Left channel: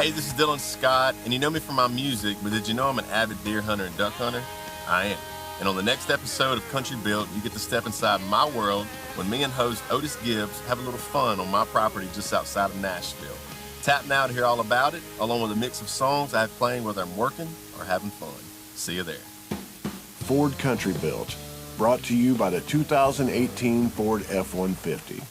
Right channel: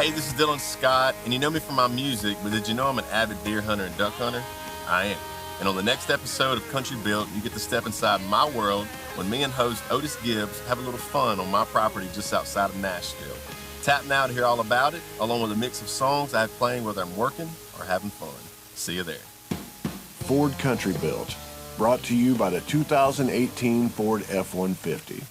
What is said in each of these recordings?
Hey, this is Dylan Scott, and you know me from my music, but did you know I'm an avid deer hunter and duck hunter? I am. And on the next episode of Country Built, you get to step inside my world when me and host Otis Gibbs have a little fun on my property just outside of Nashville. Tap now to hear all about it, along with a mix of songs I have playing whether I'm working or having fun. See you there. Ford Country Built, brought to you by the 2018 Ford F-150.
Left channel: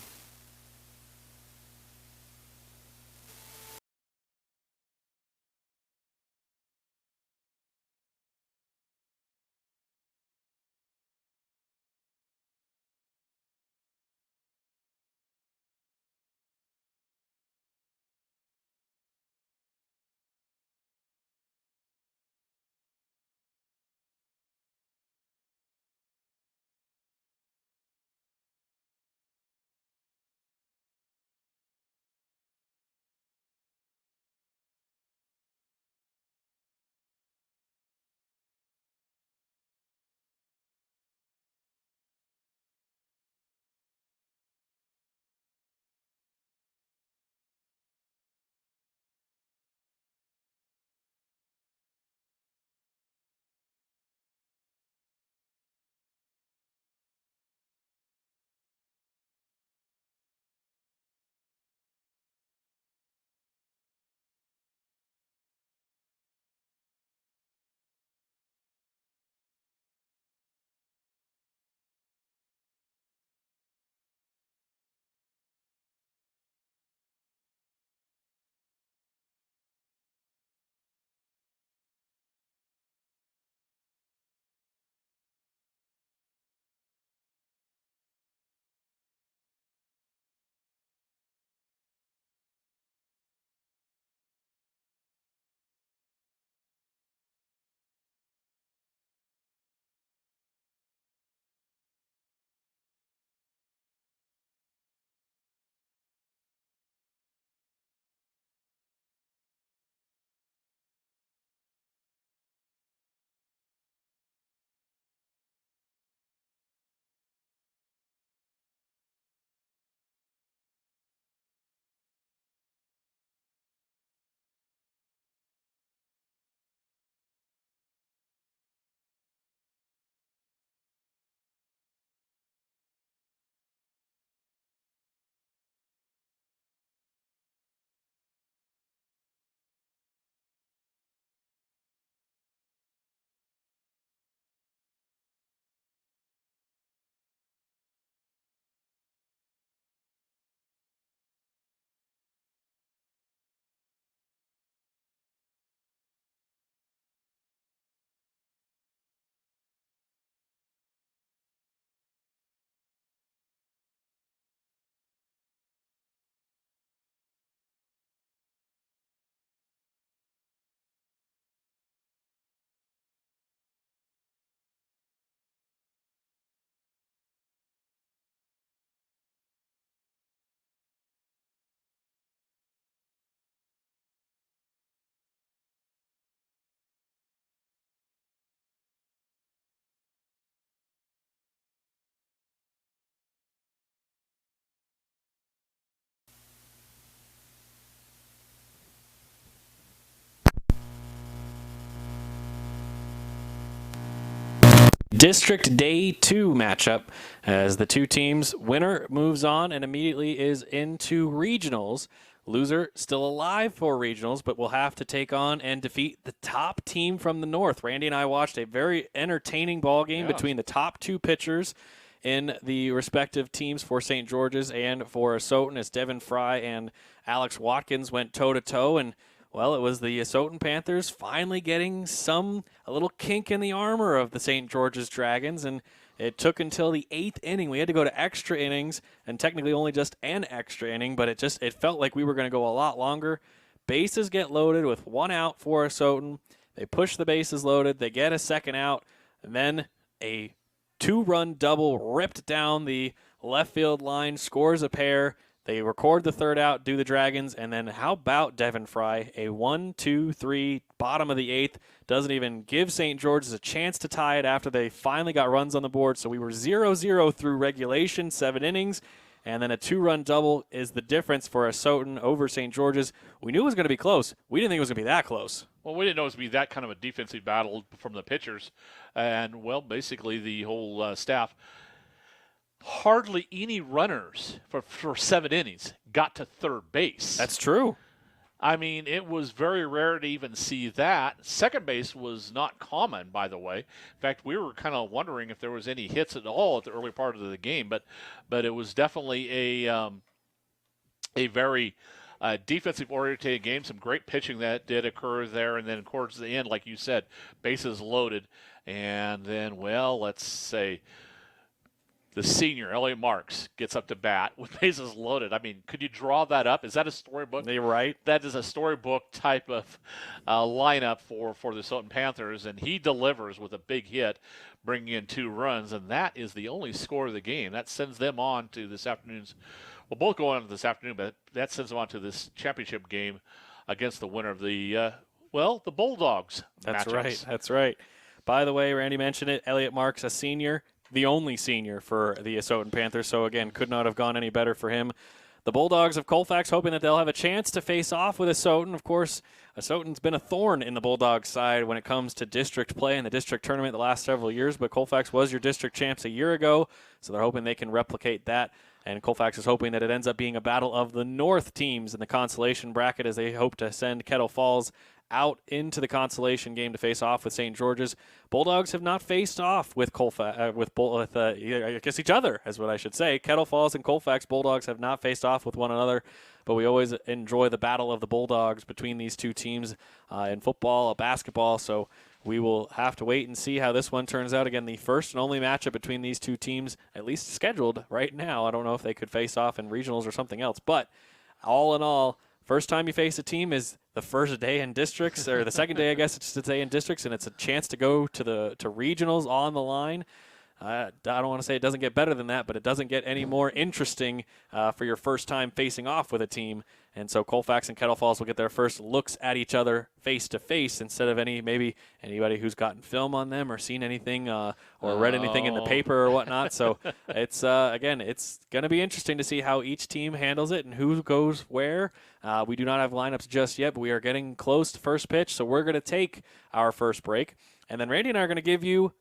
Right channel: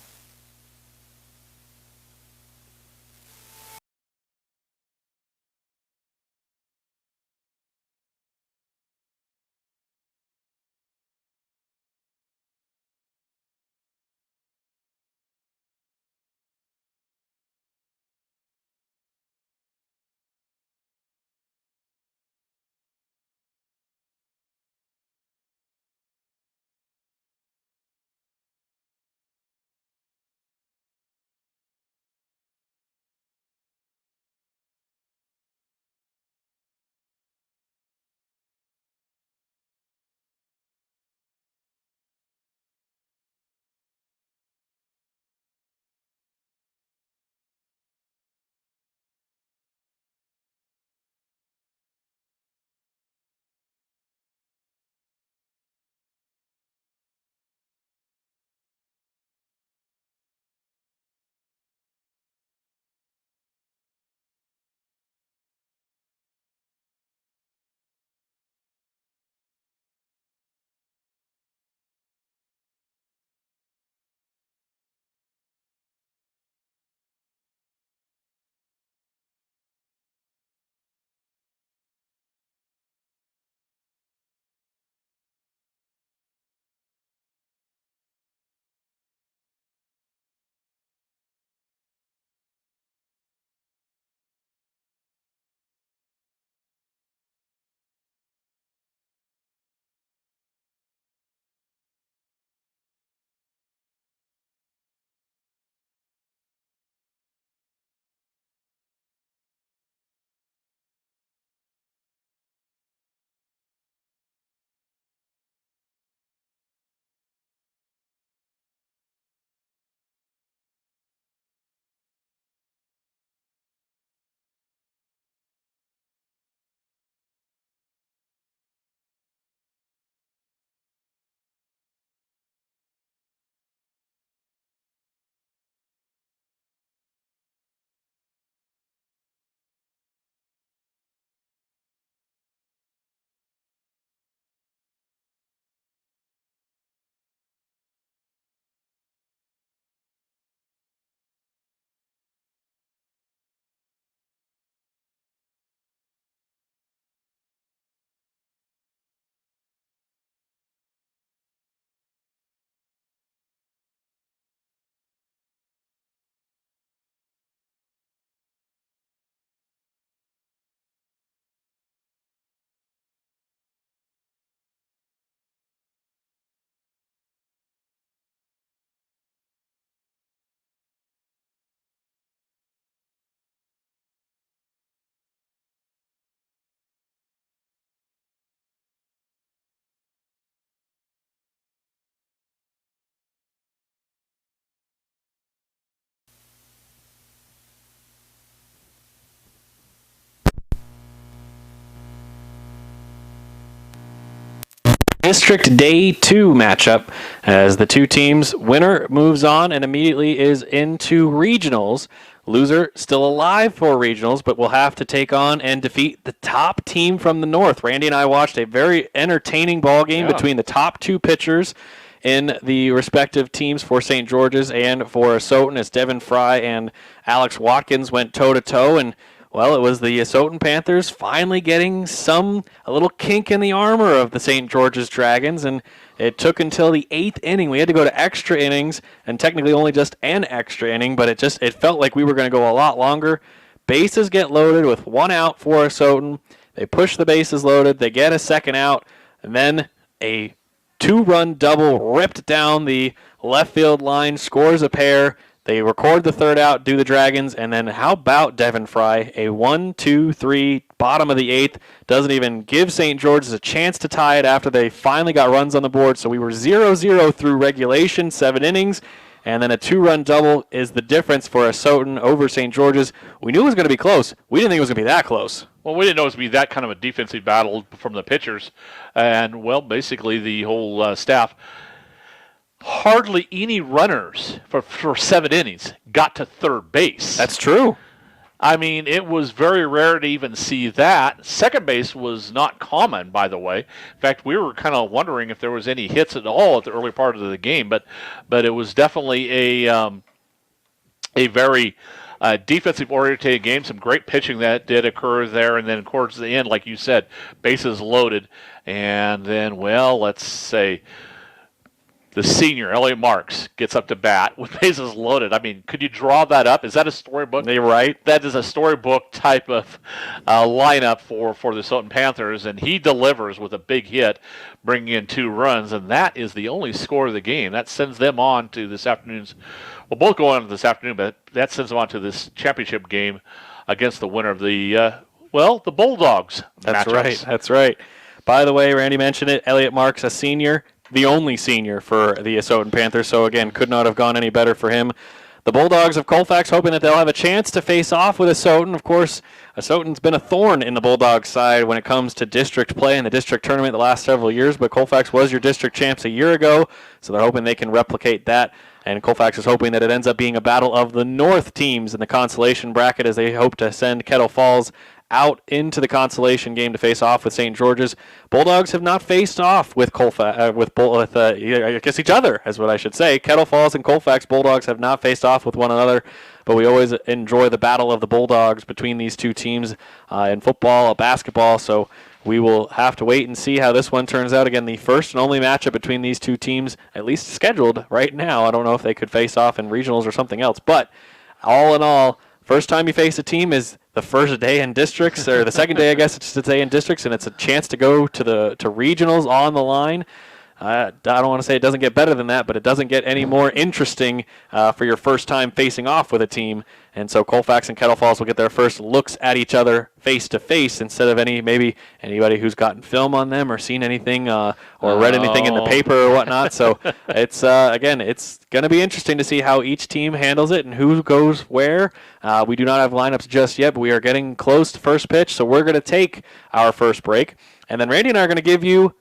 District Day 2 matchup as the two teams. Winner moves on and immediately is into regionals. Loser still alive for regionals, but will have to take on and defeat the top team from the north. Randy and I watched a very entertaining ball game between the top two pitchers in the respective teams for St. George's and for Asotin as Devin Fry and Alex Watkins went toe-to-toe, and well, it was the Asotin Panthers finally getting a little kink in the armor of the St. George's Dragons, and it took until the 8th inning. We had to go to extra innings, and technically only just an extra inning, but it felt like we were going to go a lot longer. Bases get loaded with one out for Asotin. They push the bases loaded. They get a second out, and then a two-run double ripped down the left field line, scores a pair. They record the third out, do the Dragons, and then how about Devin Fry? A 1-2-3, bottom of the 8th. Doesn't even give St. George's a chance to tie it after they finally got runs on the board. So we were 0-0 through regulation, 7 innings. and then a 2-run double is the difference for Asotin over St. George's. We knew it was going to be close. We didn't think it was going to be that close. Well, we didn't know it was going to be that kind of a defensive battle from the pitchers. And, well, basically the whole staff, hardly any runners for 7 innings got to third base. That's true. I mean, it was very rare to even see that. Second base was not common, by the way. In fact, we were kind of wondering if there was any hits at all at the early part of the game, but it was definitely a very defensive-oriented game. Some great pitching that did occur there, and then towards the end, like you said, bases loaded, and then, well, let's say the senior, Elliot Marks, gets up to bat with bases loaded. I mean, could you draw that up? Is that a storybook? You're right. That is a storybook type of lineup for the Asotin Panthers, and he delivers with a big hit, bringing in 2 runs, and that is the only score of the game. That sends them on to this afternoon's, well, both go on this afternoon, but that sends them on to this championship game against the winner of the Bulldogs That's matchups. right. That's right. By the way, Randy mentioned it, Elliot Marks, a senior, the only senior for the Asotin Panthers, so again, could not have gone any better for him. The Bulldogs of Colfax hoping that they'll have a chance to face off with Asotin. Of course, Asotin's been a thorn in the Bulldogs side when it comes to district play in the district tournament the last several years, but Colfax was your district champs a year ago, so they're hoping they can replicate that. And Colfax is hoping that it ends up being a battle of the North teams in the consolation bracket as they hope to send Kettle Falls out into the consolation game to face off with St. George's. Bulldogs have not faced off with Colfax, I guess each other, is what I should say. Kettle Falls and Colfax Bulldogs have not faced off with one another, but we always enjoy the battle of the Bulldogs between these two teams in football, basketball, so we will have to wait and see how this one turns out. Again, the first and only matchup between these two teams, at least scheduled right now. I don't know if they could face off in regionals or something else, but all in all, first time you face a team is the first day in districts, or the second day, I guess it's the day in districts, and it's a chance to go to regionals on the line. I don't want to say it doesn't get better than that, but it doesn't get any more interesting for your first time facing off with a team. And so Colfax and Kettle Falls will get their first looks at each other face-to-face instead of anybody who's gotten film on them or seen anything or read anything in the paper or whatnot. So it's, again, it's going to be interesting to see how each team handles it and who goes where. We do not have lineups just yet, but we are getting close to first pitch, so we're going to take our first break. And then Randy and I are going to give you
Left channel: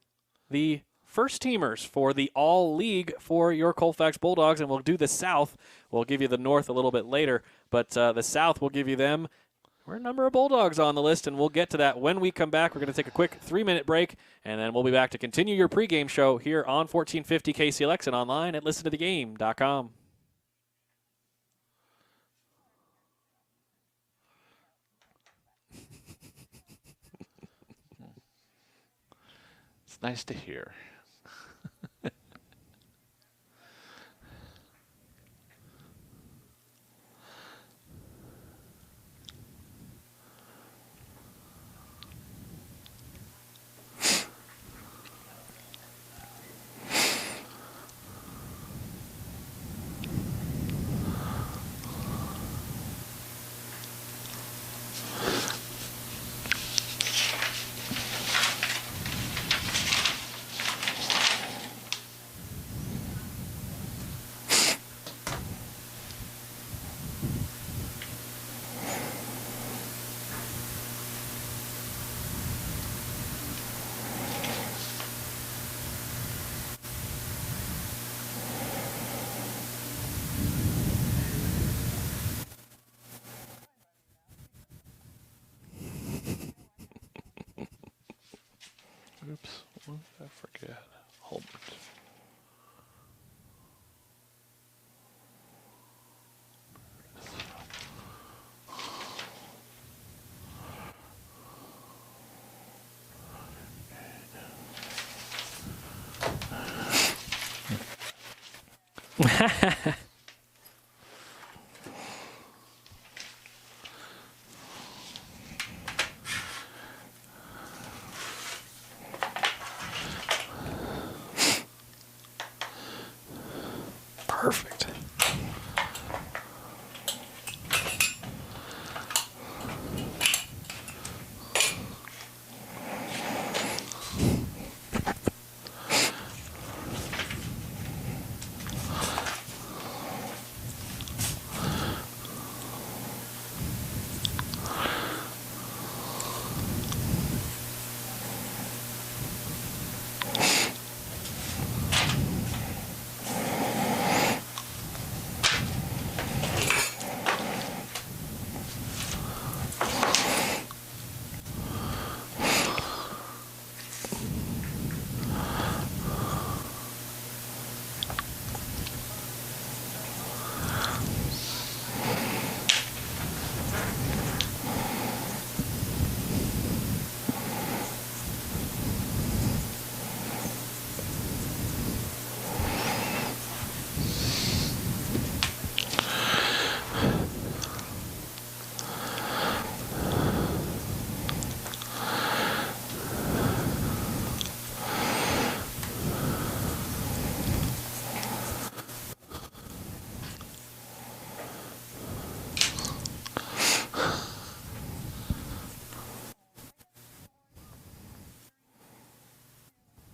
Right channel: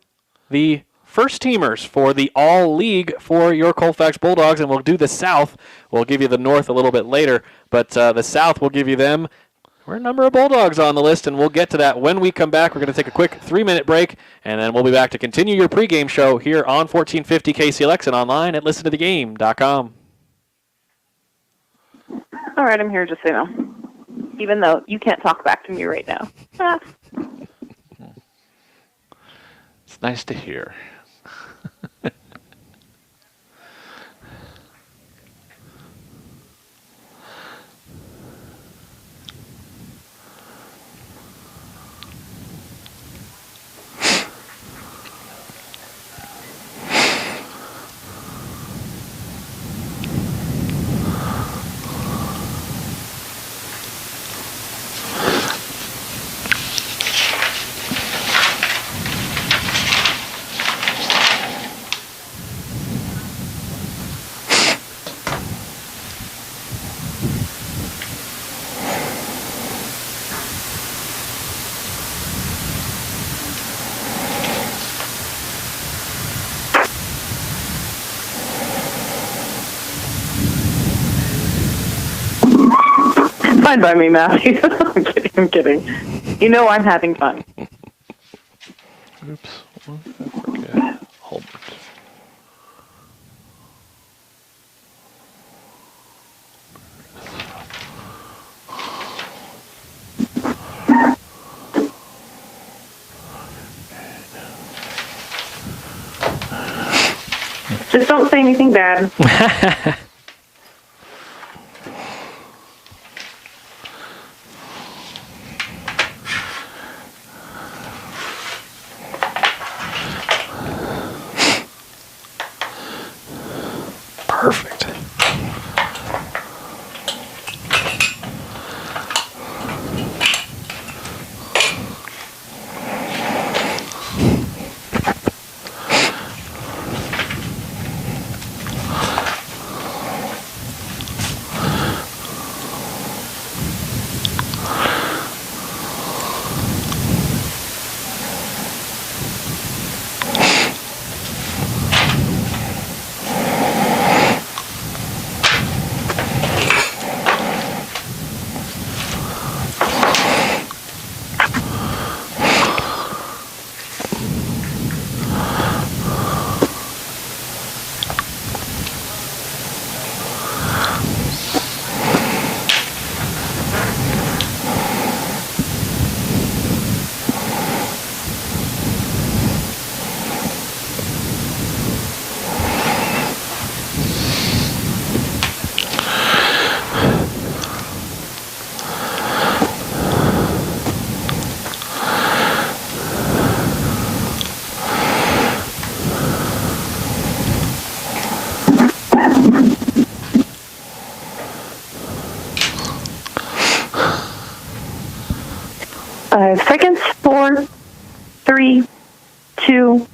the first teamers for the all-league for your Colfax Bulldogs, and we'll do the South. We'll give you the North a little bit later, but the South will give you them. We're a number of Bulldogs on the list, and we'll get to that when we come back. We're going to take a quick 3-minute break, and then we'll be back to continue your pregame show here on 1450 KCLX and online at listentothegame.com. All right, I'm here just so you know, even though you can't talk back to me right now. It's nice to hear. Fine by me, Matthew. I'm kidding. You know I'm having fun. Oops. What did I forget? Hold it. Just don't say anything bad. Perfect. 3, 2,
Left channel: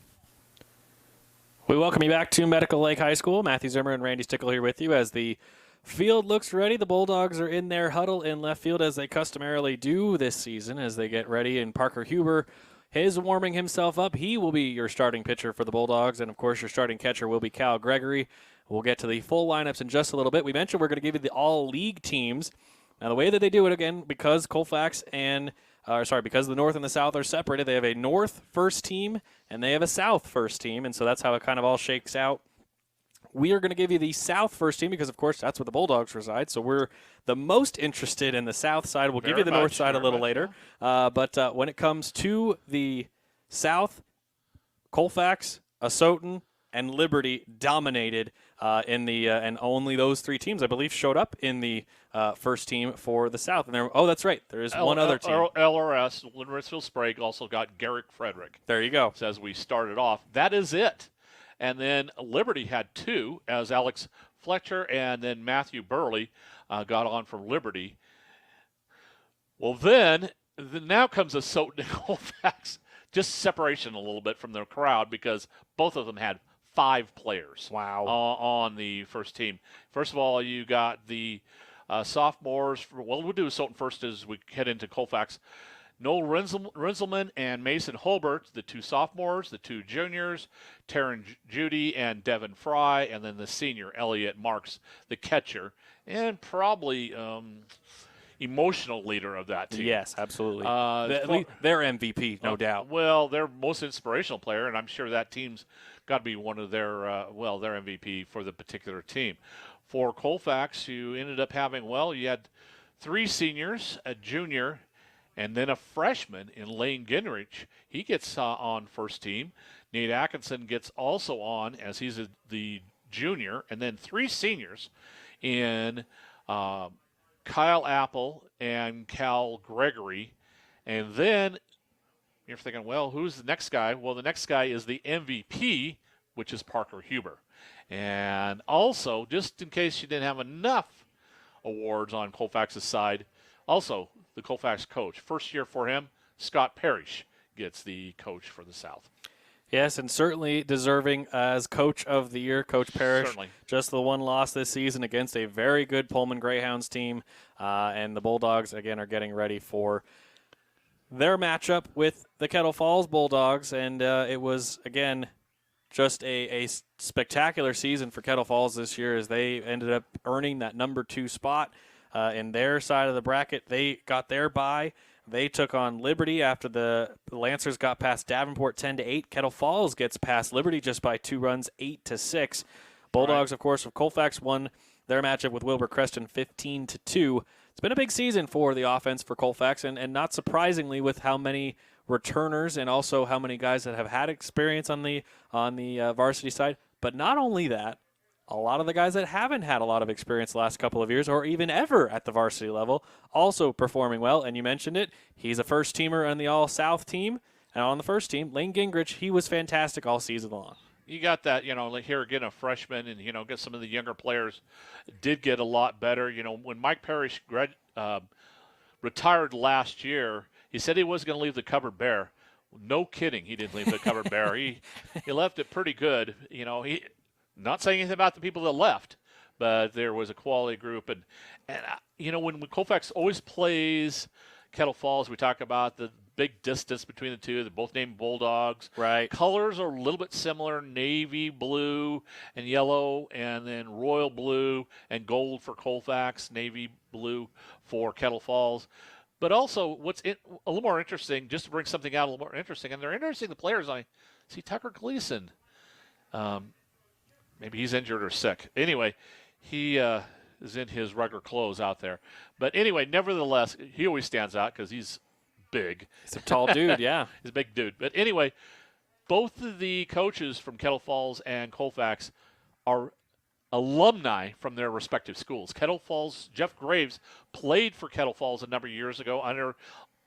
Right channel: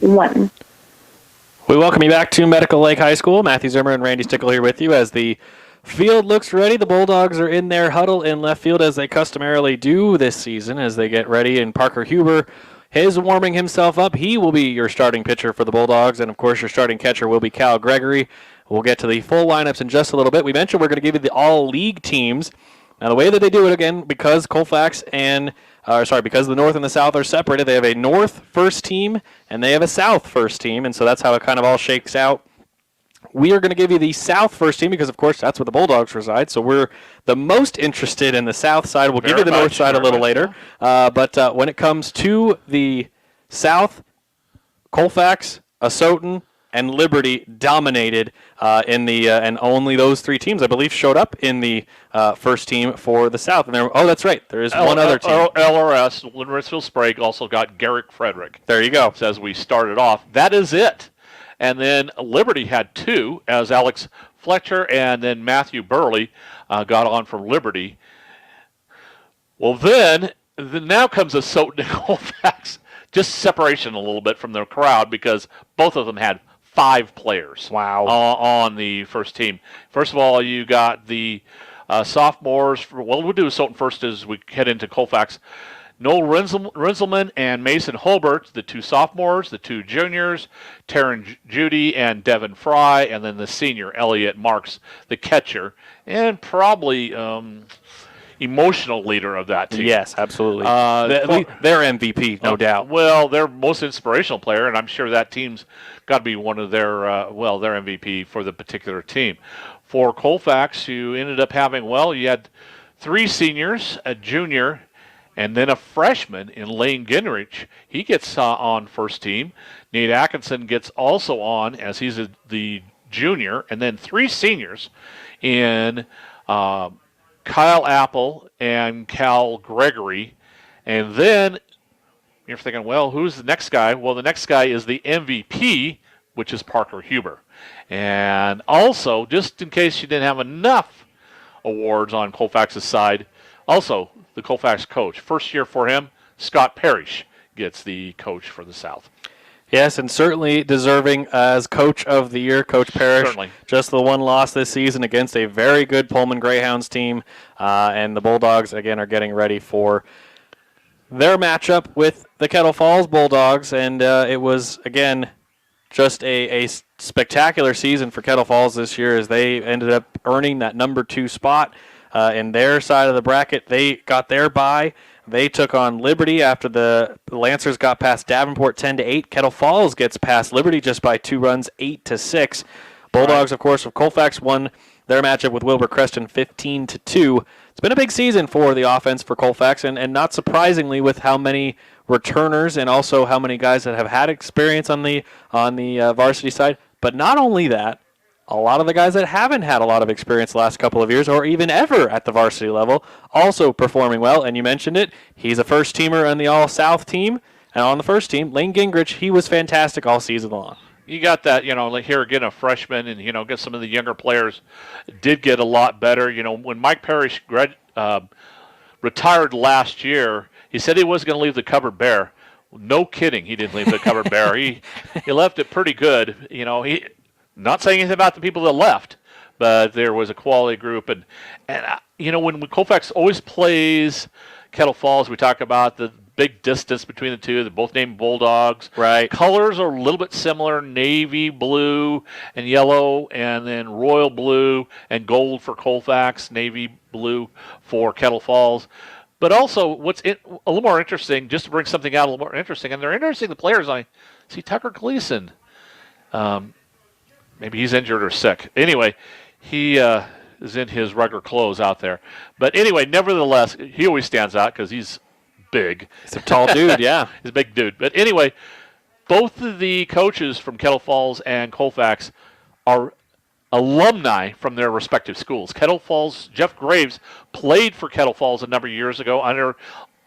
1. We welcome you back to Medical Lake High School. Matthew Zimmer and Randy Stickle here with you as the field looks ready. The Bulldogs are in their huddle in left field as they customarily do this season as they get ready. And Parker Huber is warming himself up. He will be your starting pitcher for the Bulldogs. And, of course, your starting catcher will be Cal Gregory. We'll get to the full lineups in just a little bit. We mentioned we're going to give you the all-league teams. Now, the way that they do it, again, because Colfax because the North and the South are separated, they have a North first team and they have a South first team, and so that's how it kind of all shakes out. We are going to give you the South first team because, of course, that's where the Bulldogs reside, so we're the most interested in the South side. We'll give you the North side a little later. But when it comes to the South, Colfax, Asotin, and Liberty dominated in the and only those three teams, I believe, showed up in the first team for the South. And that's right. There is one other team. LRS, Litchfield Sprague, also got Garrick Frederick. There you go. As we started off. That is it. And then Liberty had two, as Alex Fletcher and then Matthew Burley got on from Liberty. Well, then now comes Asotin and Colfax. Just separation a little bit from the crowd because both of them had 5 players. Wow. On the first team. First of all, you got the sophomores. We'll do Asotin first as we head into Colfax. Noel Rinselman and Mason Holbert, the 2 sophomores, the 2 juniors, Taryn Judy and Devin Fry, and then the senior, Elliot Marks, the catcher, and probably emotional leader of that team. Yes, absolutely. Their MVP, no doubt. Well, their most inspirational player, and I'm sure that team's got to be one of their MVP for the particular team. For Colfax, you ended up having, you had 3 seniors, a junior, and then a freshman in Lane Gingrich. He gets on first team. Nate Atkinson gets also on as he's the junior, and then 3 seniors in Kyle Apple and Cal Gregory. And then you're thinking, who's the next guy? Well, the next guy is the MVP, which is Parker Huber. And also, just in case you didn't have enough awards on Colfax's side, also the Colfax coach. First year for him, Scott Parrish gets the coach for the South. Yes, and certainly deserving as Coach of the Year, Coach Parrish. Certainly. Just the one loss this season against a very good Pullman Greyhounds team. And the Bulldogs, again, are getting ready for their matchup with the Kettle Falls Bulldogs. And it was, again, just a spectacular season for Kettle Falls this year as they ended up earning that number 2 spot in their side of the bracket. They got their bye. They took on Liberty after the Lancers got past Davenport 10-8. Kettle Falls gets past Liberty just by 2 runs, 8-6. Bulldogs, of course, of Colfax won their matchup with Wilbur Creston 15-2. It's been a big season for the offense for Colfax, and not surprisingly with how many returners and also how many guys that have had experience on the varsity side. But not only that, a lot of the guys that haven't had a lot of experience the last couple of years or even ever at the varsity level also performing well. And you mentioned it. He's a first-teamer on the All-South team. And on the first team, Lane Gingrich, he was fantastic all season long. You got that, like here again, a freshman, and, get some of the younger players did get a lot better. When Mike Parrish retired last year, he said he wasn't going to leave the cupboard bare. No kidding, he didn't leave the cupboard bare. He left it pretty good. He not saying anything about the people that left, but there was a quality group. And when Colfax always plays Kettle Falls, we talk about the big distance between the two. They're both named Bulldogs. Right. Colors are a little bit similar, navy blue and yellow, and then royal blue and gold for Colfax, navy blue for Kettle Falls. But also, a little more interesting, just to bring something out a little more interesting, and they're interesting, the players. I see Tucker Gleason. Maybe he's injured or sick. Anyway, he is in his regular clothes out there. But anyway, nevertheless, he always stands out because he's big. He's a tall dude, yeah. He's a big dude. But anyway, both of the coaches from Kettle Falls and Colfax are alumni from their respective schools. Kettle Falls, Jeff Graves played for Kettle Falls a number of years ago under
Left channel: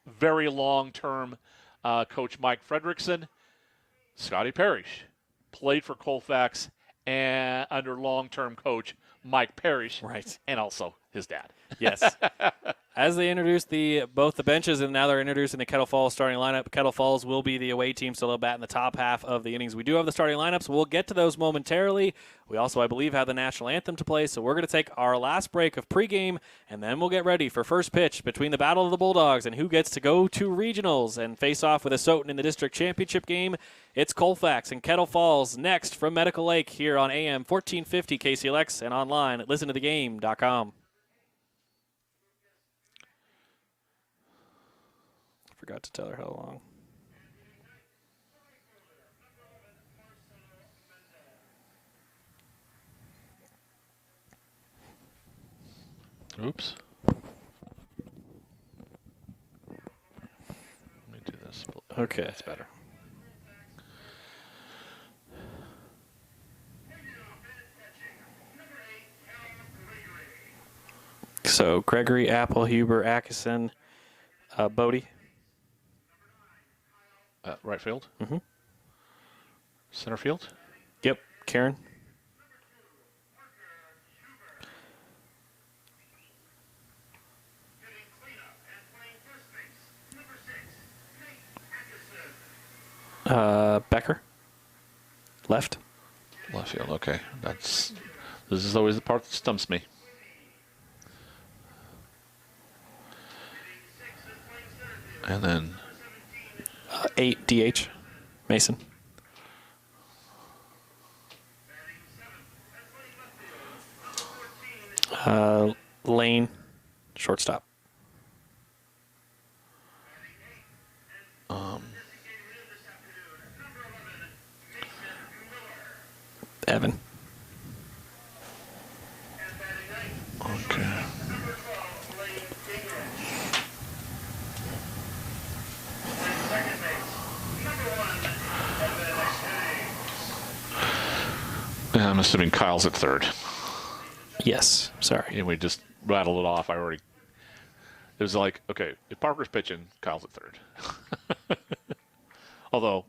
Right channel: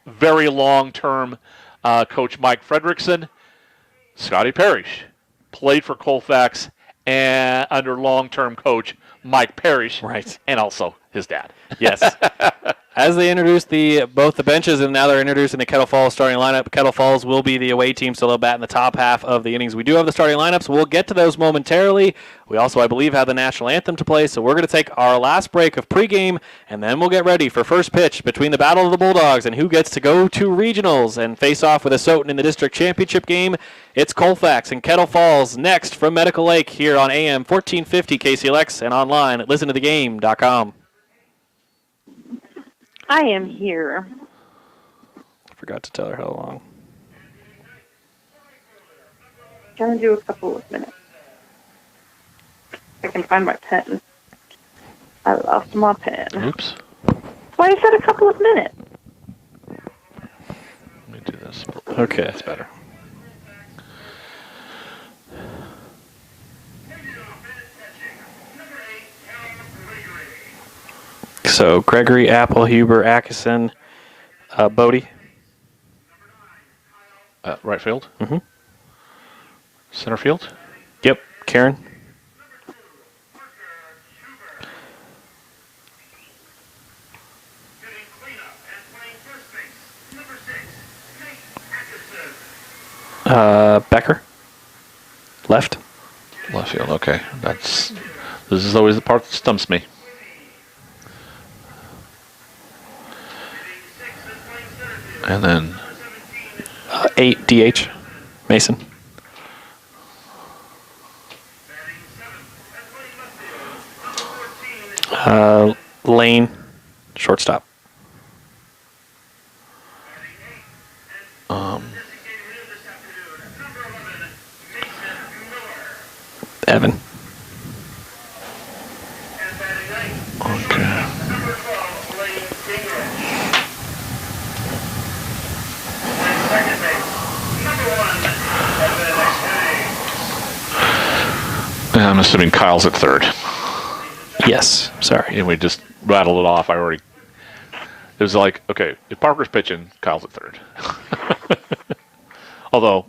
very long-term coach Mike Fredrickson. Scotty Parrish played for Colfax and under long-term coach Mike Parrish, right, and also his dad. Yes. As they introduce both the benches and now they're introducing the Kettle Falls starting lineup, Kettle Falls will be the away team, so they'll bat in the top half of the innings. We do have the starting lineups. We'll get to those momentarily. We also, I believe, have the national anthem to play, so we're going to take our last break of pregame, and then we'll get ready for first pitch between the Battle of the Bulldogs and who gets to go to regionals and face off with Asotin in the district championship game. It's Colfax and Kettle Falls next from Medical Lake here on AM 1450 KCLX and online at listentothegame.com. I am here. Forgot to tell her how long. Gonna do a couple of minutes. I can find my pen. I lost my pen. Oops. Why is that a couple of minutes? Let me do this. Okay. That's better. So Gregory, Apple, Huber, Atkinson, Bodie. Right field? Mm-hmm. Center field? Yep, Karen. Becker. Left. Left field, okay. This is always the part that stumps me. And then 8 DH. Mason. Lane. Shortstop. Evan. Okay. Yeah, I'm assuming Kyle's at third. Yes. Sorry. And we just rattled it off. It was like, okay, if Parker's pitching, Kyle's at third. Although,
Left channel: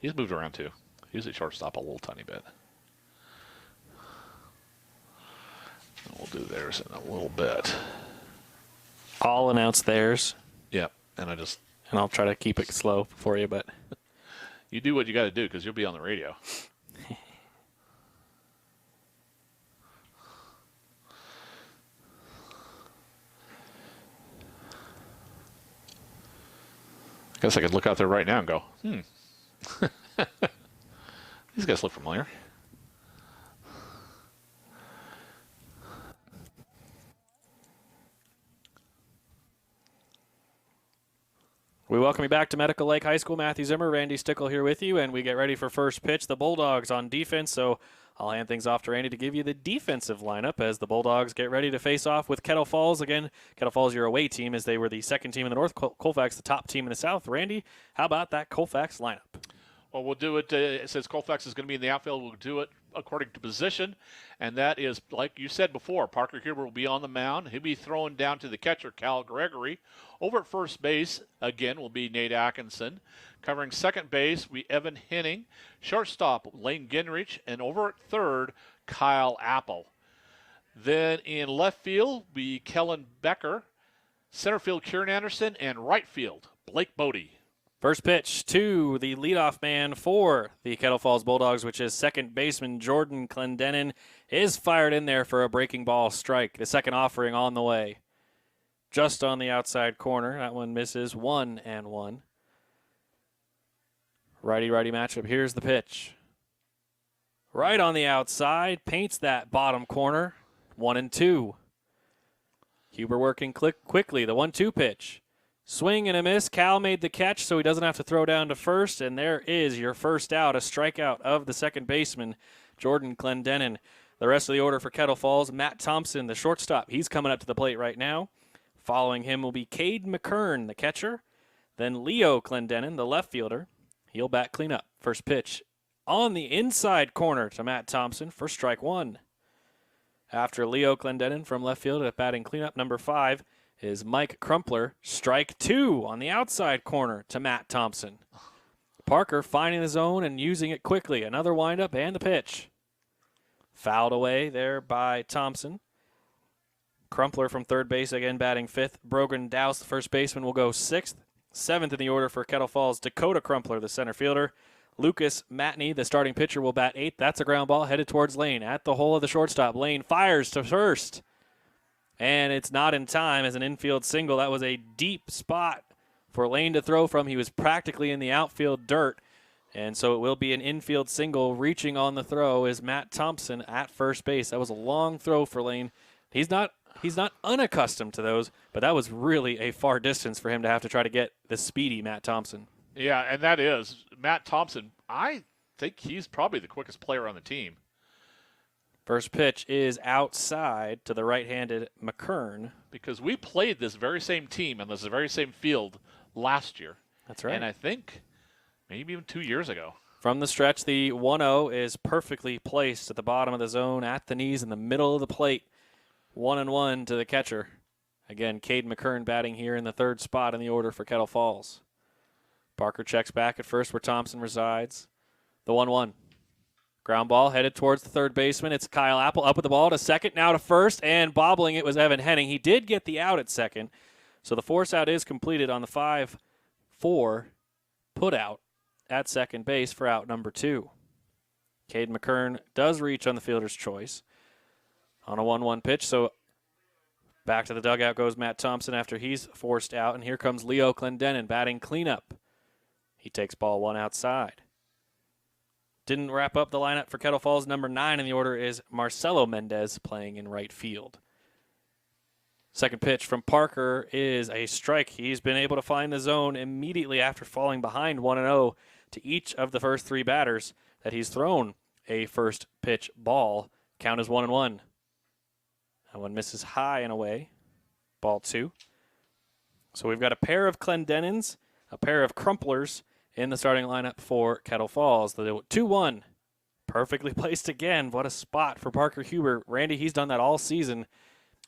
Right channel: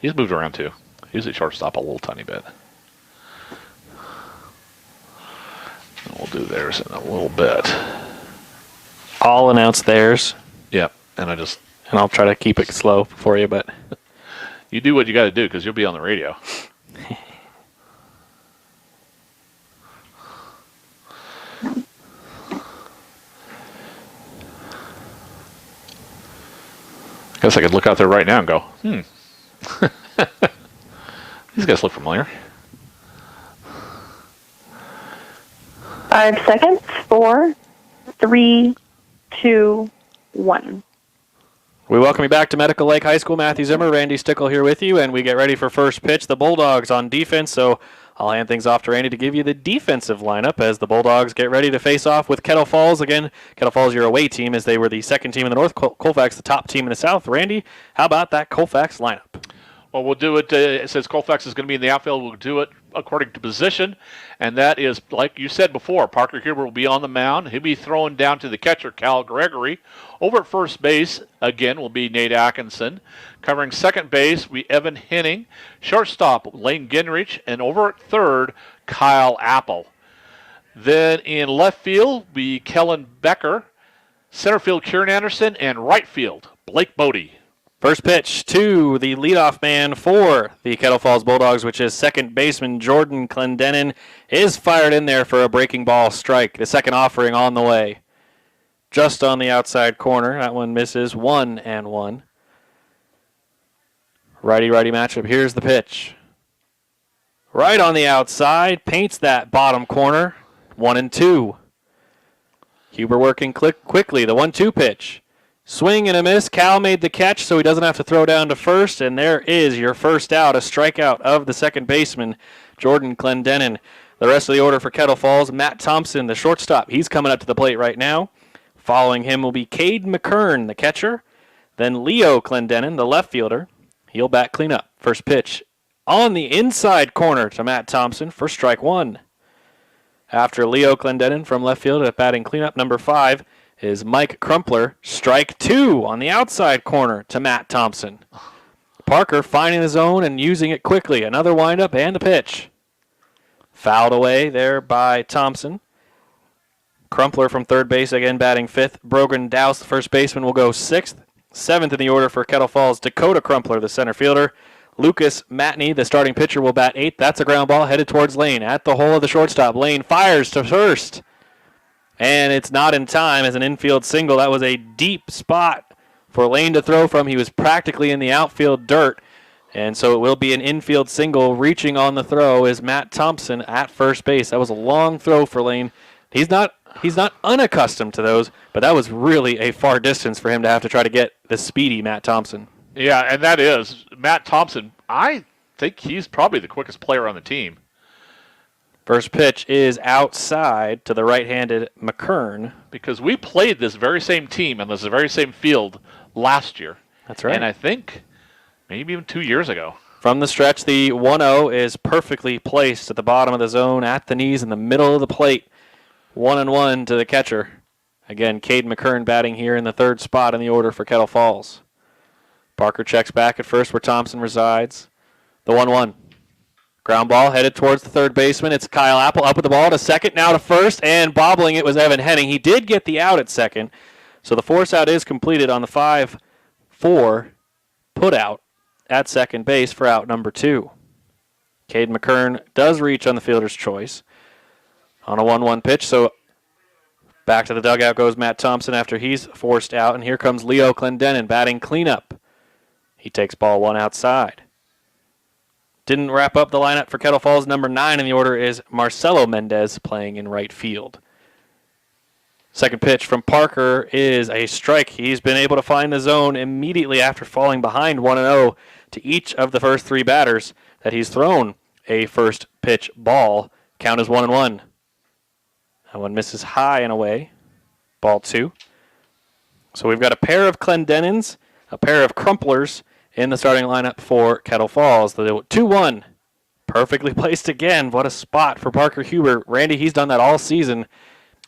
he's moved around too. He was at shortstop a little tiny bit. And we'll do theirs in a little bit. I'll announce theirs, Yep. And and I'll try to keep it slow for you, but you do what you got to do because you'll be on the radio. I guess I could look out there right now and go, these guys look familiar. 5 seconds. 4, 3, 2, 1. we welcome you back to Medical Lake High School. Matthew Zimmer, Randy Stickle here with you, and we get ready for first pitch. The Bulldogs on defense, so I'll hand things off to Randy to give you the defensive lineup as the Bulldogs get ready to face off with Kettle Falls. Again, Kettle Falls, your away team, as they were the second team in the north, Colfax the top team in the south. Randy, how about that Colfax lineup? Well, we'll do it, since Colfax is going to be in the outfield, we'll do it according to position, and that is, like you said before, Parker Huber will be on the mound. He'll be throwing down to the catcher, Cal Gregory. Over at first base, again, will be Nate Atkinson. Covering second base, we Evan Henning. Shortstop, Lane Ginrich. And over at third, Kyle Apple. Then in left field, be Kellen Becker. Center field, Kieran Anderson. And right field, Blake Bodie. First pitch to the leadoff man for the Kettle Falls Bulldogs, which is second baseman Jordan Clendenin, is fired in there for a breaking ball strike. The second offering on the way. Just on the outside corner. That one misses. 1-1. Righty-righty matchup. Here's the pitch. Right on the outside. Paints that bottom corner. 1-2. Huber working quickly. The 1-2 pitch. Swing and a miss. Cal made the catch, so he doesn't have to throw down to first. And there is your first out, a strikeout of the second baseman, Jordan Clendenin. The rest of the order for Kettle Falls, Matt Thompson, the shortstop. He's coming up to the plate right now. Following him will be Cade McKern, the catcher. Then Leo Clendenin, the left fielder. He'll bat cleanup. First pitch on the inside corner to Matt Thompson for strike one. After Leo Clendenin from left field at batting cleanup, number 5 is Mike Crumpler. Strike 2 on the outside corner to Matt Thompson. Parker finding the zone and using it quickly. Another windup and the pitch. Fouled away there by Thompson. Crumpler from third base, again batting fifth. Brogan Douse, the first baseman, will go sixth. Seventh in the order for Kettle Falls, Dakota Crumpler, the center fielder. Lucas Matney, the starting pitcher, will bat eighth. That's a ground ball headed towards Lane. At the hole of the shortstop, Lane fires to first. And it's not in time as an infield single. That was a deep spot for Lane to throw from. He was practically in the outfield dirt. And so it will be an infield single. Reaching on the throw is Matt Thompson at first base. That was a long throw for Lane. He's not unaccustomed to those, but that was really a far distance for him to have to try to get the speedy Matt Thompson. Yeah, and that is Matt Thompson. I think he's probably the quickest player on the team. First pitch is outside to the right-handed McKern. Because we played this very same team and this very same field last year. That's right. And I think maybe even 2 years ago. From the stretch, the 1-0 is perfectly placed at the bottom of the zone, at the knees, in the middle of the plate. 1-1 to the catcher. Again, Cade McKern batting here in the third spot in the order for Kettle Falls. Parker checks back at first where Thompson resides. The 1-1. Ground ball headed towards the third baseman. It's Kyle Apple up with the ball to second, now to first, and bobbling it was Evan Henning. He did get the out at second, so the force out is completed on the 5-4 put out at second base for out number 2. Cade McKern does reach on the fielder's choice on a 1-1 pitch, so back to the dugout goes Matt Thompson after he's forced out, and here comes Leo Clendenin batting cleanup. He takes ball 1 outside. Didn't wrap up the lineup for Kettle Falls. Number 9 in the order is Marcelo Mendez playing in right field. Second pitch from Parker is a strike. He's been able to find the zone immediately after falling behind 1-0 to each of the first 3 batters that he's thrown a first pitch ball. Count is 1-1. That one misses high and away. Ball 2. So we've got a pair of Clendenins, a pair of Crumplers in the starting lineup for Kettle Falls. The 2-1. Perfectly placed again. What a spot for Parker Huber. Randy, he's done that all season.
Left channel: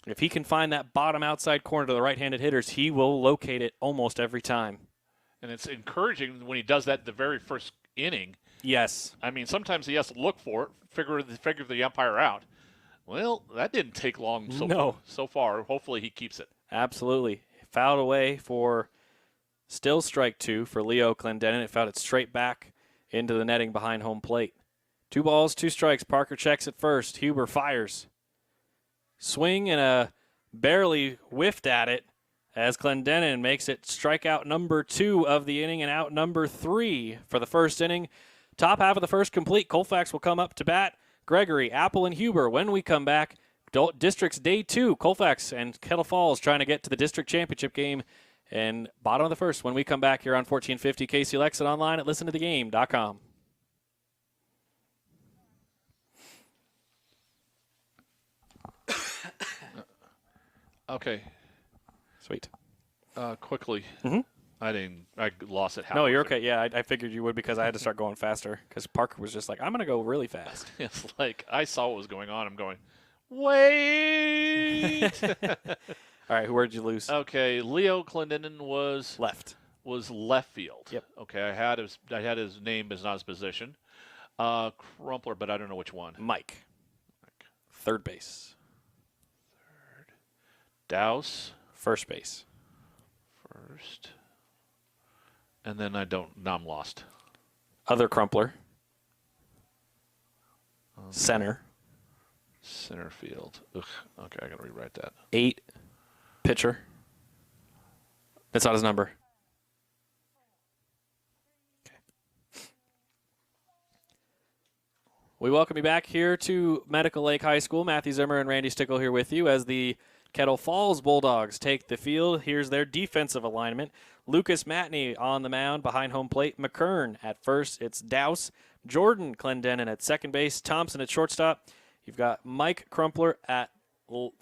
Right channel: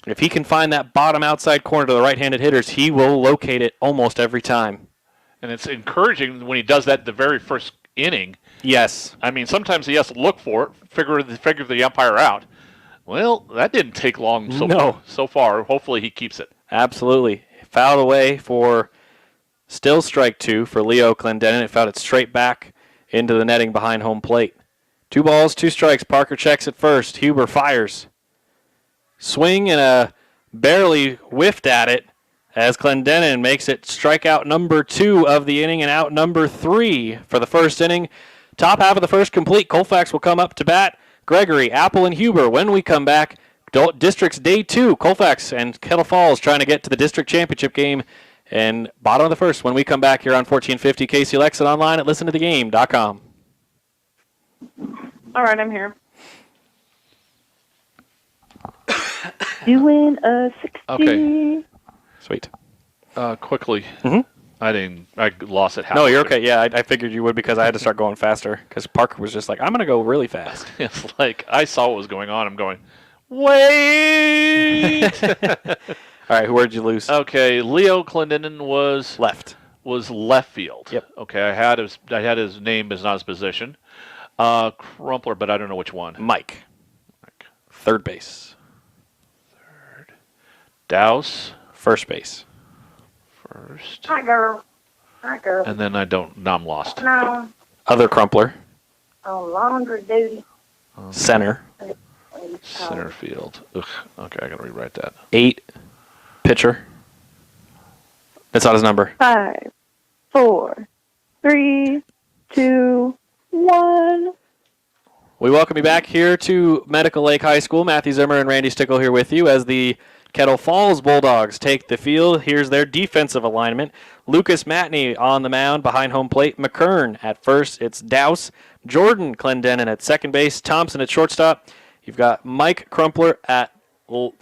If he can find that bottom outside corner to the right-handed hitters, he will locate it almost every time. And it's encouraging when he does that the very first inning. Yes. I mean, sometimes he has to look for it, figure the umpire out. Well, that didn't take long so far. Hopefully he keeps it. Absolutely. Fouled away for still strike 2 for Leo Clendenin. It fouled it straight back into the netting behind home plate. 2 balls, 2 strikes. Parker checks at first. Huber fires. Swing and a barely whiffed at it as Clendenin makes it strikeout number 2 of the inning and out number 3 for the first inning. Top half of the first complete. Colfax will come up to bat. Gregory, Apple, and Huber. When we come back, District's Day 2, Colfax and Kettle Falls trying to get to the district championship game. And bottom of the first when we come back here on 1450 KCLX and online at listentothegame.com. All right, I'm here. Doing a 60. Okay. Sweet. Quickly. Mm-hmm. I lost it halfway. No, you're okay. Yeah, I figured you would because I had to start going faster because Parker was just like, I'm going to go really fast. It's like I saw what was going on. I'm going, wait. All right, where'd you lose? Okay, Leo Clendenin was Left. field. Yep. Okay, I had his name, but not his position. Crumpler, but I don't know which one. Mike. Third base. Douse. First base. First. Hi, girl. And then now I'm lost. No. Other Crumpler. On laundry duty. Center. Center field. Ugh. Okay, I gotta rewrite that. 8. Pitcher. That's not his number. 5, 4, 3, 2, 1. We welcome you back here to Medical Lake High School. Matthew Zimmer and Randy Stickle here with you as the Kettle Falls Bulldogs take the field. Here's their defensive alignment. Lucas Matney on the mound behind home plate. McKern at first. It's Douse. Jordan Clendenin at second base. Thompson at shortstop. You've got Mike Crumpler at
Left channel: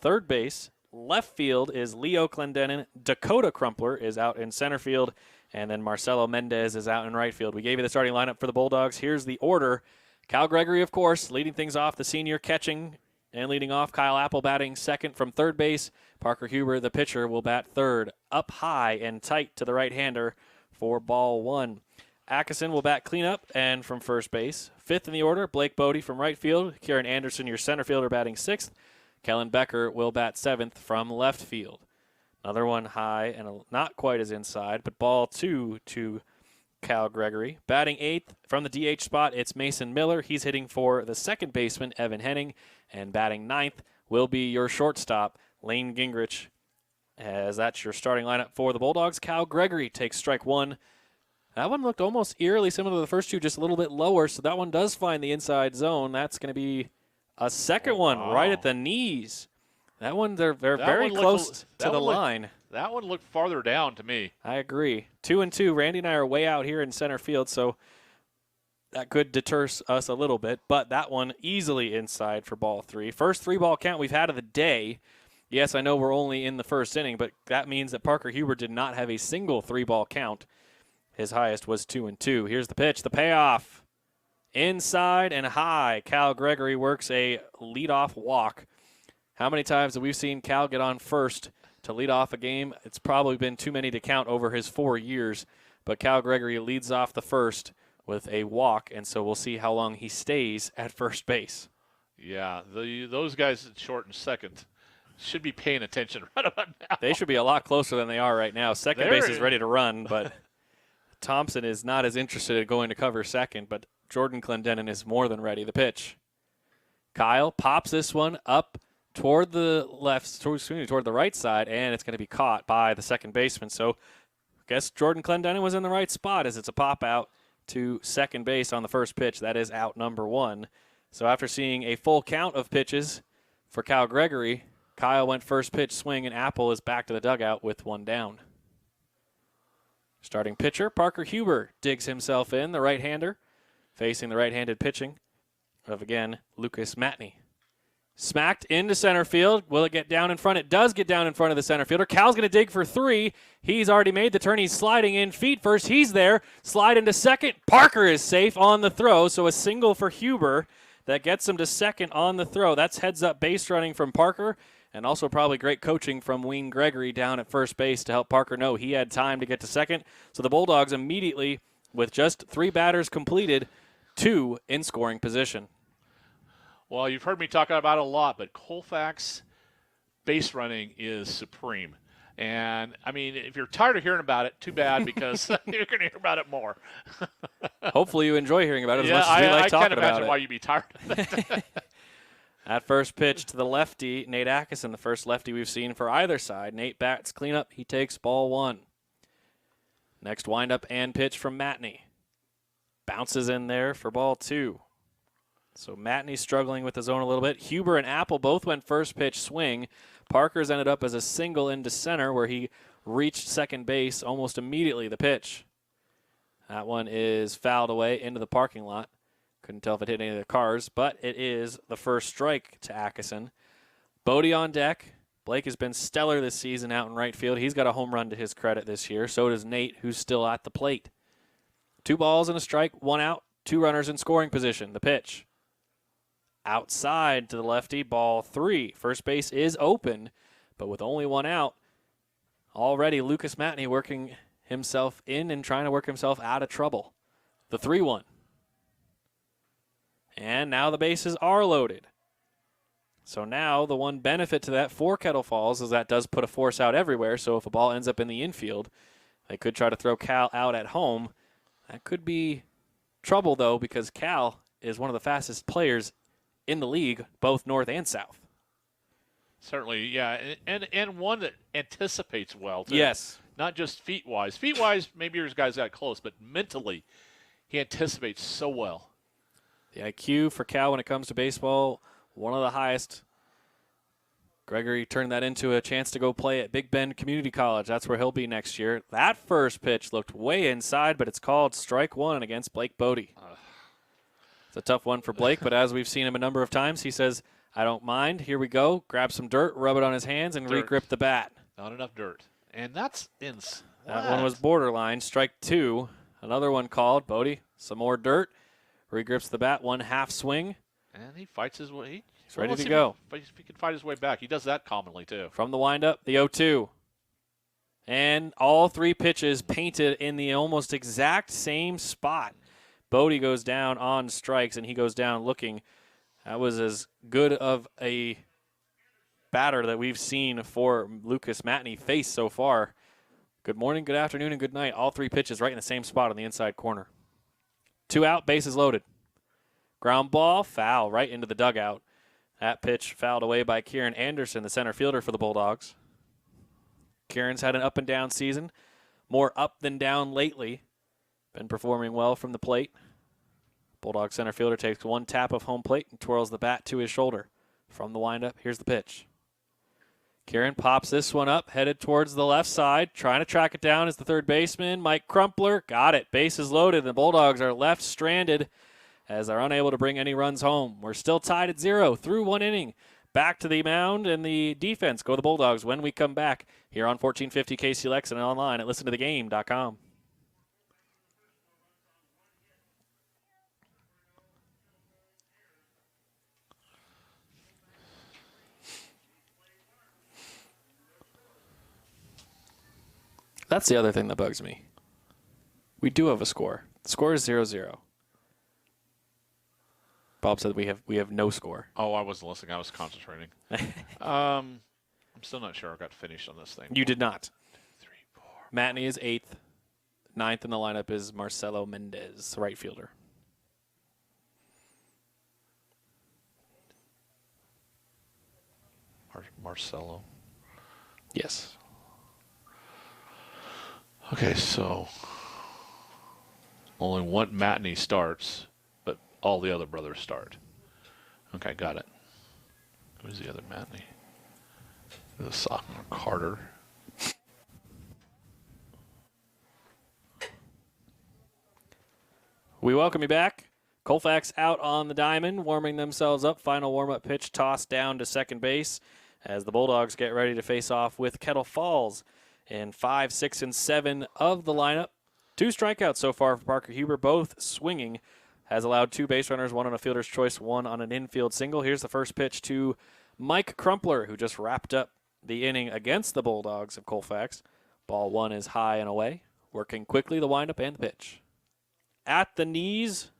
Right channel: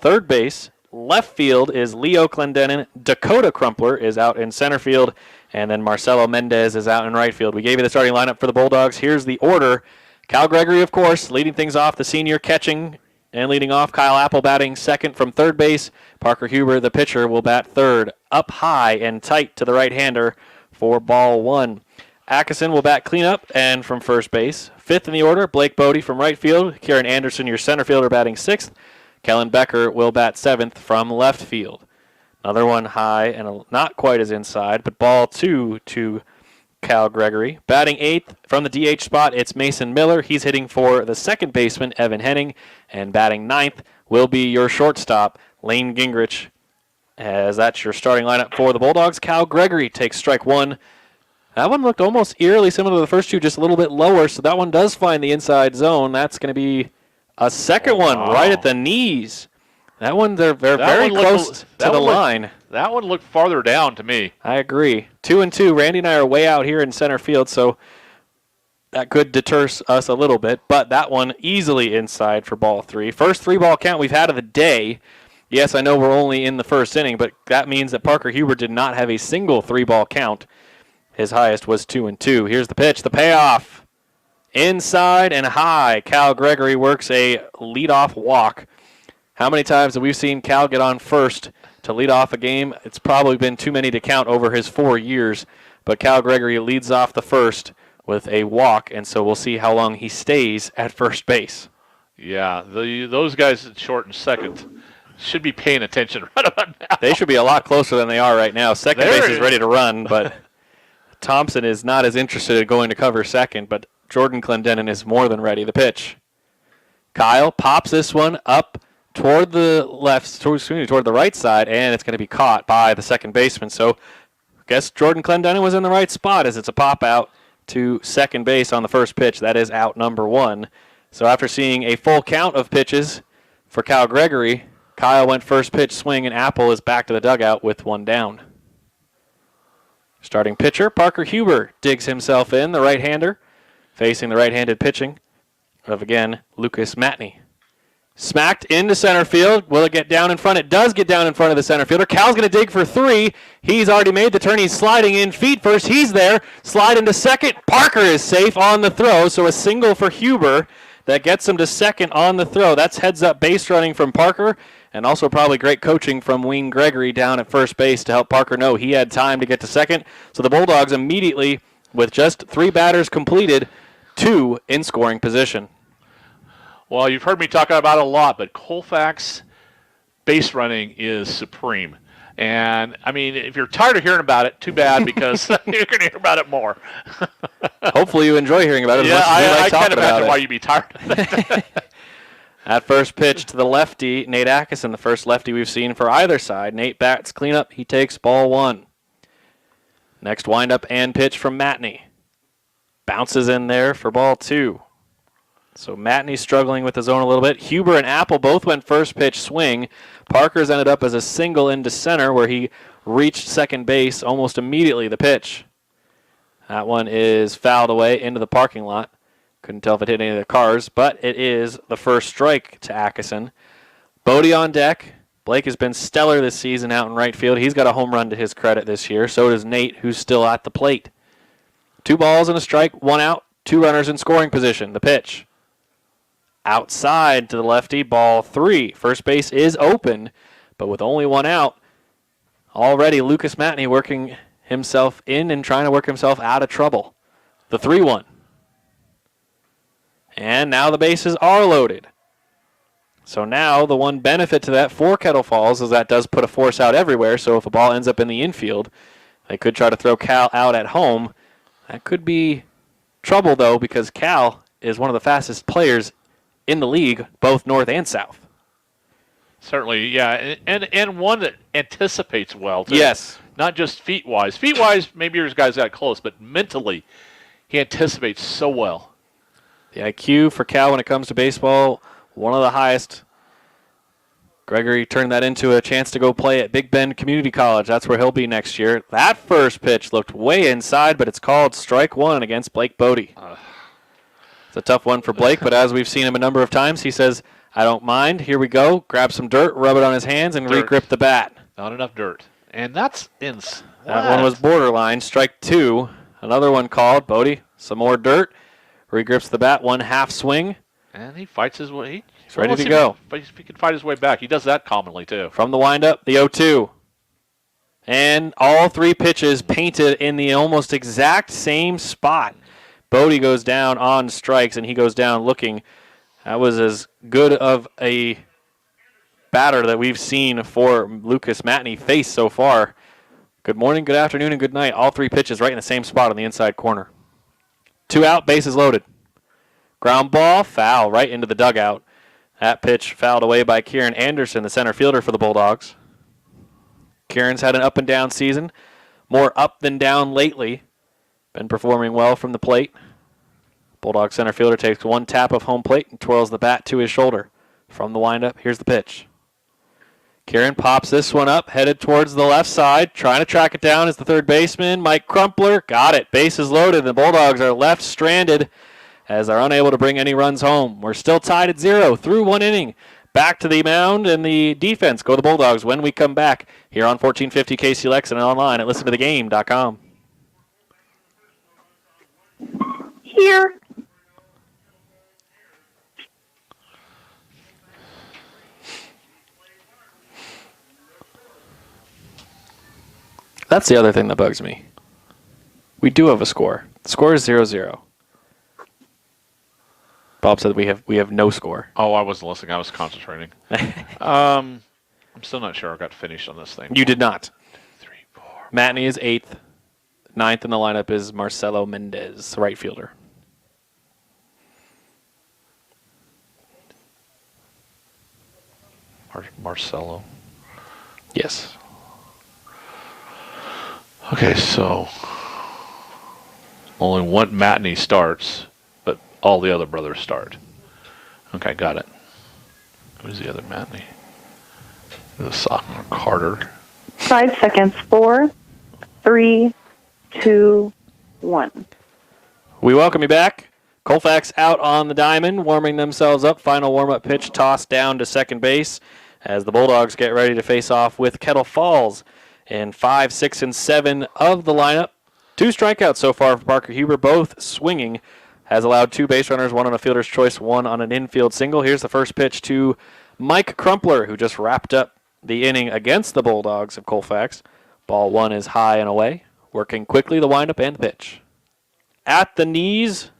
third base. Left field is Leo Clendenin. Dakota Crumpler is out in center field. And then Marcelo Mendez is out in right field. We gave you the starting lineup for the Bulldogs. Here's the order. Cal Gregory, of course, leading things off. The senior catching and leading off. Kyle Apple batting second from third base. Parker Huber, the pitcher, will bat third. Up high and tight to the right-hander for ball 1. Atkinson will bat cleanup and from first base. Fifth in the order, Blake Bodie from right field. Kieran Anderson, your center fielder, batting sixth. Kellen Becker will bat 7th from left field. Another one high and not quite as inside, but ball 2 to Cal Gregory. Batting 8th from the DH spot, it's Mason Miller. He's hitting for the second baseman, Evan Henning. And batting 9th will be your shortstop, Lane Gingrich. As that's your starting lineup for the Bulldogs. Cal Gregory takes strike 1. That one looked almost eerily similar to the first two, just a little bit lower, so that one does find the inside zone. That's going to be a second one right at the knees. That one, they're very close to the line. That one looked farther down to me. I agree. 2-2. Randy and I are way out here in center field, so that could deter us a little bit, but that one easily inside for ball 3. First 3-ball count we've had of the day. Yes, I know we're only in the first inning, but that means that Parker Huber did not have a single 3-ball count. His highest was 2-2. Here's the pitch, the payoff. Inside and high. Cal Gregory works a leadoff walk. How many times have we seen Cal get on first to lead off a game? It's probably been too many to count over his 4 years, but Cal Gregory leads off the first with a walk, and so we'll see how long he stays at first base. Yeah, those guys at short and second should be paying attention right about now. They should be a lot closer than they are right now. Second base is ready to run, but Thompson is not as interested in going to cover second, but Jordan Clendenin is more than ready. The pitch. Kyle pops this one up toward the toward the right side, and it's going to be caught by the second baseman. So I guess Jordan Clendenin was in the right spot as it's a pop out to second base on the first pitch. That is out number 1. So after seeing a full count of pitches for Cal Gregory, Kyle went first pitch swing, and Apple is back to the dugout with 1 down. Starting pitcher, Parker Huber digs himself in, the right-hander, facing the right-handed pitching of, again, Lucas Matney. Smacked into center field. Will it get down in front? It does get down in front of the center fielder. Cal's going to dig for 3. He's already made the turn. He's sliding in feet first. He's there. Slide into second. Parker is safe on the throw, so a single for Huber that gets him to second on the throw. That's heads-up base running from Parker, and also probably great coaching from Wayne Gregory down at first base to help Parker know he had time to get to second. So the Bulldogs immediately, with just 3 batters completed, 2 in scoring position. Well, you've heard me talk about it a lot, but Colfax base running is supreme. And, I mean, if you're tired of hearing about it, too bad, because you're going to hear about it more. Hopefully you enjoy hearing about it as yeah, much as we like I talking can't about imagine it. why you'd be tired of it. At first pitch to the lefty, Nate Atkinson, the first lefty we've seen for either side. Nate bats cleanup. He takes ball 1. Next windup and pitch from Matney. Bounces in there for ball 2. So Matney's struggling with the zone a little bit. Huber and Apple both went first pitch swing. Parker's ended up as a single into center where he reached second base almost immediately. The pitch. That one is fouled away into the parking lot. Couldn't tell if it hit any of the cars, but it is the first strike to Atkinson. Bodie on deck. Blake has been stellar this season out in right field. He's got a home run to his credit this year. So does Nate, who's still at the plate. 2 balls and a strike, 1 out, 2 runners in scoring position. The pitch. Outside to the lefty, ball 3. First base is open, but with only 1 out, already Lucas Matney working himself in and trying to work himself out of trouble. The 3-1. And now the bases are loaded. So now the one benefit to that for Kettle Falls is that does put a force out everywhere, so if a ball ends up in the infield, they could try to throw Cal out at home. That could be trouble, though, because Cal is one of the fastest players in the league, both north and south. Certainly, yeah, and one that anticipates well, too. Yes. Not just feet-wise. Feet-wise, maybe yours guys got close, but mentally, he anticipates so well. The IQ for Cal when it comes to baseball, one of the highest. Gregory turned that into a chance to go play at Big Bend Community College. That's where he'll be next year. That first pitch looked way inside, but it's called strike 1 against Blake Bodie. It's a tough one for Blake, but as we've seen him a number of times, he says, I don't mind. Here we go. Grab some dirt, rub it on his hands, and re-grip the bat. Not enough dirt. And that's that one was borderline. Strike 2. Another one called. Bodie, some more dirt. Regrips the bat, 1 half swing. And he fights his way. He's ready to go. But he can fight his way back. He does that commonly, too. From the windup, the 0-2. And all 3 pitches painted in the almost exact same spot. Bodie goes down on strikes, and he goes down looking. That was as good of a batter that we've seen for Lucas Matney face so far. Good morning, good afternoon, and good night. All 3 pitches right in the same spot on the inside corner. 2 out, bases loaded. Ground ball, foul right into the dugout. That pitch fouled away by Kieran Anderson, the center fielder for the Bulldogs. Kieran's had an up and down season, more up than down lately. Been performing well from the plate. Bulldog center fielder takes 1 tap of home plate and twirls the bat to his shoulder. From the windup, here's the pitch. Kieran pops this one up, headed towards the left side. Trying to track it down is the third baseman, Mike Crumpler. Got it. Bases loaded. The Bulldogs are left stranded as they're unable to bring any runs home. We're still tied at 0 through 1 inning. Back to the mound and the defense. Go the Bulldogs when we come back here on 1450 KCLX and online at listentothegame.com. Here. That's the other thing that bugs me. We do have a score. The score is 0-0. Bob said we have no score. Oh, I wasn't listening. I was concentrating. I'm still not sure I got finished on this thing. You did not. 2, 3, 4. Matney is 8th. 9th in the lineup is Marcelo Mendez, right fielder. Marcelo. Yes. Okay, so only one Matney starts, but all the other brothers start. Okay, got it. Who's the other Matney? The sophomore Carter. 5 seconds. 4, 3, 2, 1. We welcome you back. Colfax out on the diamond, warming themselves up. Final warm-up pitch tossed down to second base as the Bulldogs get ready to face off with Kettle Falls in 5, 6, and 7 of the lineup. 2 strikeouts so far for Parker Huber, both swinging. Has allowed 2 base runners, 1 on a fielder's choice, 1 on an infield single. Here's the first pitch to Mike Crumpler, who just wrapped up the inning against the Bulldogs of Colfax. Ball 1 is high and away. Working quickly, the windup and the pitch. At the knees,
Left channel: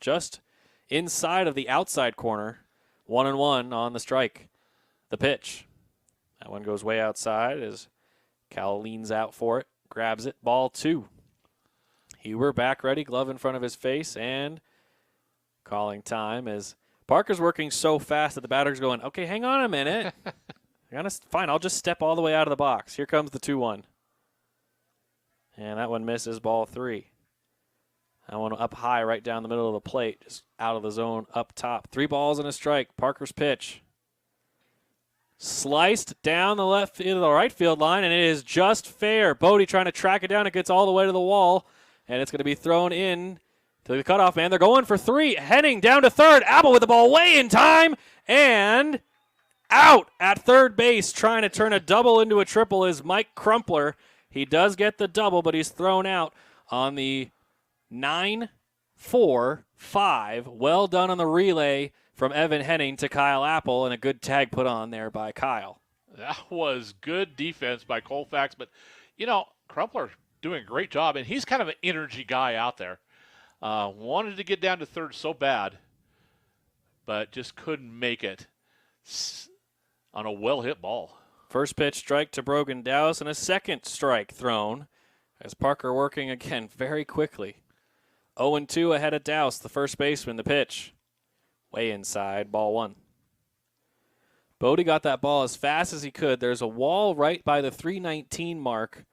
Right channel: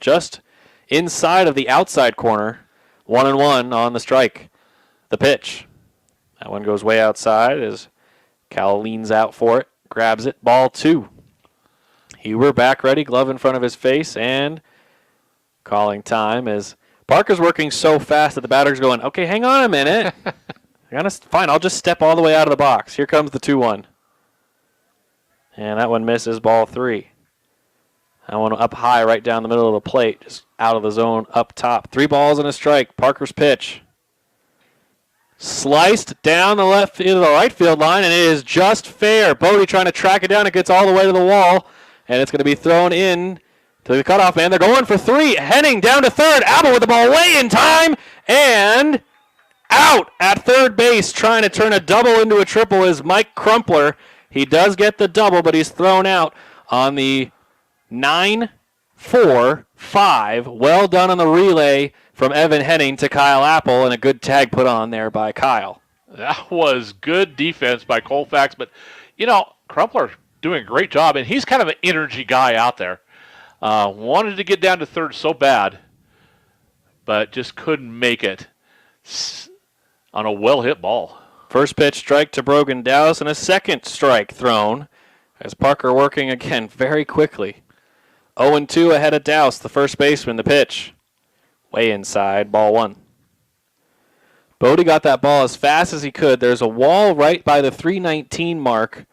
just inside of the outside corner, 1-1 on the strike. The pitch. That one goes way outside as Cal leans out for it, grabs it, ball 2. Huber back ready, glove in front of his face, and calling time as Parker's working so fast that the batter's going, okay, hang on a minute. Fine, I'll just step all the way out of the box. Here comes the 2-1. And that one misses, ball 3. That one up high right down the middle of the plate, just out of the zone up top. 3 balls and a strike. Parker's pitch. Sliced down the into the right field line, and it is just fair. Bodie trying to track it down. It gets all the way to the wall, and it's going to be thrown in to the cutoff man. They're going for 3. Henning down to third. Apple with the ball way in time, and out at third base. Trying to turn a double into a triple is Mike Crumpler. He does get the double, but he's thrown out on the 9-4-5. Well done on the relay from Evan Henning to Kyle Apple, and a good tag put on there by Kyle. That was good defense by Colfax, but, Crumpler doing a great job, and he's kind of an energy guy out there. Wanted to get down to third so bad, but just couldn't make it on a well-hit ball. First pitch strike to Brogan Dowse, and a second strike thrown as Parker working again very quickly. 0-2 ahead of Dowse, the first baseman. The pitch. Way inside, ball 1. Bodie got that ball as fast as he could. There's a wall right by the 319 mark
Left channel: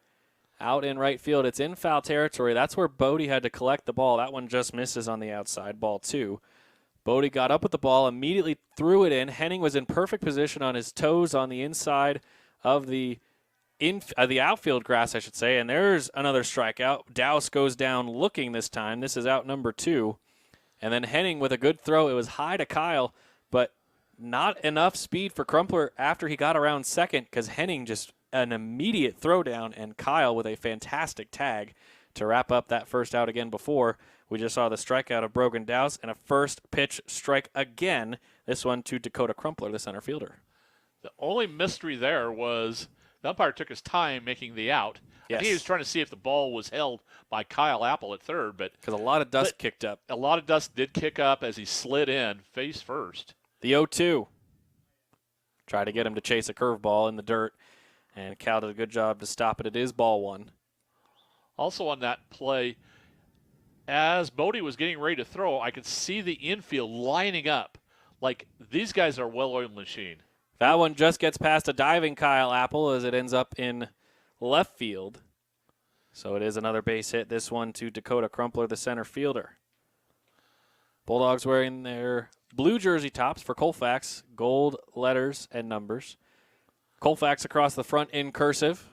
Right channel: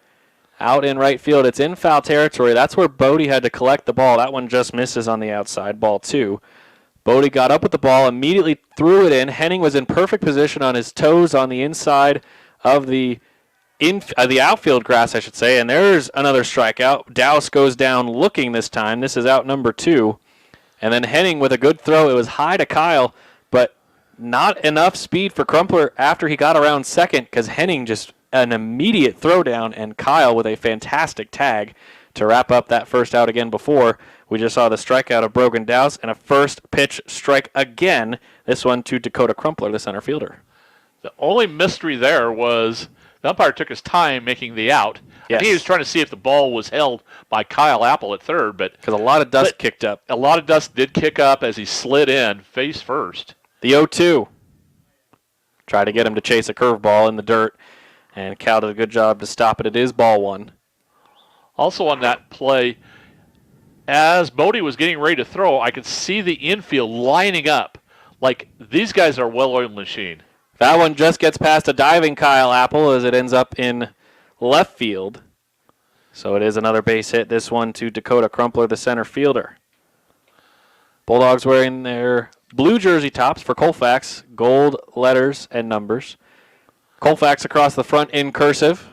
out in right field. It's in foul territory. That's where Bodie had to collect the ball. That one just misses on the outside, ball 2. Bodie got up with the ball, immediately threw it in. Henning was in perfect position on his toes on the inside of the outfield grass, I should say, and there's another strikeout. Dowse goes down looking this time. This is out number 2. And then Henning with a good throw. It was high to Kyle, but not enough speed for Crumpler after he got around second because Henning just an immediate throwdown, and Kyle with a fantastic tag to wrap up that first out again before. We just saw the strikeout of Brogan Dowse and a first pitch strike again, this one to Dakota Crumpler, the center fielder. The only mystery there was the umpire took his time making the out. Yes. I think he was trying to see if the ball was held by Kyle Apple at third, but because a lot of dust kicked up. A lot of dust did kick up as he slid in face first. The 0-2. Tried to get him to chase a curveball in the dirt, and Cal did a good job to stop it. It is ball one. Also on that play, as Bodie was getting ready to throw, I could see the infield lining up. Like, these guys are a well-oiled machine. That one just gets past a diving Kyle Apple as it ends up in left field. So it is another base hit, this one to Dakota Crumpler, the center fielder. Bulldogs wearing their blue jersey tops for Colfax, gold letters and numbers. Colfax across the front in cursive.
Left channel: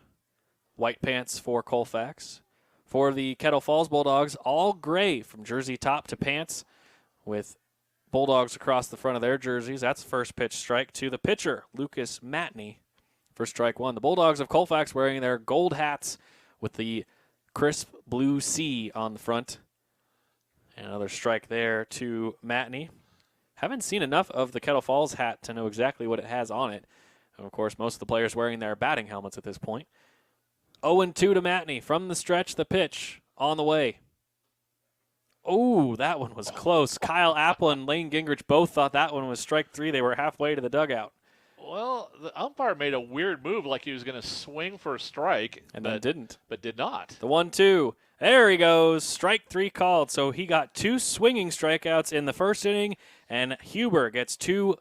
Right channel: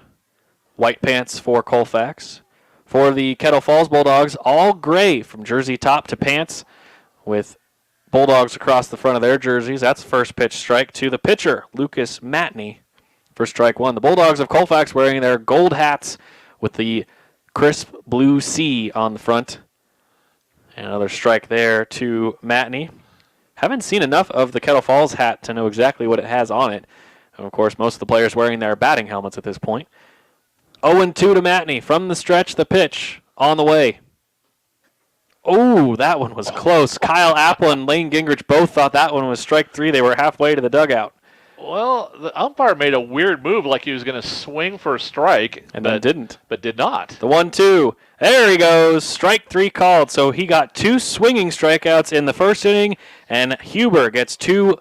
White pants for Colfax. For the Kettle Falls Bulldogs, all gray from jersey top to pants with Bulldogs across the front of their jerseys. That's first pitch strike to the pitcher, Lucas Matney, for strike one. The Bulldogs of Colfax wearing their gold hats with the crisp blue C on the front. And another strike there to Matney. Haven't seen enough of the Kettle Falls hat to know exactly what it has on it. And of course, most of the players wearing their batting helmets at this point. 0-2 to Matney. From the stretch, the pitch on the way. Oh, that one was close. Kyle Apple and Lane Gingrich both thought that one was strike three. They were halfway to the dugout. Well, the umpire made a weird move like he was going to swing for a strike. Then didn't. But did not. The 1-2. There he goes. Strike three called. So he got two swinging strikeouts in the first inning, and Huber gets two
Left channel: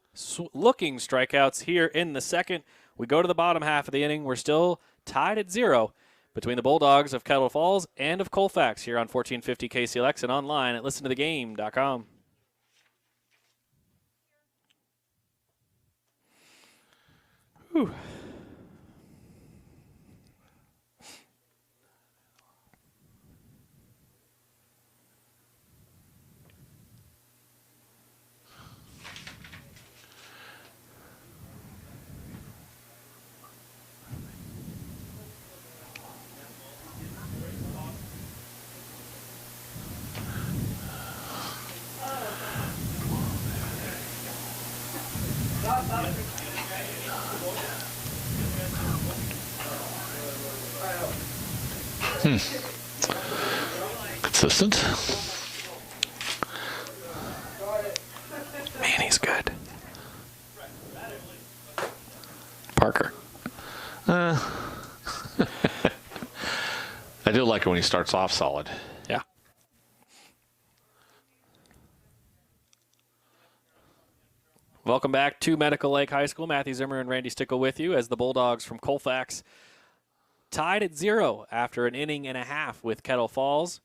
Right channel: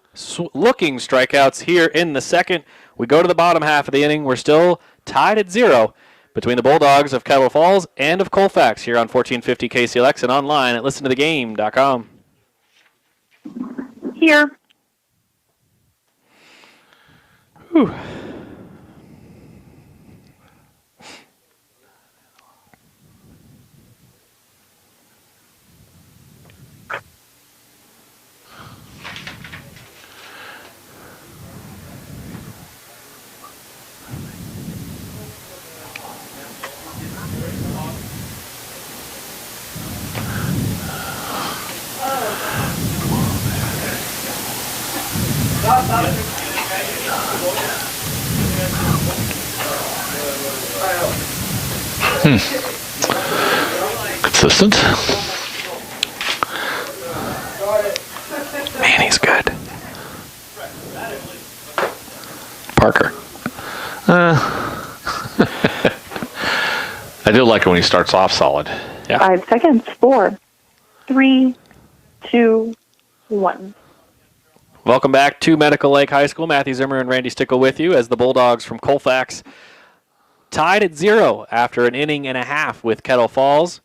looking strikeouts here in the second. We go to the bottom half of the inning. We're still tied at 0 between the Bulldogs of Kettle Falls and of Colfax here on 1450 KCLX and online at listentothegame.com. Here. Whew. Consistent. Man, he's good. Parker. I do like it when he starts off solid. Yeah. 5 seconds. 4, 3, 2, 1. Welcome back to Medical Lake High School. Matthew Zimmer and Randy Stickle with you as the Bulldogs from Colfax tied at 0 after an inning and a half with Kettle Falls.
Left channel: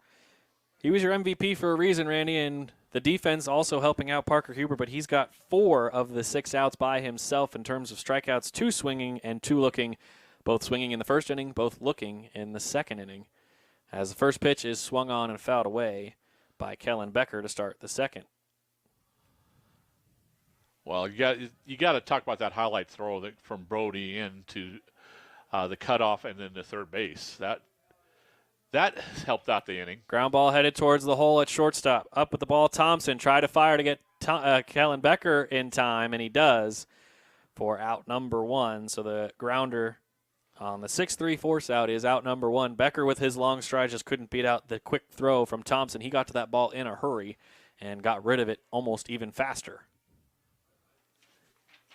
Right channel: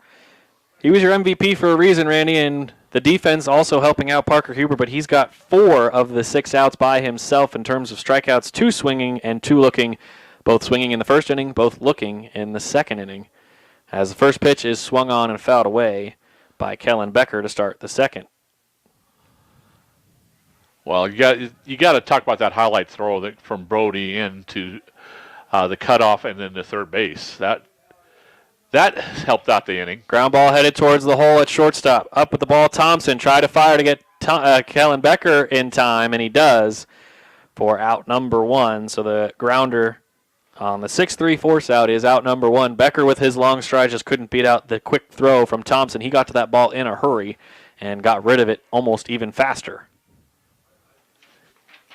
He was your MVP for a reason, Randy, and the defense also helping out Parker Huber, but he's got 4 of the 6 outs by himself in terms of strikeouts, 2 swinging and 2 looking, both swinging in the first inning, both looking in the second inning, as the first pitch is swung on and fouled away by Kellen Becker to start the second. Well, you got to talk about that highlight throw from Brody into the cutoff and then the third base. That helped out the inning. Ground ball headed towards the hole at shortstop. Up with the ball, Thompson tried to fire to get Kellen Becker in time, and he does for out number 1. So the grounder on the 6-3 force out is out number 1. Becker with his long stride just couldn't beat out the quick throw from Thompson. He got to that ball in a hurry and got rid of it almost even faster.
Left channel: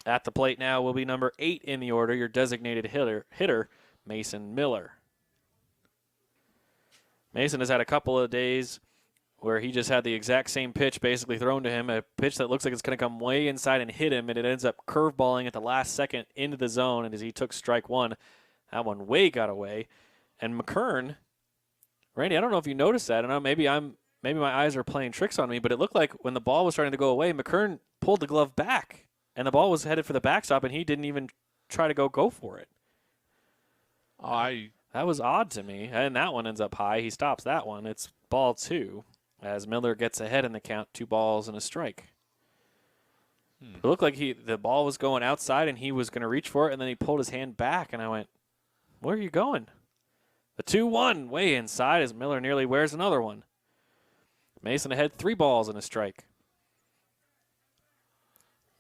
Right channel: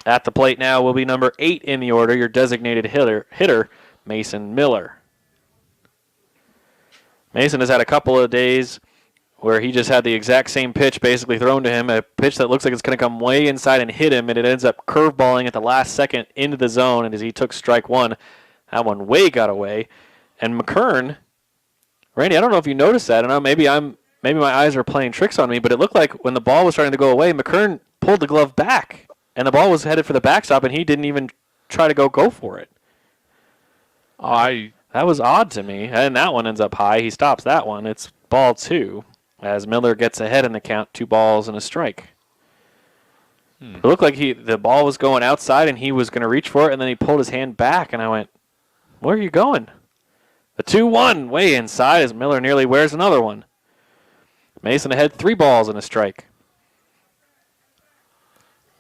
At the plate now will be number 8 in the order, your designated hitter, Mason Miller. Mason has had a couple of days where he just had the exact same pitch basically thrown to him, a pitch that looks like it's going to come way inside and hit him, and it ends up curveballing at the last second into the zone, and as he took strike 1, that one way got away. And McKern, Randy, I don't know if you noticed that. I don't know, maybe my eyes are playing tricks on me, but it looked like when the ball was starting to go away, McKern pulled the glove back. And the ball was headed for the backstop, and he didn't even try to go for it. That was odd to me. And that one ends up high. He stops that one. It's ball 2 as Miller gets ahead in the count, 2 balls and a strike. It looked like the ball was going outside, and he was going to reach for it, and then he pulled his hand back, and I went, where are you going? The 2-1 way inside as Miller nearly wears another one. Mason ahead, 3 balls and a strike.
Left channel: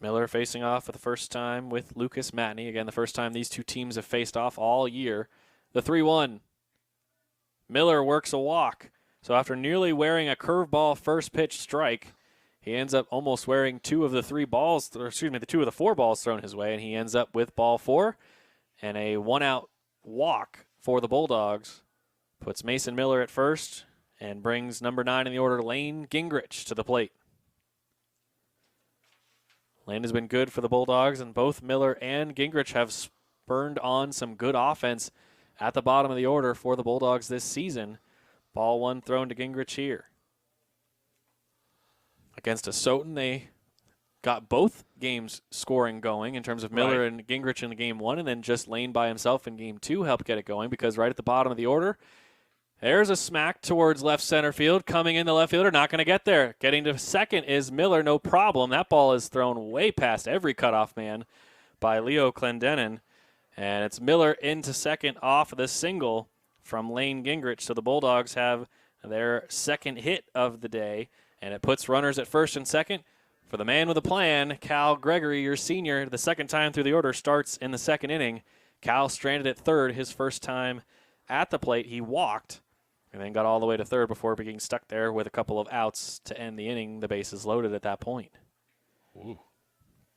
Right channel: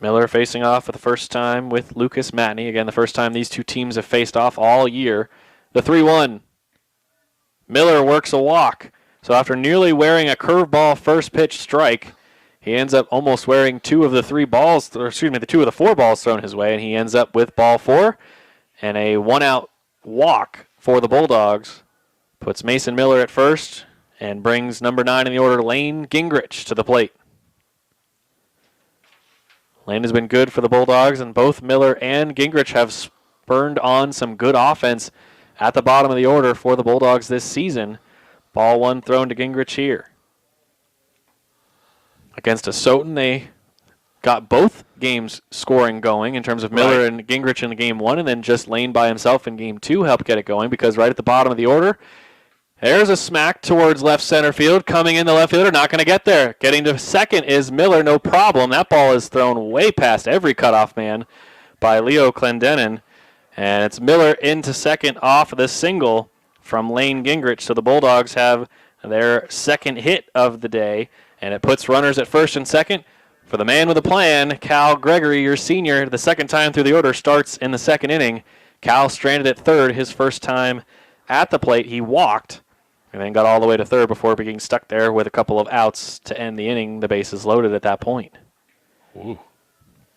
Miller facing off for the first time with Lucas Matney. Again, the first time these two teams have faced off all year. The 3-1. Miller works a walk. So after nearly wearing a curveball first pitch strike, He ends up almost wearing two of the four balls thrown his way, and he ends up with ball 4 and a 1-out walk for the Bulldogs. Puts Mason Miller at first and brings number 9 in the order, Lane Gingrich, to the plate. Lane has been good for the Bulldogs, and both Miller and Gingrich have spurned on some good offense at the bottom of the order for the Bulldogs this season. Ball 1 thrown to Gingrich here. Against a Soton, they got both games scoring going in terms of Miller and Gingrich in game 1, and then just Lane by himself in game 2 helped get it going, because right at the bottom of the order, there's a smack towards left center field. Coming in the left fielder, not going to get there. Getting to second is Miller, no problem. That ball is thrown way past every cutoff man by Leo Clendenin. And it's Miller into second off of the single from Lane Gingrich. So the Bulldogs have their second hit of the day, and it puts runners at first and second. For the man with a plan, Cal Gregory, your senior, the second time through the order, starts in the second inning. Cal stranded at third his first time at the plate. He walked and then got all the way to third before being stuck there with a couple of outs to end the inning. The bases loaded at that point. Ooh.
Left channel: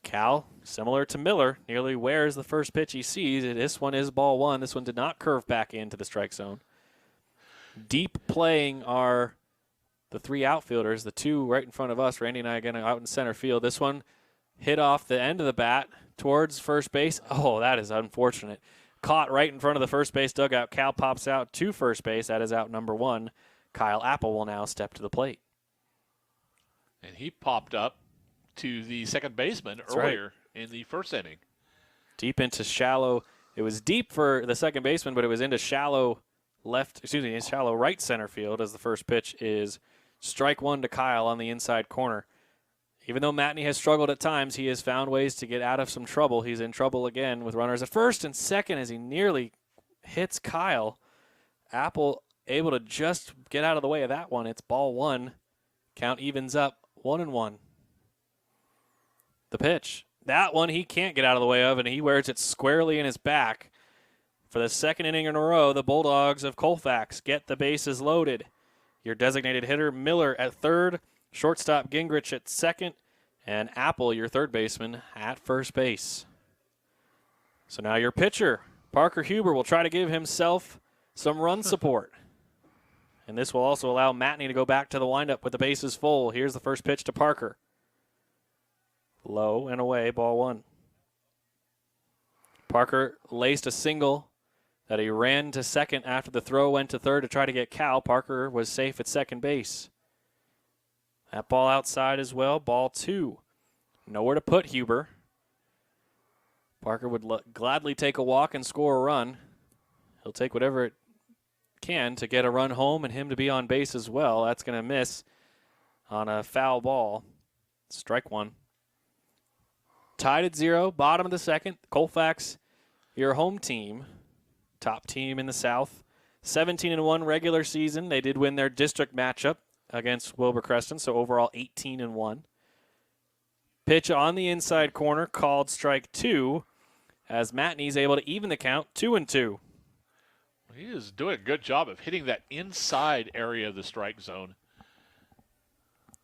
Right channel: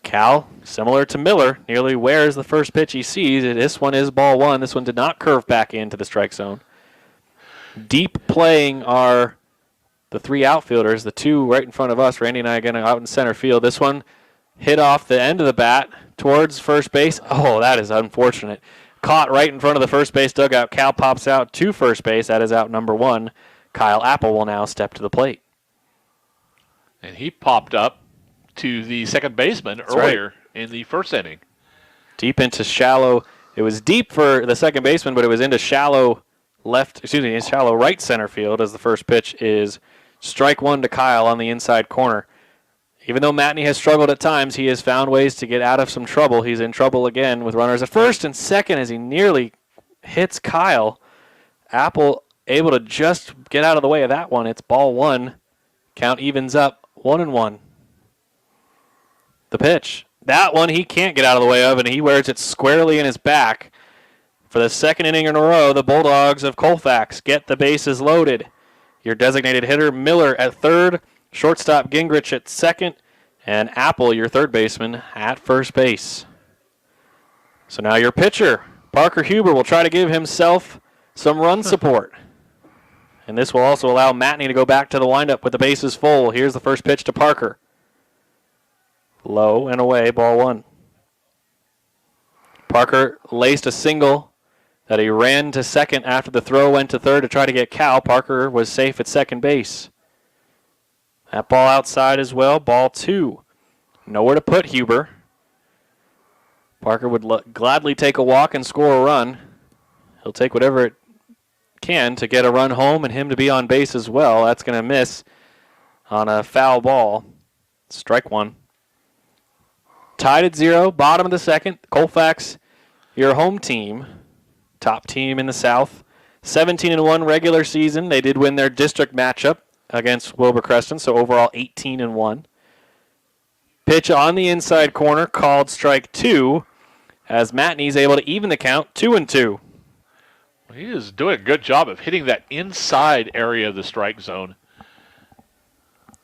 Cal, similar to Miller, nearly wears the first pitch he sees. This one is ball 1. This one did not curve back into the strike zone. Deep playing are the 3 outfielders, the 2 right in front of us. Randy and I again out in center field. This one hit off the end of the bat towards first base. Oh, that is unfortunate. Caught right in front of the first base dugout. Cal pops out to first base. That is out number 1. Kyle Apple will now step to the plate. And he popped up to the second baseman earlier in the first inning. Deep into shallow. It was deep for the second baseman, but it was into shallow right center field as the first pitch is strike 1 to Kyle on the inside corner. Even though Matney has struggled at times, he has found ways to get out of some trouble. He's in trouble again with runners at first and second as he nearly hits Kyle. Apple able to just get out of the way of that one. It's ball 1. Count evens up 1-1. The pitch. That one he can't get out of the way of, and he wears it squarely in his back. For the second inning in a row, the Bulldogs of Colfax get the bases loaded. Your designated hitter, Miller, at third. Shortstop Gingrich at second, and Apple, your third baseman, at first base. So now your pitcher, Parker Huber, will try to give himself some run support. And this will also allow Matney to go back to the windup with the bases full. Here's the first pitch to Parker. Low and away, ball 1. Parker laced a single that he ran to second after the throw went to third to try to get Cal. Parker was safe at second base. That ball outside as well, ball 2. Nowhere to put Huber. Parker would gladly take a walk and score a run. He'll take whatever it can to get a run home and him to be on base as well. That's going to miss on a foul ball. Strike 1. Tied at 0, bottom of the second. Colfax, your home team, top team in the South. 17-1 regular season. They did win their district matchup against Wilbur Creston, so overall 18-1. Pitch on the inside corner, called strike 2, as Matney's able to even the count, 2-2. He is doing a good job of hitting that inside area of the strike zone.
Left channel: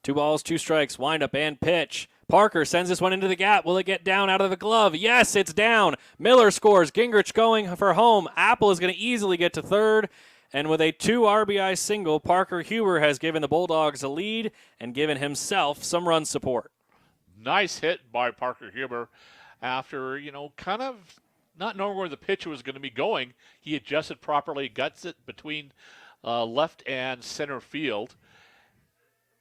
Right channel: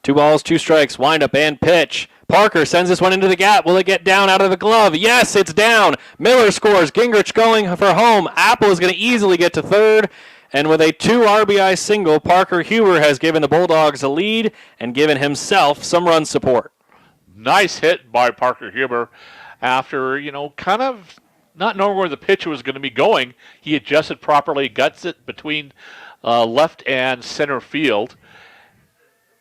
2 balls, 2 strikes, windup and pitch. Parker sends this one into the gap. Will it get down out of the glove? Yes, it's down. Miller scores. Gingrich going for home. Apple is going to easily get to third. And with a 2 RBI single, Parker Huber has given the Bulldogs a lead and given himself some run support. Nice hit by Parker Huber after, kind of not knowing where the pitch was going to be going. He adjusted properly, guts it between left and center field.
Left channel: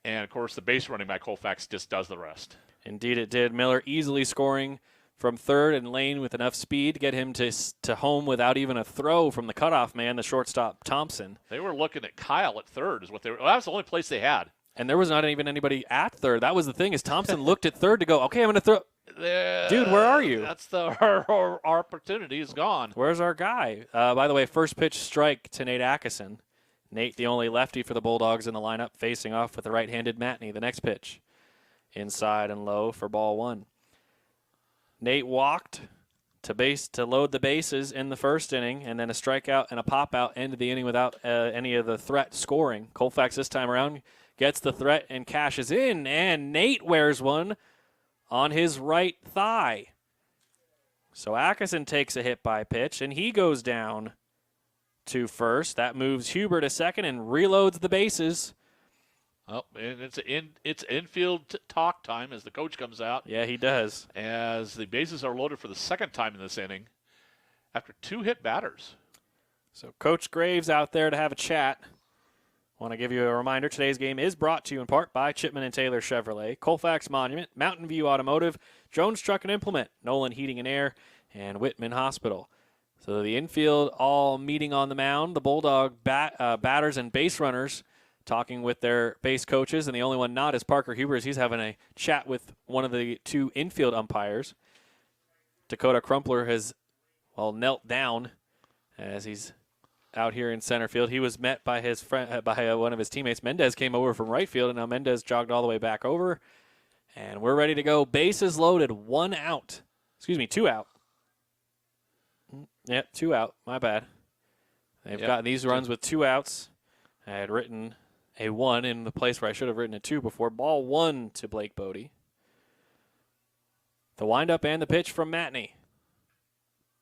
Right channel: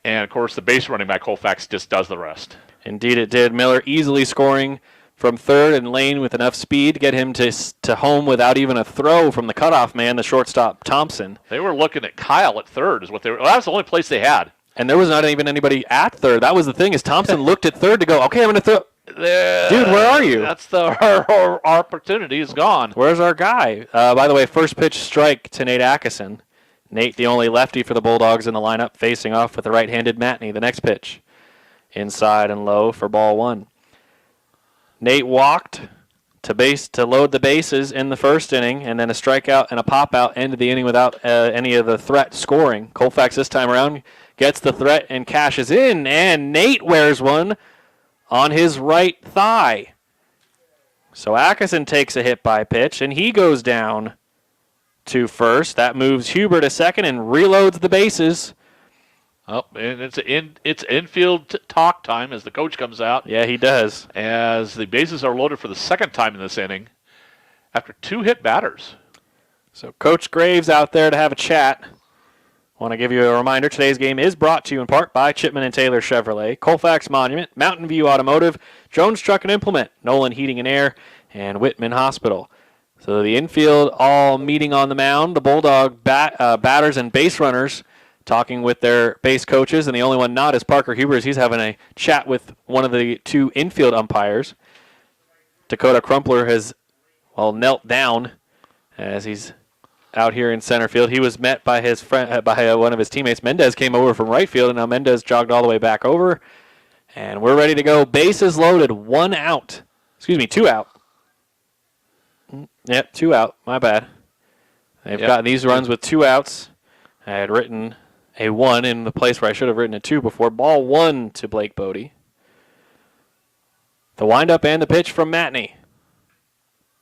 And, of course, the base running by Colfax just does the rest. Indeed it did. Miller easily scoring from third, and Lane with enough speed to get him to home without even a throw from the cutoff man, the shortstop Thompson. They were looking at Kyle at third is what they were. Well, that was the only place they had. And there was not even anybody at third. That was the thing, is Thompson looked at third to go, okay, I'm going to throw. Dude, where are you? That's our opportunity is gone. Where's our guy? By the way, first pitch strike to Nate Atkinson. Nate, the only lefty for the Bulldogs in the lineup, facing off with the right-handed Matney. The next pitch, inside and low for ball 1. Nate walked, to load the bases in the first inning, and then a strikeout and a pop-out ended the inning without any of the threat scoring. Colfax this time around gets the threat and cashes in, and Nate wears one on his right thigh. So Atkinson takes a hit by pitch, and he goes down to first. That moves Huber to second and reloads the bases. Oh, and it's infield talk time as the coach comes out. Yeah, he does. As the bases are loaded for the second time in this inning after 2 hit batters. So Coach Graves out there to have a chat. Want to give you a reminder, today's game is brought to you in part by Chipman & Taylor Chevrolet, Colfax Monument, Mountain View Automotive, Jones Truck and Implement, Nolan Heating and Air, and Whitman Hospital. So the infield all meeting on the mound, the Bulldog batters and base runners talking with their base coaches, and the only one not is Parker Huber, as he's having a chat with one of the 2 infield umpires. Dakota Crumpler has, knelt down as he's out here in center field. He was met by his friend, one of his teammates. Mendez came over from right field, and now Mendez jogged all the way back over. And we're ready to go. Bases loaded, 1 out. 2 out. Yep, 2 out. My bad. They've got these runs with 2 outs. I had written a 1 in the place where I should have written a 2 before. Ball 1 to Blake Bodie. The windup and the pitch from Matney.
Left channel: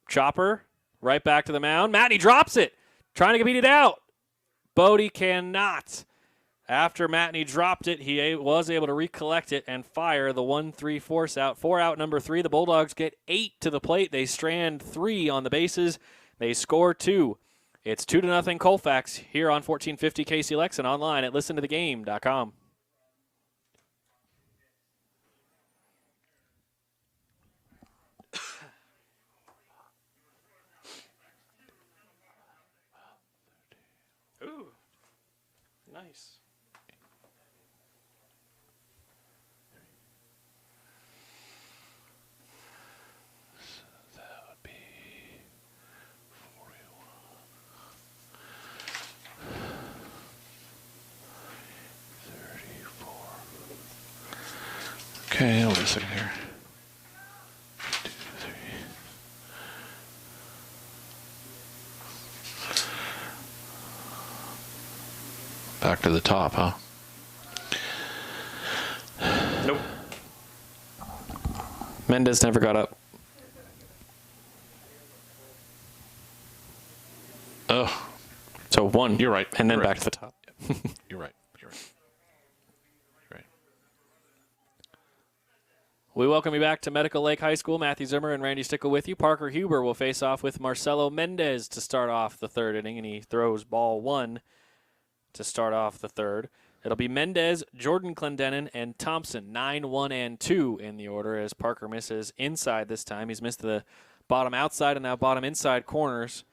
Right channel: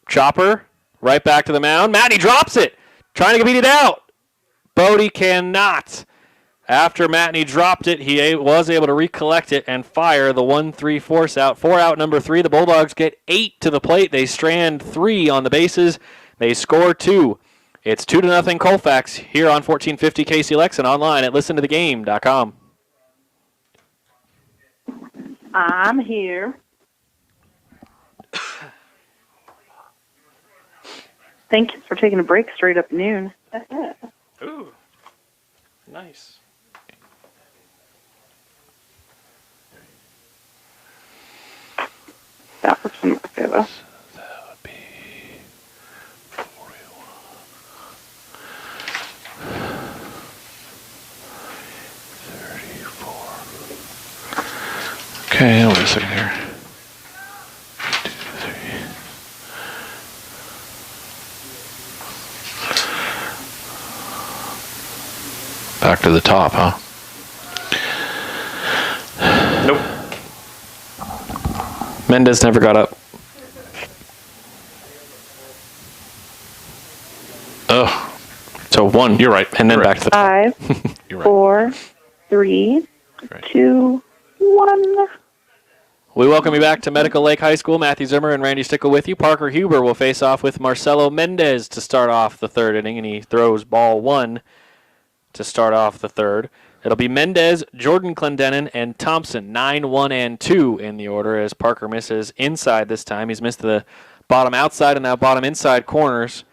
Chopper, right back to the mound. Matney drops it. Trying to beat it out. Bodie cannot. After Matney dropped it, he was able to recollect it and fire the 1-3 force out. 4 out number 3. The Bulldogs get 8 to the plate. They strand 3 on the bases. They score 2. It's 2-0 Colfax here on 1450 KCLX and online at listentothegame.com. I'm here. Thank you for taking a break straight up noon. Ooh, nice. That was in my favor. That would be 34. Okay, wait a second here. 2, 3. Back to the top, huh? Nope. Mendez never got up. Oh, So 1. you're right. And then You're back to the top. 5, You're right. 4, 3, Right. 2, 1. We welcome you back to Medical Lake High School. Matthew Zimmer and Randy Stickle with you. Parker Huber will face off with Marcelo Mendez to start off the 3rd inning, and he throws ball 1 to start off the 3rd. It'll be Mendez, Jordan Clendenin, and Thompson, 9, 1, and 2 in the order as Parker misses inside this time. He's missed the bottom outside and now bottom inside corners.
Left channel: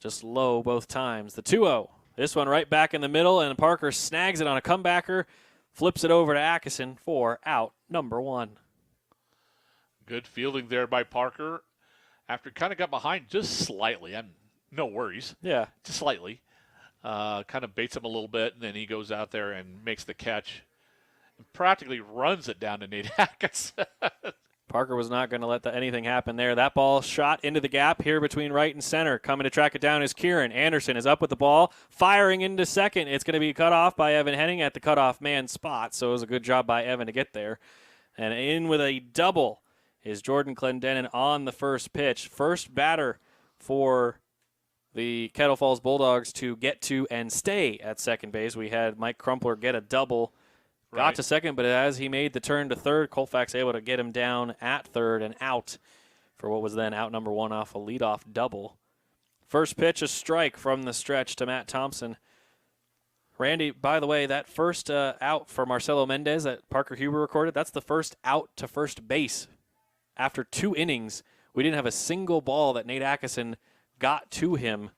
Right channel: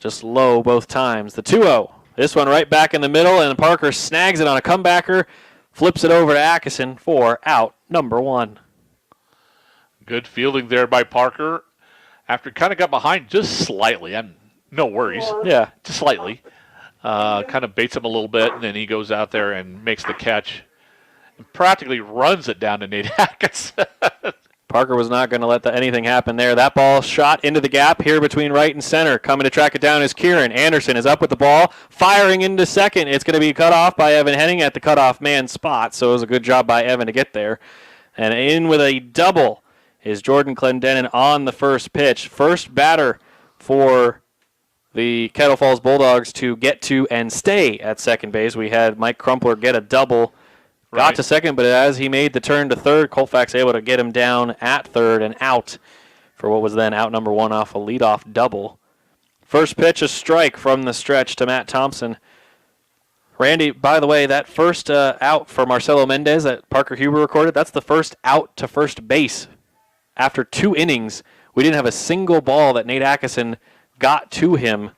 Just low both times. The 2-0. This one right back in the middle, and Parker snags it on a comebacker, flips it over to Atkinson for out number 1. Good fielding there by Parker. After kind of got behind just slightly. No worries. Yeah. Just slightly. Kind of baits him a little bit, and then he goes out there and makes the catch. And practically runs it down to Nate Atkinson. Parker was not going to let anything happen there. That ball shot into the gap here between right and center. Coming to track it down is Kieran. Anderson is up with the ball, firing into second. It's going to be cut off by Evan Henning at the cutoff man spot, so it was a good job by Evan to get there. And in with a double is Jordan Clendenin on the first pitch. First batter for the Kettle Falls Bulldogs to get to and stay at second base. We had Mike Crumpler get a double. Got to second, but as he made the turn to third, Colfax able to get him down at third and out for what was then out number 1 off a leadoff double. First pitch, a strike from the stretch to Matt Thompson. Randy, by the way, that first out for Marcelo Mendez that Parker Huber recorded, that's the first out to first base. After 2 innings, we didn't have a single ball that Nate Atkinson got to him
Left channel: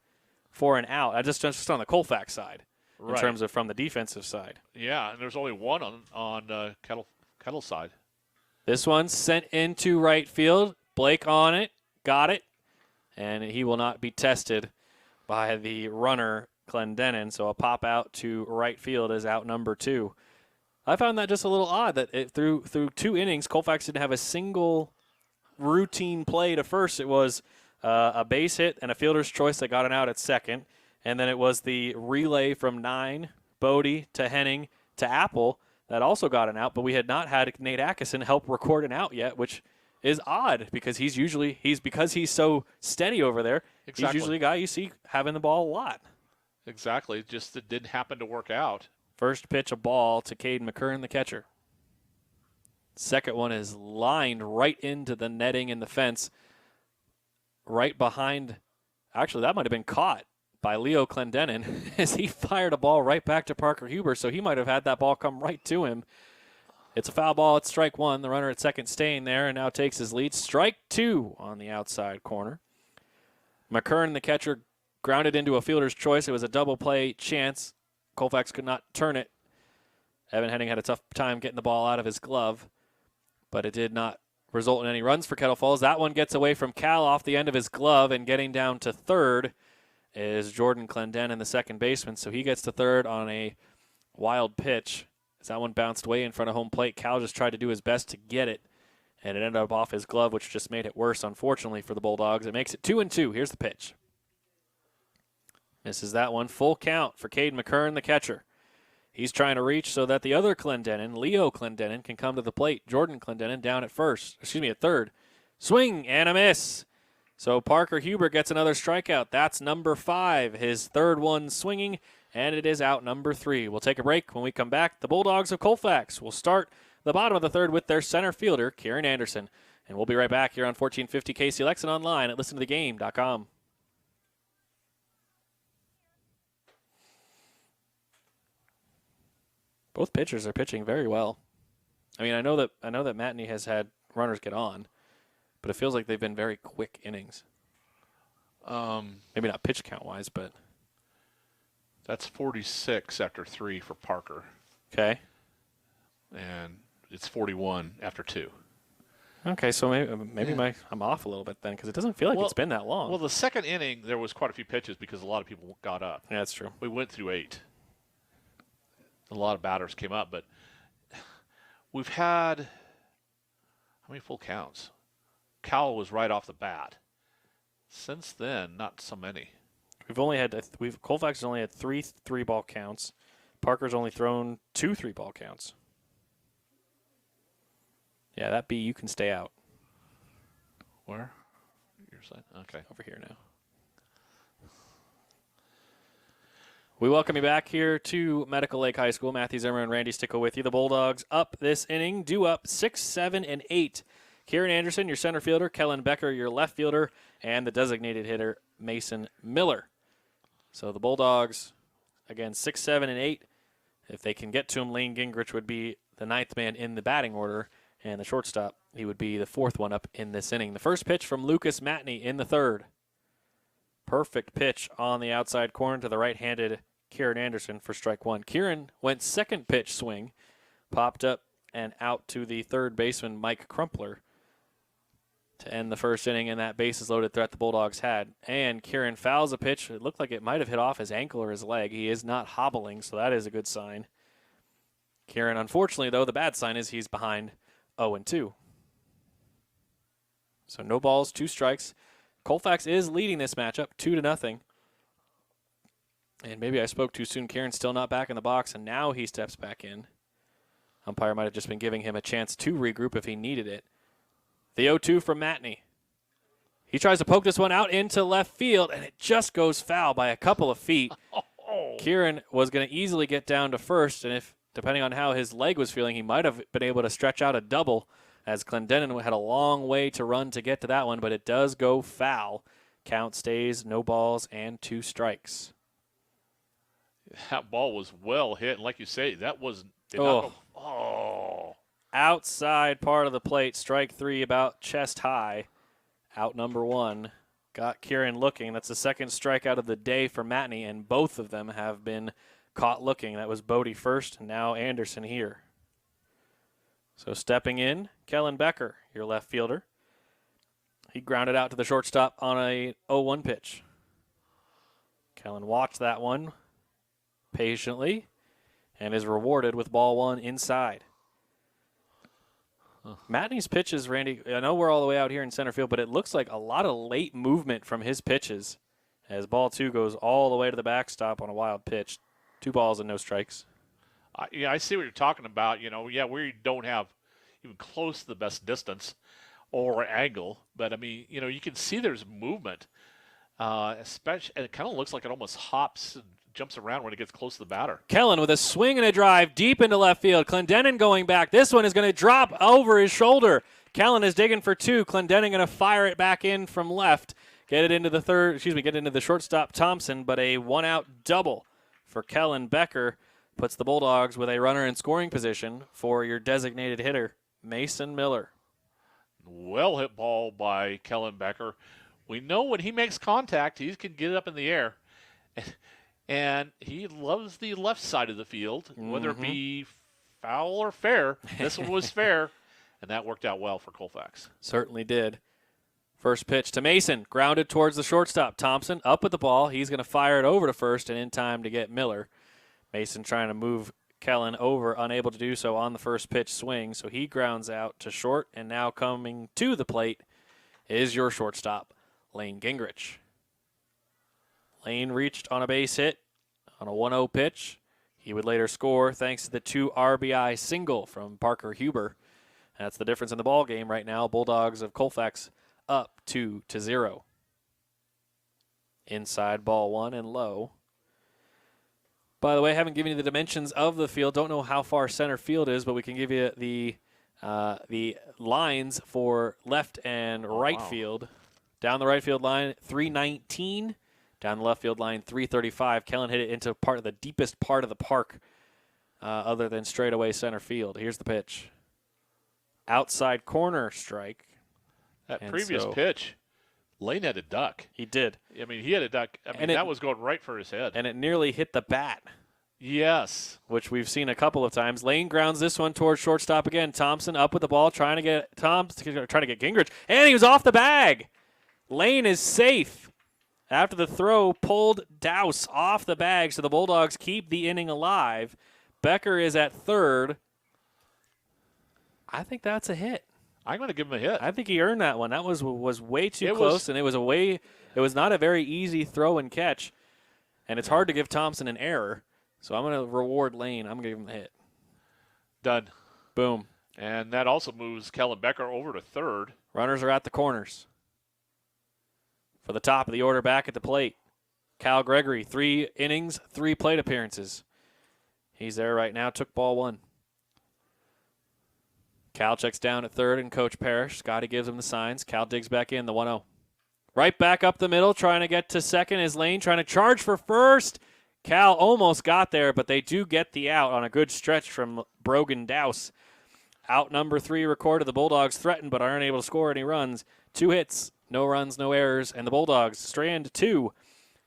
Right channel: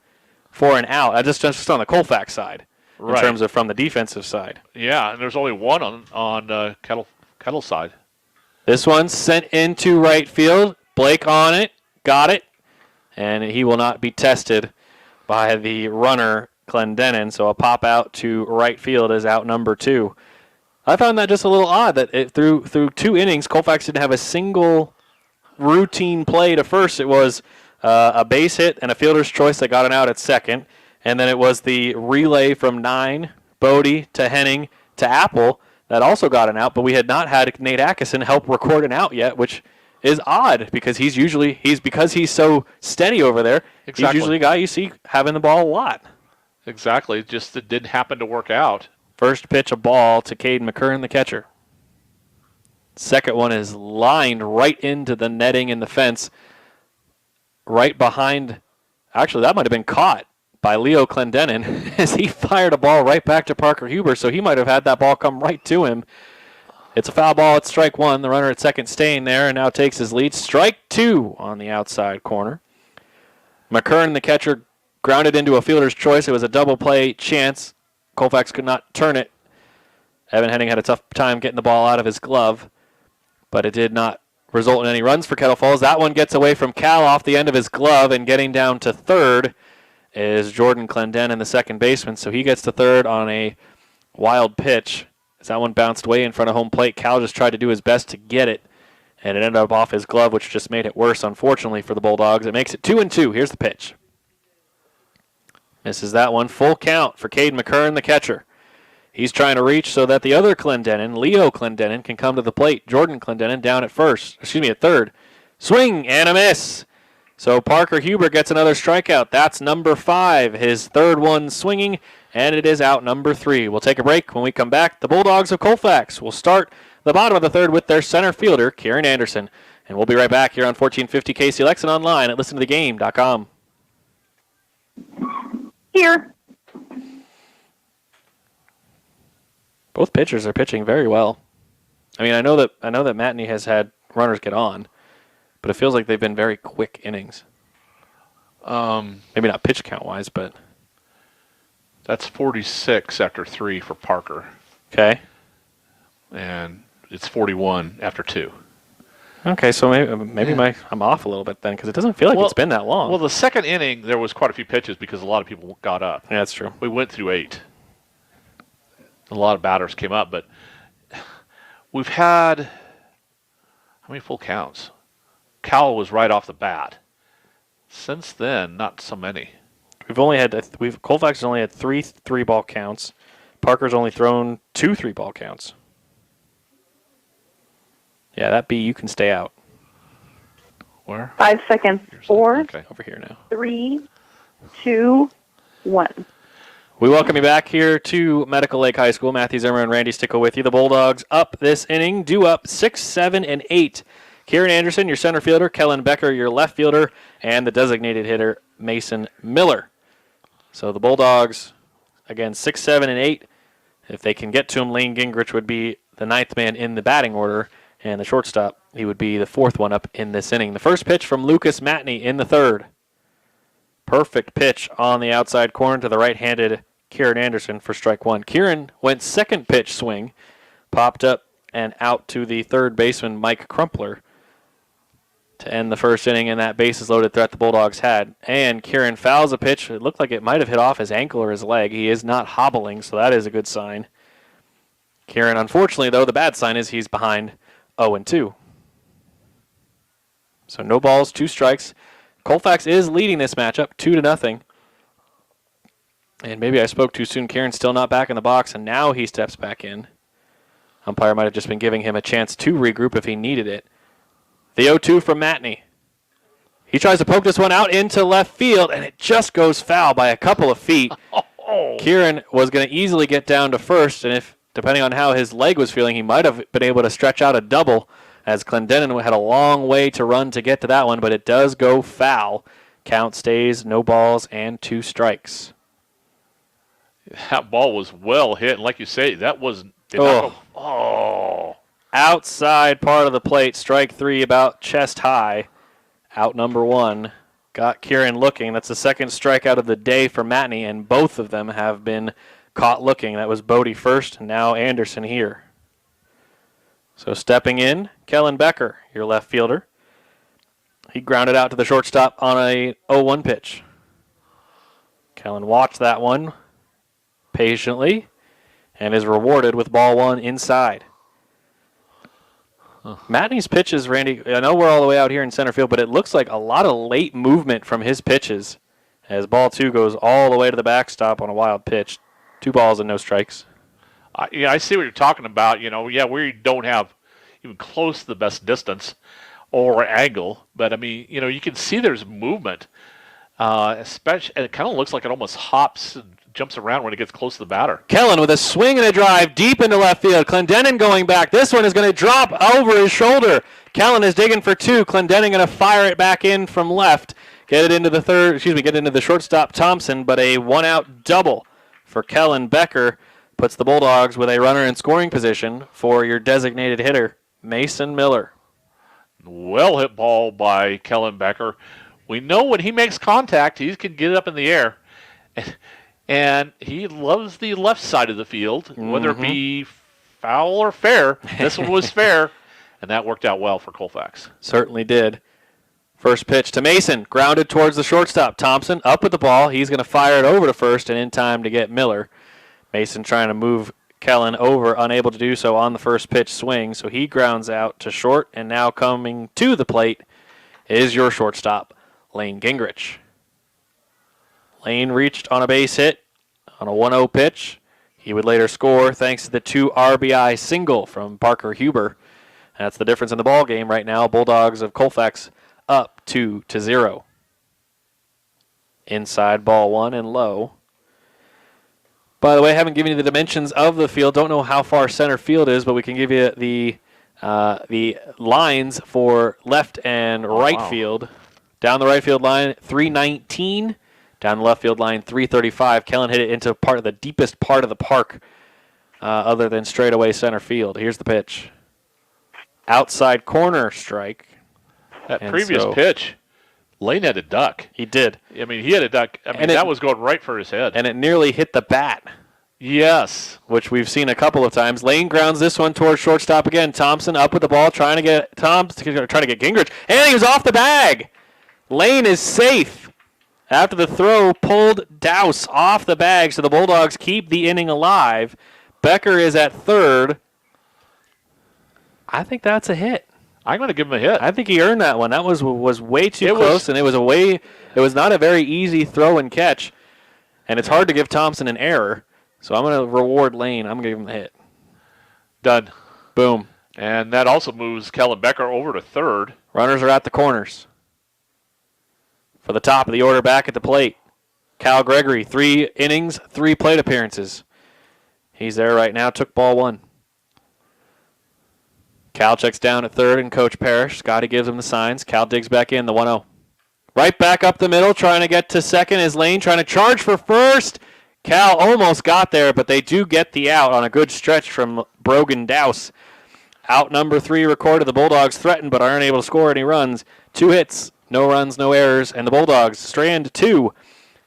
for an out. Just on the Colfax side. In terms of from the defensive side. Yeah, and there's only one on Kettle side. This one sent into right field. Blake on it, got it, and he will not be tested by the runner Clendenin. So a pop out to right field is out number 2. I found that just a little odd that through 2 innings, Colfax didn't have a single routine play to first. It was a base hit and a fielder's choice that got an out at second. And then it was the relay from 9, Bodie to Henning to Apple that also got an out. But we had not had Nate Atkinson help record an out yet, which is odd because because he's so steady over there. Exactly. He's usually a guy you see having the ball a lot. Exactly. Just it didn't happen to work out. First pitch, a ball to Caden McKern, the catcher. Second one is lined right into the netting in the fence, right behind. Actually, that might have been caught by Leo Clendenin as he fired a ball right back to Parker Huber, so he might have had that ball come right to him. It's a foul ball. It's strike one. The runner at second staying there and now takes his lead. Strike 2 on the outside corner. McKern, the catcher, grounded into a fielder's choice. It was a double play chance. Colfax could not turn it. Evan Henning had a tough time getting the ball out of his glove, but it did not result in any runs for Kettle Falls. That one gets away from Cal off the end of his glove, and getting down to third is Jordan Clendenin, the second baseman. So he gets to third on a wild pitch. As that one bounced way in front of home plate, Cal just tried to do his best to get it, and it ended up off his glove, which just made it worse, unfortunately, for the Bulldogs. It makes it 2-2. Here's the pitch. Misses that one. Full count for Caden McKern, the catcher. He's trying to reach so that the other Clendenin, Leo Clendenin, can come to the plate. Jordan Clendenin down at third. Swing and a miss. So Parker Huber gets another strikeout. That's number 5, his third one swinging, and it is out number 3. We'll take a break. When we come back, the Bulldogs of Colfax will start the bottom of the third with their center fielder, Kieran Anderson. And we'll be right back here on 1450 KCLX and online at listentothegame.com. Here. Both pitchers are pitching very well. I mean, I know that Matney has had runners get on, but it feels like they've been very quick innings. Maybe not pitch count wise, but That's 46 after 3 for Parker, okay. and it's 41 after 2. Okay, so maybe I'm off a little bit then because it doesn't feel like it's been that long. Well, the second inning, there was quite a few pitches because a lot of people got up. Yeah, that's true. We went through 8. A lot of batters came up, but we've had, how many full counts? Cal was right off the bat. Since then, not so many. Colfax has only had 3 3-ball counts. Parker's only thrown 2 3-ball counts. Yeah, that B, you can stay out. Where? 5 seconds. 4, Okay. Over here now. 3, 2, 1. We welcome you back here to Medical Lake High School. Matthew Zimmer and Randy Stickle with you. The Bulldogs up this inning, due up 6, 7, and 8. Kieran Anderson, your center fielder. Kellen Becker, your left fielder. And the designated hitter, Mason Miller. So the Bulldogs, again, 6, 7, and 8. If they can get to him, Lane Gingrich would be the 9th man in the batting order. And the shortstop, he would be the 4th one up in this inning. The first pitch from Lucas Matney in the third. Perfect pitch on the outside corner to the right-handed Kieran Anderson for strike 1. Kieran went second pitch swing, popped up and out to the third baseman, Mike Crumpler, to end the first inning, and that bases-loaded threat the Bulldogs had. And Kieran fouls a pitch. It looked like it might have hit off his ankle or his leg. He is not hobbling, so that is a good sign. Kieran, unfortunately, though, the bad sign is he's behind 0-2. So no balls, 2 strikes. Colfax is leading this matchup 2-0. And maybe I spoke too soon. Kieran's still not back in the box, and now he steps back in. Umpire might have just been giving him a chance to regroup if he needed it. The 0-2 from Matney. He tries to poke this one out into left field, and it just goes foul by a couple of feet. Kieran was going to easily get down to first, and if depending on how his leg was feeling, he might have been able to stretch out a double, as Clendenin had a long way to run to get to that one, but it does go foul. Count stays, no balls, and 2 strikes. That ball was well hit, and like you say, that was Outside part of the plate, strike 3 about chest high. Out number 1. Got Kieran looking. That's the second strikeout of the day for Matney, and both of them have been caught looking. That was Bodie first, and now Anderson here. So stepping in, Kellen Becker, your left fielder. He grounded out to the shortstop on a 0-1 pitch. Kellen watched that one patiently and is rewarded with ball 1 inside. Matney's pitches, Randy, I know we're all the way out here in center field, but it looks like a lot of late movement from his pitches as ball 2 goes all the way to the backstop on a wild pitch. 2 balls and no strikes. I see what you're talking about. We don't have even close to the best distance or angle, but, you can see there's movement. Especially, and it kind of looks like it almost hops and jumps around when it gets close to the batter. Kellen with a swing and a drive deep into left field. Clendenin going back. This one is going to drop over his shoulder. Kellen is digging for 2. Clendenin going to fire it back in from left. Get it into the shortstop Thompson, but a 1-out double for Kellen. Becker puts the Bulldogs with a runner in scoring position for your designated hitter, Mason Miller. Well hit ball by Kellen Becker. We know when he makes contact, he can get it up in the air. And he loves the left side of the field, whether it be foul or fair. This one was fair, and that worked out well for Colfax. Certainly did. First pitch to Mason, grounded towards the shortstop. Thompson up with the ball. He's going to fire it over to first and in time to get Miller. Mason trying to move Kellen over, unable to do so on the first pitch swing, so he grounds out to short, and now coming to the plate is your shortstop, Lane Gingrich. Lane reached on a base hit on a 1-0 pitch. He would later score thanks to the 2 RBI single from Parker Huber. That's the difference in the ball game right now. Bulldogs of Colfax up 2-0. Inside ball 1 and low. By the way, I haven't given you the dimensions of the field. Don't know how far center field is, but we can give you the lines for left and right field. Down the right field line, 319. Down the left field line, 335. Kellen hit it into the deepest part of the park other than straightaway center field. Here's the pitch. Outside corner strike. That previous pitch, Lane had a duck. He did. He had a duck. That was going right for his head. And it nearly hit the bat. Yes. Which we've seen a couple of times. Lane grounds this one towards shortstop again. Thompson up with the ball, trying to get Gingrich. And he was off the bag. Lane is safe. After the throw, pulled Douse off the bag, so the Bulldogs keep the inning alive. Becker is at third. I think that's a hit. I'm going to give him a hit. I think he earned that one. That was way too close, and it was not a very easy throw and catch. And it's hard to give Thompson an error, so I'm going to reward Lane. I'm going to give him a hit. Done. Boom. And that also moves Kellen Becker over to third. Runners are at the corners. For the top of the order back at the plate, Cal Gregory, 3 innings, 3 plate appearances. He's there right now, took ball 1. Cal checks down at third, and Coach Parrish, Scotty gives him the signs. Cal digs back in, the 1-0. Right back up the middle, trying to get to second is Lane, trying to charge for first. Cal almost got there, but they do get the out on a good stretch from Brogan Douse. Out number 3 recorded. The Bulldogs threaten, but aren't able to score any runs. 2 hits. No runs, no errors, and the Bulldogs strand 2.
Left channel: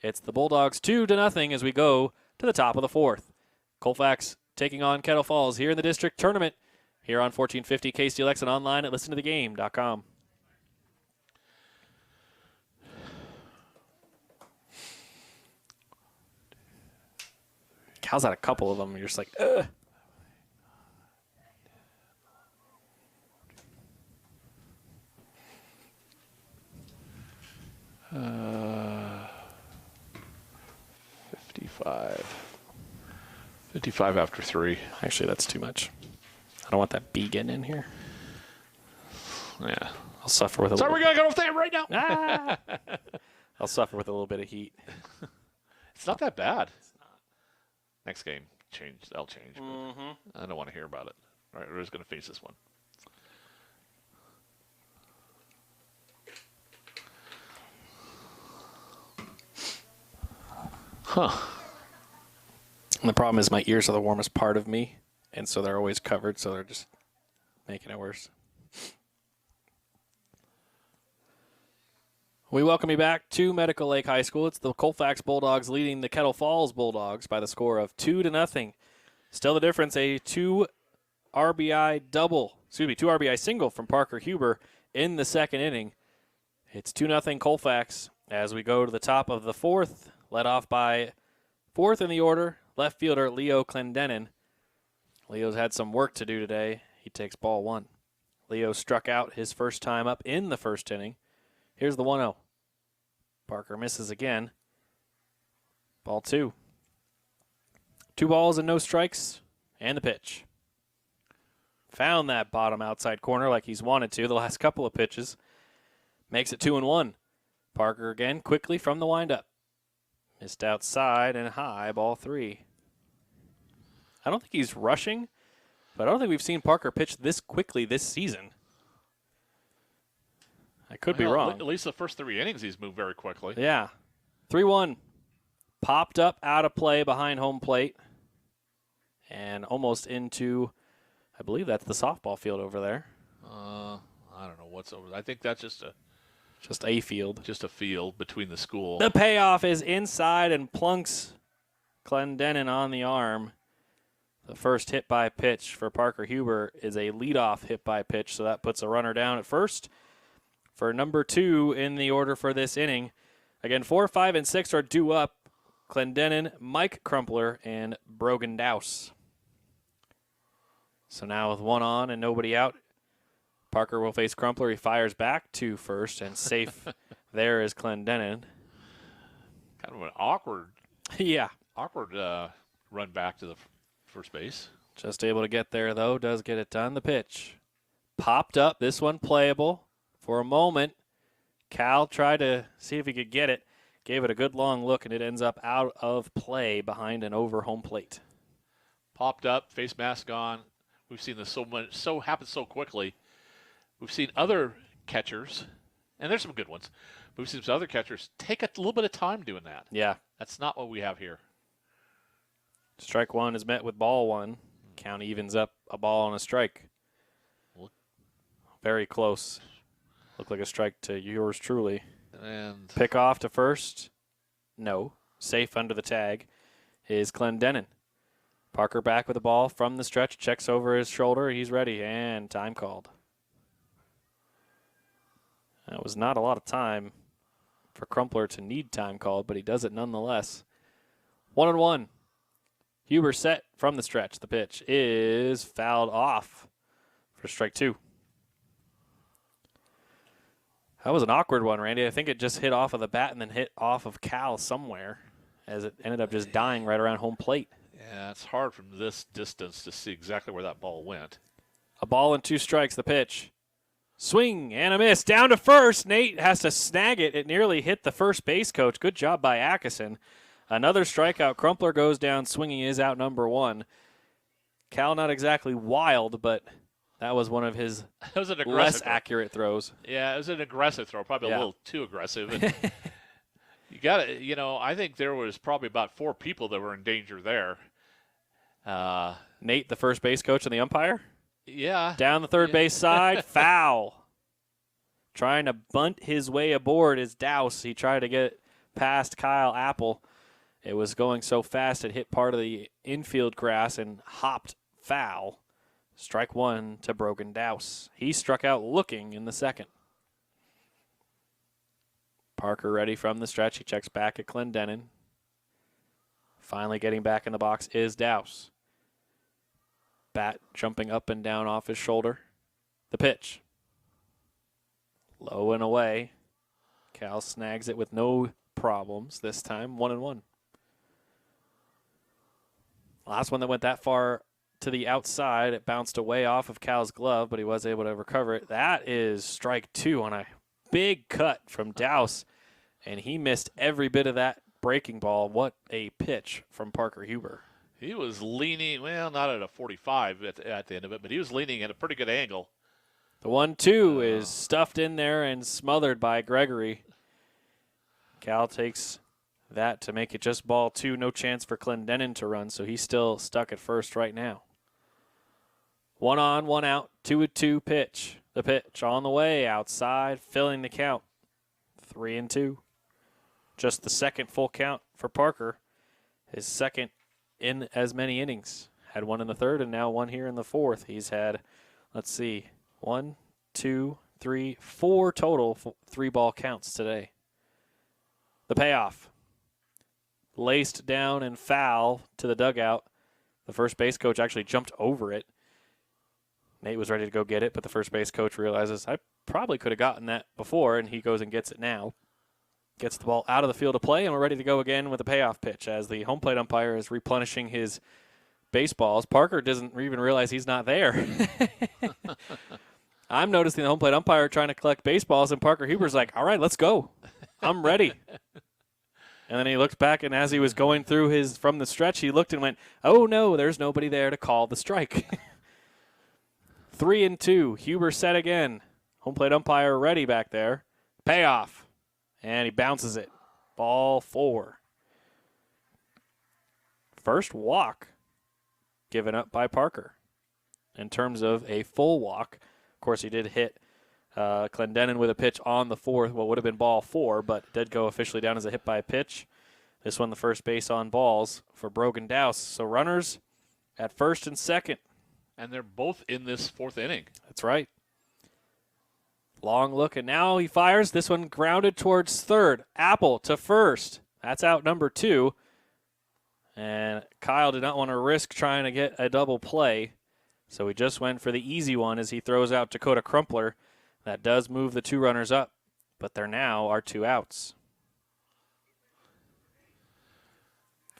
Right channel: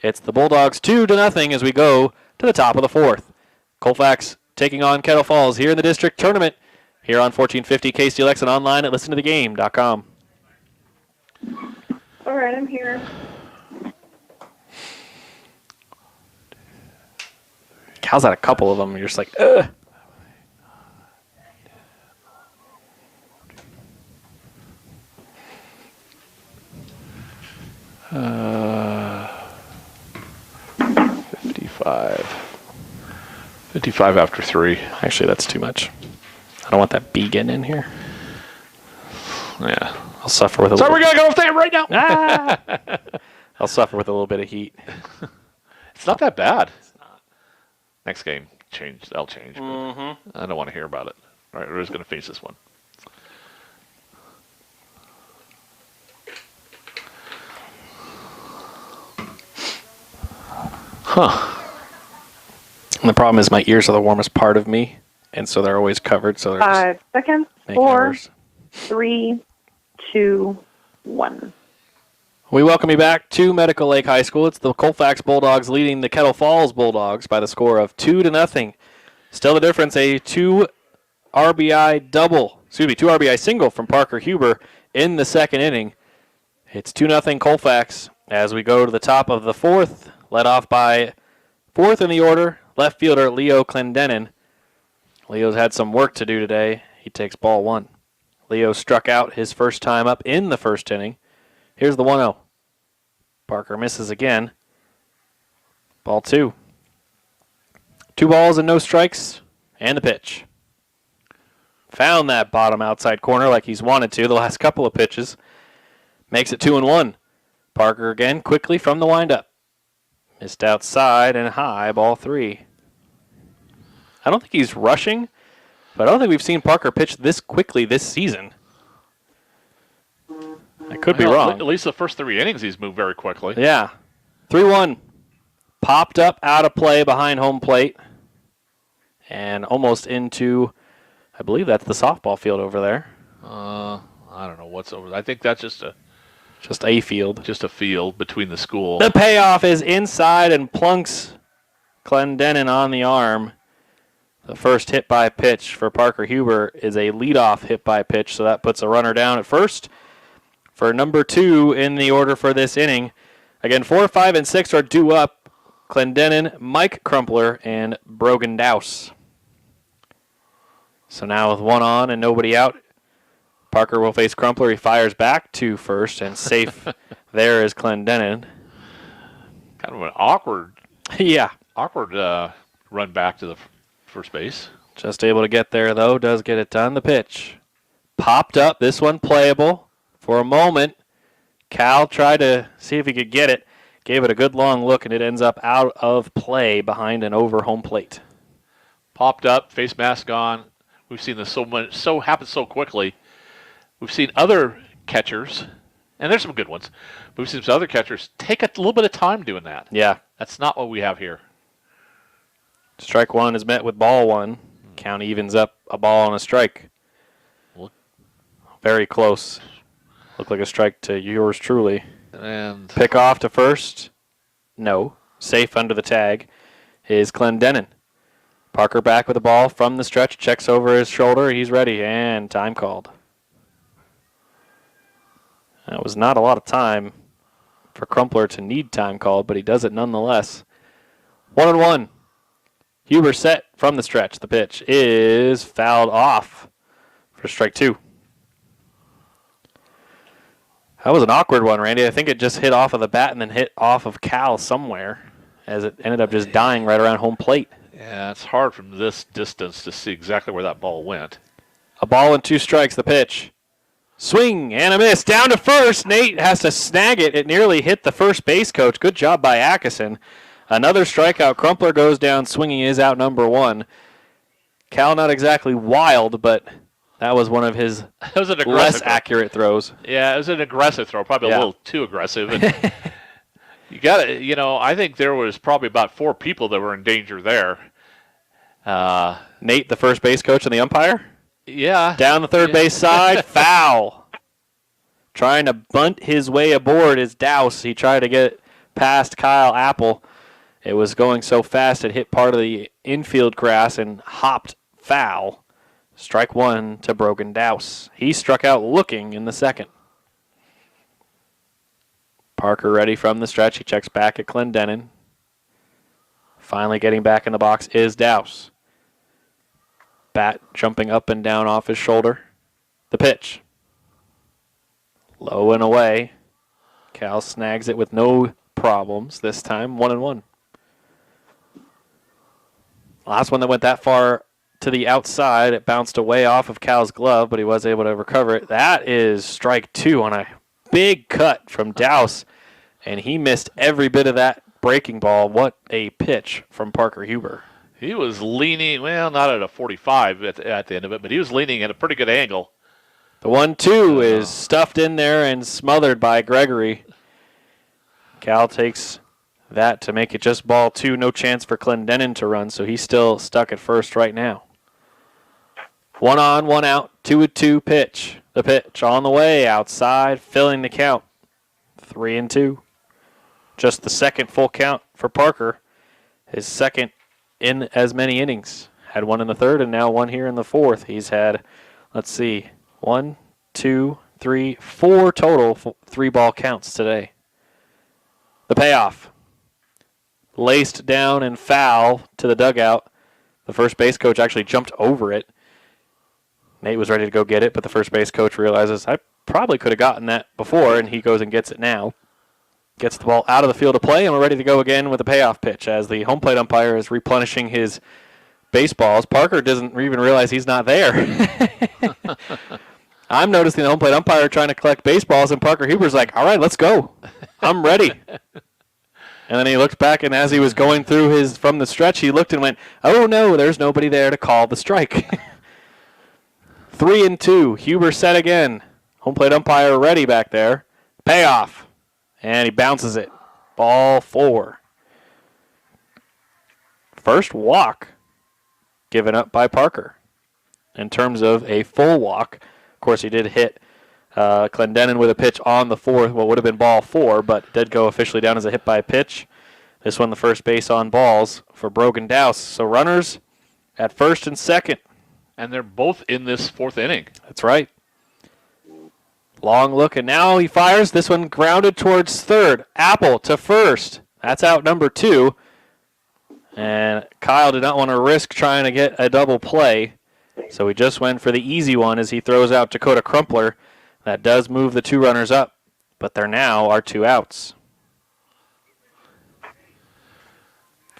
It's the Bulldogs 2-0 as we go to the top of the 4th. Colfax taking on Kettle Falls here in the district tournament here on 1450 KCLX and online at listentothegame.com. All right, I'm here. Cal's had a couple of them. You're just like, ugh. Uh, 55 after 3. Actually, that's too much. I don't want that B getting in here. Yeah. I'll suffer with a So little... we're going to go with that right now. Ah! I'll suffer with a little bit of heat. It's not that bad. Next game, I'll change. I don't want to hear about it. All right, we're just going to finish this one. Huh. And the problem is my ears are the warmest part of me, and so they're always covered. So they're 5 seconds. making it 4, worse. 3, 2, 1. We welcome you back to Medical Lake High School. It's the Colfax Bulldogs leading the Kettle Falls Bulldogs by the score of 2-0. Still the difference, a 2 RBI single from Parker Huber in the second inning. It's 2-0 Colfax as we go to the top of the 4th, led off by 4th in the order, left fielder Leo Clendenin. Leo's had some work to do today. He takes ball 1. Leo struck out his first time up in the first inning. Here's the 1-0. Parker misses again. Ball 2. 2 balls and no strikes, and the pitch. Found that bottom outside corner like he's wanted to the last couple of pitches. Makes it 2-1. Parker again quickly from the windup. Missed outside and high, ball 3. I don't think he's rushing, but I don't think we've seen Parker pitch this quickly this season. I could be wrong. At least the first 3 innings he's moved very quickly. Yeah. 3-1. Popped up out of play behind home plate. And almost into, I believe that's the softball field over there. I don't know what's over there. I think that's just a field. Just a field between the school. The payoff is inside and plunks Clendenin on the arm. The first hit by pitch for Parker Huber is a leadoff hit by pitch, so that puts a runner down at first for number 2 in the order for this inning. Again, 4, 5, and 6 are due up. Clendenin, Mike Crumpler, and Brogan Douse. So now with 1 on and nobody out, Parker will face Crumpler. He fires back to first, and safe there is Clendenin. Kind of an awkward run back to the first base. Just able to get there, though. Does get it done. The pitch. Popped up. This one playable. For a moment, Cal tried to see if he could get it. Gave it a good long look, and it ends up out of play behind and over home plate. Popped up, face mask on. We've seen this so happen so quickly. We've seen other catchers, and there's some good ones, but we've seen some other catchers take a little bit of time doing that. Yeah. That's not what we have here. Strike 1 is met with ball 1. Count evens up a ball and a strike. Very close. Looked like a strike to yours truly. And pick off to first. No. Safe under the tag is Clendenin. Parker back with the ball from the stretch. Checks over his shoulder. He's ready. And time called. That was not a lot of time for Crumpler to need time called, but he does it nonetheless. 1-1. Huber set from the stretch. The pitch is fouled off for strike 2. That was an awkward one, Randy. I think it just hit off of the bat and then hit off of Cal somewhere as it ended up just dying right around home plate. Yeah, it's hard from this distance to see exactly where that ball went. A ball and 2 strikes, the pitch. Swing and a miss. Down to first. Nate has to snag it. It nearly hit the first base coach. Good job by Atkinson. Another strikeout. Crumpler goes down swinging, is out number 1. Cal not exactly wild, but that was one of his less accurate throws. Yeah, it was an aggressive throw, probably a little too aggressive. And you got to, I think there was probably about 4 people that were in danger there. Nate, the first base coach, and the umpire? Yeah. Down the third base side, foul. Trying to bunt his way aboard is Douse. He tried to get past Kyle Apple. It was going so fast it hit part of the infield grass and hopped foul. Strike 1 to Brogan Douse. He struck out looking in the second. Parker ready from the stretch. He checks back at Clendenin. Finally getting back in the box is Douse. Bat jumping up and down off his shoulder. The pitch. Low and away. Cal snags it with no problems this time. 1-1. Last one that went that far to the outside. It bounced away off of Cal's glove, but he was able to recover it. That is strike 2 on a big cut from Douse, and he missed every bit of that breaking ball. What a pitch from Parker Huber. He was leaning, well, not at a 45 at the end of it, but he was leaning at a pretty good angle. The 1-2 is stuffed in there and smothered by Gregory. Cal takes that to make it just ball 2. No chance for Clendenin to run, so he's still stuck at first right now. 1 on, 1 out, 2-2 pitch. The pitch on the way outside, filling the count. 3-2. Just the second full count for Parker. His second in as many innings. Had 1 in the third and now 1 here in the fourth. He's had, 1, 2, 3, 4 total 3-ball counts today. The payoff. Laced down and foul to the dugout. The first base coach actually jumped over it. Nate was ready to go get it, but the first base coach realizes, I probably could have gotten that before, and he goes and gets it now. Gets the ball out of the field of play, and we're ready to go again with a payoff pitch as the home plate umpire is replenishing his baseballs. Parker doesn't even realize he's not there. I'm noticing the home plate umpire trying to collect baseballs, and Parker Huber's like, all right, let's go. I'm ready. And then he looked back, and as he was going through from the stretch, he looked and went, oh, no, there's nobody there to call the strike. 3-2. Huber set again. Home plate umpire ready back there. Payoff. And he bounces it. Ball 4. First walk given up by Parker in terms of a full walk. Of course, he did hit Clendenin with a pitch on the 4th, what would have been ball 4, but did go officially down as a hit by pitch. This one, the first base on balls for Brogan Dowse. So runners at first and second. And they're both in this 4th inning. That's right. Long look, and now he fires. This one grounded towards third. Apple to first. That's out number 2. And Kyle did not want to risk trying to get a double play, so he just went for the easy one as he throws out Dakota Crumpler. That does move the 2 runners up, but there now are 2 outs.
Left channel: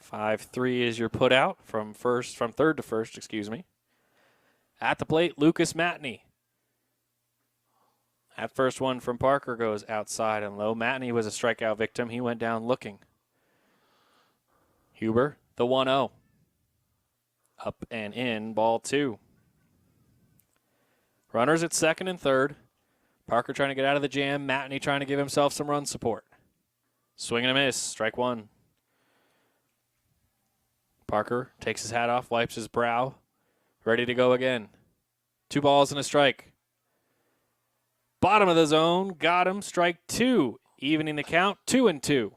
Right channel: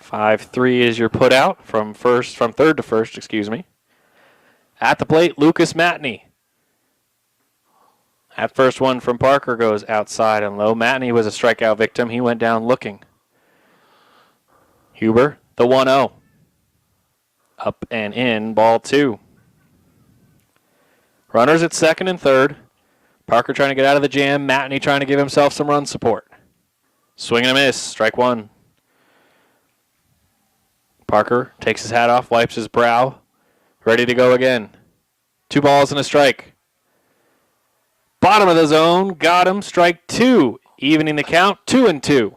5-3 is your put out from third to first, excuse me. At the plate, Lucas Matney. That first one from Parker goes outside and low. Matney was a strikeout victim. He went down looking. Huber, the 1-0. Up and in, ball 2. Runners at second and third. Parker trying to get out of the jam. Matney trying to give himself some run support. Swing and a miss, strike 1. Parker takes his hat off, wipes his brow. Ready to go again. 2 balls and a strike. Bottom of the zone, got him, strike 2. Evening the count, 2-2.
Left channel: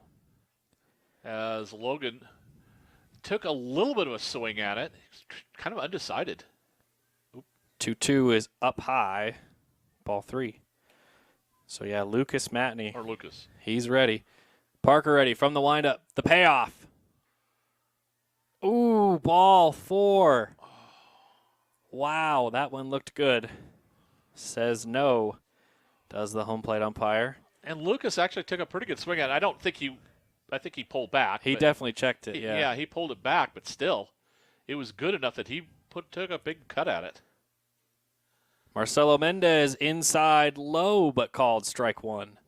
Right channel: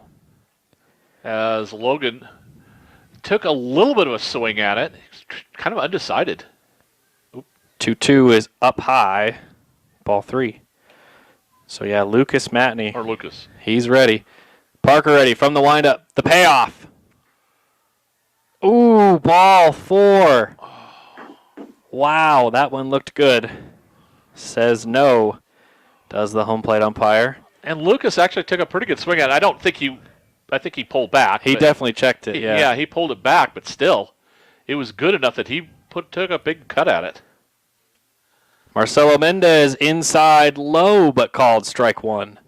As Logan took a little bit of a swing at it, kind of undecided. 2-2 is up high, ball 3. So yeah, Lucas Matney. Or Lucas. He's ready. Parker ready from the windup. The payoff. Ooh, ball 4. Wow, that one looked good. Says no, does the home plate umpire. And Lucas actually took a pretty good swing at it. I think he pulled back. He definitely checked it, yeah. Yeah, he pulled it back, but still, it was good enough that he took a big cut at it. Marcelo Mendez inside low, but called strike 1.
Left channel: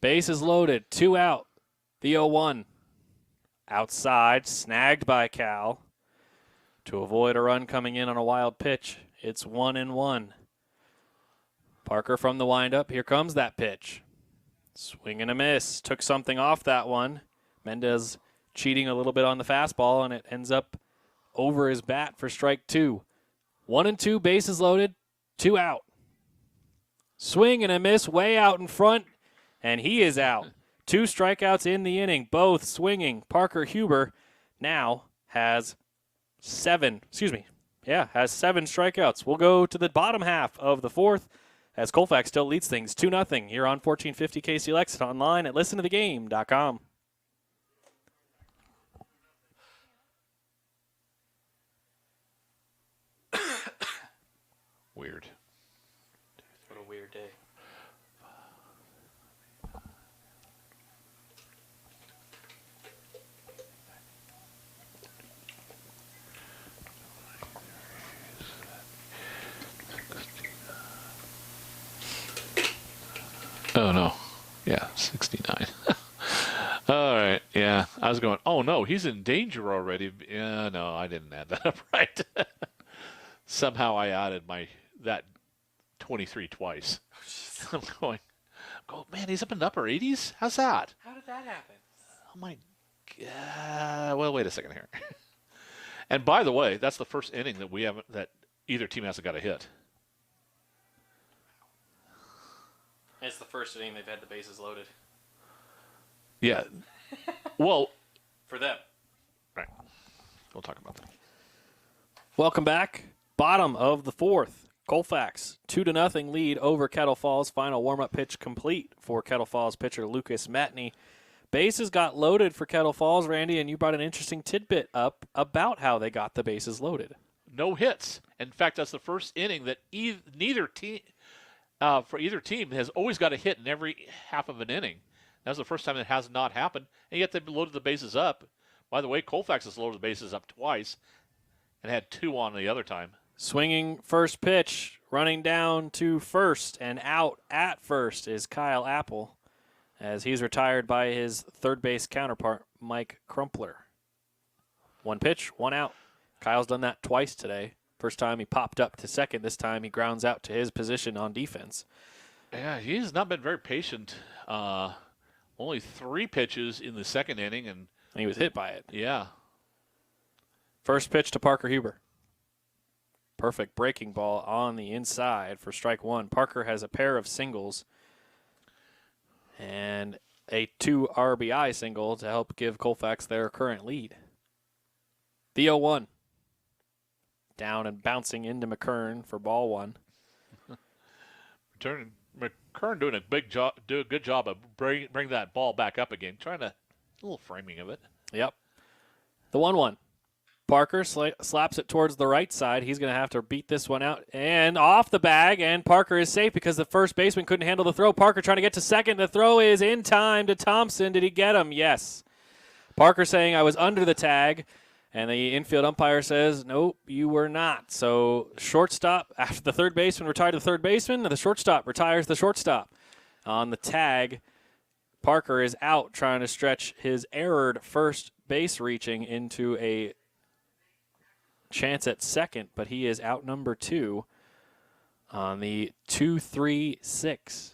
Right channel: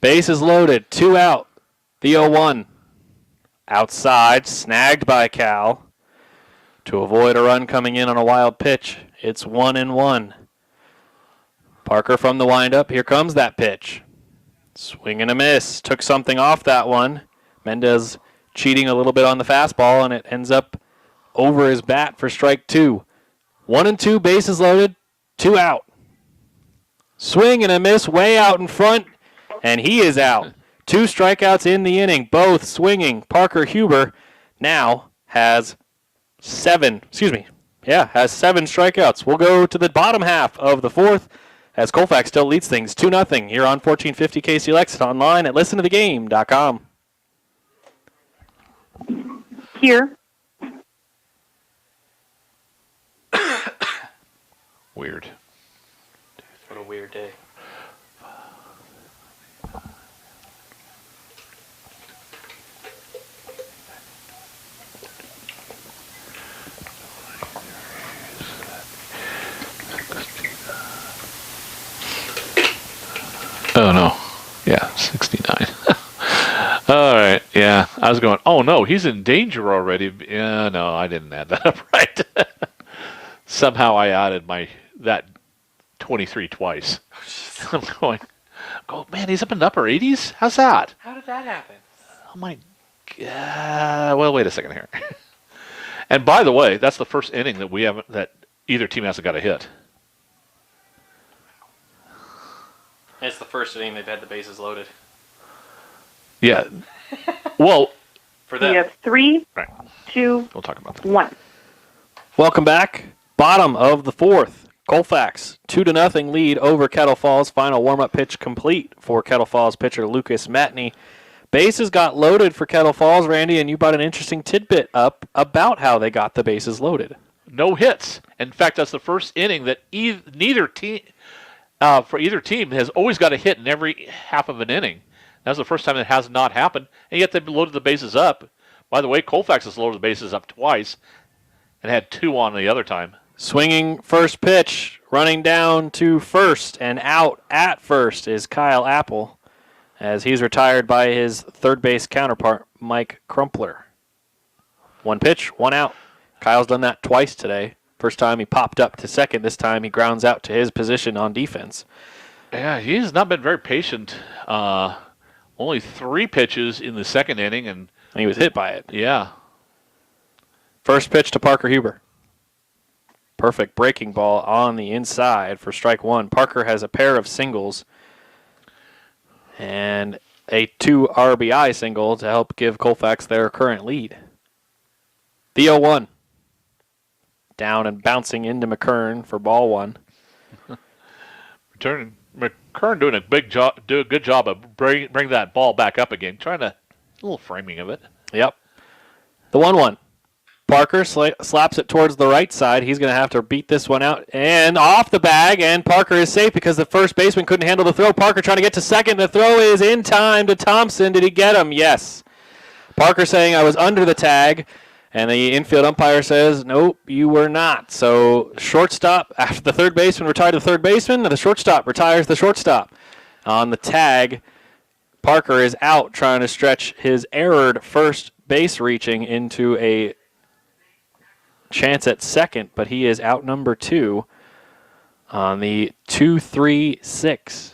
Bases loaded, 2 out. The 0-1. Outside, snagged by Cal. To avoid a run coming in on a wild pitch, it's 1-1. Parker from the windup. Here comes that pitch. Swing and a miss. Took something off that one. Mendez cheating a little bit on the fastball, and it ends up over his bat for strike 2. 1-2, bases loaded, 2 out. Swing and a miss way out in front, and he is out. 2 strikeouts in the inning, both swinging. Parker Huber now has 7 strikeouts. We'll go to the bottom half of the 4th as Colfax still leads things 2-0 here on 1450 KCLX and online at listentothegame.com. Here. Weird. What a weird day. Oh, no. Yeah, 69. All right. Yeah, I was going, oh, no, he's in danger already. Yeah, no, I didn't add that up right. Somehow I added that 23 twice. I'm going, man, he's up in the upper 80s? How's that? How did that happen? Oh, my God. Well, wait a second here. And by the way, that's the first inning that either team hasn't got a hit. It's the first inning they've had the bases loaded. Yeah. Well, For We them. have 3, right. 2, We'll talk about that. 1. Welcome back. Bottom of the 4th. Colfax, 2-0 lead over Kettle Falls. Final warm-up pitch complete for Kettle Falls pitcher Lucas Matney. Bases got loaded for Kettle Falls, Randy, and you brought an interesting tidbit up about how they got the bases loaded. no hits. In fact, that's the first inning that neither team, for either team, has always got a hit in every half of an inning. That's the first time that has not happened, and yet they've loaded the bases up. By the way, Colfax has loaded the bases up twice and had 2 on the other time. Swinging first pitch, running down to first and out at first is Kyle Apple, as he's retired by his third base counterpart, Mike Crumpler. 1 pitch, 1 out. Kyle's done that twice today. First time he popped up to second. This time he grounds out to his position on defense. Yeah, he's not been very patient. Only 3 pitches in the second inning, and he was hit by it. Yeah. First pitch to Parker Huber. Perfect breaking ball on the inside for strike 1. Parker has a pair of singles and a 2 RBI single to help give Colfax their current lead. The 0-1. Down and bouncing into McKern for ball 1. McKern doing a good job of bring that ball back up again, trying to a little framing of it. Yep. The 1-1. Parker slaps it towards the right side. He's going to have to beat this one out and off the bag, and Parker is safe because the first baseman couldn't handle the throw. Parker trying to get to second. The throw is in time to Thompson. Did he get him? Yes. Parker saying, I was under the tag. And the infield umpire says, nope, you were not. So shortstop, after the third baseman retired the third baseman, the shortstop retires the shortstop. On the tag, Parker is out trying to stretch his errored first base reaching into a chance at second, but he is out number 2 on the 2-3-6.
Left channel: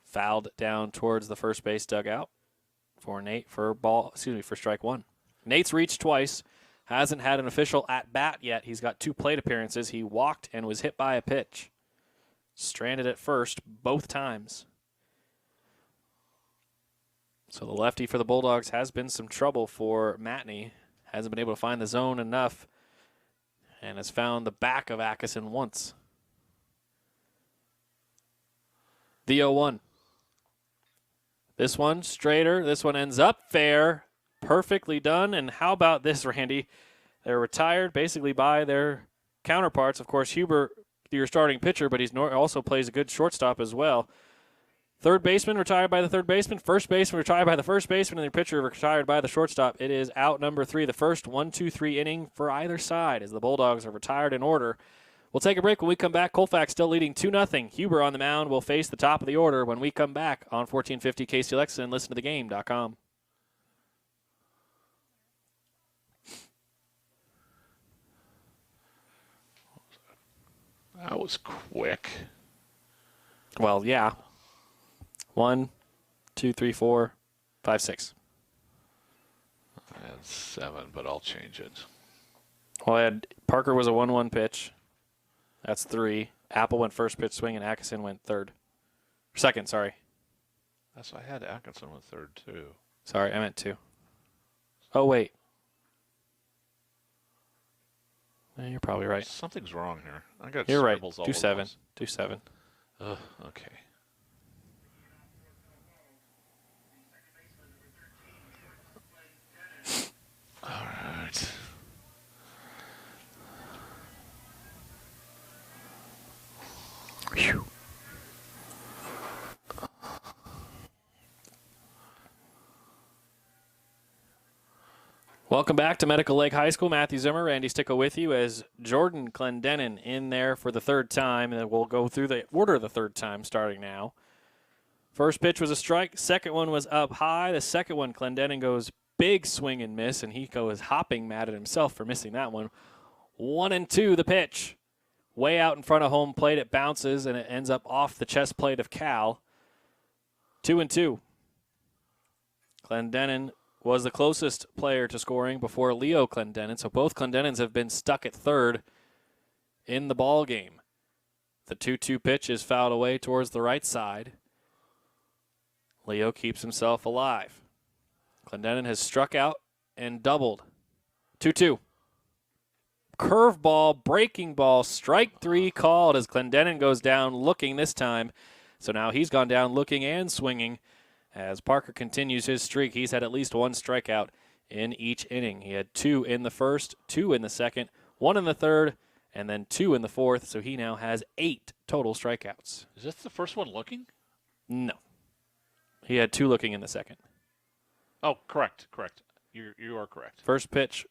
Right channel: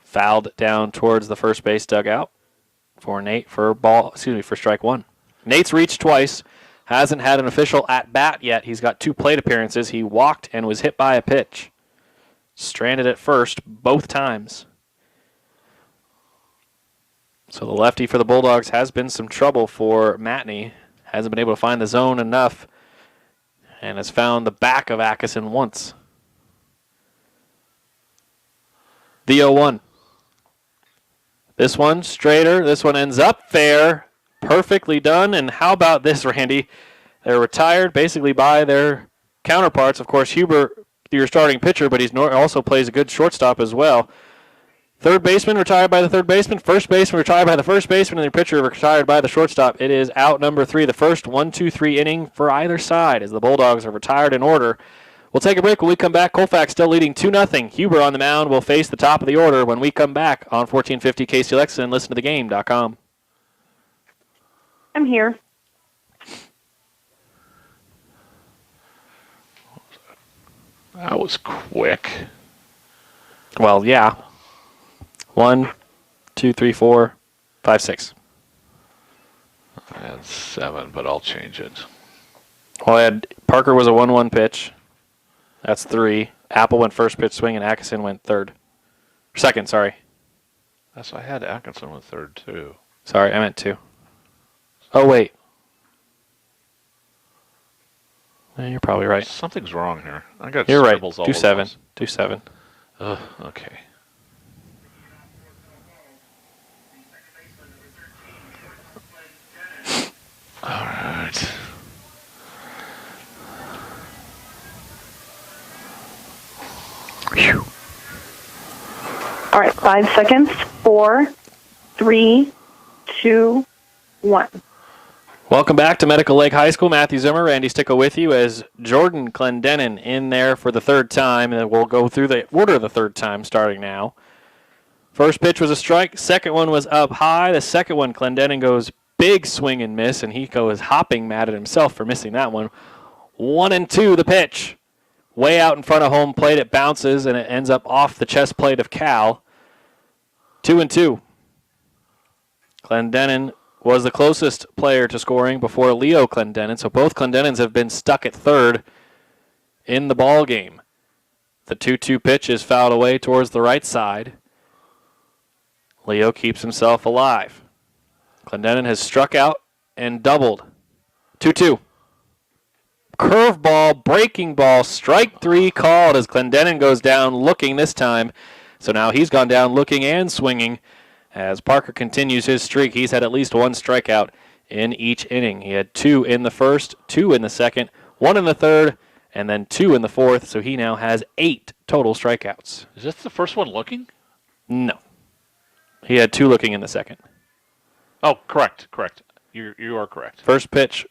Fouled down towards the first base dugout for Nate for strike 1. Nate's reached twice, hasn't had an official at-bat yet. He's got 2 plate appearances. He walked and was hit by a pitch. Stranded at first both times. So the lefty for the Bulldogs has been some trouble for Matney. Hasn't been able to find the zone enough and has found the back of Atkinson once. The 0-1. This one straighter. This one ends up fair. Perfectly done. And how about this, Randy? They're retired basically by their counterparts. Of course, Huber, your starting pitcher, but he's also plays a good shortstop as well. Third baseman retired by the third baseman. First baseman retired by the first baseman. And the pitcher retired by the shortstop. It is out number 3, the first 1-2-3 inning for either side as the Bulldogs are retired in order. We'll take a break. When we come back, Colfax still leading 2-0. Huber on the mound will face the top of the order when we come back on 1450 KCLX and listen to thegame.com. I'm here. That was quick. Well, yeah. 1, 2, 3, 4, 5, 6. I had 7, but I'll change it. Well, Parker was a 1-1 pitch. That's 3. Apple went first pitch swing, and Atkinson went second, sorry. That's I had Atkinson with third, too. Sorry, I meant 2. Oh, wait. You're probably right. Something's wrong here. I got You're right. scribbles all over 2-7. this. 2-7. Okay. All right. Whew. All right, 5 seconds. 4, 3, 2, 1. Welcome back to Medical Lake High School. Matthew Zimmer, Randy Sticko with you as Jordan Clendenin in there for the third time. And we'll go through the order the third time starting now. First pitch was a strike. Second one was up high. The second one, Clendenin goes big swing and miss, and he goes hopping mad at himself for missing that one. 1-2 the pitch. Way out in front of home plate. It bounces, and it ends up off the chest plate of Cal. 2-2. Clendenin was the closest player to scoring before Leo Clendenin, so both Clendenins have been stuck at third in the ball game. The 2-2 pitch is fouled away towards the right side. Leo keeps himself alive. Clendenin has struck out and doubled. 2-2. Curveball, breaking ball, strike 3 called as Clendenin goes down looking this time. So now he's gone down looking and swinging. As Parker continues his streak, he's had at least 1 strikeout in each inning. He had 2 in the first, 2 in the second, 1 in the third, and then 2 in the fourth, so he now has 8 total strikeouts. Is this the first one looking? No. He had 2 looking in the second. Oh, correct. You are correct. First pitch,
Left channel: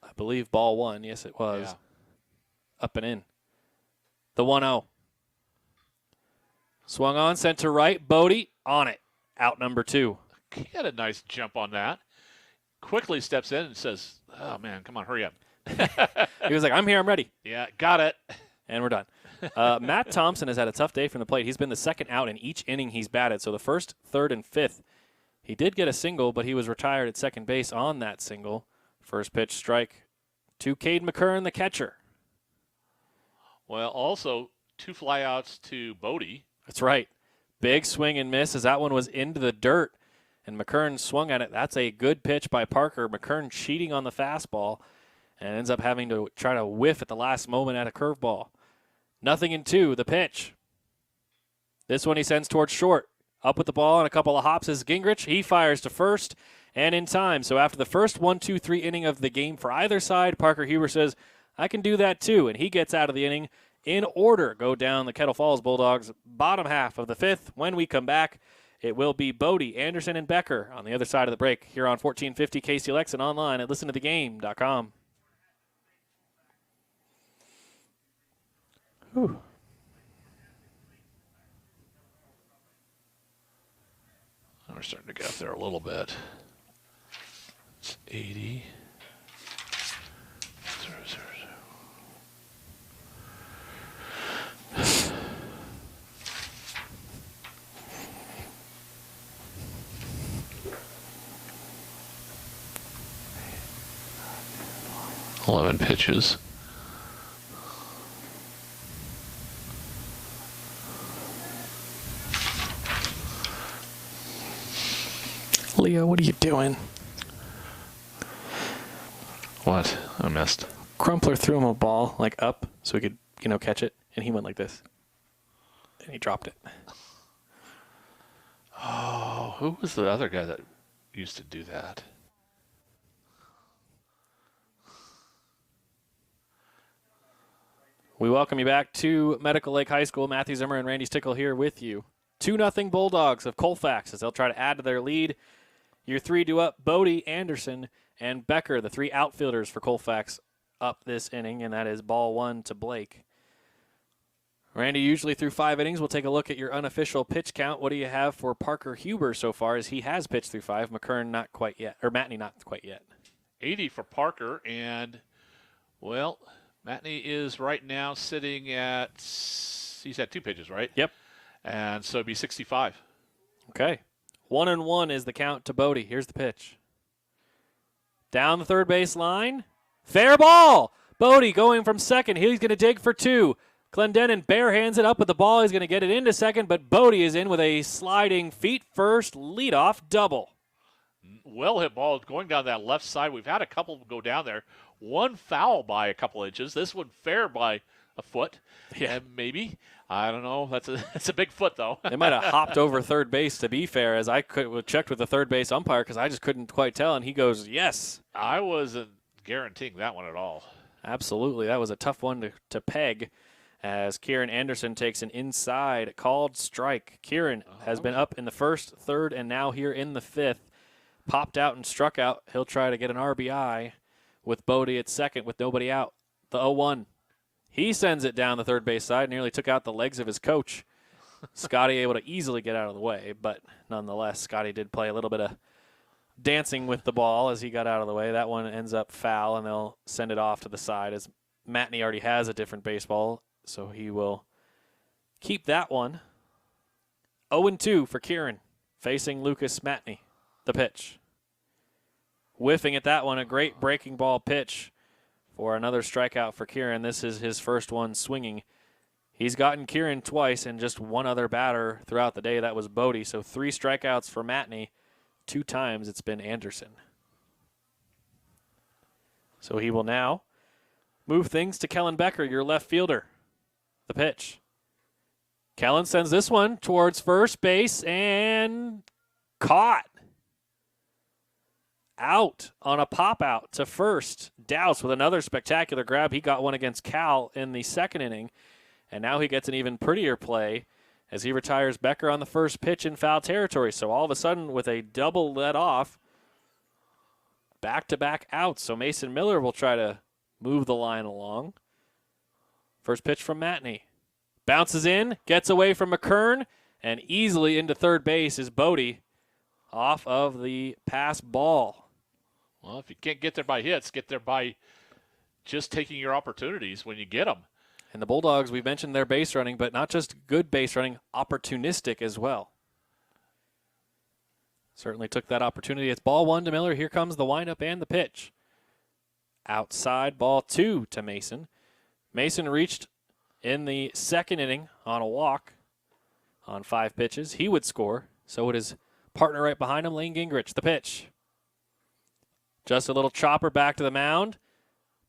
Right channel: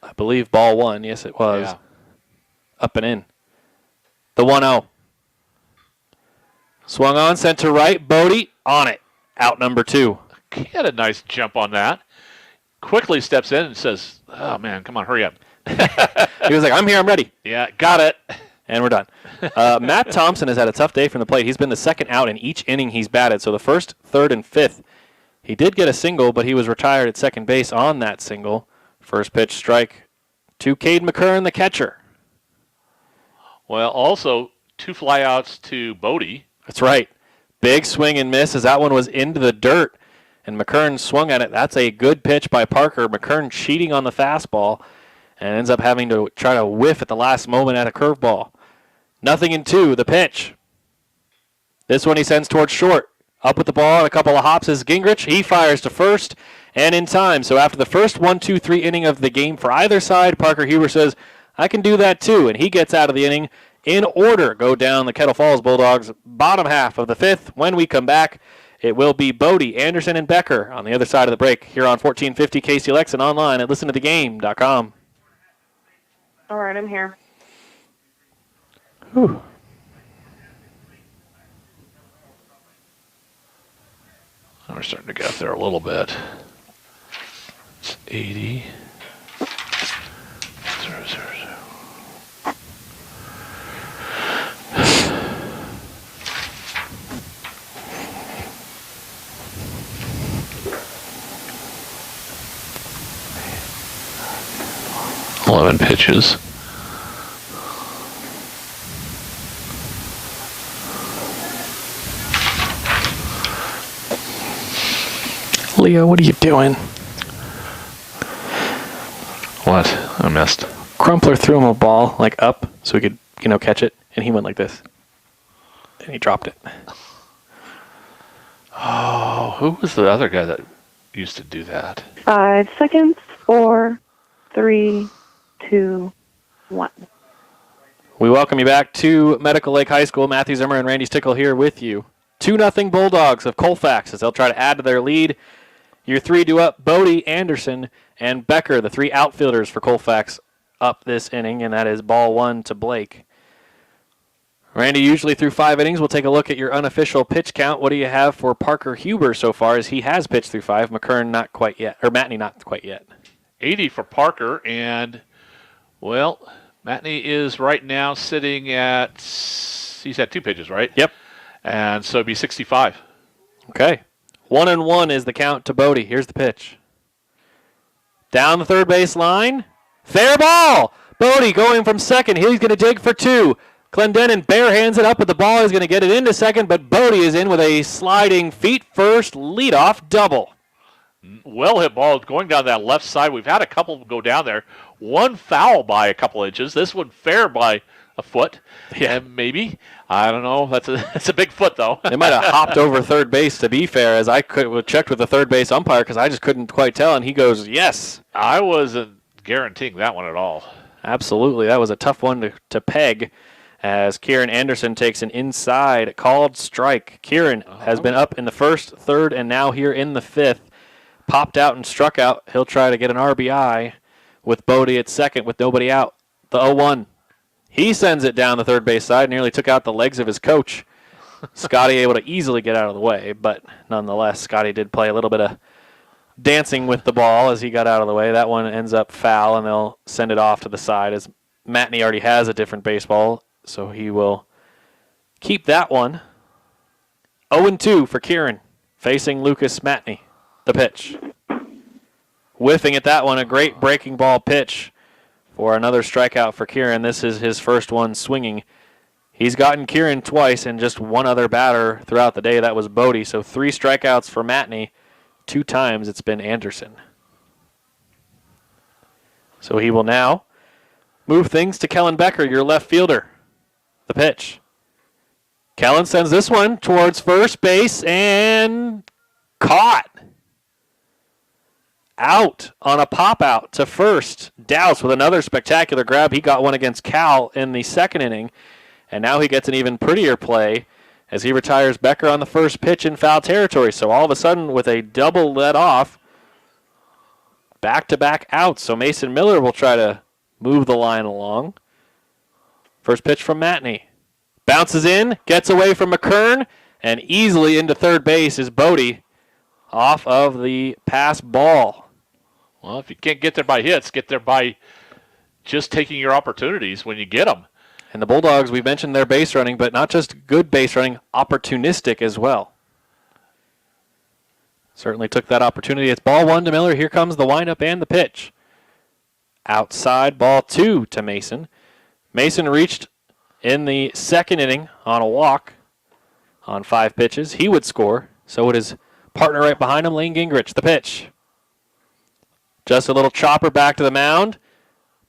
I believe ball 1. Yes, it was. Yeah. Up and in. The 1-0. Swung on, sent to right. Bodie on it. Out number 2. He had a nice jump on that. Quickly steps in and says, oh, man, come on, hurry up. He was like, I'm here, I'm ready. Yeah, got it. And we're done. Matt Thompson has had a tough day from the plate. He's been the second out in each inning he's batted. So the first, third, and fifth, he did get a single, but he was retired at second base on that single. First pitch strike to Cade McCurran, the catcher. Well, also 2 flyouts to Bodie. That's right. Big swing and miss as that one was into the dirt, and McCurran swung at it. That's a good pitch by Parker. McCurran cheating on the fastball and ends up having to try to whiff at the last moment at a curveball. 0-2, the pitch. This one he sends towards short. Up with the ball and a couple of hops is Gingrich. He fires to first and in time. So after the first 1-2-3 inning of the game for either side, Parker Huber says, I can do that too, and he gets out of the inning in order. Go down the Kettle Falls Bulldogs bottom half of the fifth. When we come back, it will be Bodie, Anderson, and Becker on the other side of the break here on 1450 KCLX and online at listentothegame.com. All right, I'm here. Whew. We're starting to get up there a little bit. It's 80. 0-0-0. 11 pitches. Leo, what are you doing? What? I missed. Crumpler threw him a ball, like up, so he could, catch it, and he went like this. And he dropped it. Oh, who was the other guy that used to do that? 5 seconds. 4, 3, 2, 1. We welcome you back to Medical Lake High School. Matthew Zimmer and Randy Stickle here with you. 2-0 Bulldogs of Colfax as they'll try to add to their lead. Your 3 due up, Bodie, Anderson, and Becker, the 3 outfielders for Colfax up this inning, and that is ball 1 to Blake. Randy, usually through 5 innings, we'll take a look at your unofficial pitch count. What do you have for Parker Huber so far, as he has pitched through 5, McCurran not quite yet, or Matney not quite yet. 80 for Parker, and, well, Matney is right now sitting at, he's had 2 pitches, right? Yep. And so it'd be 65. Okay. 1-1 is the count to Bodie. Here's the pitch. Down the third base line. Fair ball. Bodie going from second. He's going to dig for 2. Clendenin barehands it up, but the ball is going to get it into second, but Bodie is in with a sliding feet first leadoff double. Well hit ball going down that left side. We've had a couple go down there. One foul by a couple inches. This one fair by a foot. Yeah. And maybe, I don't know. That's a big foot, though. They might have hopped over third base, to be fair, as I checked with the third base umpire because I just couldn't quite tell, and he goes, yes. I wasn't guaranteeing that one at all. Absolutely. That was a tough one to peg as Kieran Anderson takes an inside called strike. Kieran has been up in the first, third, and now here in the fifth. Popped out and struck out. He'll try to get an RBI with Bodie at second with nobody out. The 0-1. He sends it down the third base side, nearly took out the legs of his coach. Scotty able to easily get out of the way, but nonetheless, Scotty did play a little bit of dancing with the ball as he got out of the way. That one ends up foul, and they'll send it off to the side as Matney already has a different baseball, so he will keep that one. 0-2 for Kieran, facing Lucas Matney. The pitch. Whiffing at that one, a great breaking ball pitch for another strikeout for Kieran. This is his first one swinging. He's gotten Kieran twice and just one other batter throughout the day. That was Bodie. So 3 strikeouts for Matney. 2 times it's been Anderson. So he will now move things to Kellen Becker, your left fielder. The pitch. Kellen sends this one towards first base and caught. Out on a pop out to first. Dowse with another spectacular grab. He got one against Cal in the second inning, and now he gets an even prettier play as he retires Becker on the first pitch in foul territory. So all of a sudden, with a double let off, back-to-back outs. So Mason Miller will try to move the line along. First pitch from Matney. Bounces in, gets away from McKern, and easily into third base is Bodie off of the pass ball. Well, if you can't get there by hits, get there by just taking your opportunities when you get them. And the Bulldogs, we mentioned their base running, but not just good base running, opportunistic as well. Certainly took that opportunity. It's ball 1 to Miller. Here comes the windup and the pitch. Outside, ball 2 to Mason. Mason reached in the second inning on a walk on 5 pitches. He would score. So would his partner right behind him, Lane Gingrich. The pitch. Just a little chopper back to the mound.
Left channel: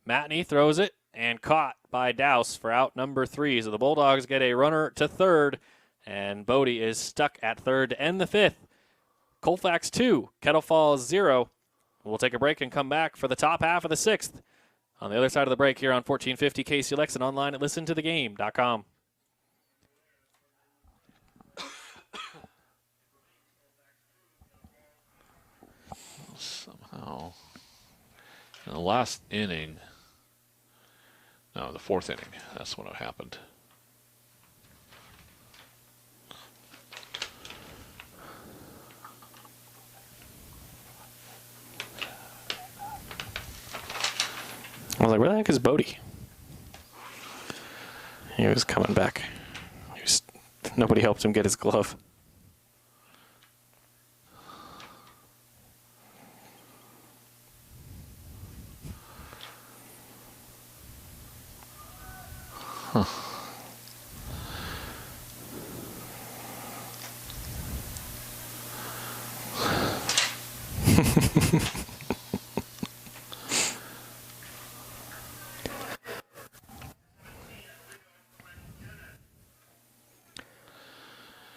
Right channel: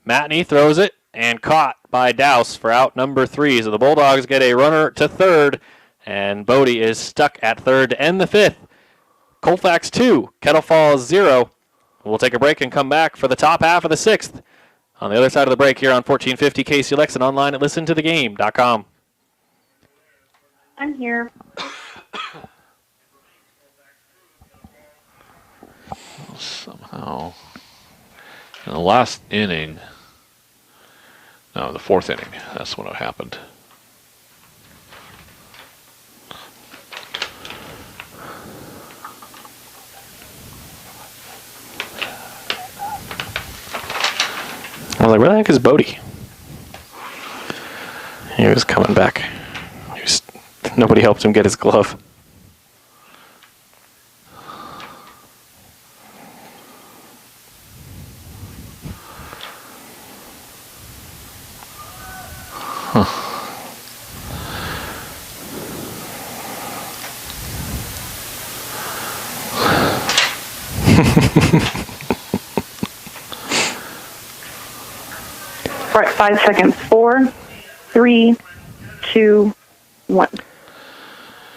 Matney throws it and caught by Dowse for out number 3. So the Bulldogs get a runner to third, and Bodie is stuck at third to end the 5th. Colfax 2, Kettle Falls 0. We'll take a break and come back for the top half of the 6th. On the other side of the break here on 1450 KCLX and online at listentothegame.com. I'm here. Somehow, in the last inning, no, the 4th inning, that's when it happened. I was like, where the heck is Bodie? He was coming back. Nobody helped him get his glove. Right, 5 seconds. 4, 3, 2, 1.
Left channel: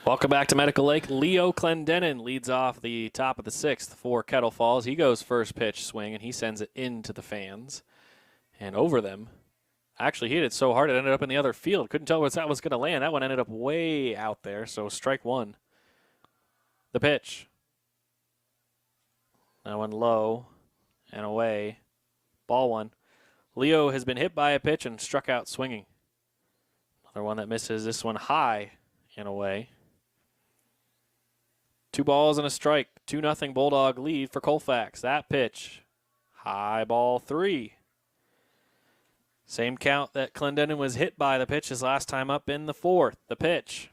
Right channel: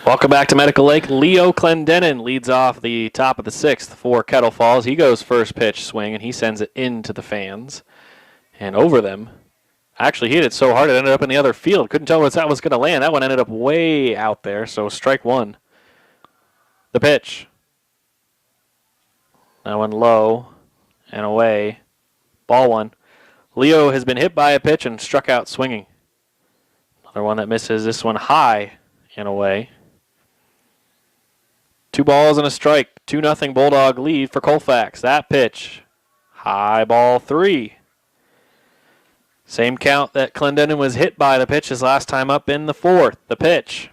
Welcome back to Medical Lake. Leo Clendenin leads off the top of the 6th for Kettle Falls. He goes first pitch swing, and he sends it into the fans and over them. Actually, he hit it so hard it ended up in the other field. Couldn't tell where that was going to land. That one ended up way out there, so strike 1. The pitch. That one low and away. Ball 1. Leo has been hit by a pitch and struck out swinging. Another one that misses. This one high and away. 2 balls and a strike. 2-0 Bulldog lead for Colfax. That pitch. High ball 3. Same count that Clendenin was hit by the pitch his last time up in the 4th. The pitch.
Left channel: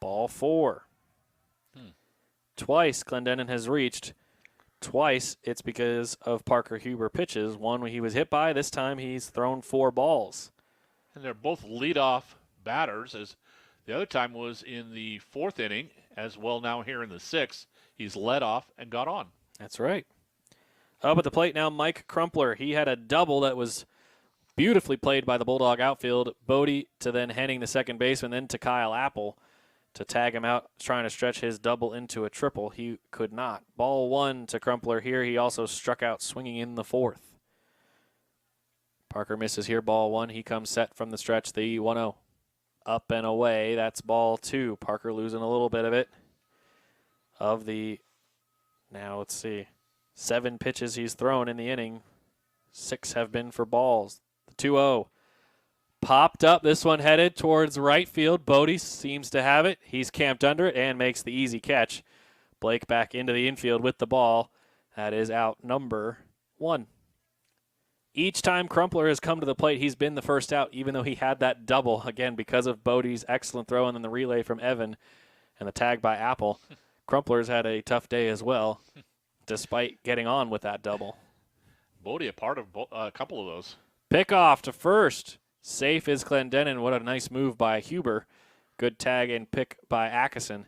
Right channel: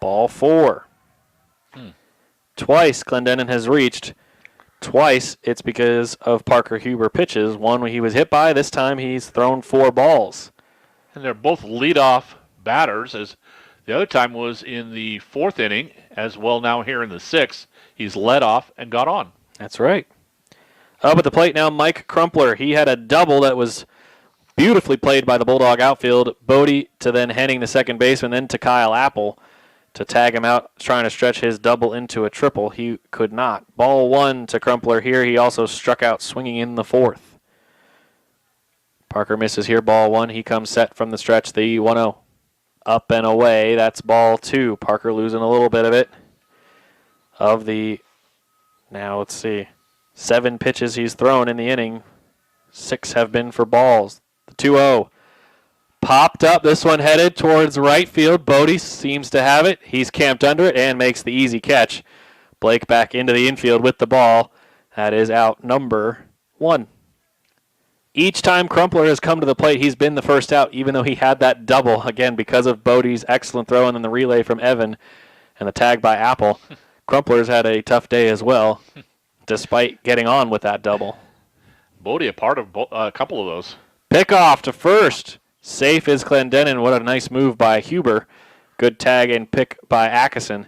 Ball 4. Twice Clendenin has reached. Twice it's because of Parker Huber pitches. One when he was hit by. This time he's thrown 4 balls. And they're both leadoff batters, as the other time was in the 4th inning, as well now here in the 6th. He's led off and got on. That's right. Up at the plate now, Mike Crumpler. He had a double that was beautifully played by the Bulldog outfield. Bodie to then Henning, the second baseman, then to Kyle Apple to tag him out, trying to stretch his double into a triple. He could not. Ball 1 to Crumpler here. He also struck out swinging in the 4th. Parker misses here, ball 1. He comes set from the stretch, the 1-0. Up and away, that's ball 2. Parker losing a little bit of it. Of the, now let's see, 7 pitches he's thrown in the inning. 6 have been for balls. The 2-0. Popped up, this one headed towards right field. Bodie seems to have it. He's camped under it and makes the easy catch. Blake back into the infield with the ball. That is out number 1. Each time Crumpler has come to the plate, he's been the first out, even though he had that double, again, because of Bodie's excellent throw and then the relay from Evan and the tag by Apple. Crumpler's had a tough day as well, despite getting on with that double. Bodie a part of a couple of those. Pickoff to first. Safe is Clendenin. What a nice move by Huber. Good tag and pick by Atkinson.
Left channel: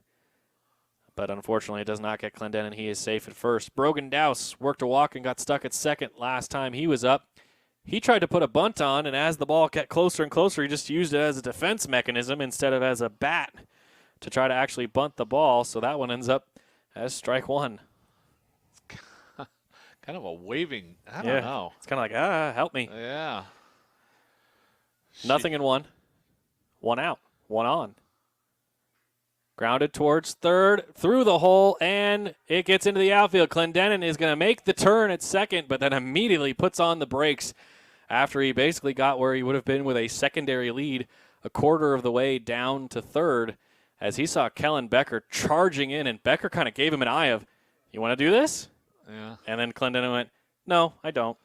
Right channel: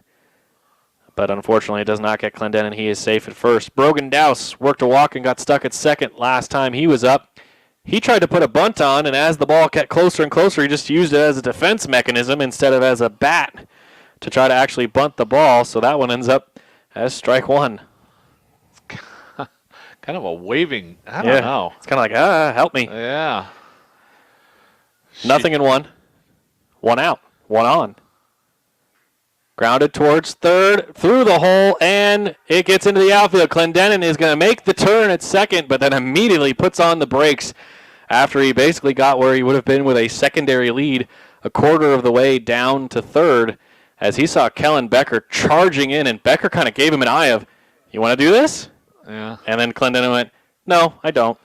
But unfortunately, it does not get Clendenin. He is safe at first. Brogan Dowse worked a walk and got stuck at second last time he was up. He tried to put a bunt on, and as the ball got closer and closer, he just used it as a defense mechanism instead of as a bat to try to actually bunt the ball. So that one ends up as strike 1. Kind of a waving. I don't know. It's kind of like, help me. Yeah. Nothing in one. One out. One on. Grounded towards third, through the hole, and it gets into the outfield. Clendenin is going to make the turn at second, but then immediately puts on the brakes after he basically got where he would have been with a secondary lead a quarter of the way down to third as he saw Kellen Becker charging in, and Becker kind of gave him an eye of, you want to do this? Yeah. And then Clendenin went, no, I don't.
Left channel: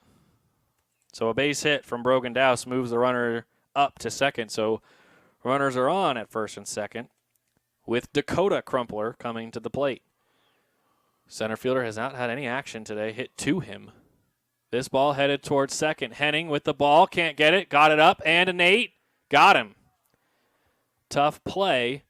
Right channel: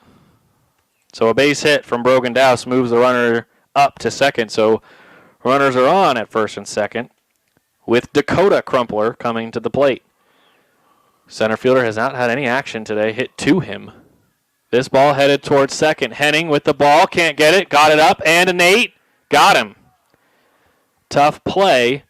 So a base hit from Brogan Douse moves the runner up to second, so runners are on at first and second, with Dakota Crumpler coming to the plate. Center fielder has not had any action today, hit to him. This ball headed towards second. Henning with the ball, can't get it, got it up, and a Nate, got him. Tough play.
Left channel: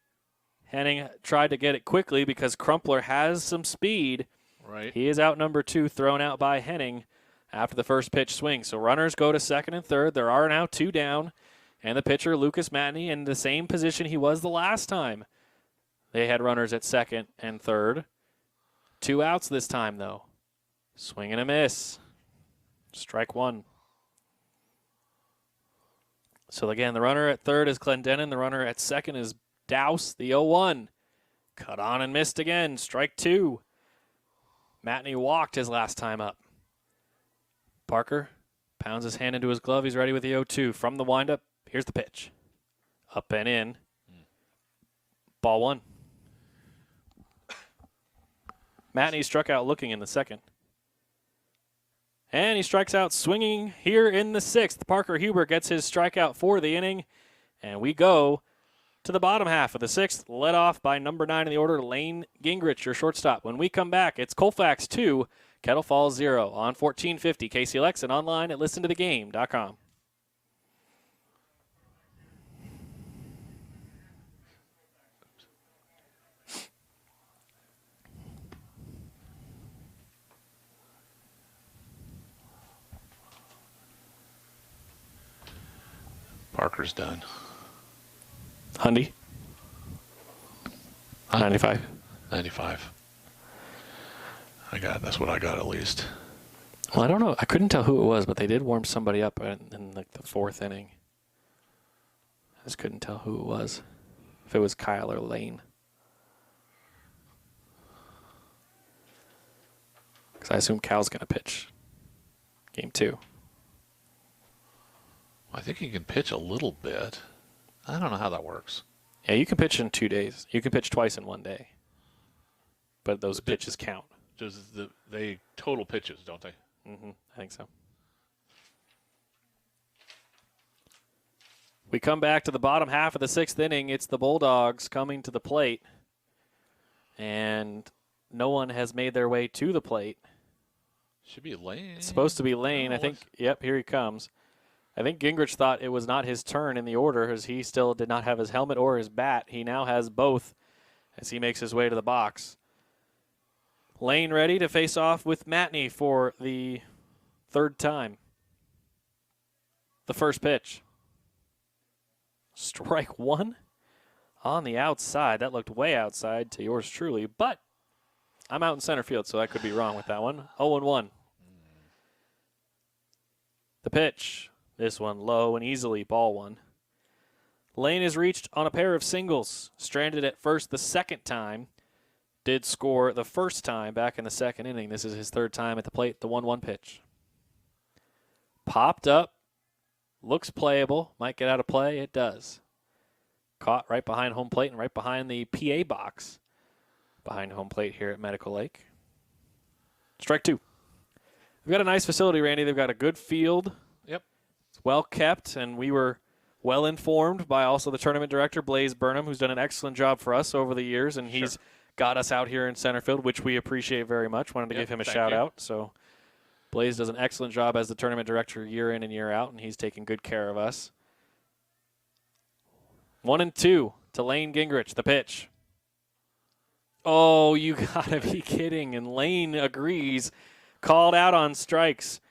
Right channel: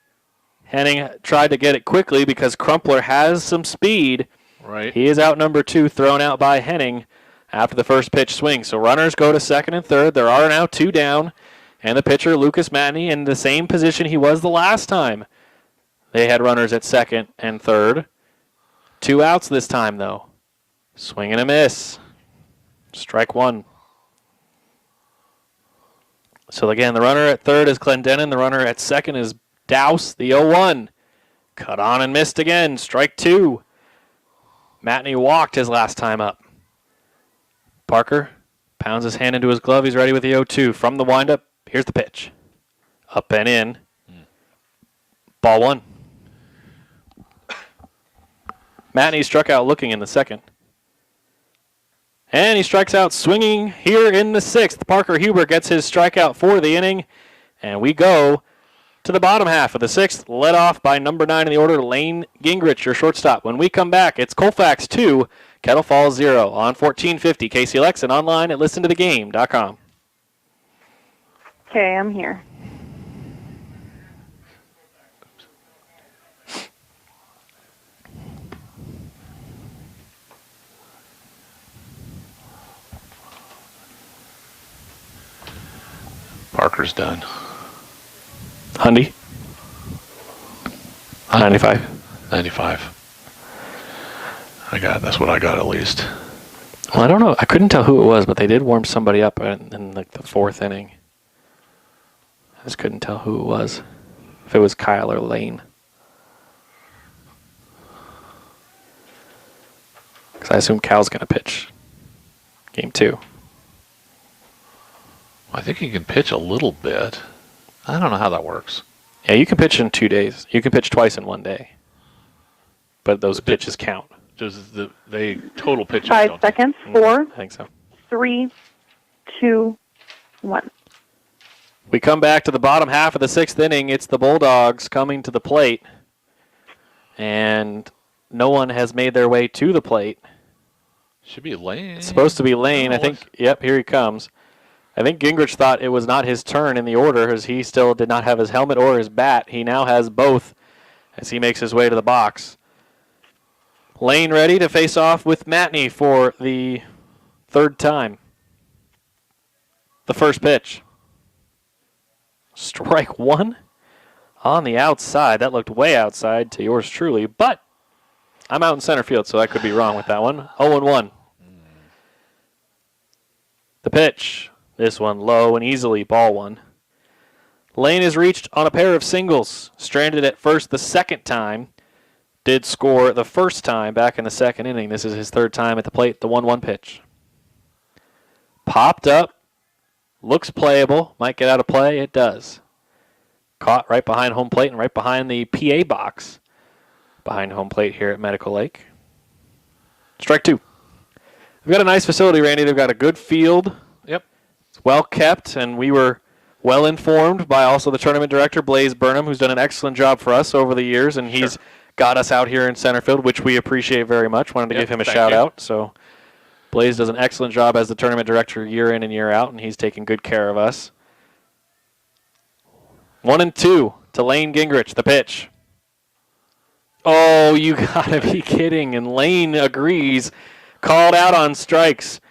Henning tried to get it quickly because Crumpler has some speed. Right. He is out number 2, thrown out by Henning after the first pitch swing. So runners go to second and third. There are now 2 down, and the pitcher, Lucas Matney, in the same position he was the last time. They had runners at second and third. 2 outs this time, though. Swing and a miss. Strike 1. So again, the runner at third is Clendenin. The runner at second is Douse, the 0-1. Cut on and missed again. Strike 2. Matney walked his last time up. Parker pounds his hand into his glove. He's ready with the 0-2. From the windup, here's the pitch. Up and in. Ball 1. Matney struck out looking in the second. And he strikes out swinging here in the 6th. Parker Huber gets his strikeout for the inning. And we go to the bottom half of the 6th, led off by number 9 in the order, Lane Gingrich, your shortstop. When we come back, it's Colfax 2, Kettle Falls 0 on 1450 KCLX and online at listentothegame.com. Okay, I'm here. Parker's done. Hundy? 95. 95. That's what I got at least. Well, I don't know. I couldn't tell who it was, but they did warm somebody up in like the 4th inning. I just couldn't tell who it was. If it was Kyle or Lane. Because I assume Cal's going to pitch game 2. I think he can pitch a little bit. I don't know how that works. Yeah, you can pitch in 2 days. You can pitch twice in 1 day. But those pitches count. Does they total pitches? 5 seconds. 4, I think so. 3, 2, 1. We come back to the bottom half of the 6th inning. It's the Bulldogs coming to the plate. And no one has made their way to the plate. Should be Lane. It's supposed to be Lane. I think, yep, here he comes. I think Gingrich thought it was not his turn in the order as he still did not have his helmet or his bat. He now has both as he makes his way to the box. Lane ready to face off with Matney for the 3rd time. The first pitch. Strike 1 on the outside. That looked way outside to yours truly, but I'm out in center field, so I could be wrong with that one. 0-1. The pitch. This one low and easily, ball 1. Lane is reached on a pair of singles. Stranded at first the 2nd time. Did score the 1st time back in the 2nd inning. This is his 3rd time at the plate, the 1-1 pitch. Popped up. Looks playable. Might get out of play. It does. Caught right behind home plate and right behind the PA box. Behind home plate here at Medical Lake. Strike 2. We've got a nice facility, Randy. They've got a good field. Yep. It's well kept, and we were well informed by also the tournament director, Blaze Burnham, who's done an excellent job for us over the years, and he's got us out here in center field, which we appreciate very much. Wanted to give him a shout out. So Blaze does an excellent job as the tournament director year in and year out, and he's taking good care of us. 1-2 to Lane Gingrich, the pitch. Oh, you gotta be kidding. And Lane agrees. Called out on strikes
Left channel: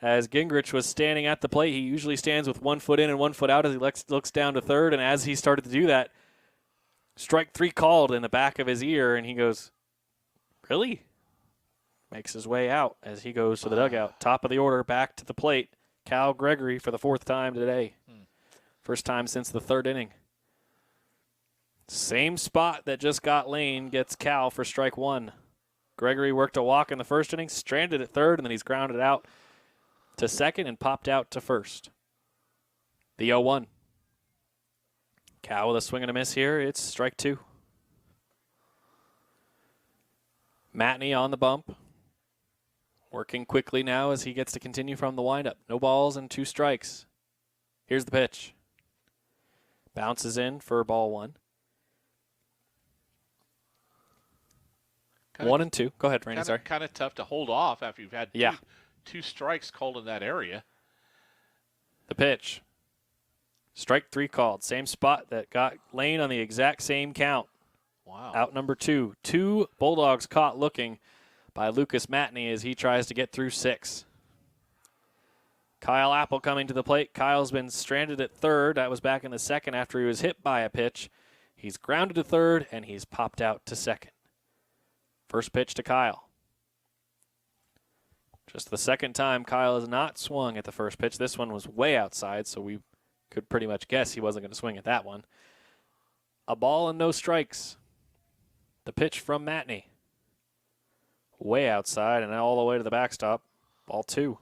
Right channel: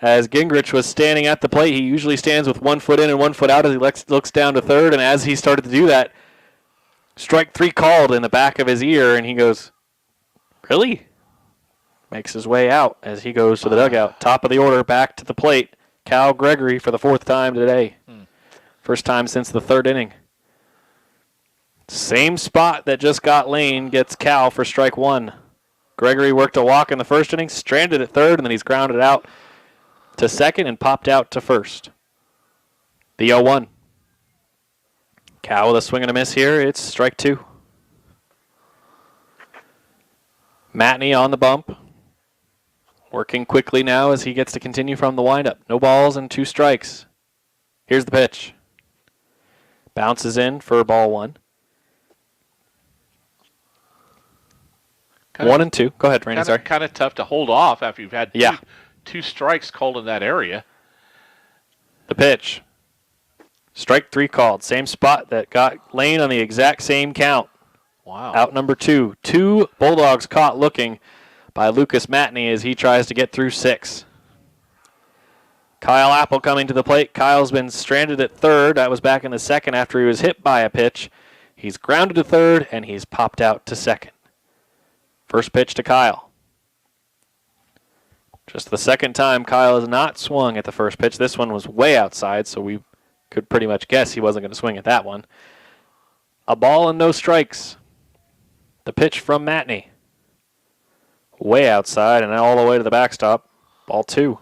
as Gingrich was standing at the plate. He usually stands with 1 foot in and 1 foot out as he looks down to third. And as he started to do that, strike 3 called in the back of his ear. And he goes, really? makes his way out as he goes to the dugout. Top of the order, back to the plate. Cal Gregory for the 4th time today. First time since the 3rd inning. Same spot that just got Lane gets Cal for strike 1. Gregory worked a walk in the 1st inning, stranded at 3rd, and then he's grounded out to 2nd and popped out to 1st. The 0-1. Cal with a swing and a miss here. It's strike 2. Matney on the bump. Working quickly now as he gets to continue from the windup. No balls and 2 strikes. Here's the pitch. Bounces in for ball 1. 1 and 2. Go ahead, Randy. Sorry. Kind of tough to hold off after you've had two strikes called in that area. The pitch. Strike 3 called. Same spot that got Lane on the exact same count. Wow. Out number 2. 2 Bulldogs caught looking by Lucas Matney as he tries to get through 6. Kyle Apple coming to the plate. Kyle's been stranded at 3rd. That was back in the 2nd after he was hit by a pitch. He's grounded to 3rd, and he's popped out to 2nd. First pitch to Kyle. Just the 2nd time Kyle has not swung at the first pitch. This one was way outside, so we could pretty much guess he wasn't going to swing at that one. A ball and no strikes. The pitch from Matney. Way outside and all the way to the backstop. Ball 2.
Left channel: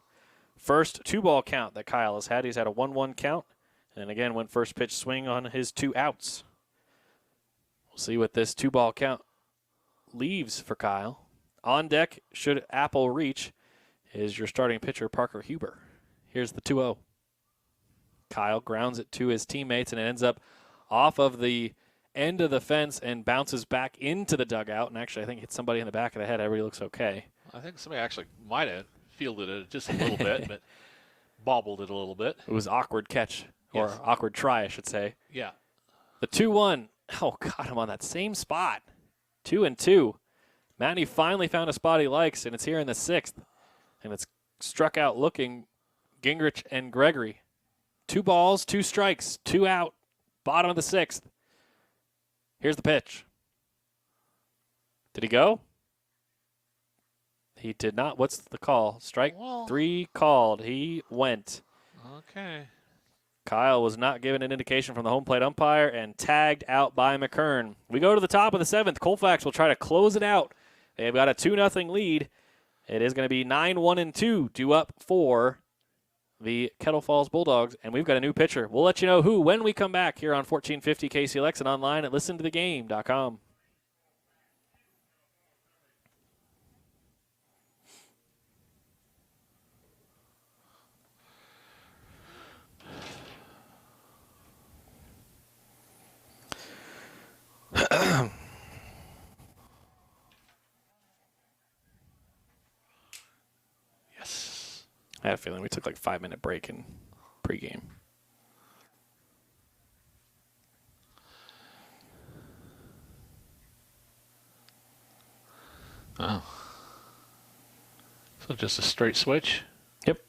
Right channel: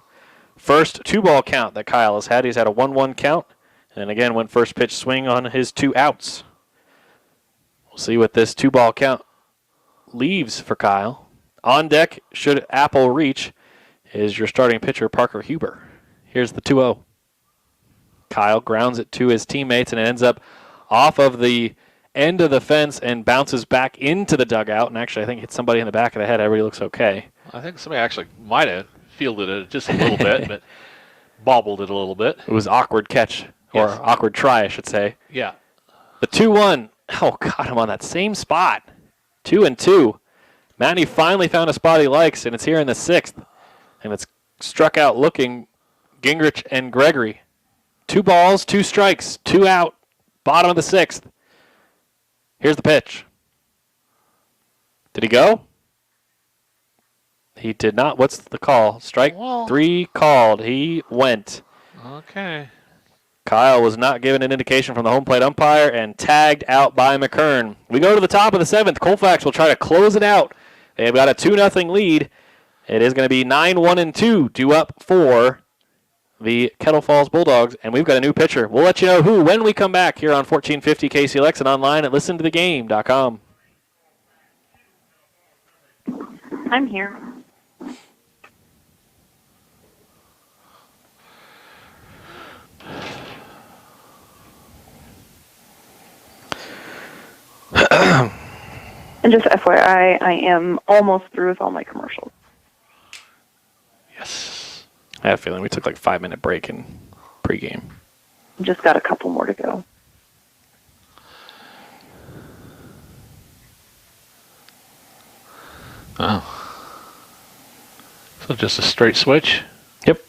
First 2-ball count that Kyle has had. He's had a 1-1 count. And again, went first pitch swing on his 2 outs. We'll see what this 2-ball count leaves for Kyle. On deck, should Apple reach, is your starting pitcher, Parker Huber. Here's the 2-0. Kyle grounds it to his teammates, and it ends up off of the end of the fence and bounces back into the dugout. And actually, I think hits somebody in the back of the head. Everybody looks okay. I think somebody actually might have fielded it just a little bit, but bobbled it a little bit. It was awkward catch, or awkward try, I should say. Yeah. The 2-1. Oh, got him on that same spot. 2-2. Matney finally found a spot he likes, and it's here in the 6th. And it's struck out looking Gingrich and Gregory. 2 balls, 2 strikes, 2 out. Bottom of the 6th. Here's the pitch. Did he go? He did not. What's the call? Strike 3 called. He went. Okay. Kyle was not given an indication from the home plate umpire and tagged out by McKern. We go to the top of the 7th. Colfax will try to close it out. They've got a 2-0 lead. It is going to be 9-1-2 due up for the Kettle Falls Bulldogs, and we've got a new pitcher. We'll let you know who when we come back here on 1450 KCLX and online at listentothegame.com. I'm here. And just FYI, I am almost through with all my commercials. Yes. I have a feeling we took like a 5-minute break in pregame. Just got a couple more to go. Oh. So just a straight switch? Yep.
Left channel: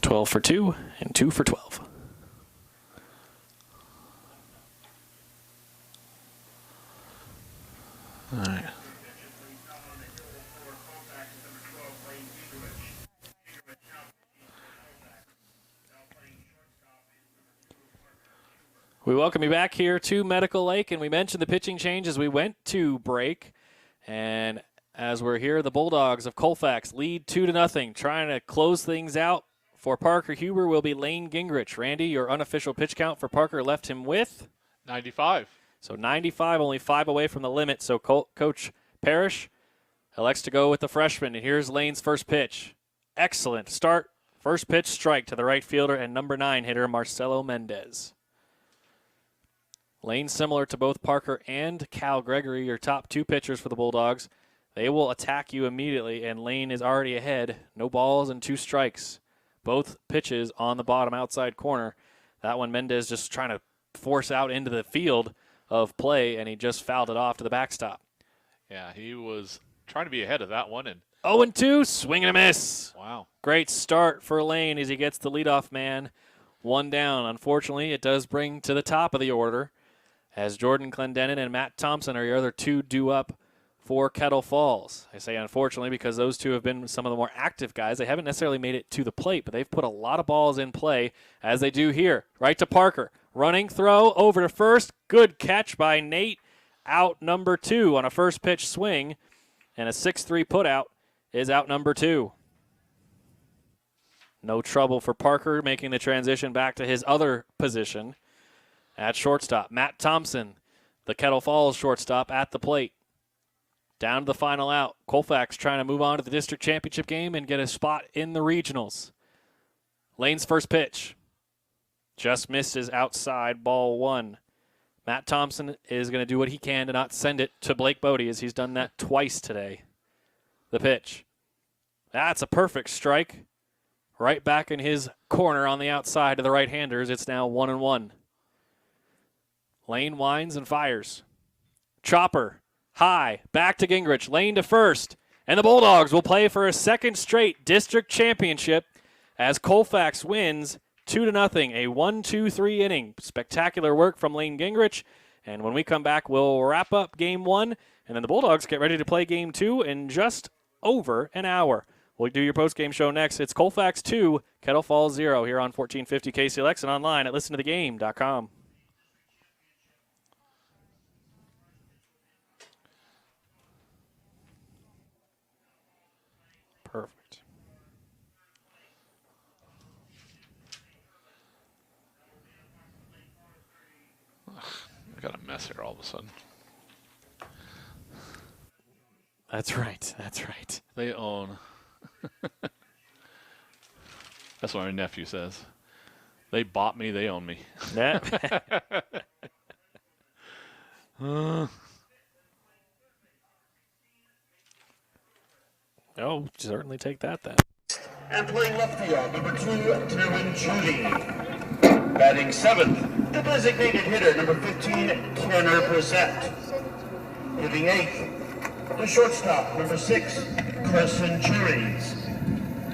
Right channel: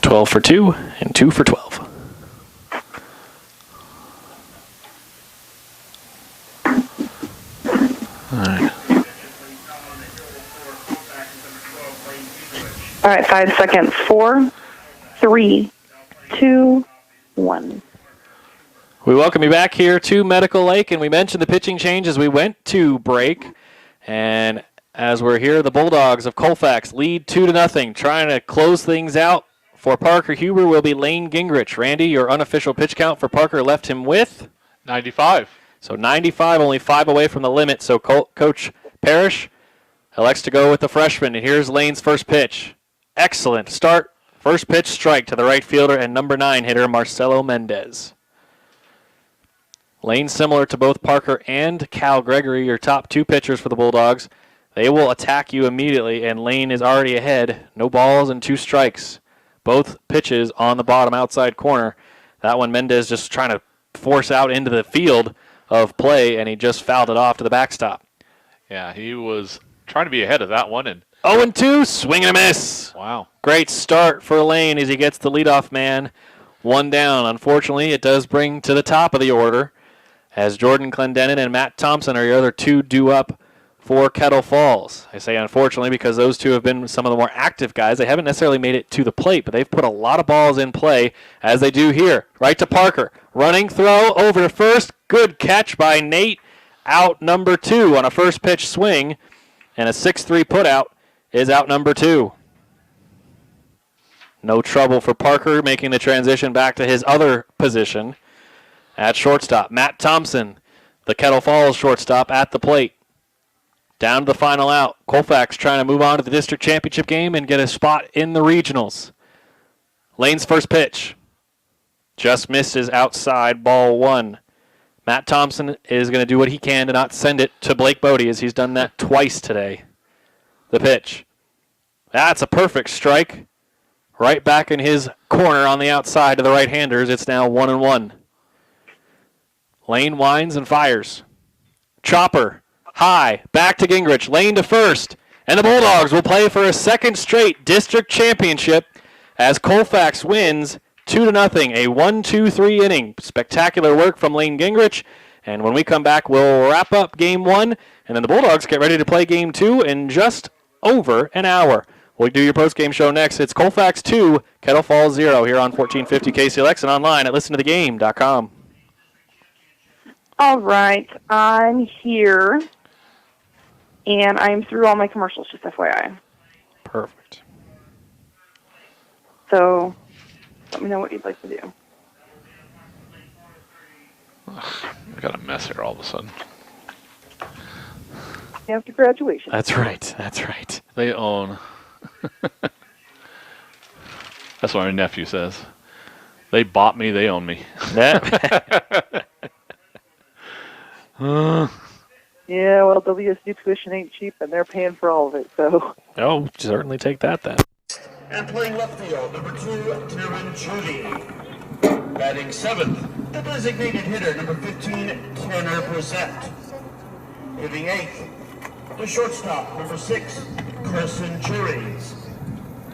$12 for 2 and 2 for 12. All right, 5 seconds. 4, 3, 2, 1. We welcome you back here to Medical Lake, and we mentioned the pitching change as we went to break. And as we're here, the Bulldogs of Colfax lead 2-0, trying to close things out. For Parker Huber will be Lane Gingrich. Randy, your unofficial pitch count for Parker left him with? 95. So 95, only 5 away from the limit. So Coach Parrish elects to go with the freshman. And here's Lane's first pitch. Excellent start. First pitch strike to the right fielder and number 9 hitter Marcelo Mendez. Lane, similar to both Parker and Cal Gregory, your top 2 pitchers for the Bulldogs. They will attack you immediately, and Lane is already ahead. No balls and 2 strikes. Both pitches on the bottom outside corner. That one Mendez just trying to force out into the field of play, and he just fouled it off to the backstop. Yeah, he was trying to be ahead of that one. And 0-2, swing and a miss. Wow. Great start for Lane as he gets the leadoff man 1 down. Unfortunately, it does bring to the top of the order as Jordan Clendenin and Matt Thompson are your other two due up for Kettle Falls. I say unfortunately because those two have been some of the more active guys. They haven't necessarily made it to the plate, but they've put a lot of balls in play as they do here. Right to Parker. Running throw over to first. Good catch by Nate. Out number 2 on a first pitch swing. And a 6-3 putout is out number 2. No trouble for Parker making the transition back to his other position at shortstop. Matt Thompson, the Kettle Falls shortstop, at the plate. Down to the final out. Colfax trying to move on to the district championship game and get a spot in the regionals. Lane's first pitch. Just misses outside, ball 1. Matt Thompson is going to do what he can to not send it to Blake Bodie, as he's done that twice today. The pitch. That's a perfect strike. Right back in his corner on the outside to the right-handers. It's now 1-1. Lane winds and fires. Chopper. High, back to Gingrich, Lane to first, and the Bulldogs will play for a second straight district championship as Colfax wins 2-0, a 1-2-3 inning. Spectacular work from Lane Gingrich, and when we come back, we'll wrap up Game 1, and then the Bulldogs get ready to play Game 2 in just over an hour. We'll do your post-game show next. It's Colfax 2, Kettle Falls 0 here on 1450 KCLX and online at listentothegame.com. All right, I'm here, and I'm through all my commercials, just FYI. Perfect. So let me know what you'd like to do. I got a mess here all of a sudden. After graduation. That's right. That's right. They own. That's what my nephew says. They bought me, they own me. Yeah, well, WSU tuition ain't cheap, and they're paying for all of it, so. Oh, certainly take that then. And playing left field, number 2, Taryn Judy. Batting 7th, the designated hitter, number 15, Tanner Brissett. Hitting 8th, the shortstop, number 6, Carson Juries.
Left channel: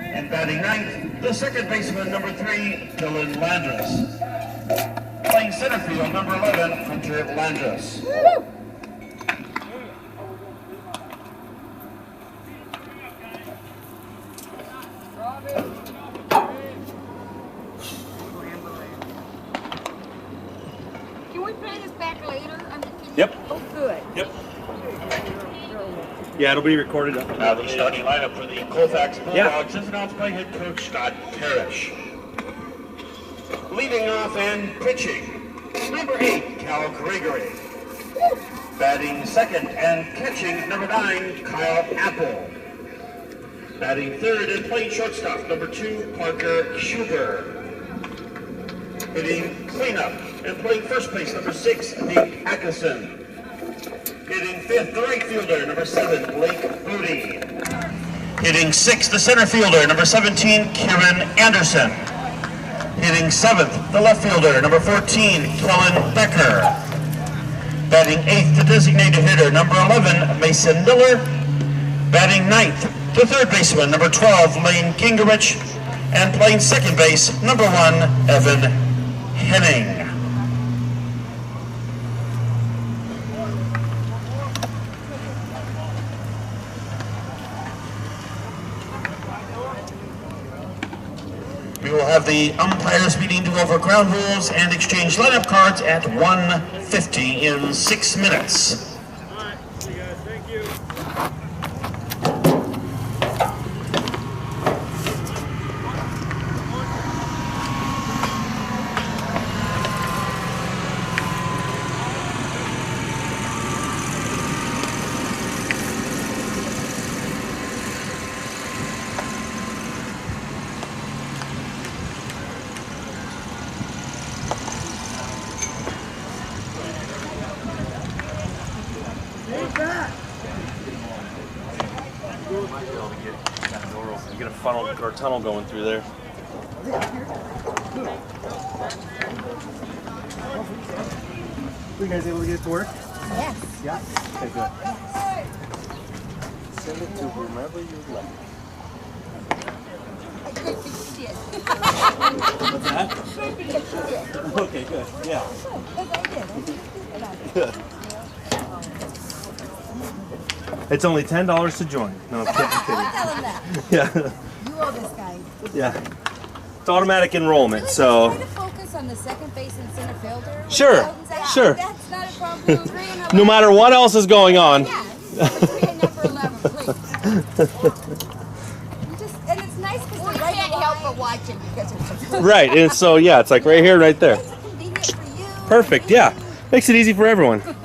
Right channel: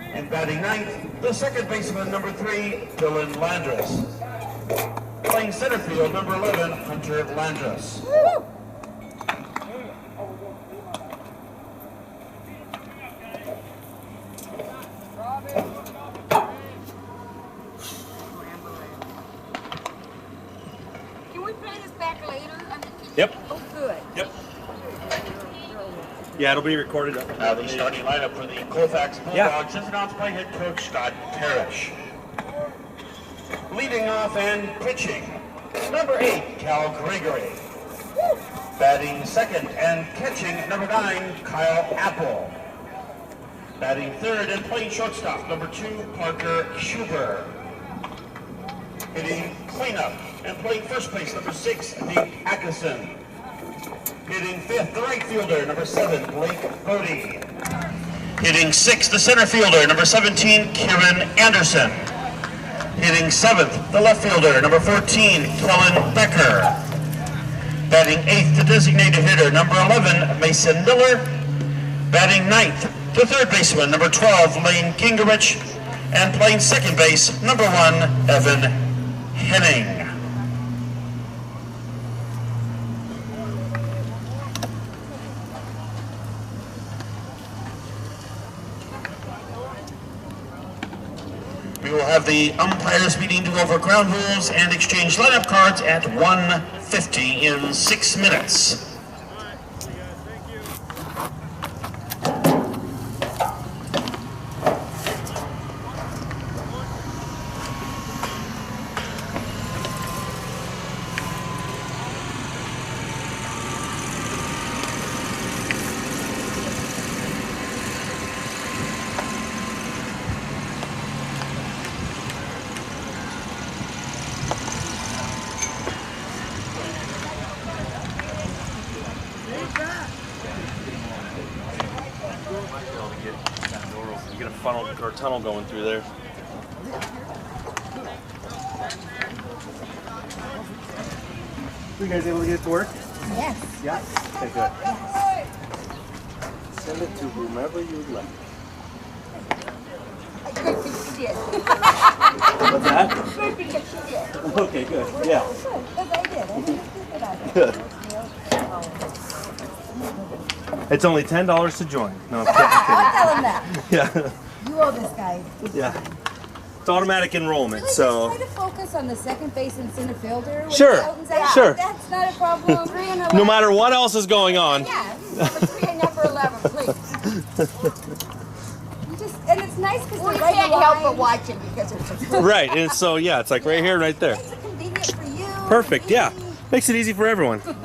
And batting 9th, the second baseman, number 3, Dylan Landris. Playing center field, number 11, Hunter Landris. Can we play this back later? Yep. Oh, good. Yep. Yeah, it'll be recorded up. Now the starting lineup for the Colfax Bulldogs is announced by head coach Scott Parrish. Leading off and pitching, number 8, Cal Gregory. Batting second and catching, number 9, Kyle Apple. Batting third and playing shortstop, number 2, Parker Schuber. Hitting cleanup and playing first base, number 6, Nate Atkinson. Hitting fifth, the right fielder, number 7, Blake Bodie. Hitting sixth, the center fielder, number 17, Kieran Anderson. Hitting seventh, the left fielder, number 14, Kellen Becker. Batting eighth, the designated hitter, number 11, Mason Miller. Batting ninth, the third baseman, number 12, Lane Gingrich. And playing second base, number 1, Evan Henning. We will have the umpires meeting to go over ground rules and exchange lineup cards at 1:50 in 6 minutes. You get a funnel or tunnel going through there. Were you guys able to get it to work? Yes. Yeah? Okay, good. Send it to whomever you like. Good thing she did. What's that? Good thing she did. Okay, good. Yeah. Because I did. It's only $10 to join. No, I'm kidding. I'll tell him that. Yeah, You owe this guy. yeah. It's automatic enrollment, Really, so. just try to focus on the second base and center fielder. with Sure, Elton's out. sure. That's not a problem. 3 and 11. No matter what else is going on. Yeah, number 3 and number 11, please. And it's nice because we can't help but watch him because it's a Right, and so yeah, it's like right here, right there. It's convenient for you. Perfect, yeah. Makes it easy for everyone. Look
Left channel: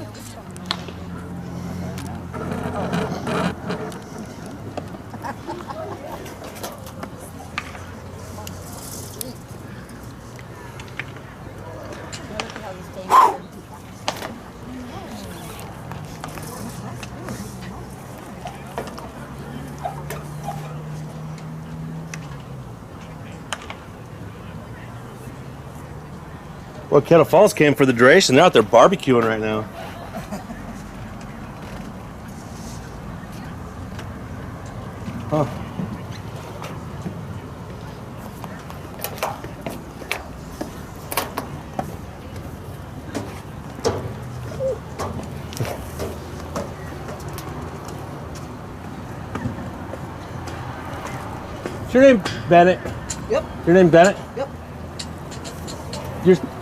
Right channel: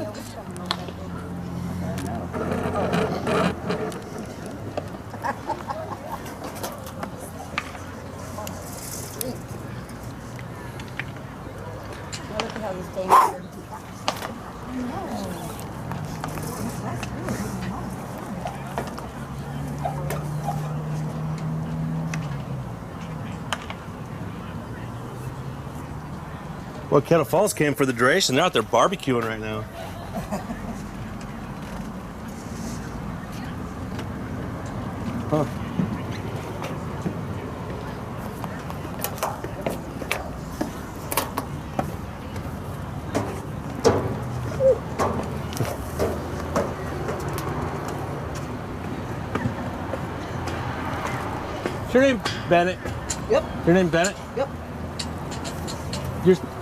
at how he's staying up there. Well, Kettle Falls came for the duration. They're out there barbecuing right now. Huh. Is your name Bennett? Yep. Your name Bennett? Yep.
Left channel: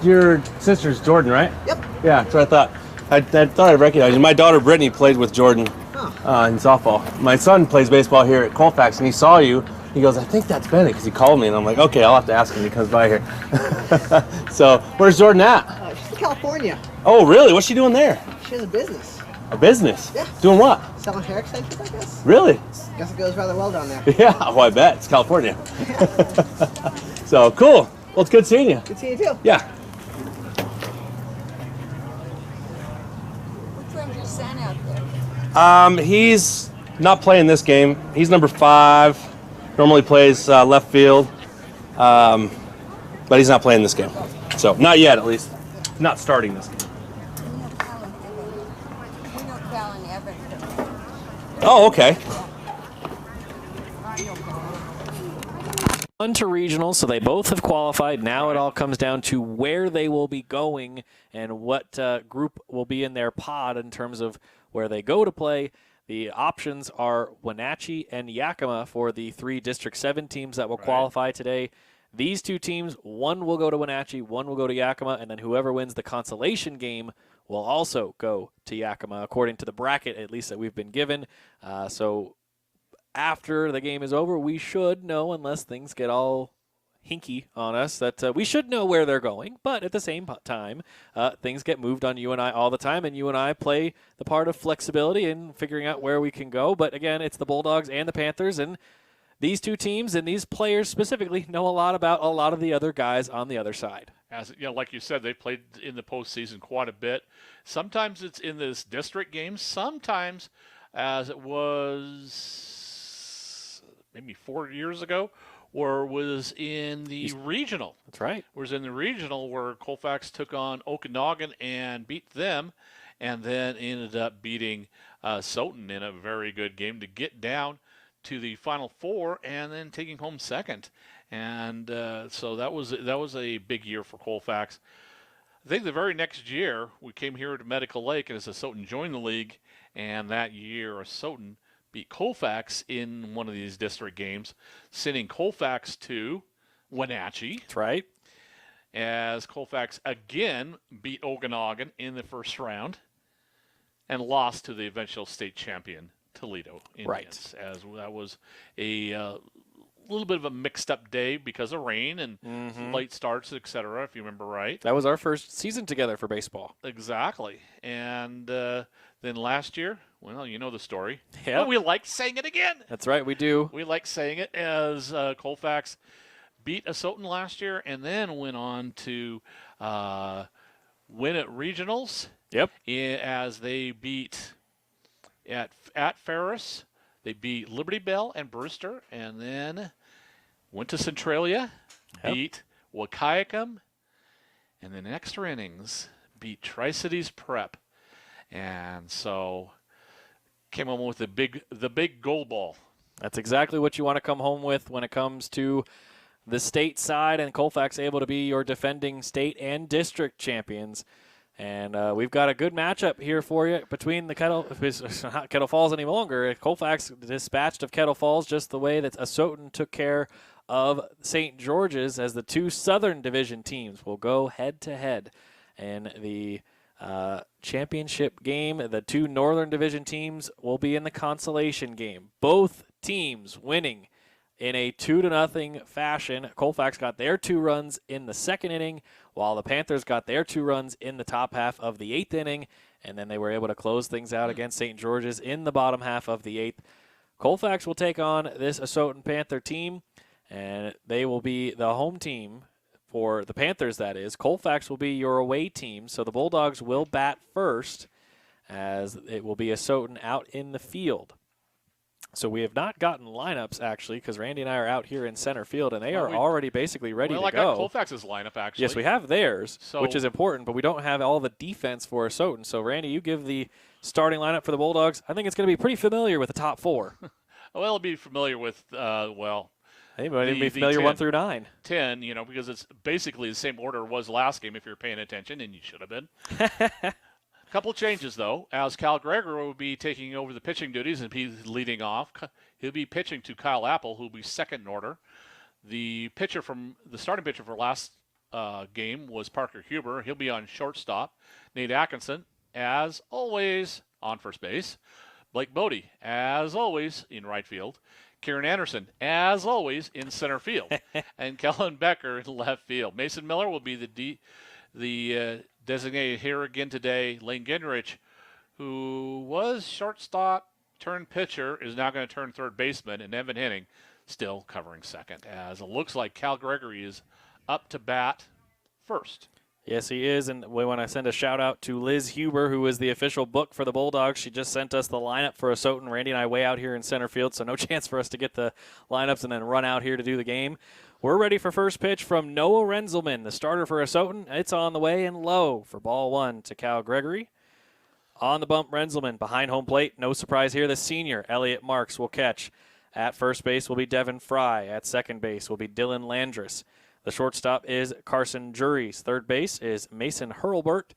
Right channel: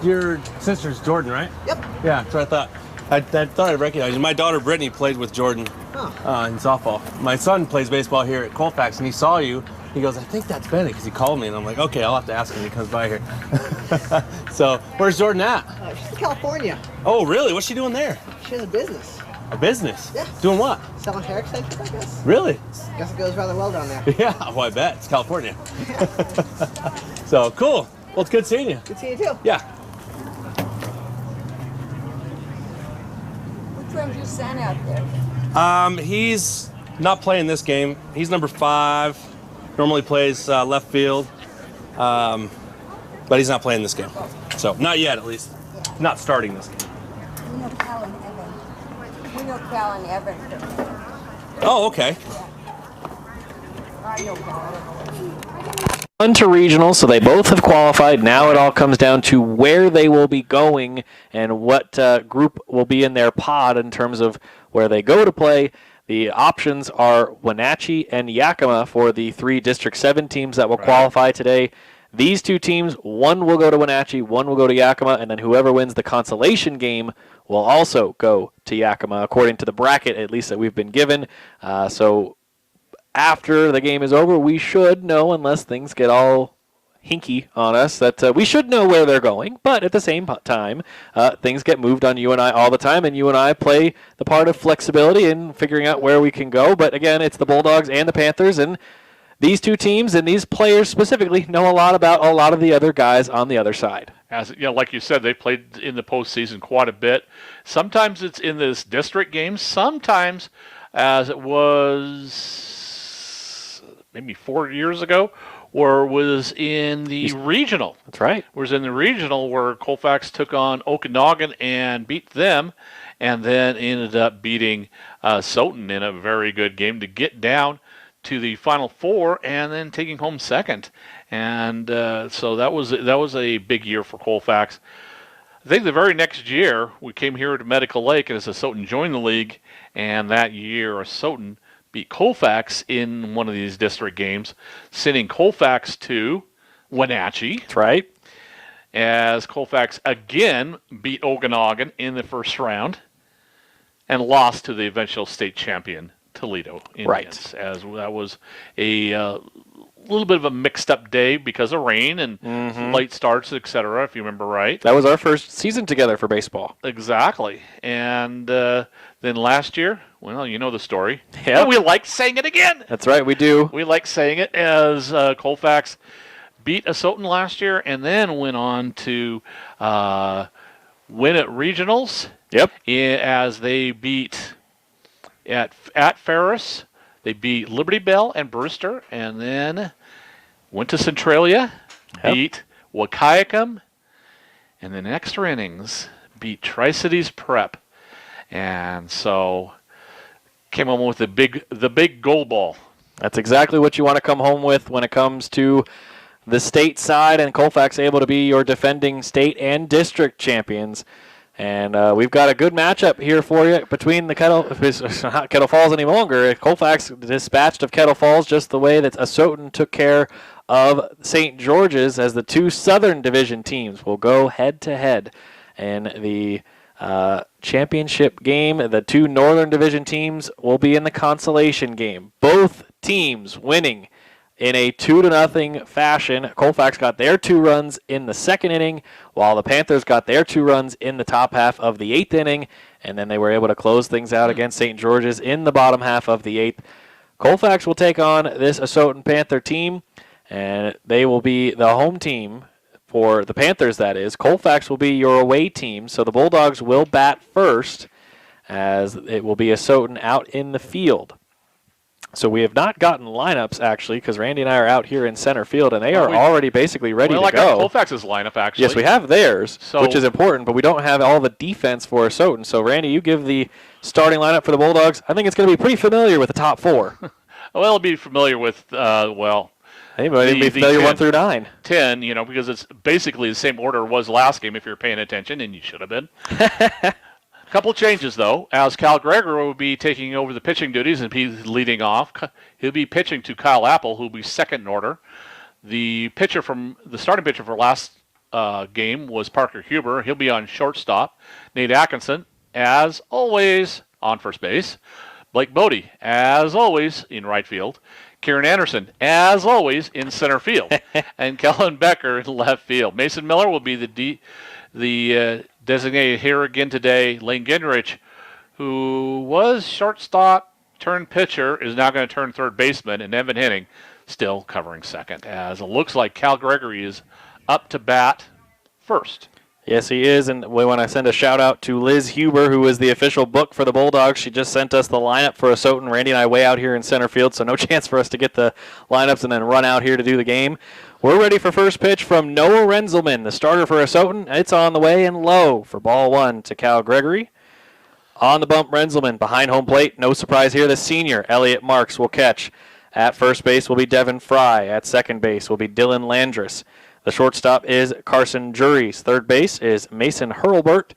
Your sister's Jordan, right? Yep. Yeah, that's what I thought. I thought I recognized you. My daughter Brittany played with Jordan in softball. My son plays baseball here at Colfax, and he saw you. He goes, I think that's Bennett, because he called me, and I'm like, okay, I'll have to ask him when he comes by here. So, where's Jordan at? She's in California. Oh, really? What's she doing there? She has a business. A business? Yeah. Doing what? Selling hair extensions, I guess. Really? Guess it goes rather well down there. Yeah, well, I bet. It's California. So, cool. Well, it's good seeing you. Good seeing you too. Yeah. Which one's your son out there? He's not playing this game. He's number 5. Normally plays left field, but he's not playing this game. So not yet, at least. Not starting this game. We know Cal and Evan. We know Cal and Evan. Oh, okay. I know Cal. On to regionals, so they both have qualified. Now it all comes down to where they will be going and what group will be in their pod in terms of where they go to play. The options are Wenatchee and Yakima for the 3 District 7 teams that will qualify today. These 2 teams, one will go to Wenatchee, one will go to Yakima, and then whoever wins the consolation game will also go to Yakima, according to the bracket, at least that we've been given. So after the game is over, we should know, unless things get all hinky on us, that we should know where they're going. But at the same time, things get moved on you and I all the time, and you and I play the part of flexibility in figuring out where we can go. But again, it's the Bulldogs and the Panthers, and these 2 teams and these players specifically know a lot about a lot of the other guys on the other side. As you know, like you said, they played in the postseason quite a bit. Sometimes it's in this district games. Sometimes, as it was maybe 4 years ago, or was in the regional. That's right. Was in the regional where Colfax took on Okanagan and beat them, and then ended up beating Soton in a very good game to get down to the Final Four and then taking home second. And so that was a big year for Colfax. I think the very next year we came here to Medical Lake, and as Soton joined the league, and that year Soton beat Colfax in one of these district games, sending Colfax to Wenatchee. That's right. As Colfax again beat Okanagan in the first round and lost to the eventual state champion Toledo Indians. Right. As that was a little bit of a mixed up day because of rain and late starts, etc., if you remember right. That was our first season together for baseball. Exactly. And then last year, well, you know the story. Yeah. We like saying it again. That's right, we do. We like saying it, as Colfax beat Soton last year and then went on to win at regionals. Yep. As they beat at Ferris, they beat Liberty Bell and Brewster, and then went to Centralia, beat Wahkiakum, and then extra innings beat Tri-Cities Prep. And so came home with the big gold ball. That's exactly what you want to come home with when it comes to the state side, and Colfax able to be your defending state and district champions. And we've got a good matchup here for you between the Kettle. It's not Kettle Falls any longer. Colfax dispatched of Kettle Falls just the way that Asotin took care of St. George's, as the two Southern Division teams will go head-to-head in the championship game. The two Northern Division teams will be in the consolation game. Both teams winning in a 2-0 fashion. Colfax got their 2 runs in the second inning, while the Panthers got their 2 runs in the top half of the 8th inning, and then they were able to close things out against St. George's in the bottom half of the 8th. Colfax will take on this Asotin Panther team, and they will be the home team for the Panthers, that is. Colfax will be your away team, so the Bulldogs will bat first, as it will be Asotin out in the field. So we have not gotten lineups, actually, because Randy and I are out here in center field, and they are already basically ready to go. I got Colfax's lineup, actually. Yes, we have theirs, which is important, but we don't have all the defense for Asotin. So, Randy, you give the starting lineup for the Bulldogs. I think it's going to be pretty familiar with the top 4. Well, it'll be familiar with, Anybody be familiar 1 through 9. 10, because it's basically the same order it was last game if you're paying attention, and you should have been. A couple changes, though, as Cal Gregory will be taking over the pitching duties and he's leading off. He'll be pitching to Kyle Apple, who will be second in order. The starting pitcher for last game was Parker Huber. He'll be on shortstop. Nate Atkinson, as always, on first base. Blake Bodie, as always, in right field. Kieran Anderson, as always, in center field. And Kellen Becker in left field. Mason Miller will be the designated here again today. Lane Gingrich, who was shortstop turned pitcher, is now going to turn third baseman, and Evan Henning still covering second, as it looks like Cal Gregory is up to bat first. Yes, he is, and we want to send a shout-out to Liz Huber, who is the official book for the Bulldogs. She just sent us the lineup for Asotin. Randy and I way out here in center field, so no chance for us to get the lineups and then run out here to do the game. We're ready for first pitch from Noah Renzelman, the starter for Asotin. It's on the way and low for ball 1 to Cal Gregory. On the bump, Renzelman behind home plate. No surprise here, the senior, Elliot Marks, will catch. At first base will be Devin Fry. At second base will be Dylan Landris. The shortstop is Carson Juries. Third base is Mason Hurlbert.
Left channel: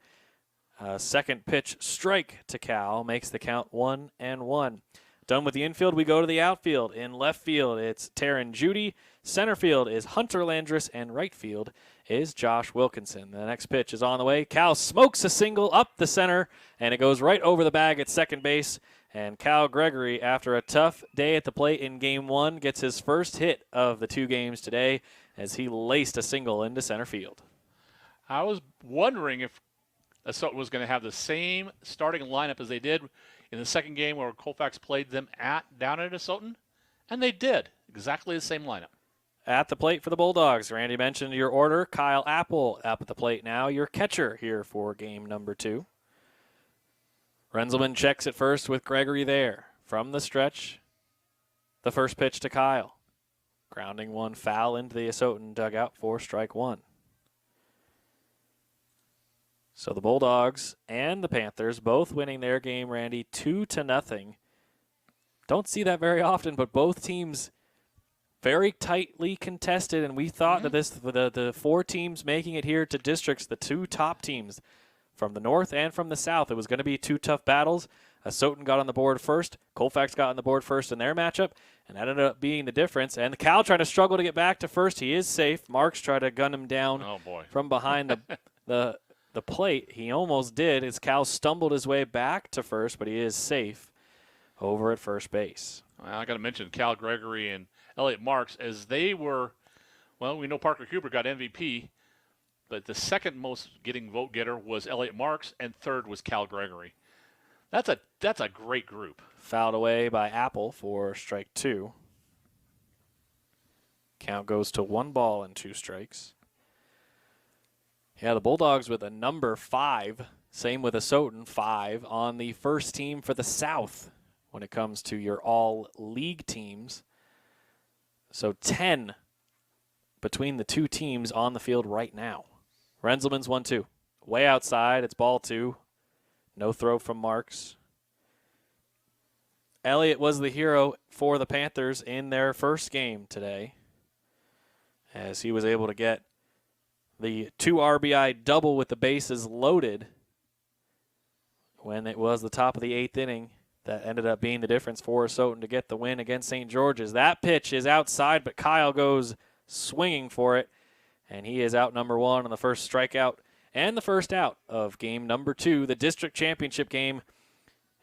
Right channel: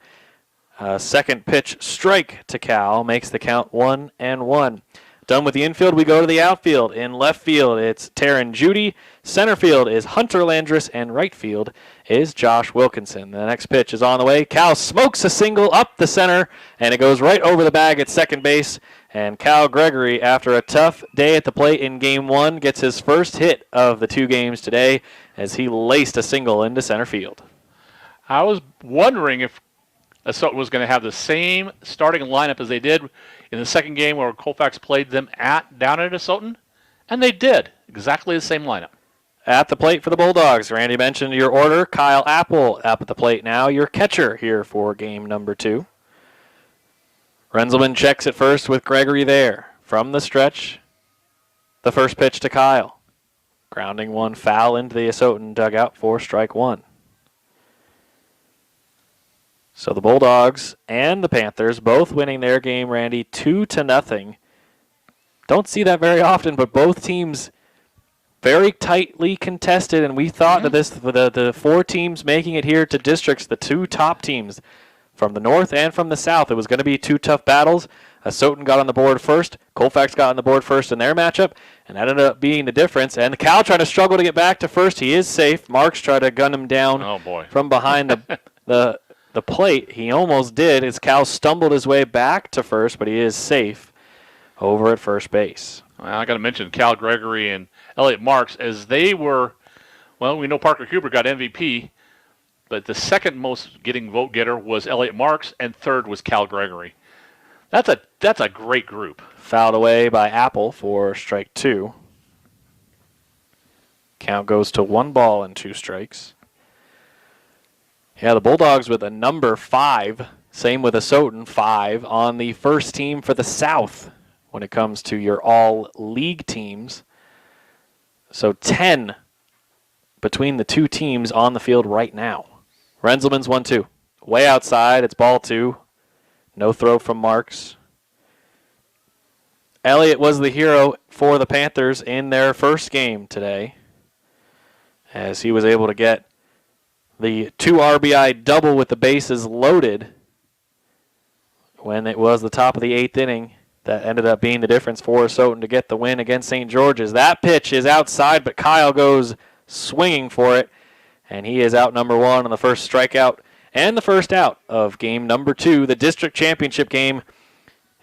Second pitch strike to Cal makes the count 1-1. Done with the infield, we go to the outfield. In left field, it's Taryn Judy. Center field is Hunter Landris, and right field is Josh Wilkinson. The next pitch is on the way. Cal smokes a single up the center, and it goes right over the bag at second base. And Cal Gregory, after a tough day at the plate in Game 1, gets his first hit of the 2 games today as he laced a single into center field. I was wondering if Asotin was going to have the same starting lineup as they did in the second game where Colfax played them down at Asotin, and they did. Exactly the same lineup. At the plate for the Bulldogs, Randy mentioned your order. Kyle Apple up at the plate now, your catcher here for game number 2. Renzelman checks at first with Gregory there. From the stretch, the first pitch to Kyle. Grounding one foul into the Asotin dugout for strike 1. So the Bulldogs and the Panthers both winning their game, Randy, 2-0. Don't see that very often, but both teams very tightly contested, and we thought that the 4 teams making it here to districts, the 2 top teams from the north and from the south, it was going to be 2 tough battles. Asotin got on the board first. Colfax got on the board first in their matchup, and that ended up being the difference. And Cal trying to struggle to get back to first. He is safe. Marks tried to gun him down from behind the plate. He almost did as Cal stumbled his way back to first, but he is safe over at first base. Well, I got to mention Cal Gregory and Elliot Marks, as they were, well, we know Parker Huber got MVP, but the second most getting vote getter was Elliot Marks, and third was Cal Gregory. That's a great group. Fouled away by Apple for strike 2. Count goes to 1 ball and 2 strikes. Yeah, the Bulldogs with a number 5. Same with Asotin, 5 on the first team for the South when it comes to your all-league teams. So 10 between the 2 teams on the field right now. Renzelman's 1-2. Way outside, it's ball 2. No throw from Marks. Elliott was the hero for the Panthers in their first game today, as he was able to get the 2 RBI double with the bases loaded when it was the top of the 8th inning that ended up being the difference for Soton to get the win against St. George's. That pitch is outside, but Kyle goes swinging for it, and he is out number 1 on the first strikeout and the first out of game number 2, the district championship game.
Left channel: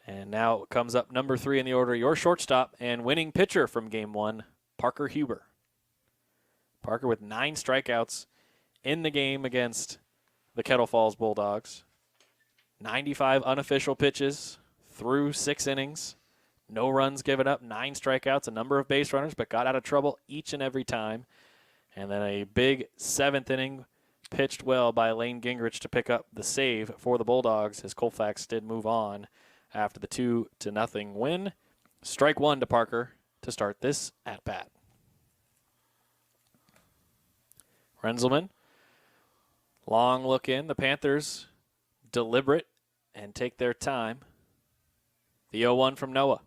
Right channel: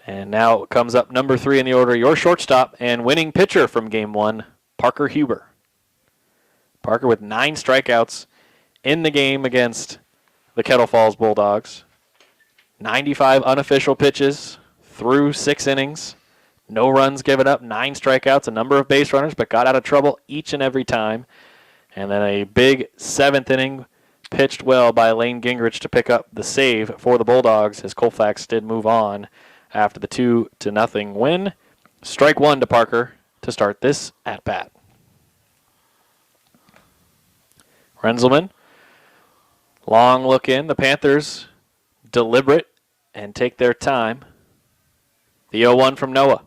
And now comes up number 3 in the order, your shortstop and winning pitcher from game 1, Parker Huber. Parker with 9 strikeouts in the game against the Kettle Falls Bulldogs. 95 unofficial pitches through 6 innings. No runs given up, 9 strikeouts, a number of base runners, but got out of trouble each and every time. And then a big 7th inning pitched well by Lane Gingrich to pick up the save for the Bulldogs as Colfax did move on after the 2-0 win. Strike 1 to Parker to start this at-bat. Renzelman, long look in. The Panthers deliberate and take their time. The 0-1 from Noah.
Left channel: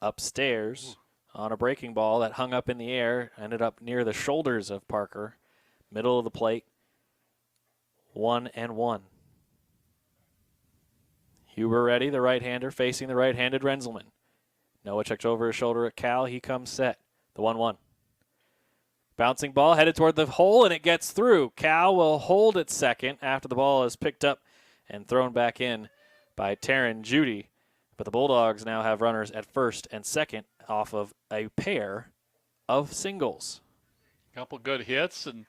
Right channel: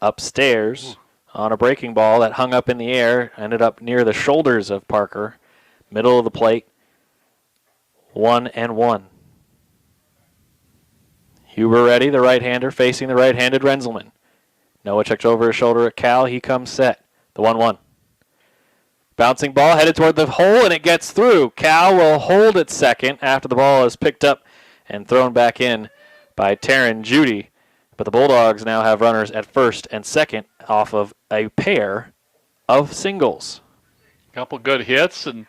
Upstairs on a breaking ball that hung up in the air, ended up near the shoulders of Parker. Middle of the plate. 1-1. Huber ready, the right-hander facing the right-handed Renzelman. Noah checks over his shoulder at Cal. He comes set. The 1-1. Bouncing ball headed toward the hole, and it gets through. Cal will hold at second after the ball is picked up and thrown back in by Taryn Judy. But the Bulldogs now have runners at first and second off of a pair of singles. A couple good hits and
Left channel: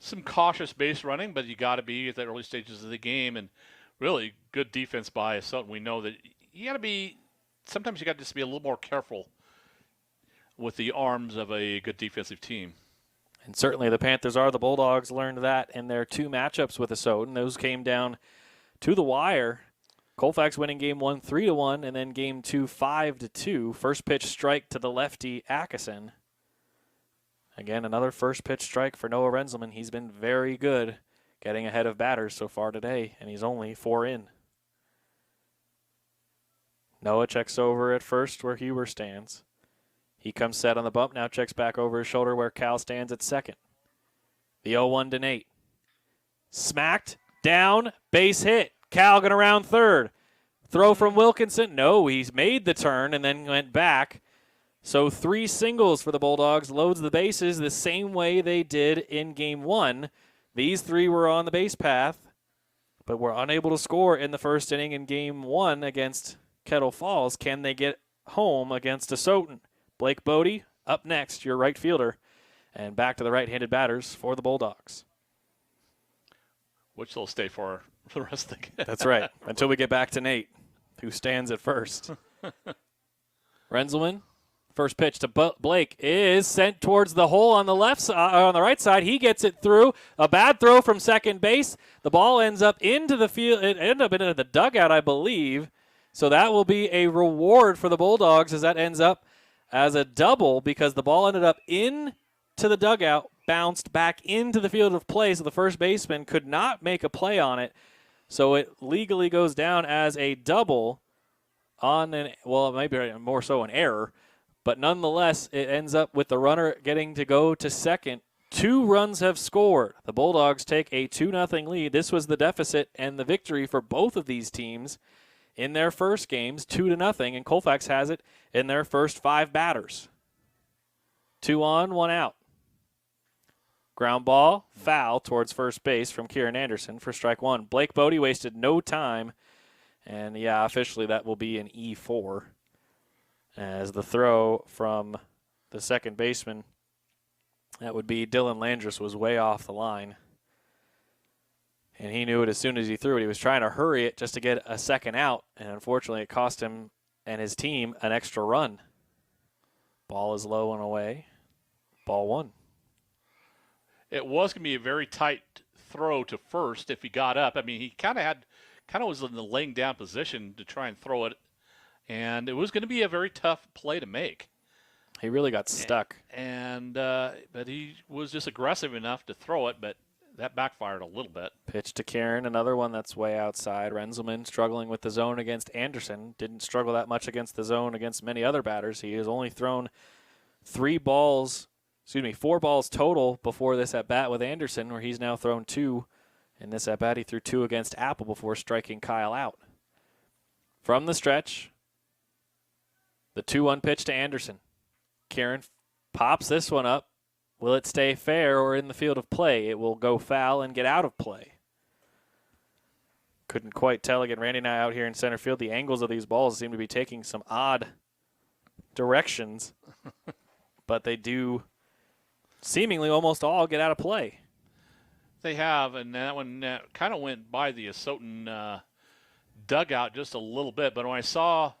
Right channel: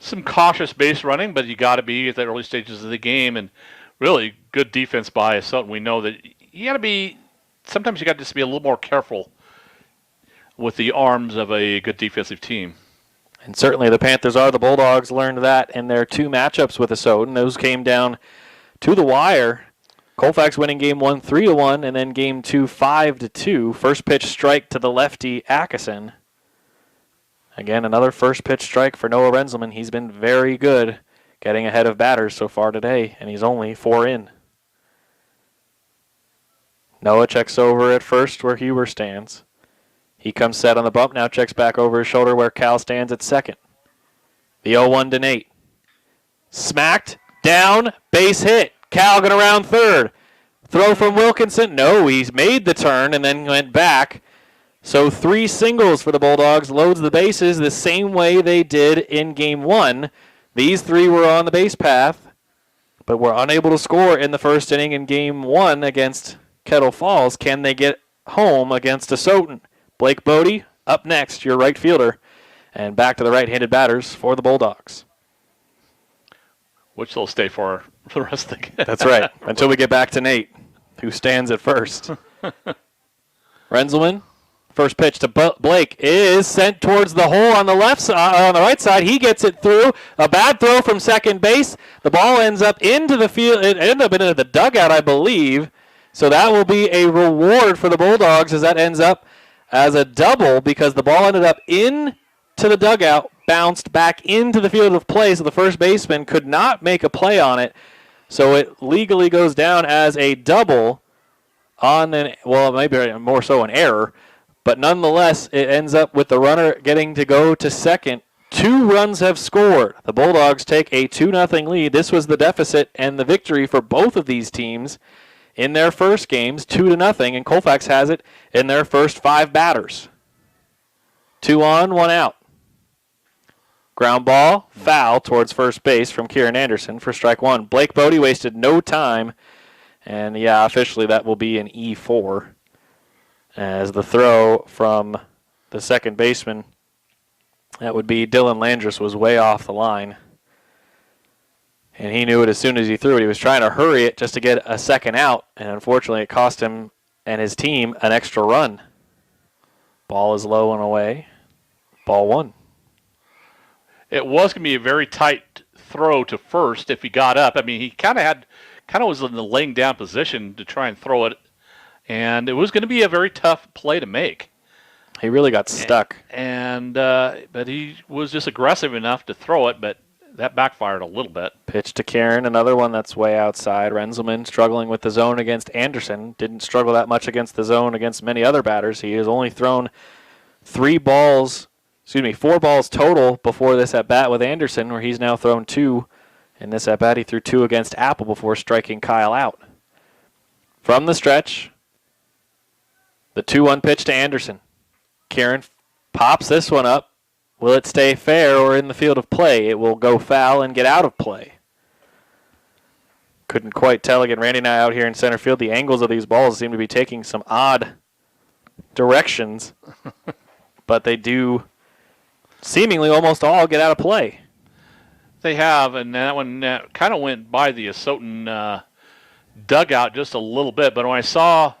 some cautious base running, but you got to be at the early stages of the game, and really good defense by Sutton. We know that you got to be, sometimes you got to just be a little more careful with the arms of a good defensive team. And certainly the Panthers are. The Bulldogs learned that in their 2 matchups with Asotin. Those came down to the wire. Colfax winning game 1 3-1, and then game 2 5-2. First pitch strike to the lefty Atkinson. Again, another first pitch strike for Noah Renzelman. He's been very good getting ahead of batters so far today, and he's only 4 in. Noah checks over at first where Huber stands. He comes set on the bump, now checks back over his shoulder where Cal stands at second. The 0-1 to Nate. Smacked, down, base hit. Cal going around third. Throw from Wilkinson. No, he's made the turn and then went back. So 3 singles for the Bulldogs. Loads the bases the same way they did in game 1. These 3 were on the base path, but were unable to score in the first inning in game 1 against Kettle Falls. Can they get home against Asotin? Blake Bodie up next, your right fielder. And back to the right-handed batters for the Bulldogs. Which they'll stay for the rest of the game. That's right, until we get back to Nate, who stands at first. Renzelman, first pitch to Blake is sent towards the hole on the left side, on the right side. He gets it through. A bad throw from second base. The ball ends up into the field. It ended up into the dugout, I believe. So that will be a reward for the Bulldogs as that ends up as a double because the ball ended up into the dugout, bounced back into the field of play, so the first baseman could not make a play on it. So it legally goes down as a double on an, well, maybe more so an error, but nonetheless, it ends up with the runner getting to go to second. 2 runs have scored. The Bulldogs take a 2-0 lead. This was the deficit and the victory for both of these teams in their first games, 2-0, and Colfax has it in their first 5 batters. 2 on, 1 out. Ground ball, foul towards first base from Kieran Anderson for strike 1. Blake Bodie wasted no time, and yeah, officially that will be an E4 as the throw from the second baseman, that would be Dylan Landris, was way off the line. And he knew it as soon as he threw it. He was trying to hurry it just to get a second out, and unfortunately it cost him and his team an extra run. Ball is low and away. Ball 1. It was going to be a very tight throw to first if he got up. I mean, he kind of was in the laying down position to try and throw it, and it was going to be a very tough play to make. He really got stuck. But he was just aggressive enough to throw it, but that backfired a little bit. Pitch to Kieran, another one that's way outside. Renzelman struggling with the zone against Anderson. Didn't struggle that much against the zone against many other batters. He has only thrown 4 balls total before this at bat with Anderson, where he's now thrown 2 In this at-bat, he threw 2 against Apple before striking Kyle out. From the stretch, the 2-1 pitch to Anderson. Kieran pops this one up. Will it stay fair or in the field of play? It will go foul and get out of play. Couldn't quite tell. Again, Randy and I out here in center field, the angles of these balls seem to be taking some odd directions, but they do seemingly almost all get out of play. They have, and that one kind of went by the Asotin dugout just a little bit, but when I saw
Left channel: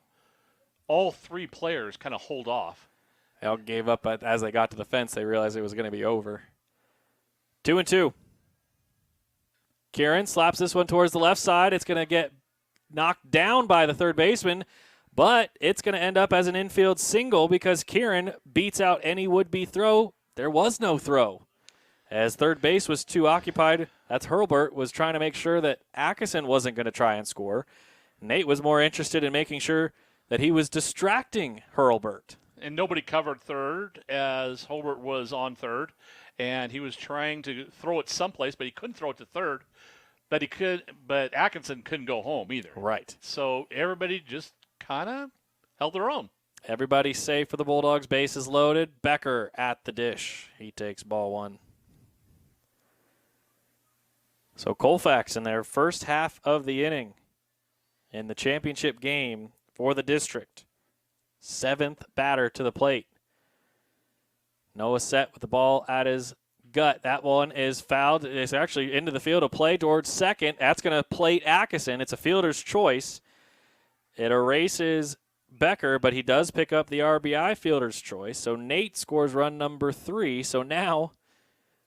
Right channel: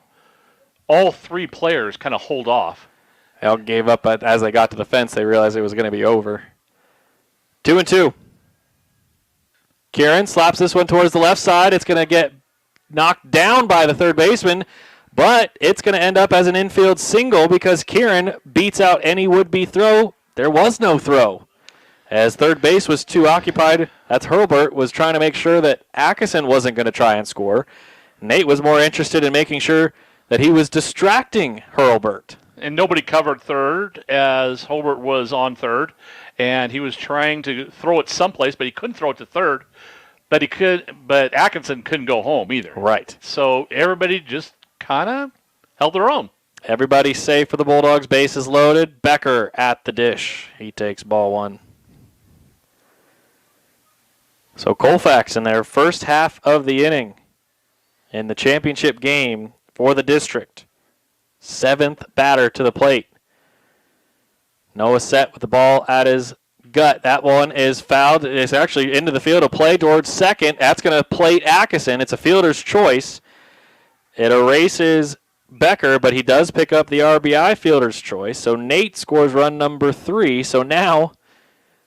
all 3 players kind of hold off. They all gave up as they got to the fence. They realized it was going to be over. 2-2. Kieran slaps this one towards the left side. It's going to get knocked down by the third baseman, but it's going to end up as an infield single because Kieran beats out any would-be throw. There was no throw. As third base was too occupied, that's Hurlburt was trying to make sure that Atkinson wasn't going to try and score. Nate was more interested in making sure that he was distracting Hurlburt. And nobody covered third as Hurlburt was on third, and he was trying to throw it someplace, but he couldn't throw it to third. But Atkinson couldn't go home either. Right. So everybody just kind of held their own. Everybody's safe for the Bulldogs. Bases loaded. Becker at the dish. He takes ball 1. So Colfax in their first half of the inning in the championship game for the district. 7th batter to the plate. Noah set with the ball at his gut. That one is fouled. It's actually into the field of play towards second. That's going to plate Atkinson. It's a fielder's choice. It erases Becker, but he does pick up the RBI fielder's choice. So Nate scores run number 3. So now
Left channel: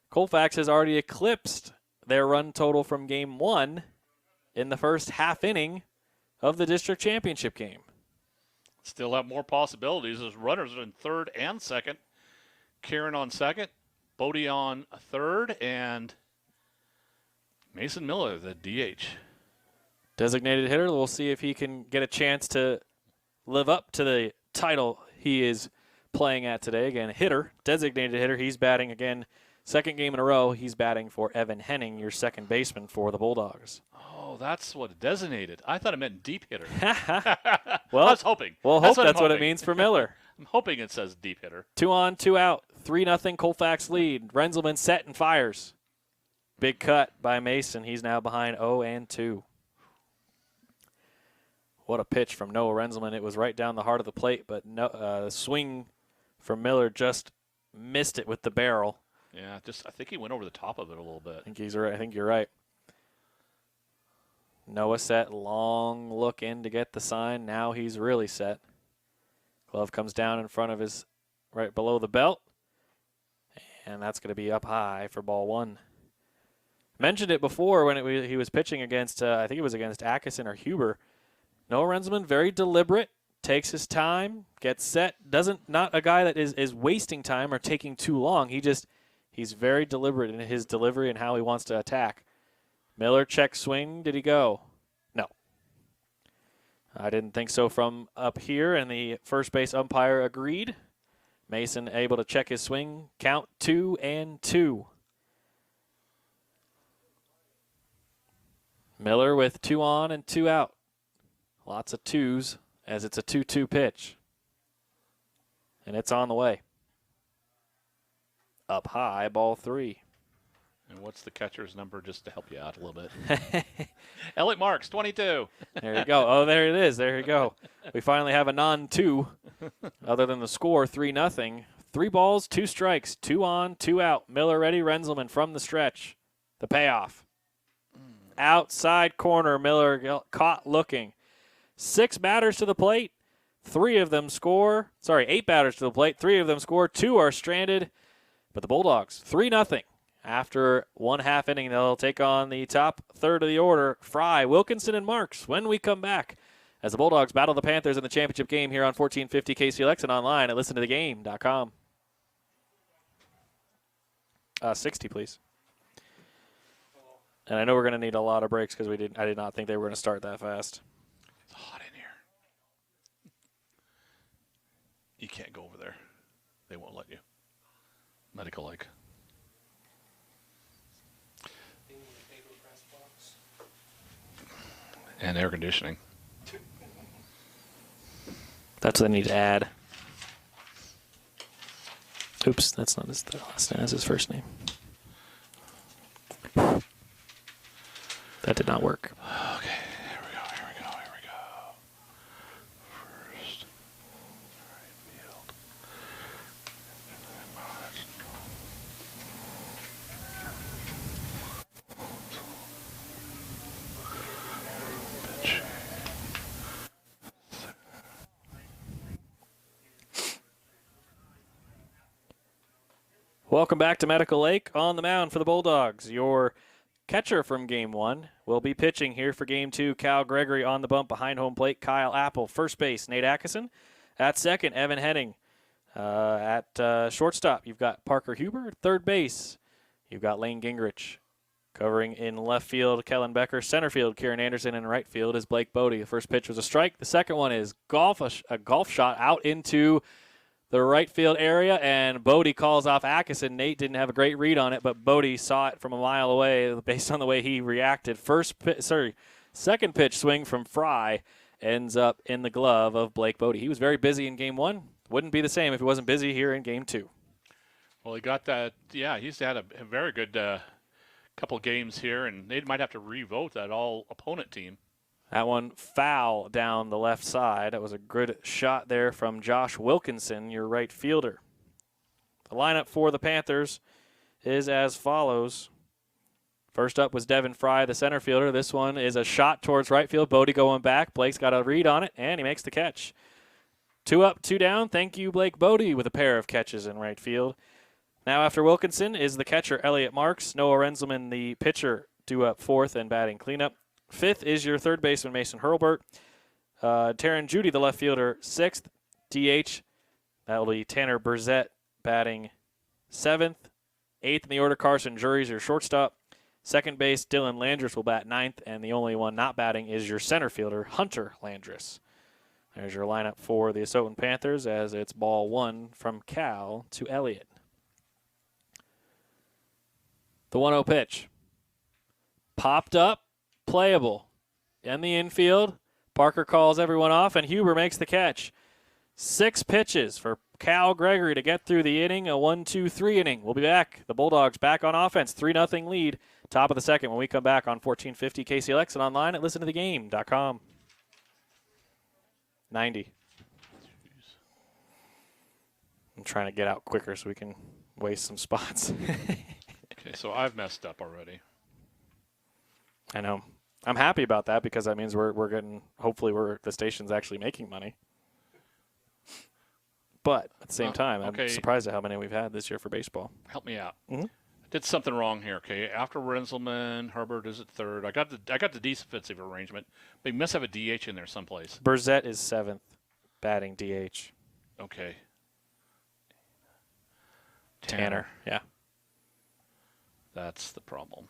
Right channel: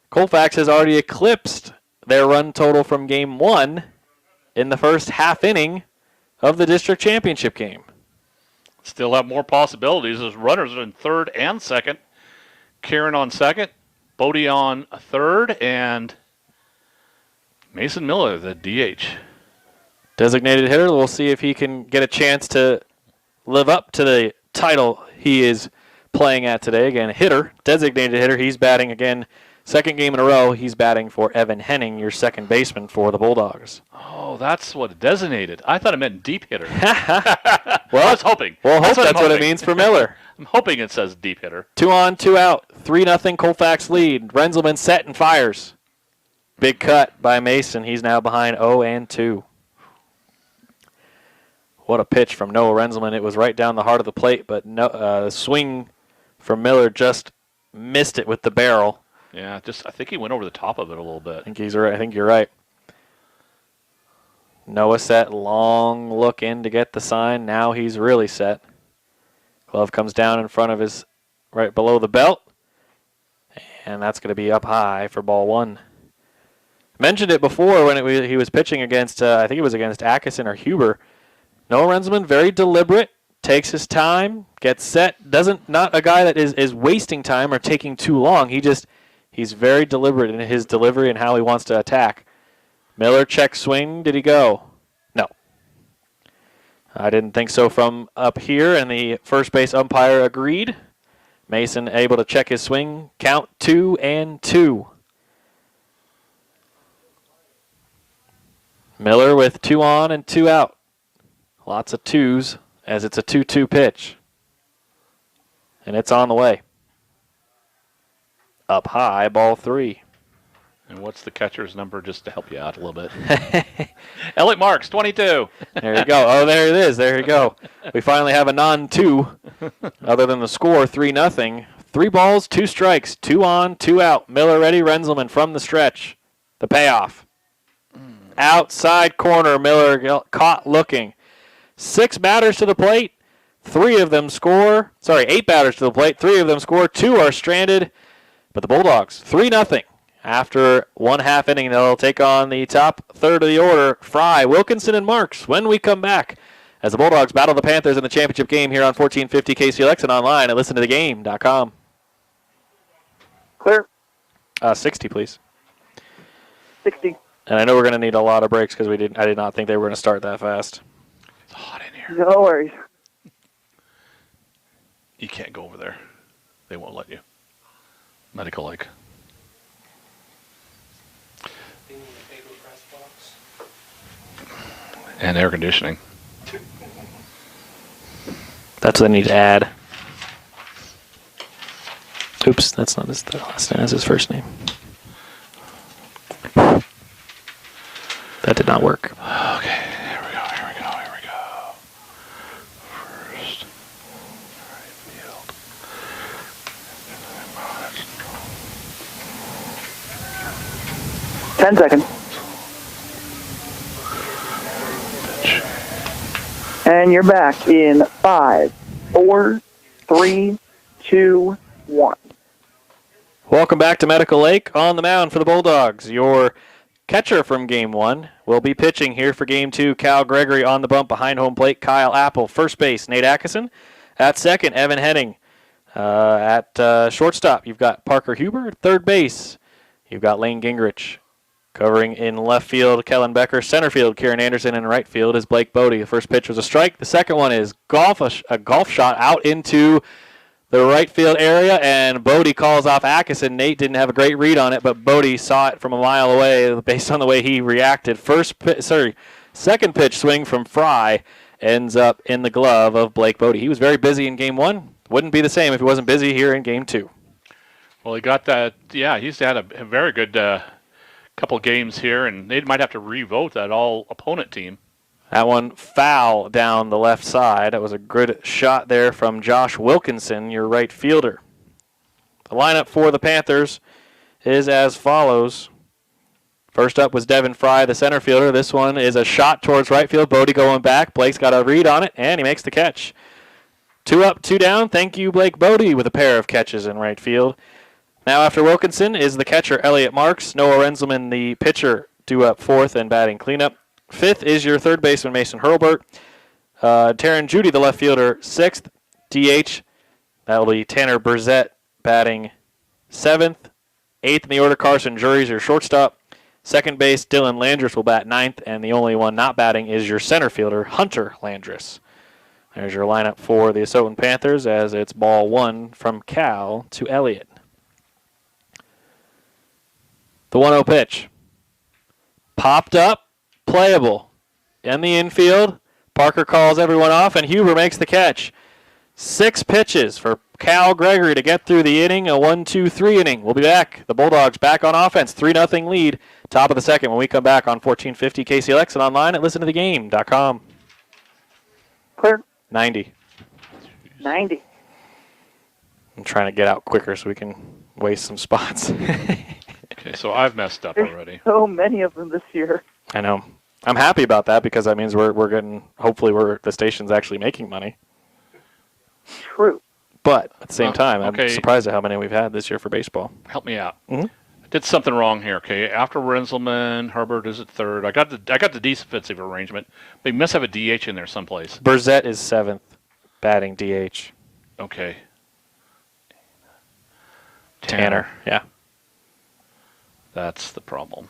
Colfax has already eclipsed their run total from game 1 in the first half inning of the district championship game. Still have more possibilities as runners are in third and second. Kieran on second, Bodie on third, and Mason Miller, the DH. Designated hitter. We'll see if he can get a chance to live up to the title he is playing at today. Again, hitter, designated hitter. He's batting again. Second game in a row, he's batting for Evan Henning, your second baseman for the Bulldogs. Oh, that's what it designated. I thought it meant deep hitter. Well, I was hoping. Well, that's what it means for Miller. I'm hoping it says deep hitter. 2 on, 2 out. 3-0 Colfax lead. Renzelman set and fires. Big cut by Mason. He's now behind 0-2. What a pitch from Noah Renzelman. It was right down the heart of the plate, but the swing from Miller just missed it with the barrel. Yeah, I think he went over the top of it a little bit. I think he's right. I think you're right. Noah set, long look in to get the sign. Now he's really set. Glove comes down in front of his, right below the belt. And that's going to be up high for ball 1. Mentioned it before when he was pitching against, I think it was against Atkinson or Huber. Noah Renzelman, very deliberate, takes his time, gets set. Not a guy that is wasting time or taking too long. He's very deliberate in his delivery and how he wants to attack. Miller check swing. Did he go? No. I didn't think so from up here, and the first base umpire agreed. Mason able to check his swing. Count 2-2. Miller with 2 on and 2 out. Lots of 2s as it's a 2-2 pitch. And it's on the way. Up high, ball 3. And what's the catcher's number just to help you out a little bit? Elliot Marks, 22. There you go. Oh, there it is. There you go. We finally have a non-2 other than the score, 3-0. 3 balls, 2 strikes, 2 on, 2 out. Miller ready, Renzelman from the stretch. The payoff. Outside corner, Miller caught looking. 6 batters to the plate. 3 of them score. 8 batters to the plate. 3 of them score. 2 are stranded. But the Bulldogs, 3-0. After 1 half inning, they'll take on the top third of the order, Fry, Wilkinson, and Marks, when we come back as the Bulldogs battle the Panthers in the championship game here on 1450 KCLX and online at listentothegame.com. Clear. 60, please. 60. And I know we're going to need a lot of breaks because I did not think they were going to start that fast. It's hot in here. No worries. You can't go over there. They won't let you. Medical like. And air conditioning. That's what I need to add. Oops, that's not his last name. That's his first name. That did not work. Okay, here we go. First, right field. 10 seconds. And you're back in 5, 4, 3, 2, 1. Welcome back to Medical Lake. On the mound for the Bulldogs, your catcher from Game 1 will be pitching here for Game 2. Cal Gregory on the bump behind home plate. Kyle Apple, first base. Nate Atkinson at second. Evan Henning at shortstop. You've got Parker Huber at third base. You've got Lane Gingrich covering in left field. Kellen Becker, center field. Kieran Anderson in right field is Blake Bodie. The first pitch was a strike. The second one is a golf shot out into the right field area, and Bodie calls off Atkinson. Nate didn't have a great read on it, but Bodie saw it from a mile away based on the way he reacted. Second pitch swing from Fry ends up in the glove of Blake Bodie. He was very busy in Game 1. Wouldn't be the same if he wasn't busy here in Game 2. Well, he got that. Yeah, he's had a very good couple games here, and they might have to re-vote that all-opponent team. That one foul down the left side. That was a good shot there from Josh Wilkinson, your right fielder. The lineup for the Panthers is as follows. First up was Devin Fry, the center fielder. This one is a shot towards right field. Bodie going back. Blake's got a read on it, and he makes the catch. 2 up, 2 down. Thank you, Blake Bodie, with a pair of catches in right field. Now after Wilkinson is the catcher, Elliot Marks. Noah Renzelman, the pitcher, 2 up, 4th, and batting cleanup. 5th is your third baseman, Mason Hurlbert. Taryn Judy, the left fielder, 6th. DH, that'll be Tanner Burzett batting 7th. 8th in the order, Carson Jury's your shortstop. Second base, Dylan Landris will bat 9th, and the only one not batting is your center fielder, Hunter Landris. There's your lineup for the Asotan Panthers as it's ball 1 from Cal to Elliott. The 1-0 pitch. Popped up. Playable. In the infield, Parker calls everyone off, and Huber makes the catch. 6 pitches for Cal Gregory to get through the inning, a 1-2-3 inning. We'll be back. The Bulldogs back on offense, 3-0 lead. Top of the second when we come back on 1450 KCLX and online at listentothegame.com. Clear. 90. 90. I'm trying to get out quicker so we can waste some spots. Okay, so I've messed up already. So many of them this year. I know. I'm happy about that because that means we're getting, hopefully the station's actually making money. True. But at the same time, okay. I'm surprised at how many we've had this year for baseball. Help me out. Mhm. I did something wrong here. Okay, after Renzelman, Herbert is at third. I got the defensive arrangement, but you must have a DH in there someplace. Burzett is 7th, batting DH. Okay. Tanner, yeah. That's the problem.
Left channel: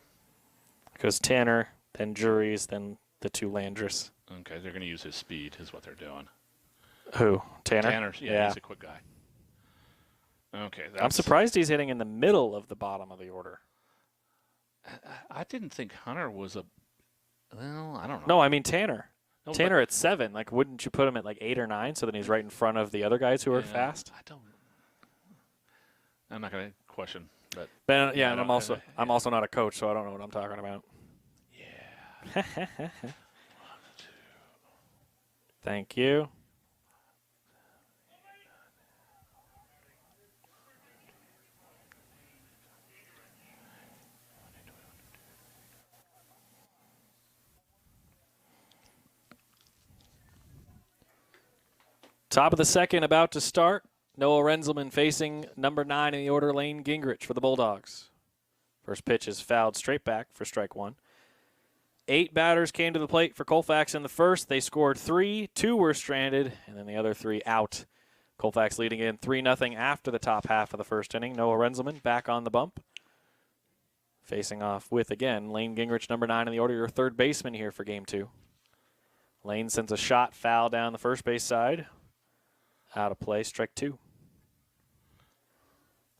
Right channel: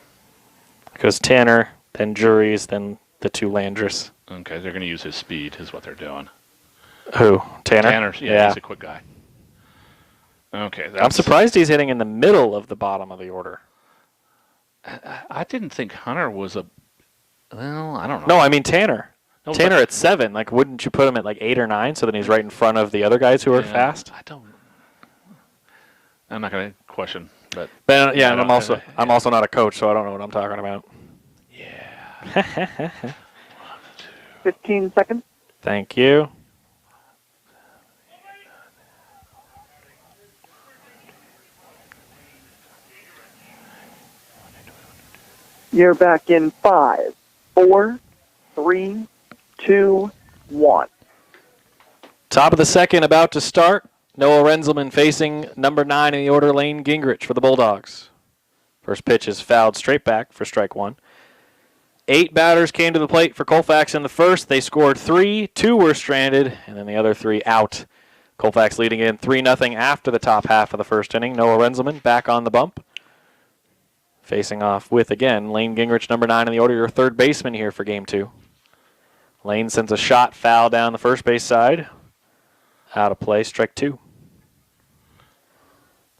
It goes Tanner, then Juries, then the 2 Landris. Okay, they're going to use his speed, is what they're doing. Who? Tanner? Tanner, yeah, he's a quick guy. Okay. I'm surprised he's hitting in the middle of the bottom of the order. I didn't think Hunter was a... Well, I don't know. No, I mean Tanner. No, Tanner but- at 7. Like, wouldn't you put him at like 8 or 9 so then he's right in front of the other guys who are Yeah, fast? I'm not going to question, but... But, yeah, I and I'm don't- also not a coach, so I don't know what I'm talking about. Yeah. 15 seconds. Thank you. You're back in 5, 4, 3, 2, 1. Top of the second about to start. Noah Renzelman facing number 9 in the order, Lane Gingrich for the Bulldogs. First pitch is fouled straight back for strike 1. 8 batters came to the plate for Colfax in the first. They scored 3, 2 were stranded, and then the other 3 out. Colfax leading in 3-0 after the top half of the first inning. Noah Renzelman back on the bump. Facing off with, again, Lane Gingrich, number 9 in the order, your third baseman here for Game 2. Lane sends a shot foul down the first base side. Out of play, strike 2.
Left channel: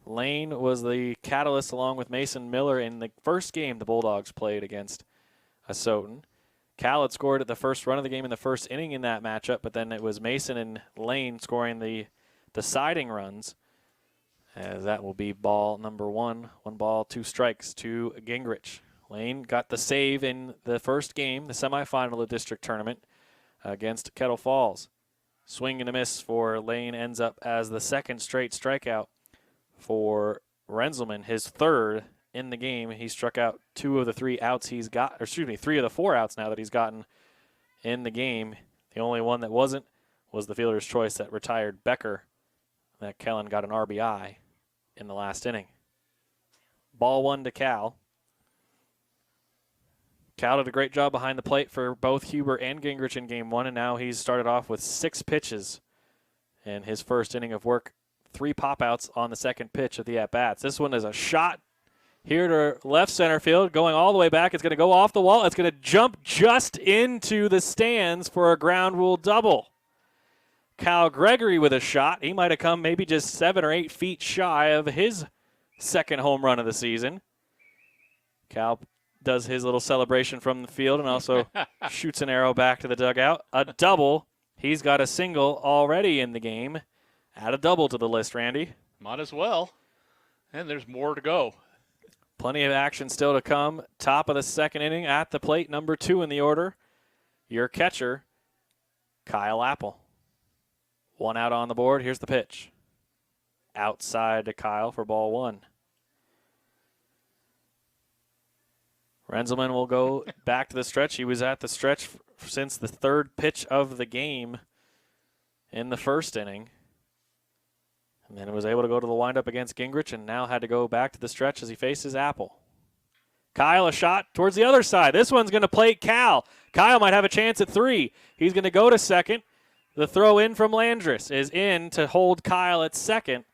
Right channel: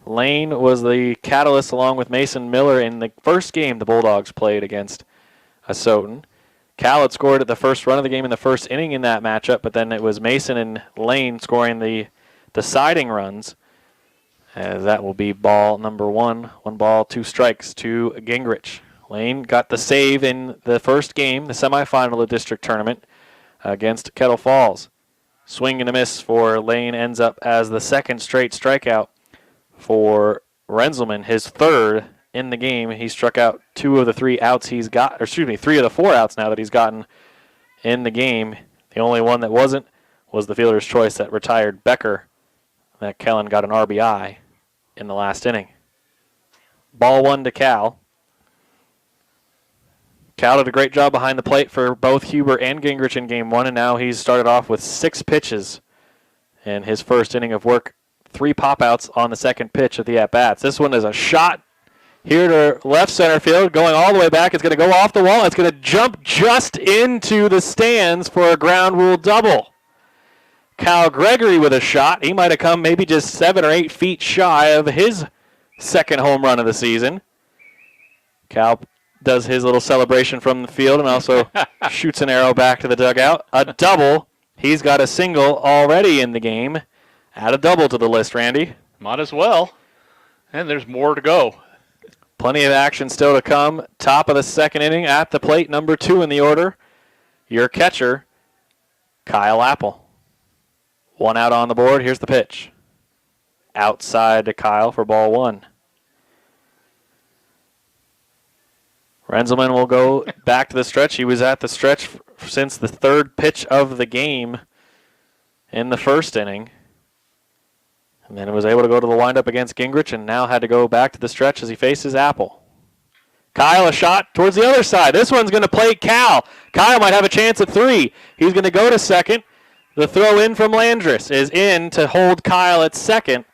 Lane was the catalyst along with Mason Miller in the first game the Bulldogs played against Asotan. Cal had scored at the first run of the game in the first inning in that matchup, but then it was Mason and Lane scoring the deciding runs. As that will be ball number 1. 1 ball, 2 strikes to Gingrich. Lane got the save in the first game, the semifinal of the district tournament against Kettle Falls. Swing and a miss for Lane ends up as the second straight strikeout for Renzelman, his third in the game. He struck out 2 of the 3 outs he's got, or excuse me, 3 of the 4 outs now that he's gotten in the game. The only one that wasn't was the fielder's choice that retired Becker, that Kellen got an RBI in the last inning. Ball 1 to Cal. Cal did a great job behind the plate for both Huber and Gingrich in game 1, and now he's started off with 6 pitches in his first inning of work. 3 pop-outs on the second pitch of the at-bats. This one is a shot here to left center field, going all the way back. It's going to go off the wall. It's going to jump just into the stands for a ground rule double. Cal Gregory with a shot. He might have come maybe just 7 or 8 feet shy of his second home run of the season. Cal does his little celebration from the field and also shoots an arrow back to the dugout. A double. He's got a single already in the game. Add a double to the list, Randy. Might as well. And there's more to go. Plenty of action still to come. Top of the second inning at the plate, number 2 in the order. Your catcher, Kyle Apple. 1 out on the board. Here's the pitch. Outside to Kyle for ball 1. Renzelman will go back to the stretch. He was at the stretch since the 3rd pitch of the game in the first inning. And then was able to go to the windup against Gingrich and now had to go back to the stretch as he faces Apple. Kyle, a shot towards the other side. This one's going to play Cal. Kyle might have a chance at 3. He's going to go to second. The throw in from Landris is in to hold Kyle at second.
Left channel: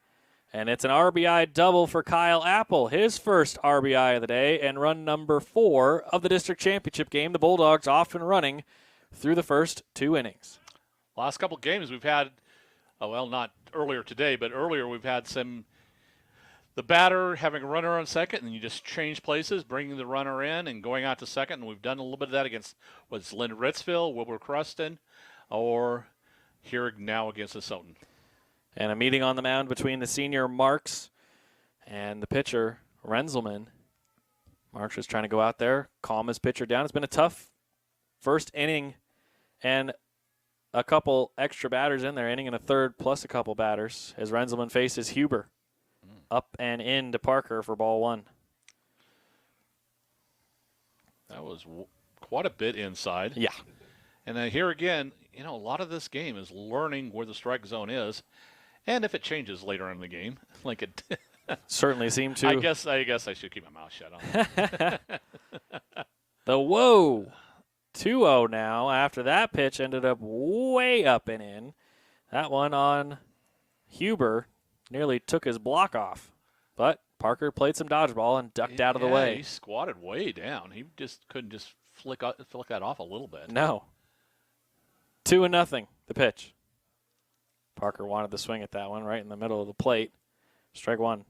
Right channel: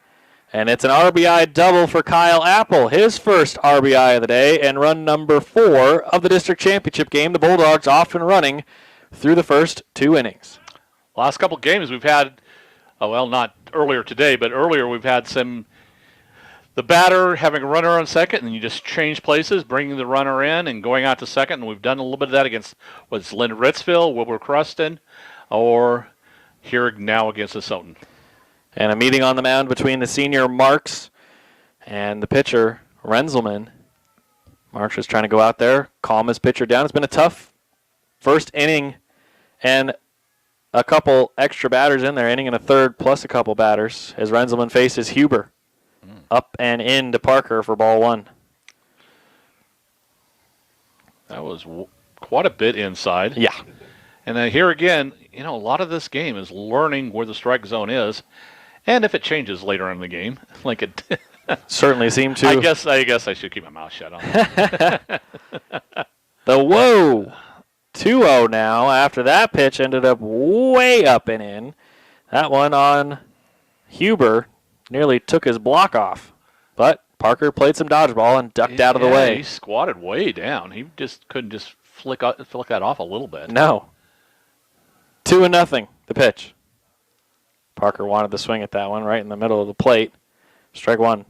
And it's an RBI double for Kyle Apple, his first RBI of the day, and run number 4 of the district championship game. The Bulldogs off and running through the first 2 innings. Last couple games we've had, well, not earlier today, but earlier we've had the batter having a runner on second, and you just change places, bringing the runner in and going out to second. And we've done a little bit of that against Lynn Ritzville, Wilbur Cruston, or here now against the Soton. And a meeting on the mound between the senior Marks and the pitcher Renzelman. Marks is trying to go out there, calm his pitcher down. It's been a tough first inning and a couple extra batters in there, inning and a third plus a couple batters as Renzelman faces Huber. Up and in to Parker for ball 1. That was quite a bit inside. Yeah. And then here again, a lot of this game is learning where the strike zone is. And if it changes later in the game, like it certainly seemed to. I guess I should keep my mouth shut on that. The whoa. 2-0 now after that pitch ended up way up and in. That one on Huber nearly took his block off. But Parker played some dodgeball and ducked out of the way. He squatted way down. He just couldn't just flick that off a little bit. No. 2-0, the pitch. Parker wanted to swing at that one right in the middle of the plate. Strike 1.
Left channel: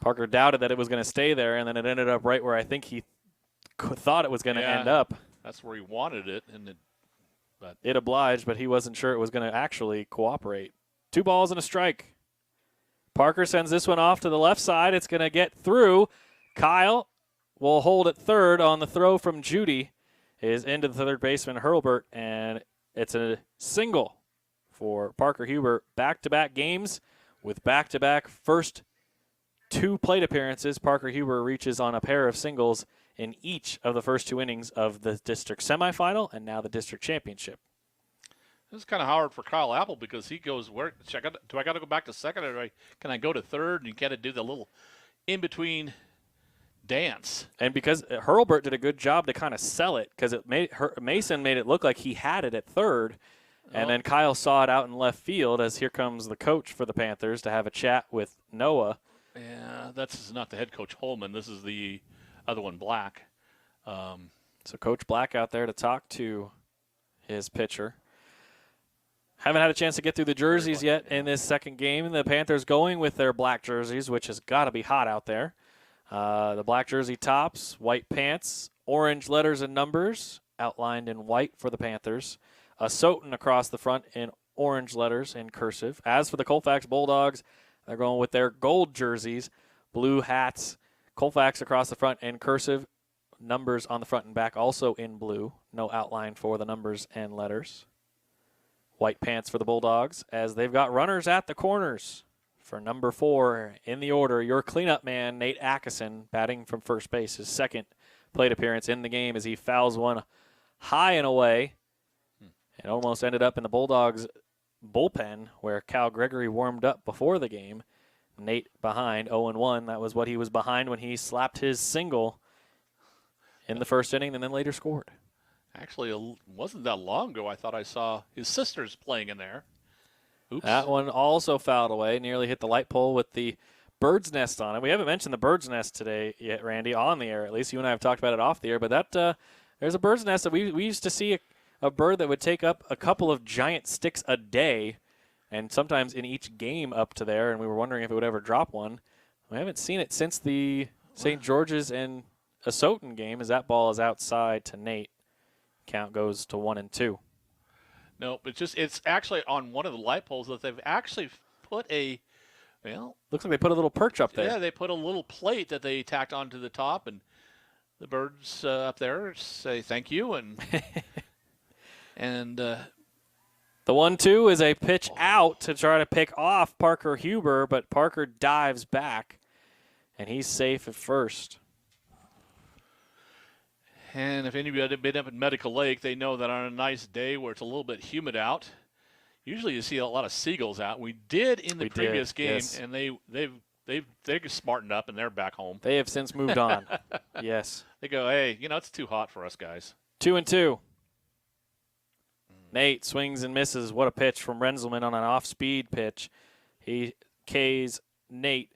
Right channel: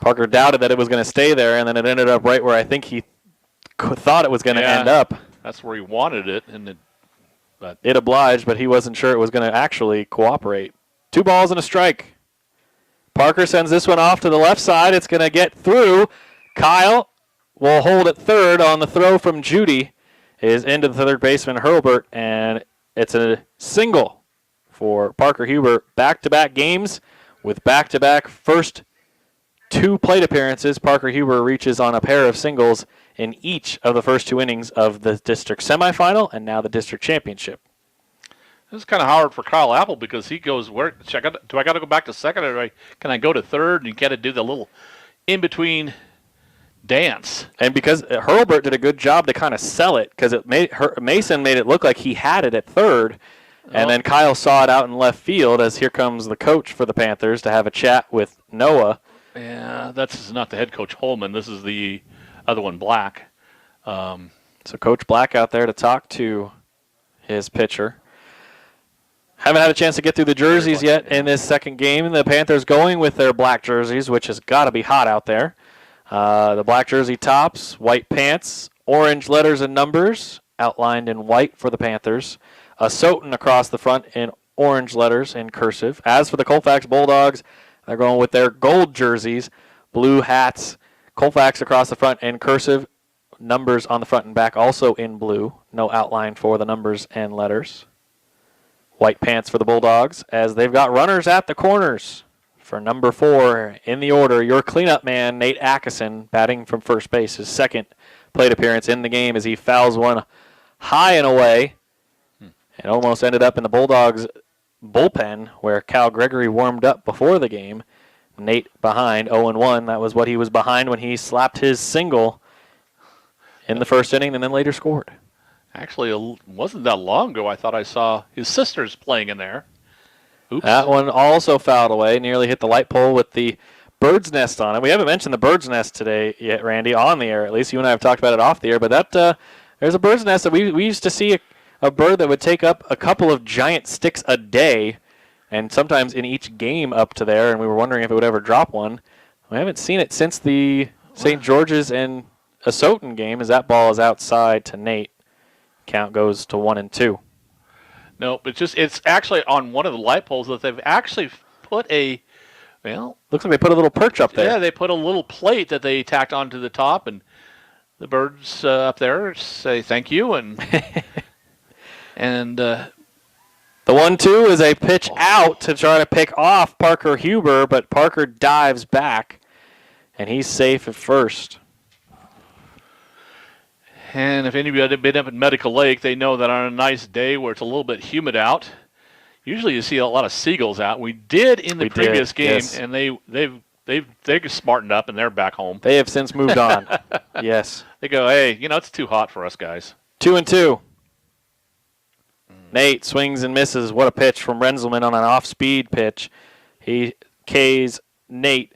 Parker doubted that it was going to stay there, and then it ended up right where I think he thought it was going to end up. That's where he wanted it, and it obliged, but he wasn't sure it was going to actually cooperate. 2 balls and a strike. Parker sends this one off to the left side. It's going to get through. Kyle will hold at third on the throw from Judy. Is into the third baseman Hurlbert, and it's a single for Parker Huber. Back-to-back games with back-to-back first 2 plate appearances. Parker Huber reaches on a pair of singles in each of the first 2 innings of the district semifinal and now the district championship. This is kind of hard for Kyle Apple because he goes, do I got to go back to second, or can I go to third? And you got to do the little in-between dance. And because Hurlbert did a good job to kind of sell it, because Mason made it look like he had it at third, and then Kyle saw it out in left field as here comes the coach for the Panthers to have a chat with Noah. Yeah, that's not the head coach Holman. This is the other one, Black. So Coach Black out there to talk to his pitcher. Haven't had a chance to get through the jerseys yet in this second game. The Panthers going with their black jerseys, which has got to be hot out there. The black jersey tops, white pants, orange letters and numbers outlined in white for the Panthers. A Soton across the front in orange letters in cursive. As for the Colfax Bulldogs, they're going with their gold jerseys, blue hats, Colfax across the front in cursive, numbers on the front and back also in blue. No outline for the numbers and letters. White pants for the Bulldogs as they've got runners at the corners. For number 4 in the order, your cleanup man, Nate Atkinson, batting from first base, his second plate appearance in the game as he fouls one high and away. It almost ended up in the Bulldogs' bullpen where Cal Gregory warmed up before the game. Nate behind 0-1. That was what he was behind when he slapped his single in the first inning and then later scored. Actually, it wasn't that long ago I thought I saw his sisters playing in there. Oops. That one also fouled away, nearly hit the light pole with the bird's nest on it. We haven't mentioned the bird's nest today yet, Randy, on the air at least. You and I have talked about it off the air, but that there's a bird's nest that we used to see a bird that would take up a couple of giant sticks a day, and sometimes in each game up to there, and we were wondering if it would ever drop one. We haven't seen it since the St. George's and Asotin game, as that ball is outside to Nate. Count goes to 1-2. No, it's actually on one of the light poles that they've actually put looks like they put a little perch up there. Yeah, they put a little plate that they tacked onto the top, and the birds up there say thank you, and the 1-2 is a pitch out to try to pick off Parker Huber, but Parker dives back, and he's safe at first. And if anybody had been up at Medical Lake, they know that on a nice day where it's a little bit humid out, usually you see a lot of seagulls out. We did in the previous game, yes. And they've smartened up and they're back home. They have since moved on. Yes. They go, hey, it's too hot for us guys. 2-2. Nate swings and misses. What a pitch from Renzelman on an off-speed pitch. He K's Nate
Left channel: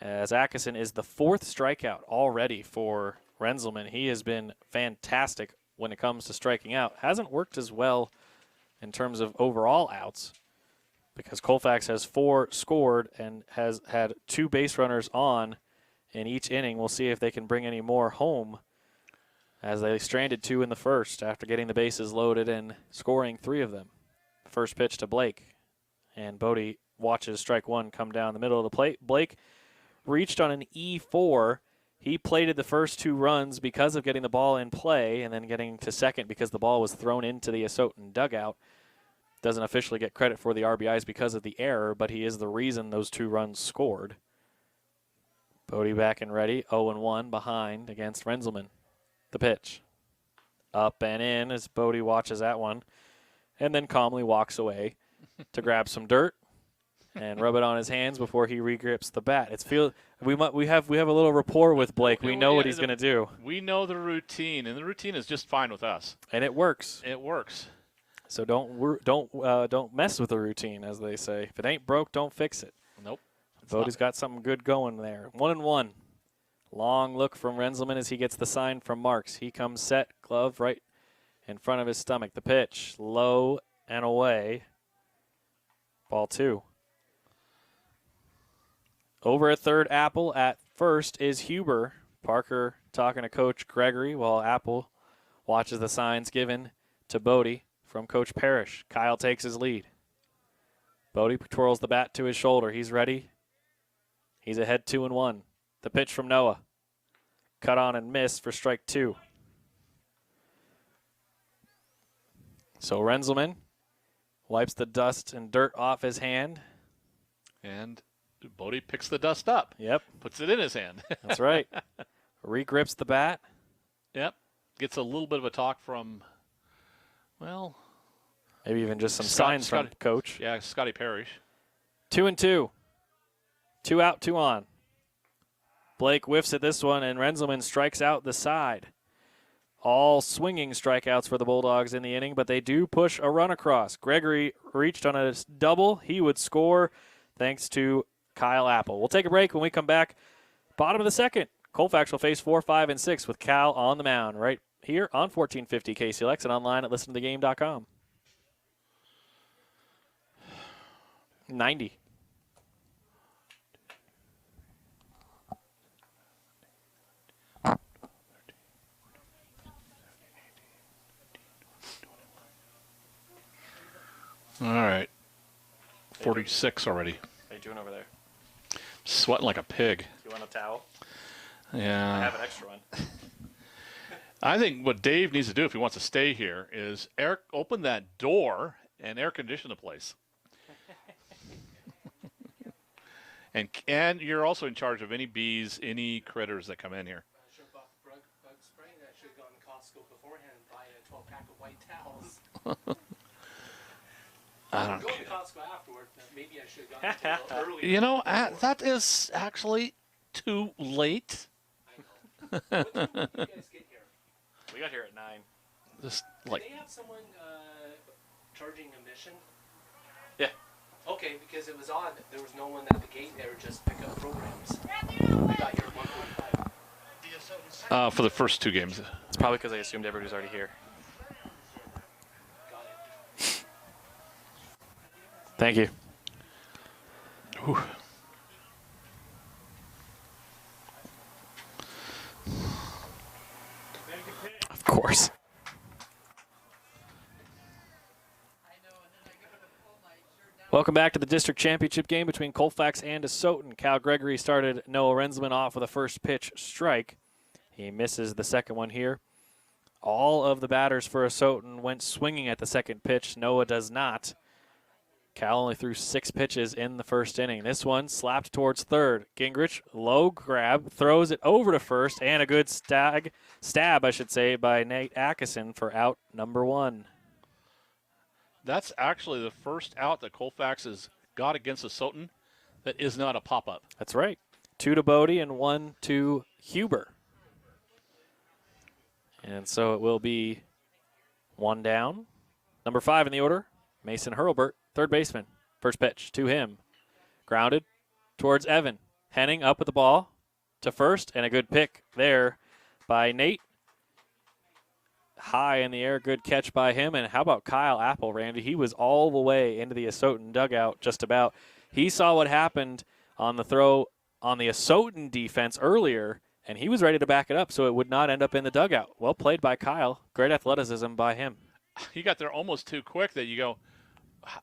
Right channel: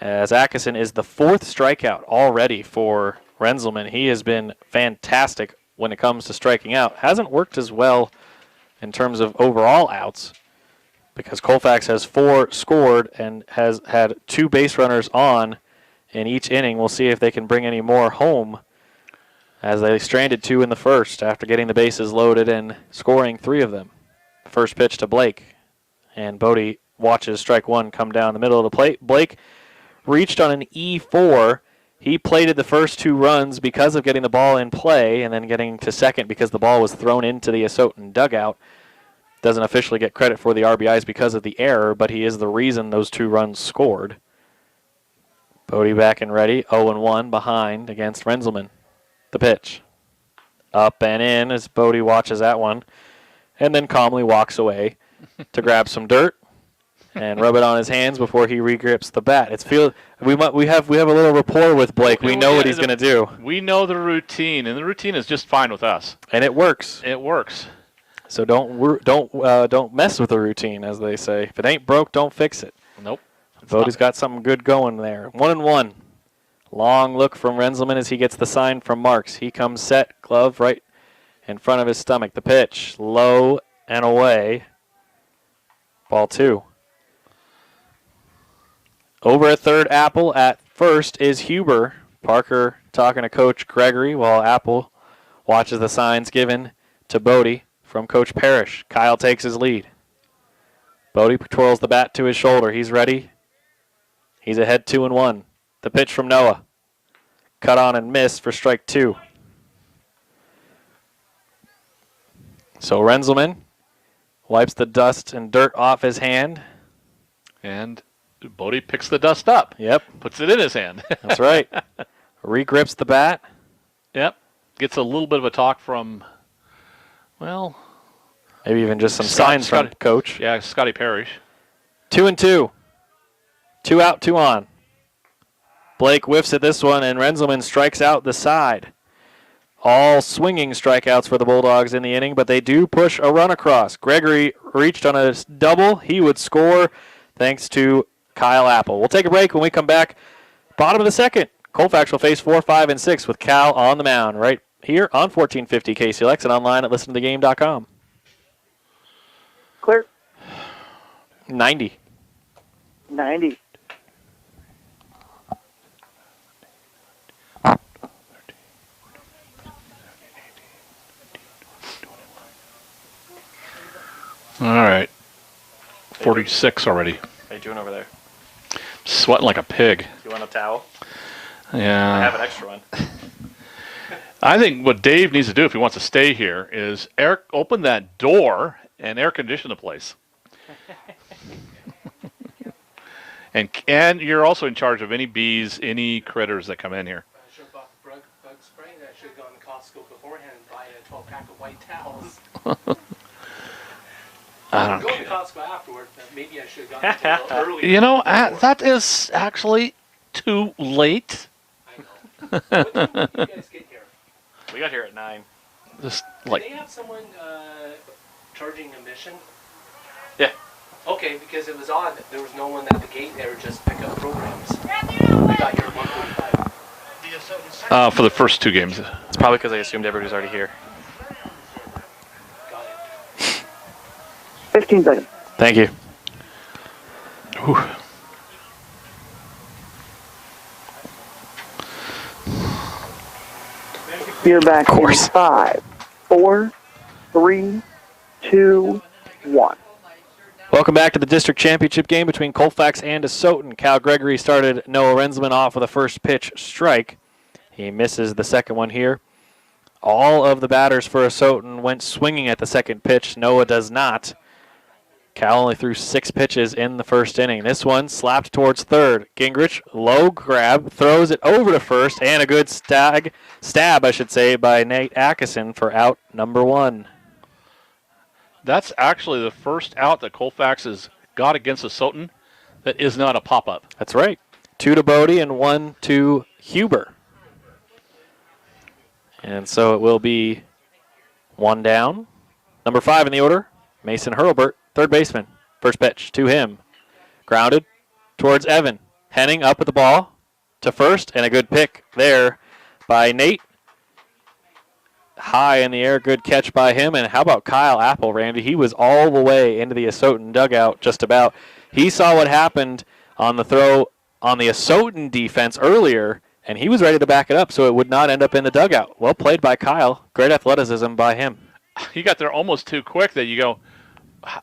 as Atkinson is the 4th strikeout already for Renzelman. He has been fantastic when it comes to striking out. Hasn't worked as well in terms of overall outs because Colfax has 4 scored and has had 2 base runners on in each inning. We'll see if they can bring any more home as they stranded 2 in the first after getting the bases loaded and scoring 3 of them. First pitch to Blake, and Bodie watches strike 1 come down the middle of the plate. Blake reached on an E4. He plated the first 2 runs because of getting the ball in play and then getting to second because the ball was thrown into the Asotin dugout. Doesn't officially get credit for the RBIs because of the error, but he is the reason those 2 runs scored. Bodie back and ready, 0-1 behind against Renzelman. The pitch. Up and in as Bodie watches that one and then calmly walks away to grab some dirt and rub it on his hands before he regrips the bat. We have a little rapport with Blake. We know what he's going to do. We know the routine, and the routine is just fine with us. And it works. It works. So don't mess with the routine, as they say. If it ain't broke, don't fix it. Nope. Bodie's got something good going there. 1-1. Long look from Renzelman as he gets the sign from Marks. He comes set, glove right in front of his stomach. The pitch, low and away. Ball 2. Over at third, Apple. At first is Huber. Parker talking to Coach Gregory while Apple watches the signs given to Bodie from Coach Parrish. Kyle takes his lead. Bodie twirls the bat to his shoulder. He's ready. He's ahead 2-1. The pitch from Noah. Cut on and missed for strike 2. So Renzelman wipes the dust and dirt off his hand. And Bodie picks the dust up. Yep. Puts it in his hand. That's right. Regrips the bat. Yep. Gets a little bit of a talk from, maybe even just some signs from Coach. Yeah, Scotty Parrish. 2-2. 2 out, 2 on. Blake whiffs at this one, and Renzelman strikes out the side. All swinging strikeouts for the Bulldogs in the inning, but they do push a run across. Gregory reached on a double. He would score thanks to Kyle Apple. We'll take a break. When we come back, bottom of the second, Colfax will face 4, 5, and 6 with Cal on the mound right here on 1450 KCLX and online at listentothegame.com. Clear. 90. 90. All right. 46 already. How you doing over there? Sweating like a pig. You want a towel? Yeah. I have an extra one. I think what Dave needs to do if he wants to stay here is open that door and air condition the place. and you're also in charge of any bees, any critters that come in here. I should have bought bug spray. I should have gone to Costco beforehand and buy a 12-pack of white towels. I don't Go to care. Costco afterward, but maybe I should have gone a little earlier. You know, that is actually too late. I know. What time did you guys get here? We got here at 9. Just Did like they have someone charging admission? Yeah. Okay, because it was odd. There was no one at the gate there just pick up programs. We got here at 1:45. for the first 2 games. It's probably because I assumed everybody was already here. Got it. 15 seconds. Thank you. Whew. You're back Of course. in 5, 4, 3, 2, 1. Welcome back to the district championship game between Colfax and Asotin. Cal Gregory started Noah Rensman off with a first pitch strike. He misses the second one here. All of the batters for Asotin went swinging at the second pitch. Noah does not. Cal only threw 6 pitches in the first inning. This one slapped towards third. Gingrich, low grab, throws it over to first, and a good stab, by Nate Atkinson for out number 1. That's actually the first out that Colfax has got against Asotin that is not a pop-up. That's right. 2 to Bodie and 1 to Huber. And so it will be 1 down. Number 5 in the order, Mason Hurlbert, third baseman. First pitch to him. Grounded towards Evan. Henning up with the ball to first, and a good pick there by Nate. High in the air, good catch by him. And how about Kyle Apple, Randy? He was all the way into the Asotin dugout just about. He saw what happened on the throw on the Asotin defense earlier, and he was ready to back it up so it would not end up in the dugout. Well played by Kyle. Great athleticism by him. He got there almost too quick that you go,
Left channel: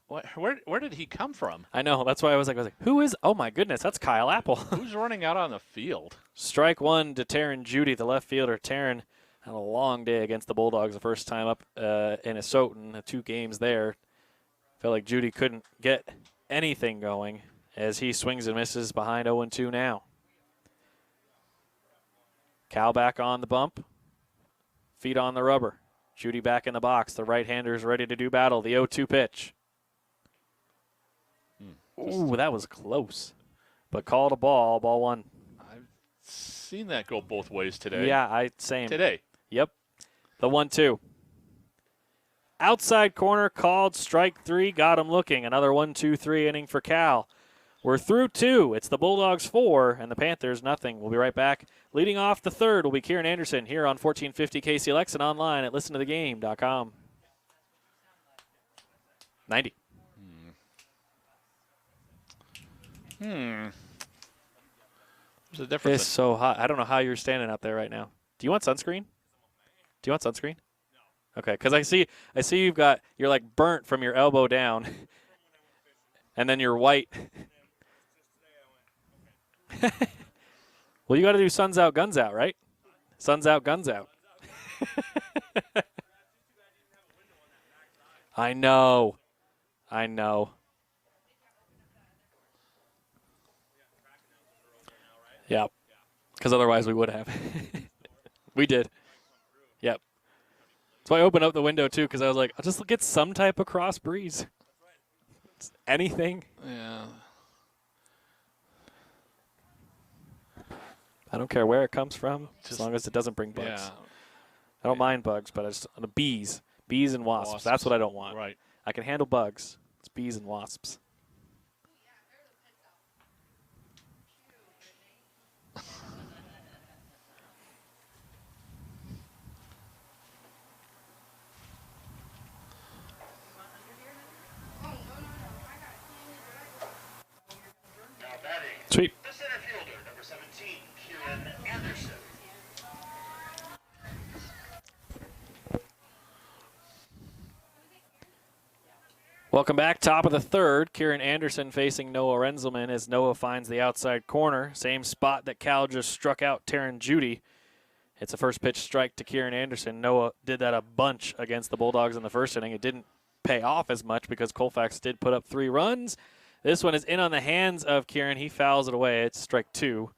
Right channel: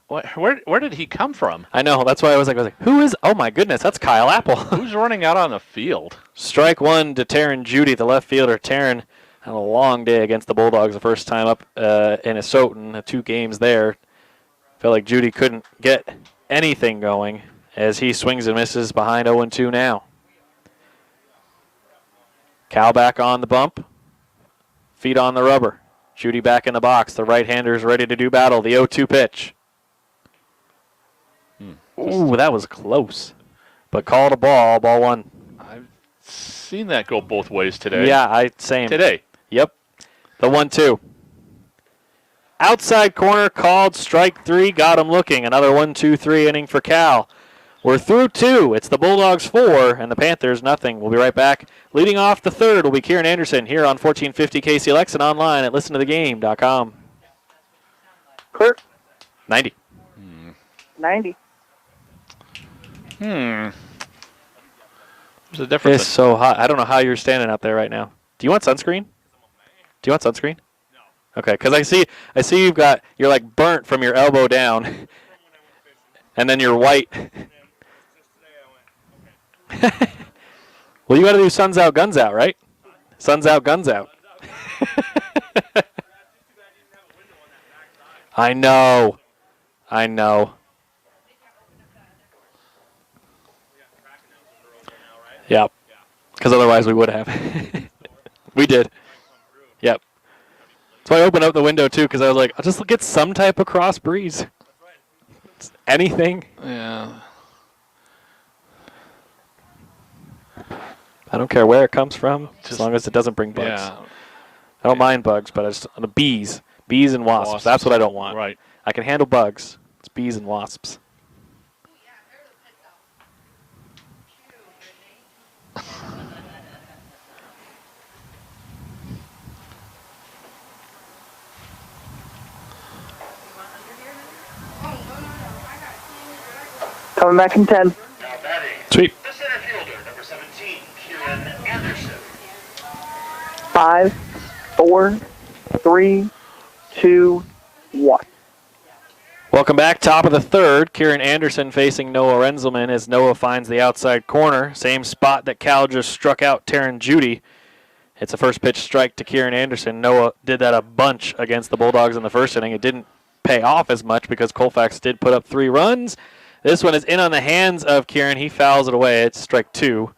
where did he come from? I know. That's why I was like, who is? Oh, my goodness, that's Kyle Apple. Who's running out on the field? Strike 1 to Taryn Judy, the left fielder. Taryn had a long day against the Bulldogs the first time up in Asotin, 2 games there. Felt like Judy couldn't get anything going as he swings and misses behind 0-2 now. Cal back on the bump. Feet on the rubber. Judy back in the box. The right-hander's ready to do battle. The 0-2 pitch. Ooh, that was close. But called a ball. Ball 1. I've seen that go both ways today. Yeah, same. Today. Yep. The 1-2. Outside corner called strike 3. Got him looking. Another 1-2-3 inning for Cal. We're through 2. It's the Bulldogs 4 and the Panthers nothing. We'll be right back. Leading off the third will be Kieran Anderson here on 1450 KCLX and online at listentothegame.com. Kurt, 90. 90. There's a difference. It's so hot. I don't know how you're standing out there right now. Do you want sunscreen? Do you want sunscreen? No. Okay, because I see you're like burnt from your elbow down, and then you're white. Well, you got to do suns out, guns out, right? Suns out, guns out. I know. Yeah, because otherwise we would have. We did. Yep. So I opened up the window too because I was like, I'll just get some type of cross breeze. Anything. Yeah. I don't care where it comes from, as long as it doesn't bring bugs. Yeah. I don't mind bugs, but I just the bees and wasps. That's what I don't want. Right. I can handle bugs. It's bees and wasps. Coming back in 10. Now batting. Sweet. The center fielder, number 17, Kieran Anderson. 5, 4, 3, 2, 1. Welcome back. Top of the third. Kieran Anderson facing Noah Renzelman as Noah finds the outside corner. Same spot that Cal just struck out Taryn Judy. It's a first pitch strike to Kieran Anderson. Noah did that a bunch against the Bulldogs in the first inning. It didn't pay off as much because Colfax did put up 3 runs. This one is in on the hands of Kieran. He fouls it away. It's strike 2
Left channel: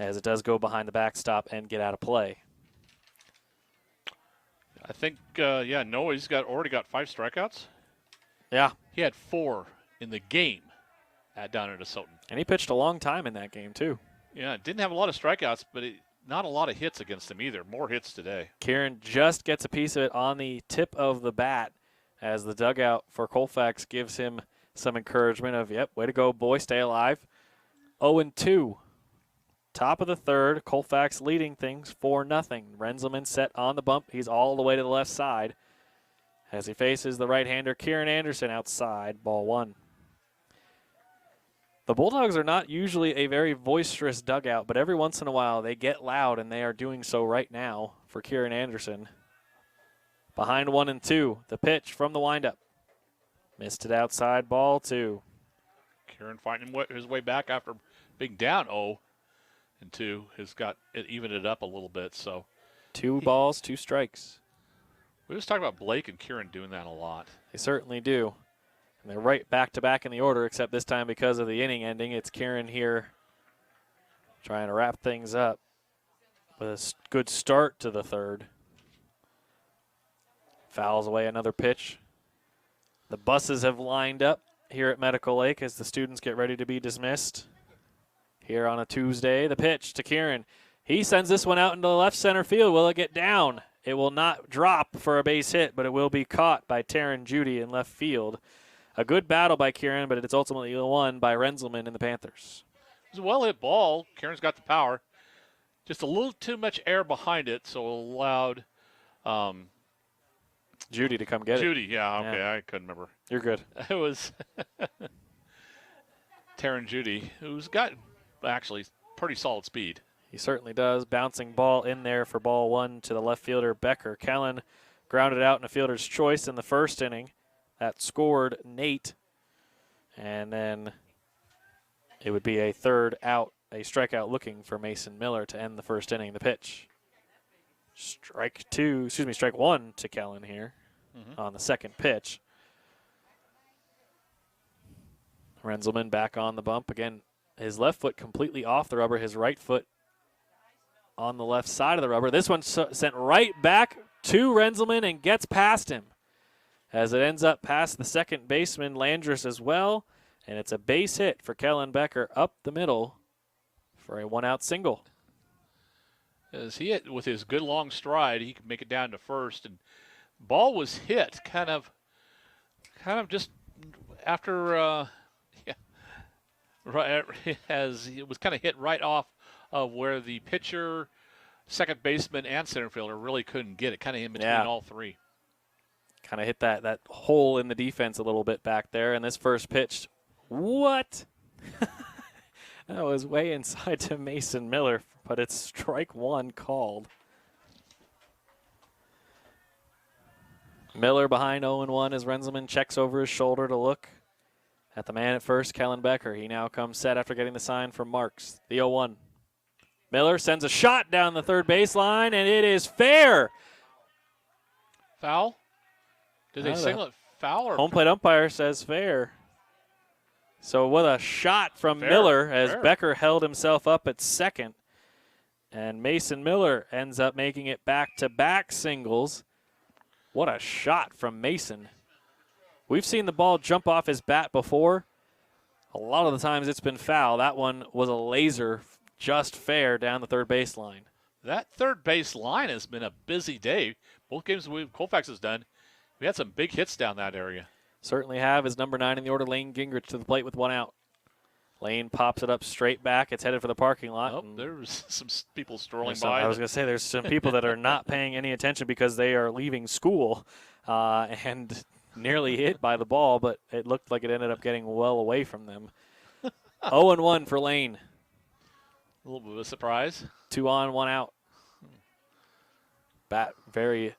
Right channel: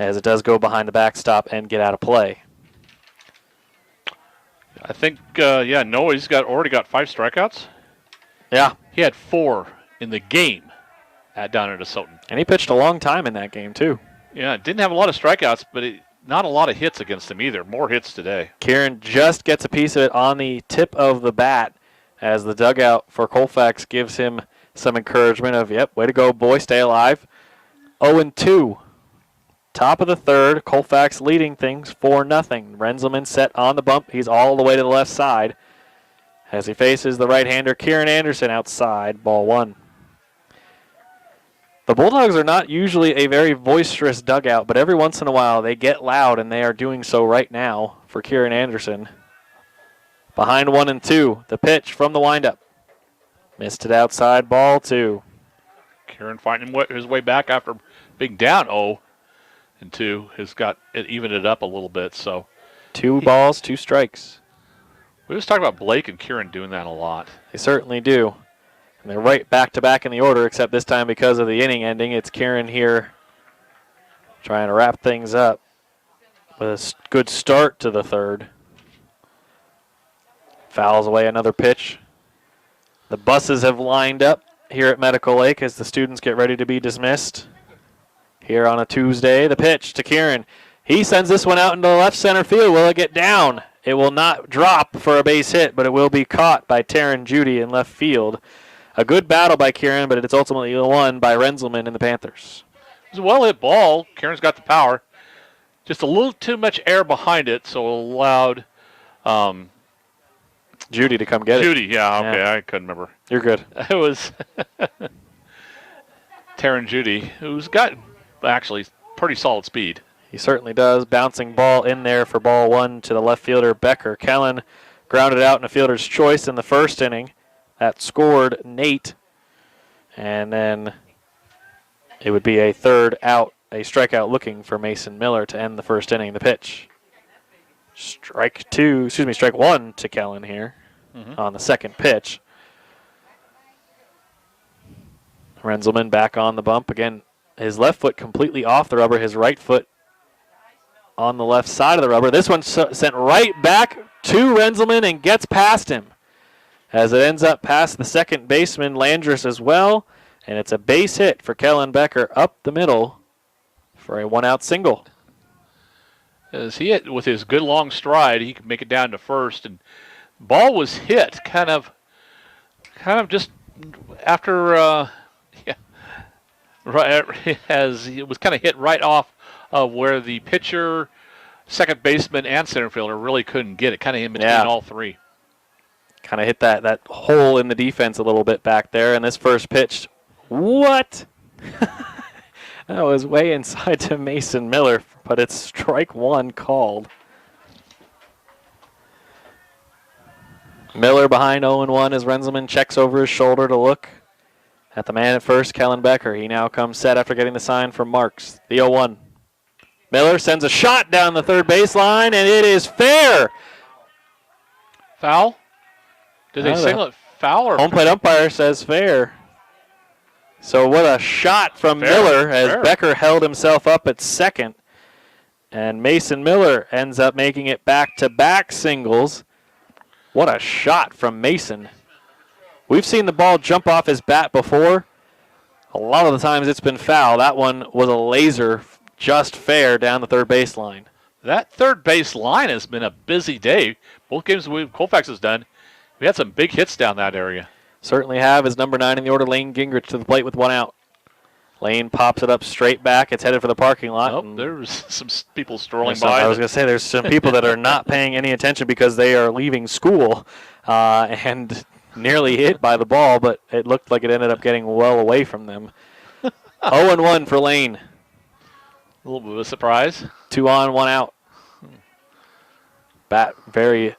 as it does go behind the backstop and get out of play. I think, Noah's already got 5 strikeouts. Yeah. He had 4 in the game down at Asotin. And he pitched a long time in that game, too. Yeah, didn't have a lot of strikeouts, but not a lot of hits against him either. More hits today. Kieran just gets a piece of it on the tip of the bat as the dugout for Colfax gives him some encouragement of, yep, way to go, boy, stay alive. 0-2. Top of the third, Colfax leading things 4-0. Renzelman set on the bump. He's all the way to the left side as he faces the right-hander, Kieran Anderson, outside, ball 1. The Bulldogs are not usually a very boisterous dugout, but every once in a while they get loud, and they are doing so right now for Kieran Anderson. Behind 1-2, the pitch from the windup. Missed it outside, ball 2. Kieran finding his way back after being down 0-2 has got it evened it up a little bit. So 2 balls, 2 strikes. We was talking about Blake and Kieran doing that a lot. They certainly do. And they're right back-to-back in the order, except this time because of the inning ending, it's Kieran here trying to wrap things up with a good start to the third. Fouls away another pitch. The buses have lined up here at Medical Lake as the students get ready to be dismissed. Here on a Tuesday, the pitch to Kieran. He sends this one out into the left center field. Will it get down? It will not drop for a base hit, but it will be caught by Taryn Judy in left field. A good battle by Kieran, but it's ultimately won by Renzelman and the Panthers. It was a well-hit ball. Kieran's got the power. Just a little too much air behind it, so it allowed Judy to come get it. Judy, yeah, okay, I couldn't remember. You're good. It was Taryn Judy, who's got actually pretty solid speed. He certainly does. Bouncing ball in there for ball 1 to the left fielder, Becker. Kellen grounded out in a fielder's choice in the first inning. That scored Nate. And then it would be a third out, a strikeout looking for Mason Miller to end the first inning. The pitch. Strike 1 to Kellen here on the second pitch. Renzelman back on the bump. Again, his left foot completely off the rubber, his right foot on the left side of the rubber. This one sent right back to Renzelman and gets past him as it ends up past the second baseman, Landris, as well. And it's a base hit for Kellen Becker up the middle for a 1-out single. As he hit with his good long stride, he could make it down to first. And ball was hit kind of just after, right as it was kind of hit right off of where the pitcher, second baseman, and center fielder really couldn't get it. Kind of in between all three. Kind of hit that hole in the defense a little bit back there. And this first pitch, what? That was way inside to Mason Miller, but it's strike 1 called. Miller behind 0-1 as Renzelman checks over his shoulder to look at the man at first, Kellen Becker. He now comes set after getting the sign from Marks. The 0-1. Miller sends a shot down the third baseline, and it is fair. Foul? Did they signal it foul? Or home plate umpire says fair. So what a shot from Miller as Becker held himself up at second. And Mason Miller ends up making it back-to-back singles. What a shot from Mason. We've seen the ball jump off his bat before. A lot of the times it's been foul. That one was a laser, just fair down the third baseline. That third base line has been a busy day. Both games Colfax has done, we had some big hits down that area. Certainly have. As number 9 in the order, Lane Gingrich to the plate with 1 out. Lane pops it up straight back. It's headed for the parking lot. Oh, there's some people strolling by. I was going to say there's some people that are not paying any attention because they are leaving school and nearly hit by the ball, but it looked like it ended up getting well away from them. 0-1 for Lane. A little bit of a surprise. 2 on, 1 out. Bat very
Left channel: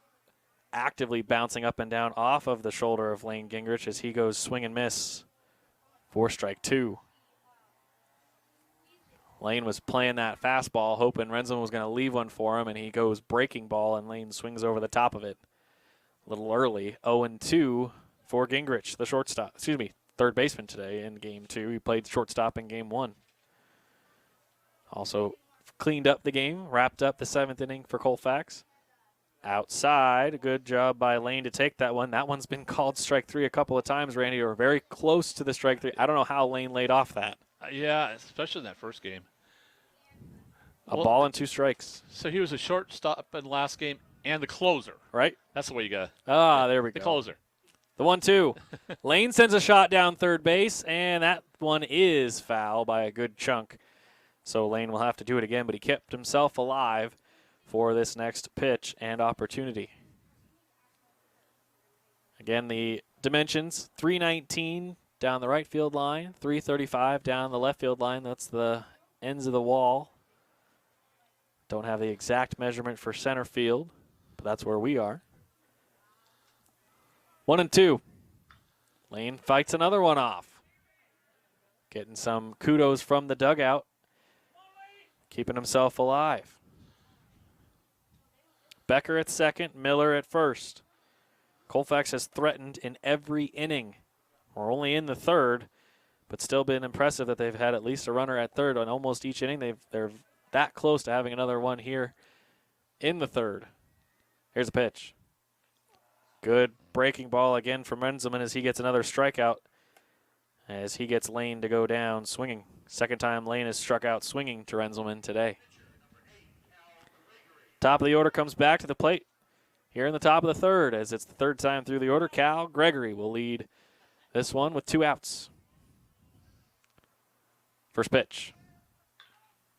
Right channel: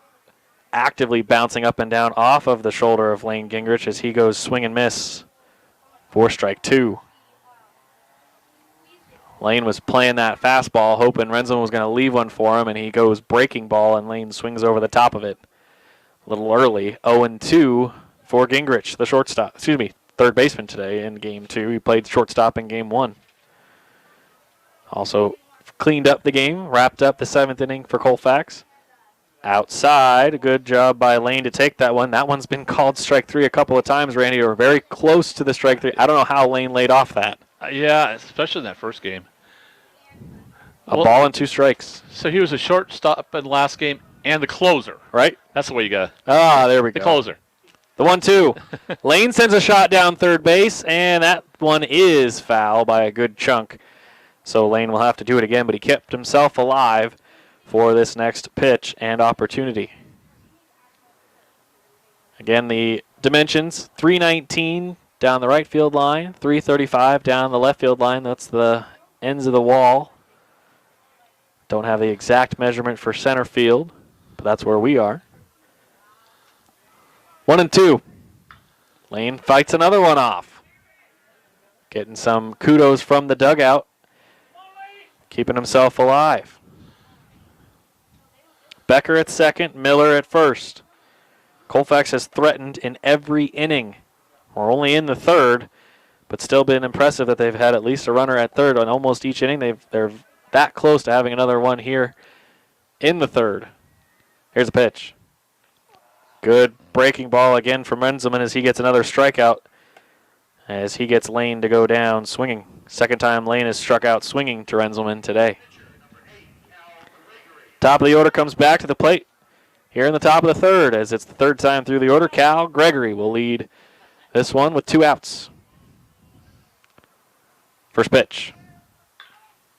actively bouncing up and down off of the shoulder of Lane Gingrich as he goes swing and miss for strike 2. Lane was playing that fastball, hoping Renzelman was going to leave one for him, and he goes breaking ball, and Lane swings over the top of it a little early. 0-2 for Gingrich, the shortstop. Excuse me, third baseman today in Game 2. He played shortstop in Game 1. Also cleaned up the game, wrapped up the 7th inning for Colfax. Outside, good job by Lane to take that one. That one's been called strike 3 a couple of times, Randy. Or very close to the strike 3. I don't know how Lane laid off that. Yeah, especially in that first game. A ball and 2 strikes. So he was a shortstop in the last game and the closer. Right? That's the way you got there we go. the closer. The 1-2. Lane sends a shot down third base, and that one is foul by a good chunk. So Lane will have to do it again, but he kept himself alive for this next pitch and opportunity. Again, the dimensions, 319 down the right field line, 335 down the left field line. That's the ends of the wall. Don't have the exact measurement for center field, but that's where we are. 1-2. Lane fights another one off. Getting some kudos from the dugout. Keeping himself alive. Becker at second, Miller at first. Colfax has threatened in every inning. We're only in the third, but still been impressive that they've had at least a runner at third on almost each inning. They're that close to having another one here in the third. Here's a pitch. Good breaking ball again from Renzelman as he gets another strikeout as he gets Lane to go down swinging. Second time Lane has struck out swinging to Renzelman today. Top of the order comes back to the plate here in the top of the third as it's the third time through the order. Cal Gregory will lead this one with 2 outs. First pitch.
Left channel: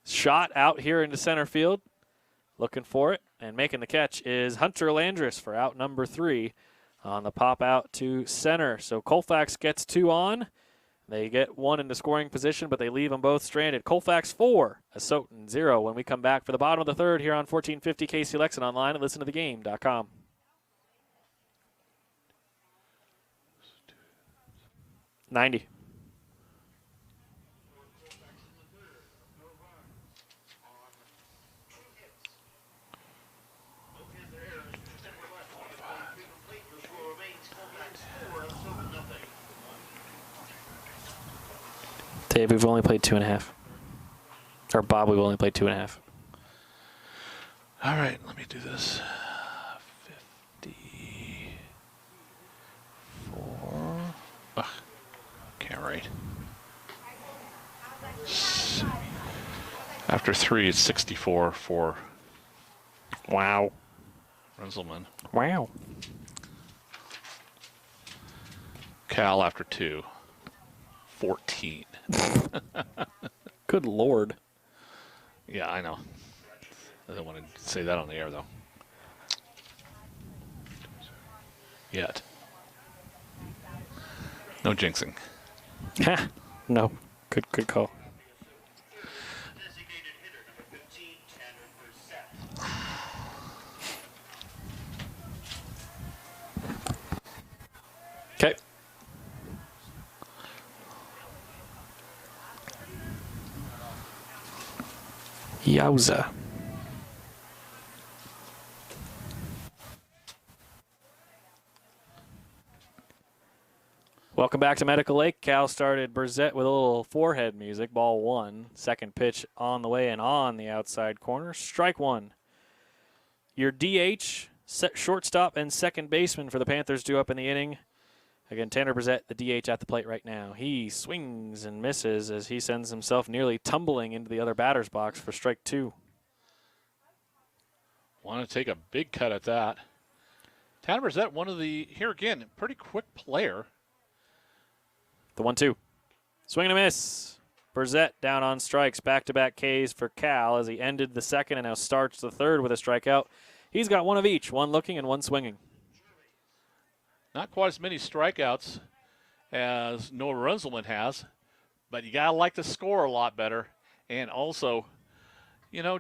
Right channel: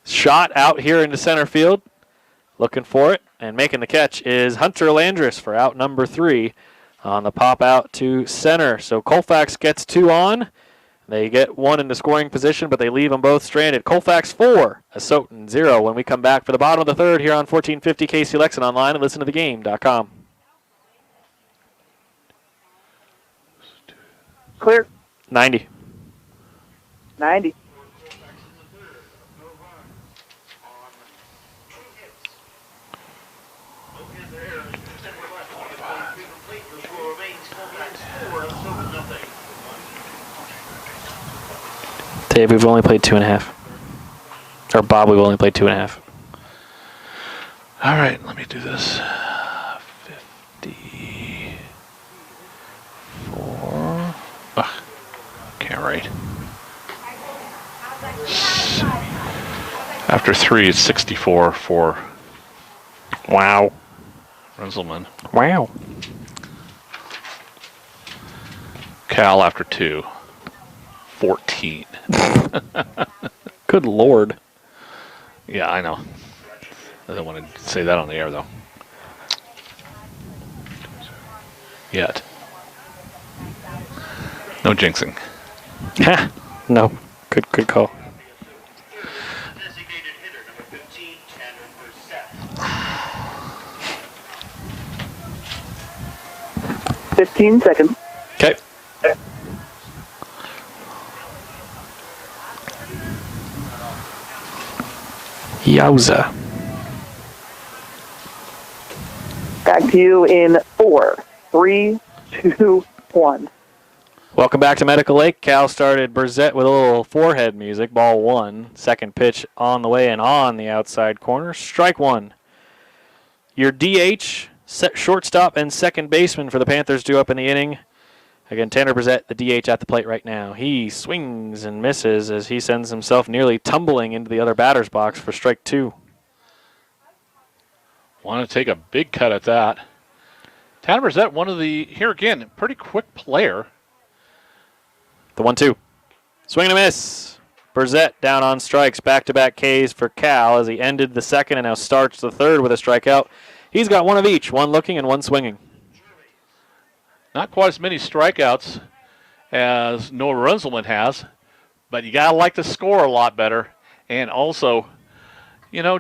Shot out here into center field. Looking for it and making the catch is Hunter Landris for out number 3 on the pop out to center. So Colfax gets 2 on. They get 1 into scoring position, but they leave them both stranded. Colfax 4, Asotin 0 when we come back for the bottom of the third here on 1450 KC Lexington online and listentothegame.com. Clear. 90. 90. Dave, we've only played 2.5. Or Bob, we've only played 2.5. All right, let me do this. 54. Ugh, can't write. After 3, it's 64 for Wow. Renzelman. Wow. Cal after 2, 14. Good Lord. Yeah, I know. I don't want to say that on the air, though. Yet. No jinxing. Ha. No. Good call. 15 seconds. Okay. Yowza. Back to you in 4, 3, 2, 1. Welcome back to Medical Lake. Cal started Brzett with a little forehead music. Ball 1. Second pitch on the way and on the outside corner. Strike 1. Your DH, shortstop, and second baseman for the Panthers due up in the inning. Again, Tanner Brzett, the DH at the plate right now. He swings and misses as he sends himself nearly tumbling into the other batter's box for strike 2. Want to take a big cut at that. Tanner Brzett, one of the, here again, pretty quick player. The 1-2. Swing and a miss. Brzett down on strikes. Back-to-back Ks for Cal as he ended the second and now starts the third with a strikeout. He's got one of each, one looking and one swinging. Not quite as many strikeouts as Noah Renzelman has, but you got to like to score a lot better. And also,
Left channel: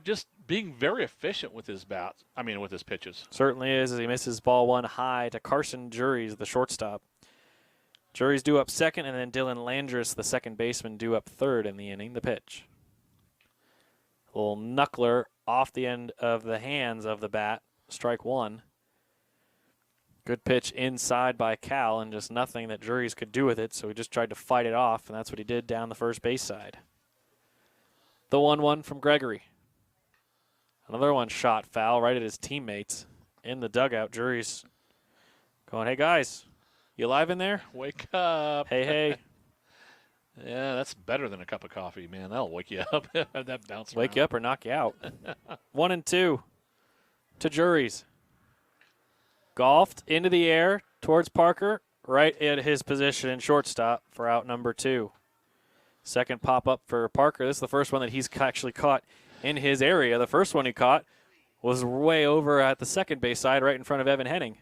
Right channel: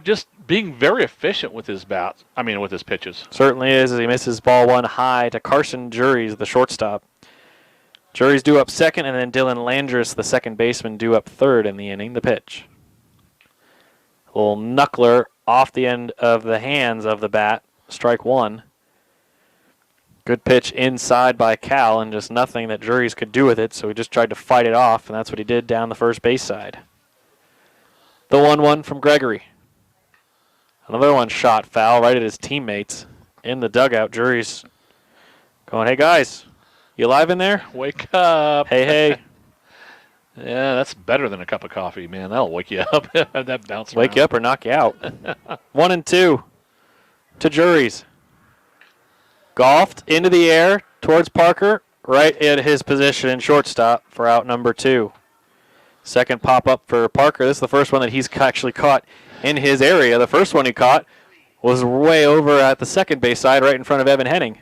just being very efficient with his bats. I mean, with his pitches. Certainly is, as he misses ball one high to Carson Juries, the shortstop. Juries due up second, and then Dylan Landris, the second baseman, due up third in the inning. The pitch. A little knuckler off the end of the hands of the bat. Strike one. Good pitch inside by Cal, and just nothing that Juries could do with it, so he just tried to fight it off, and that's what he did down the first base side. The 1-1 from Gregory. Another one shot foul right at his teammates in the dugout. Juries going, hey, guys, you alive in there? Wake up. Hey. Yeah, that's better than a cup of coffee, man. That'll wake you up. That bounce Wake you up or knock you out. 1-2 to Juries. Golfed into the air towards Parker, right at his position in shortstop for out number 2. Second pop-up for Parker. This is the first one that he's actually caught in his area. The first one he caught was way over at the second base side, right in front of Evan Henning.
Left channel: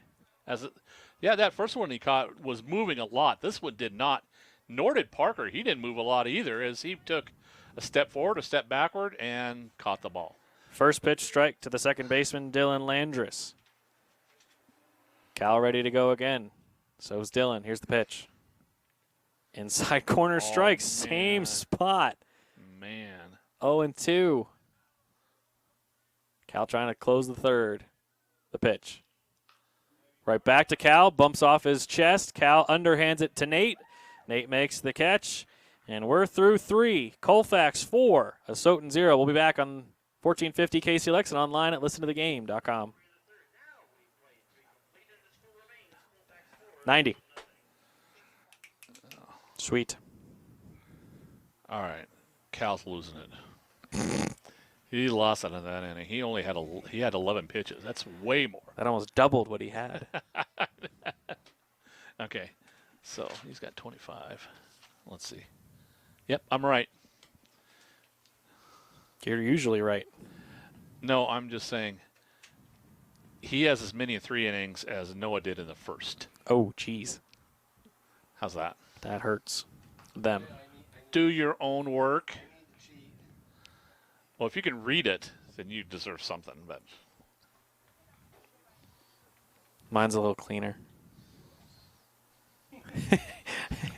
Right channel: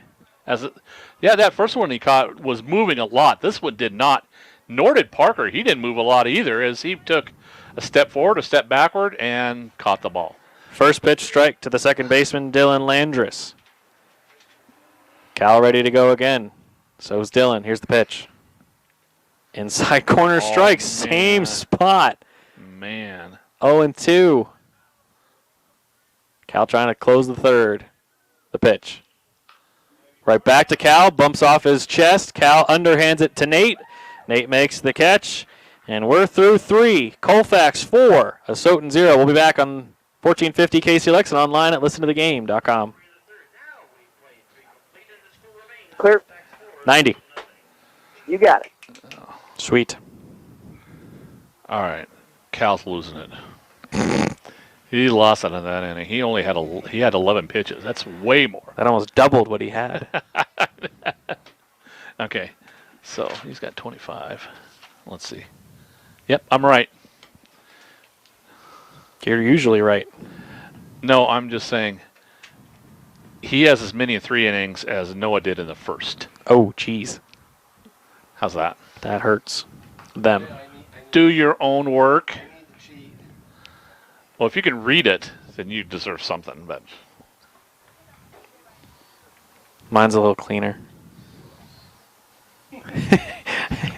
That first one he caught was moving a lot. This one did not, nor did Parker. He didn't move a lot either, as he took a step forward, a step backward, and caught the ball. First pitch strike to the second baseman, Dylan Landris. Cal ready to go again. So's Dylan. Here's the pitch. Inside corner strike, same spot. Man. 0-2. Cal trying to close the third. The pitch. Right back to Cal. Bumps off his chest. Cal underhands it to Nate. Nate makes the catch. And we're through 3. Colfax 4. Asotin 0. We'll be back on 1450 KCLX and online at listentothegame.com. Clear. 90. You got it. Sweet. All right. Cal's losing it. He lost it in that inning. He only had he had 11 pitches. That's way more. That almost doubled what he had. Okay. So he's got 25. Let's see. Yep, I'm right. You're usually right. No, I'm just saying he has as many in 3 innings as Noah did in the first. Oh, geez. How's that? That hurts them. Do your own work. Well, if you can read it, then you deserve something. But Mine's a little cleaner.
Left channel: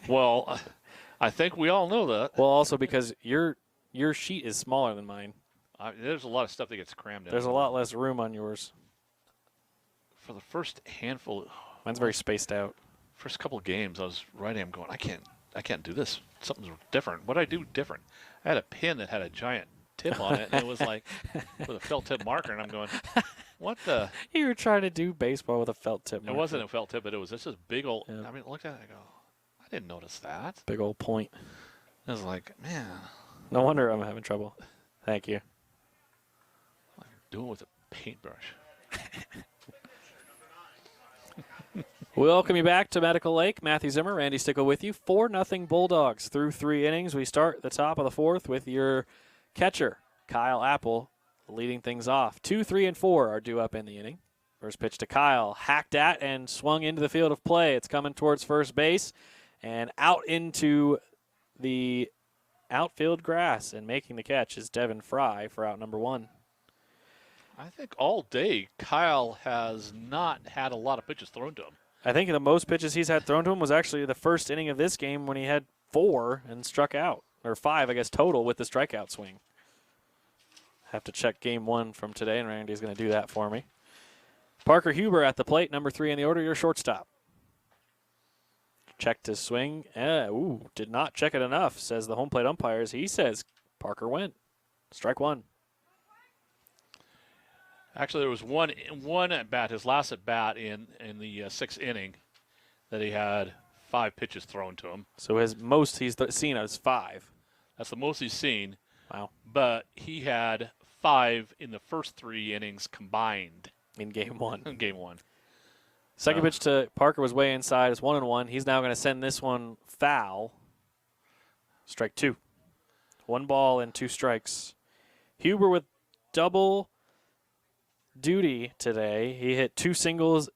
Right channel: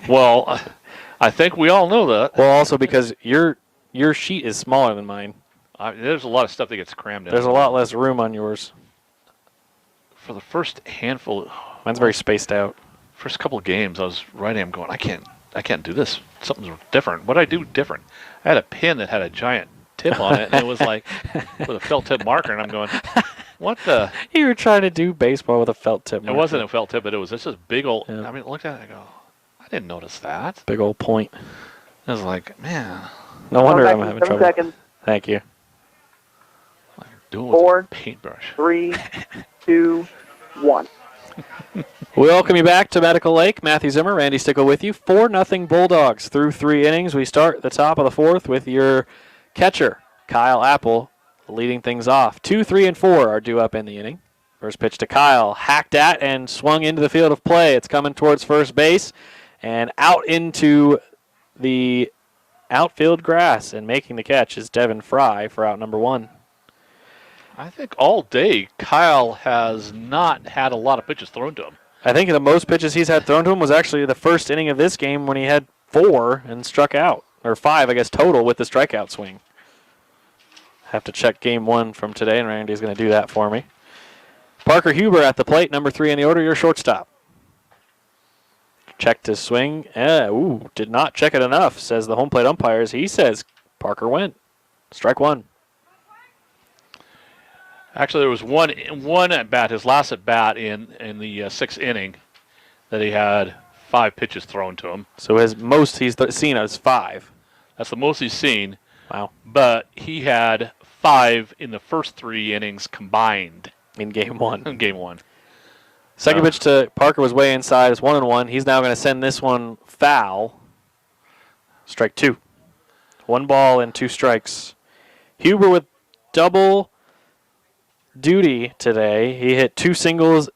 Well, I think we all know that. Well, also because your sheet is smaller than mine. There's a lot of stuff that gets crammed in. There's a lot less room on yours. For the first handful, Mine's very spaced out. First couple of games, I was writing. I'm going, I can't do this. Something's different. What did I do different? I had a pen that had a giant tip on it, and it was like with a felt tip marker, and I'm going, what the? You were trying to do baseball with a felt tip marker. It wasn't a felt tip, but it was just this big old. Yeah. I mean, look at it. I go, I didn't notice that. Big old point. I was like, man. No wonder I'm Back in having 7 trouble. seconds. Thank you. Doing with 4, a paintbrush. 3, 2, 1. We welcome you back to Medical Lake. Matthew Zimmer, Randy Stickle with you. 4-0 Bulldogs through 3 innings. We start the top of the 4th with your catcher, Kyle Apple, leading things off. 2, 3, and 4 are due up in the inning. First pitch to Kyle, hacked at and swung into the field of play. It's coming towards first base and out into the outfield grass, and making the catch is Devin Fry for out number 1. I think all day Kyle has not had a lot of pitches thrown to him. I think the most pitches he's had thrown to him was actually the first inning of this game when he had 4 and struck out, or 5, I guess, total with the strikeout swing. Have to check game 1 from today, and Randy's going to do that for me. Parker Huber at the plate, number 3 in the order, your shortstop. Checked his swing. Did not check it enough, says the home plate umpires. He says Parker went. Strike 1. Actually, there was one at bat, his last at bat in the 6th inning, that he had 5 pitches thrown to him. So his most he's seen is 5. That's the most he's seen. Wow. But he had 5 in the first 3 innings combined. In game 1. In game 1. Second pitch to Parker was way inside. It's 1-1. He's now going to send this one foul. Strike 2. 1 ball and 2 strikes. Huber with double duty today. He hit 2 singles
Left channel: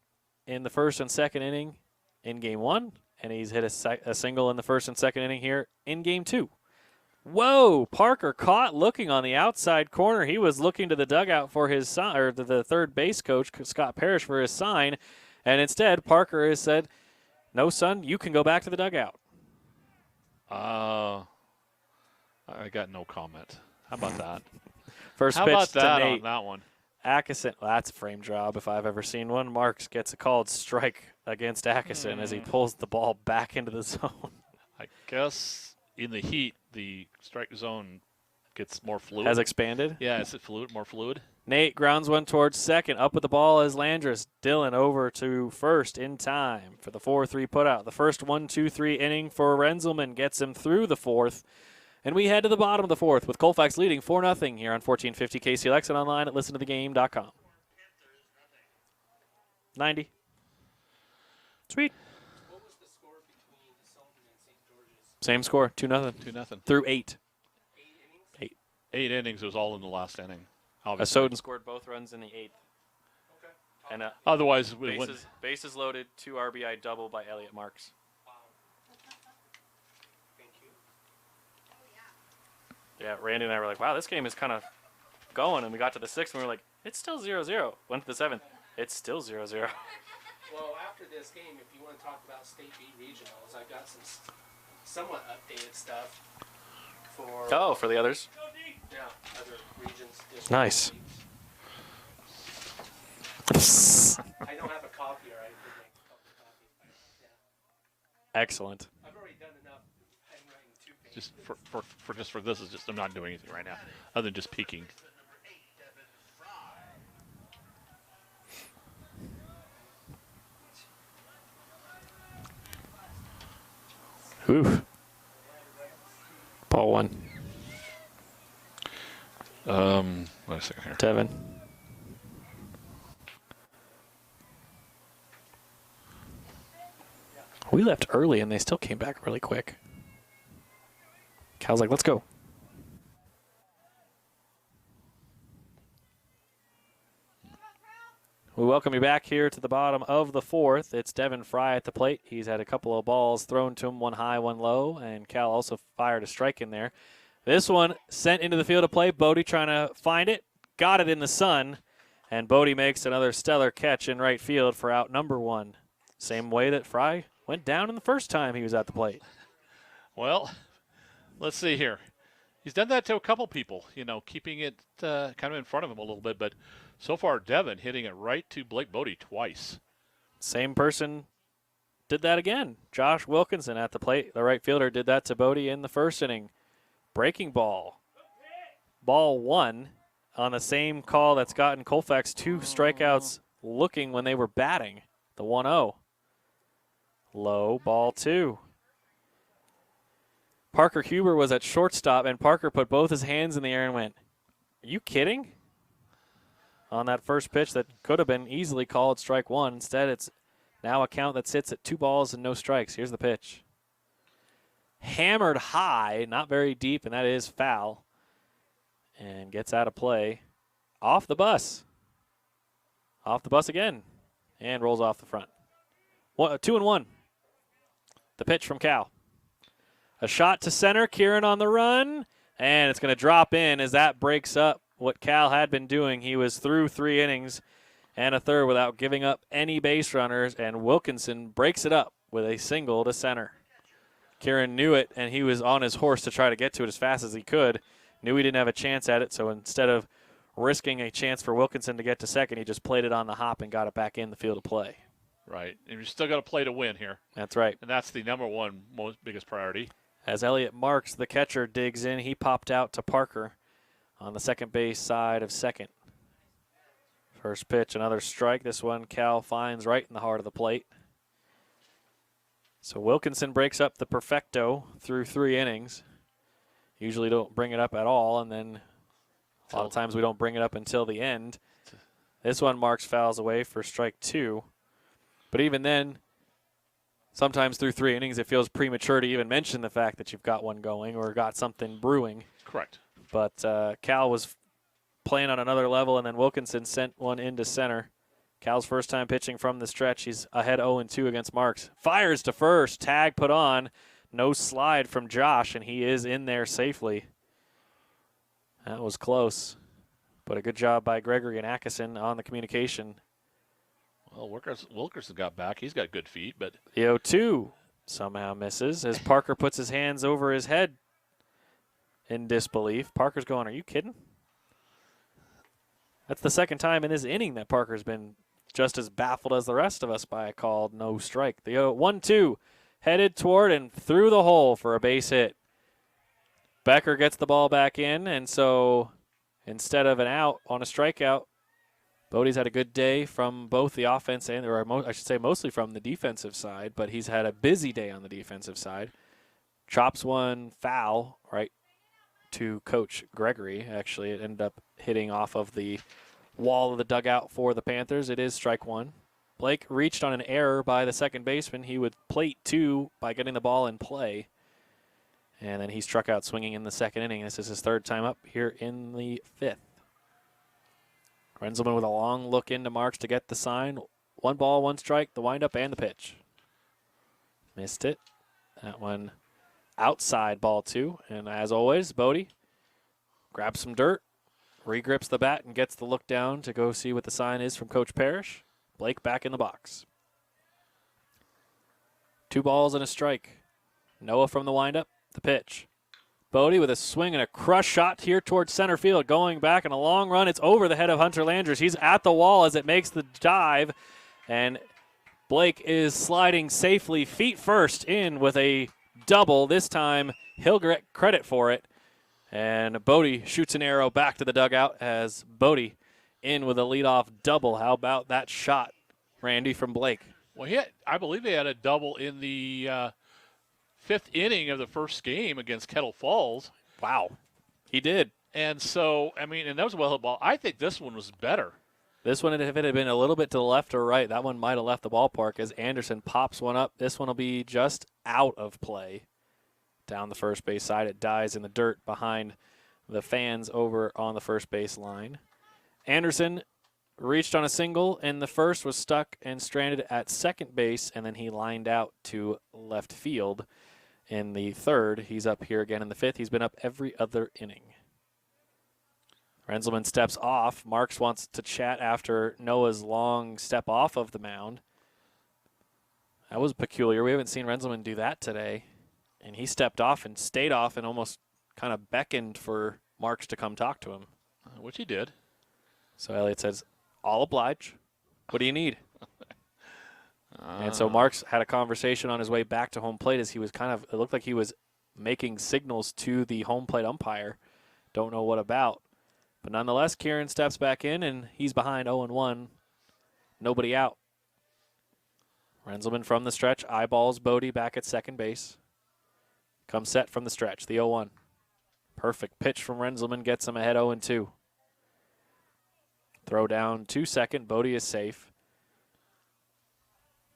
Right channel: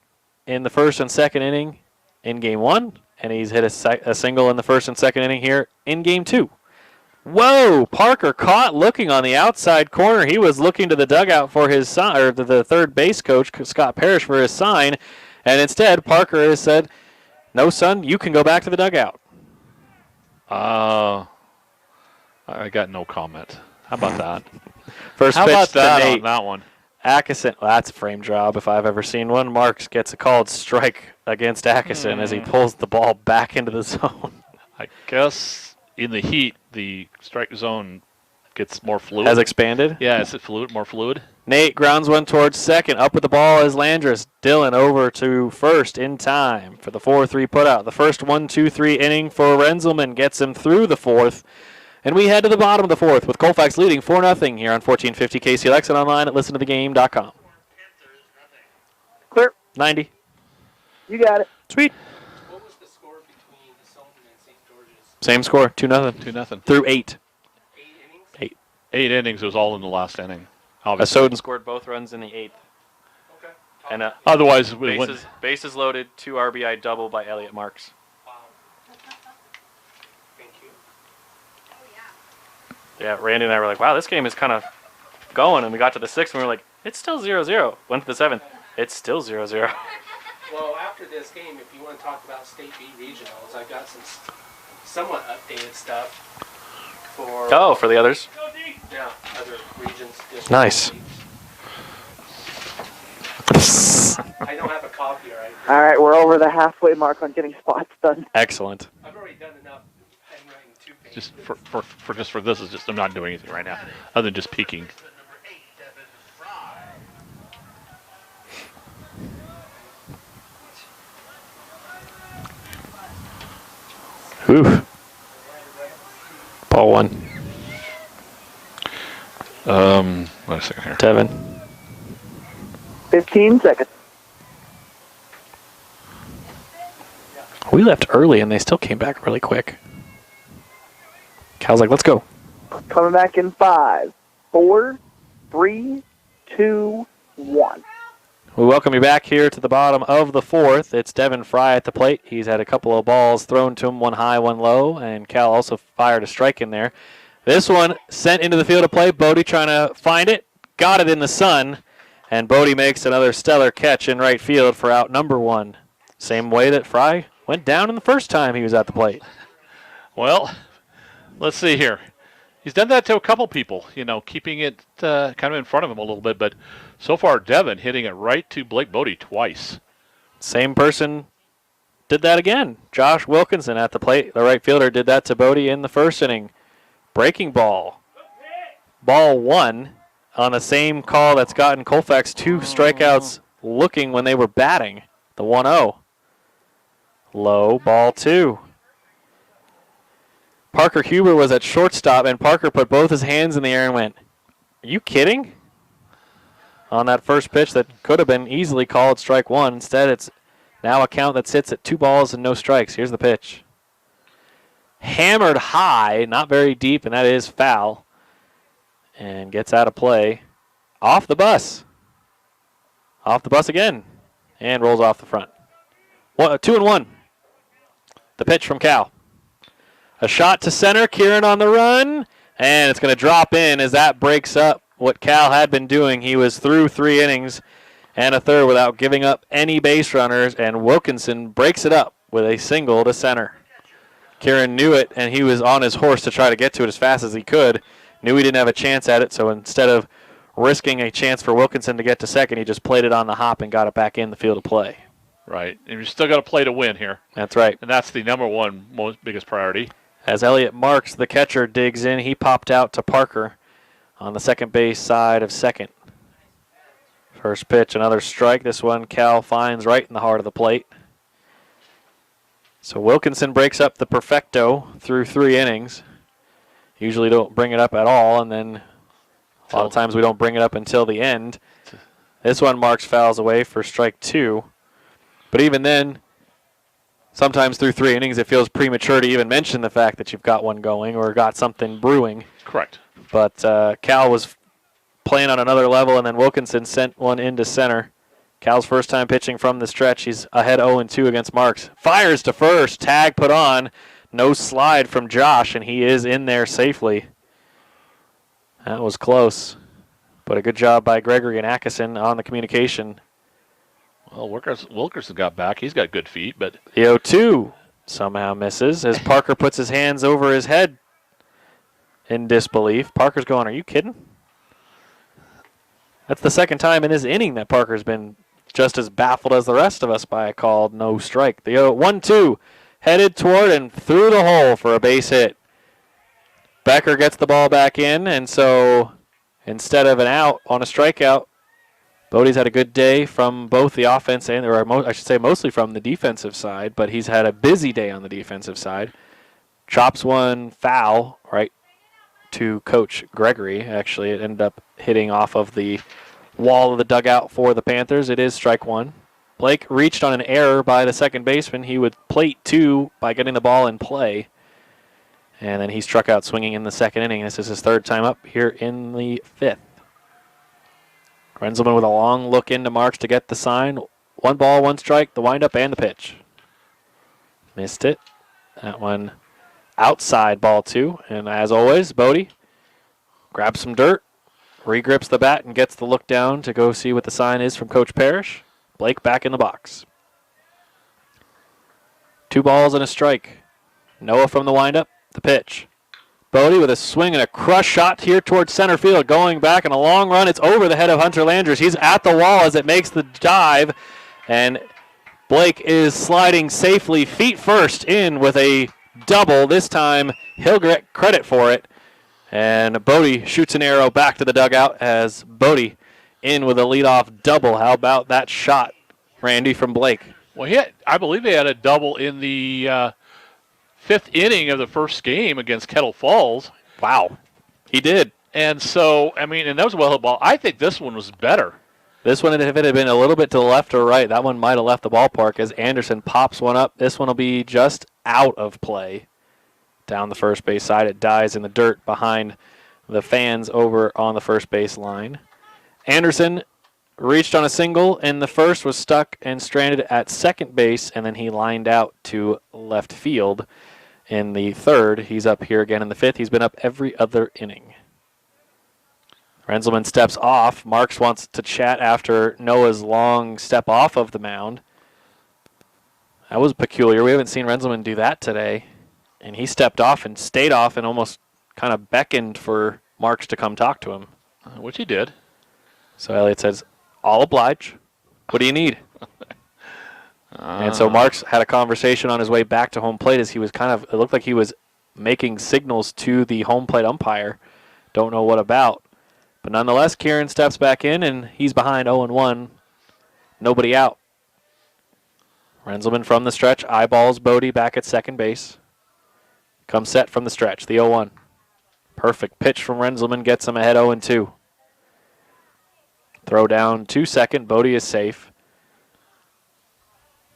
in the first and second inning in game 1, and he's hit a single in the first and second inning here in game 2. Whoa! Parker caught looking on the outside corner. He was looking to the dugout for his sign, or to the third base coach, Scott Parrish, for his sign. And instead, Parker has said, "No, son, you can go back to the dugout." I got no comment. How about that? First How pitch about to that Nate on that one? Atkinson. Well, that's a frame job if I've ever seen one. Marks gets a called strike against Atkinson as he pulls the ball back into the zone. I guess in the heat, the strike zone gets more fluid. Has expanded. Yeah, is it more fluid? Nate grounds one towards second. Up with the ball is Landris. Dylan over to first in time for the 4-3 putout. The first 1-2-3 inning for Renzelman gets him through the fourth. And we head to the bottom of the fourth with Colfax leading 4-0 here on 1450 KCLX and online at listentothegame.com. Clear. 90. You got it. Sweet. What was the score between Sultan and St. George's? Same score, 2-0. 2-0. Through 8. 8 innings? 8 innings. It was all in the last inning. Obviously. Soden scored both runs in the 8th. Okay. And Otherwise, we wouldn't. bases loaded, 2 RBI double by Elliot Marks. Wow. Thank you. Yeah, Randy and I were like, wow, this game is kind of going. And we got to the 6th and we were like, it's still 0-0. Went to the 7th. It's still 0-0. Well, after this game, if you want to talk about State B regionals, I've got some somewhat updated stuff for For the others. other regions. districts, Nice. states. I don't have a copy, right? All right, we're over the halfway mark on getting spots done. Excellent. I've already done enough handwriting 2 pages. Just for this is just I'm not doing anything right now, other than just peeking. Ooh. Ball 1. Wait a second here. Tevin. 15 seconds. We left early and they still came back really quick. Cal's like, let's go. Coming back in 5, 4, 3, 2, 1. We welcome you back here to the bottom of the fourth. It's Devin Fry at the plate. He's had a couple of balls thrown to him, one high, one low, and Cal also fired a strike in there. This one sent into the field of play. Bodie trying to find it. Got it in the sun. And Bodie makes another stellar catch in right field for out number 1. Same way that Fry went down in the first time he was at the plate. Well, let's see here. He's done that to a couple people, keeping it kind of in front of him a little bit. But so far, Devin hitting it right to Blake Bodie twice. Same person did that again. Josh Wilkinson at the plate. The right fielder did that to Bodie in the first inning. Breaking ball. Ball 1 on the same call that's gotten Colfax 2 strikeouts looking when they were batting. The 1-0. Low, ball 2. Parker Huber was at shortstop, and Parker put both his hands in the air and went, "Are you kidding?" On that first pitch that could have been easily called strike 1. Instead, it's now a count that sits at 2 balls and no strikes. Here's the pitch. Hammered high, not very deep, and that is foul. And gets out of play. Off the bus. Off the bus again. And rolls off the front. 2-1. The pitch from Cal. A shot to center. Kieran on the run. And it's going to drop in as that breaks up what Cal had been doing. He was through 3 innings and a third without giving up any base runners. And Wilkinson breaks it up with a single to center. Kieran knew it, and he was on his horse to try to get to it as fast as he could. Knew he didn't have a chance at it, so instead of risking a chance for Wilkinson to get to second, he just played it on the hop and got it back in the field of play. Right. And you still got to play to win here. That's right. And that's the number 1 biggest priority. As Elliot Marks, the catcher, digs in, he popped out to Parker on the second base side of second. First pitch, another strike. This one Cal finds right in the heart of the plate. So Wilkinson breaks up the perfecto through 3 innings. Usually don't bring it up at all, and then a lot of times we don't bring it up until the end. This one Marks fouls away for strike 2. But even then, sometimes through 3 innings, it feels premature to even mention the fact that you've got one going or got something brewing. Correct. But Cal was playing on another level, and then Wilkinson sent one into center. Cal's first time pitching from the stretch. He's ahead 0-2 against Marks. Fires to first. Tag put on. no slide from Josh, and he is in there safely. That was close, but a good job by Gregory and Atkinson on the communication. Well, Wilkerson got back. He's got good feet, but The 0-2 somehow misses as Parker puts his hands over his head in disbelief. Parker's going, are you kidding? That's the second time in this inning that Parker's been just as baffled as the rest of us by a called no strike. The 1-2 headed toward and through the hole for a base hit. Becker gets the ball back in, and so instead of an out on a strikeout, Bodie's had a good day from both the offense and, I should say mostly from the defensive side, but he's had a busy day on the defensive side. Chops one foul right to Coach Gregory. Actually, it ended up hitting off of the wall of the dugout for the Panthers. It is strike one. Blake reached on an error by the second baseman. He would plate two by getting the ball in play. And then he struck out swinging in the second inning. This is his third time up here in the fifth. Renzelman with a long look into Marks to get the sign. 1 ball, 1 strike, the windup and the pitch. Missed it. That one outside, ball 2. And as always, Bodie grabs some dirt, regrips the bat, and gets the look down to go see what the sign is from Coach Parrish. Blake back in the box. 2 balls and a strike. Noah from the windup, the pitch. Bodie with a swing and a crush shot here towards center field. Going back in a long run. It's over the head of Hunter Landers. He's at the wall as it makes the dive. And Blake is sliding safely feet first in with a double. This time he'll get credit for it. And Bodie shoots an arrow back to the dugout as Bodie in with a leadoff double. How about that shot, Randy, from Blake? Well, I believe he had a double in the 5th inning of the first game against Kettle Falls. Wow, he did. And so, I mean, and that was a well-hit ball. I think this one was better. This one, if it had been a little bit to the left or right, that one might have left the ballpark as Anderson pops one up. This one will be just out of play down the first base side. It dies in the dirt behind the fans over on the first base line. Anderson reached on a single in the first, was stuck and stranded at second base, and then he lined out to left field. In the third, he's up here again in the fifth. He's been up every other inning. Renzelman steps off. Marks wants to chat after Noah's long step off of the mound. That was peculiar. We haven't seen Renzelman do that today. And he stepped off and stayed off and almost kind of beckoned for Marks to come talk to him. Which he did. So Elliott says, "I'll oblige. What do you need?" And so Marks had a conversation on his way back to home plate as he was it looked like he was making signals to the home plate umpire. Don't know what about. But nonetheless, Kieran steps back in, and he's behind 0-1. Nobody out. Renzelman from the stretch eyeballs Bodie back at second base. Comes set from the stretch, the 0-1. Perfect pitch from Renzelman gets him ahead 0-2. Throw down to second. Bodie is safe.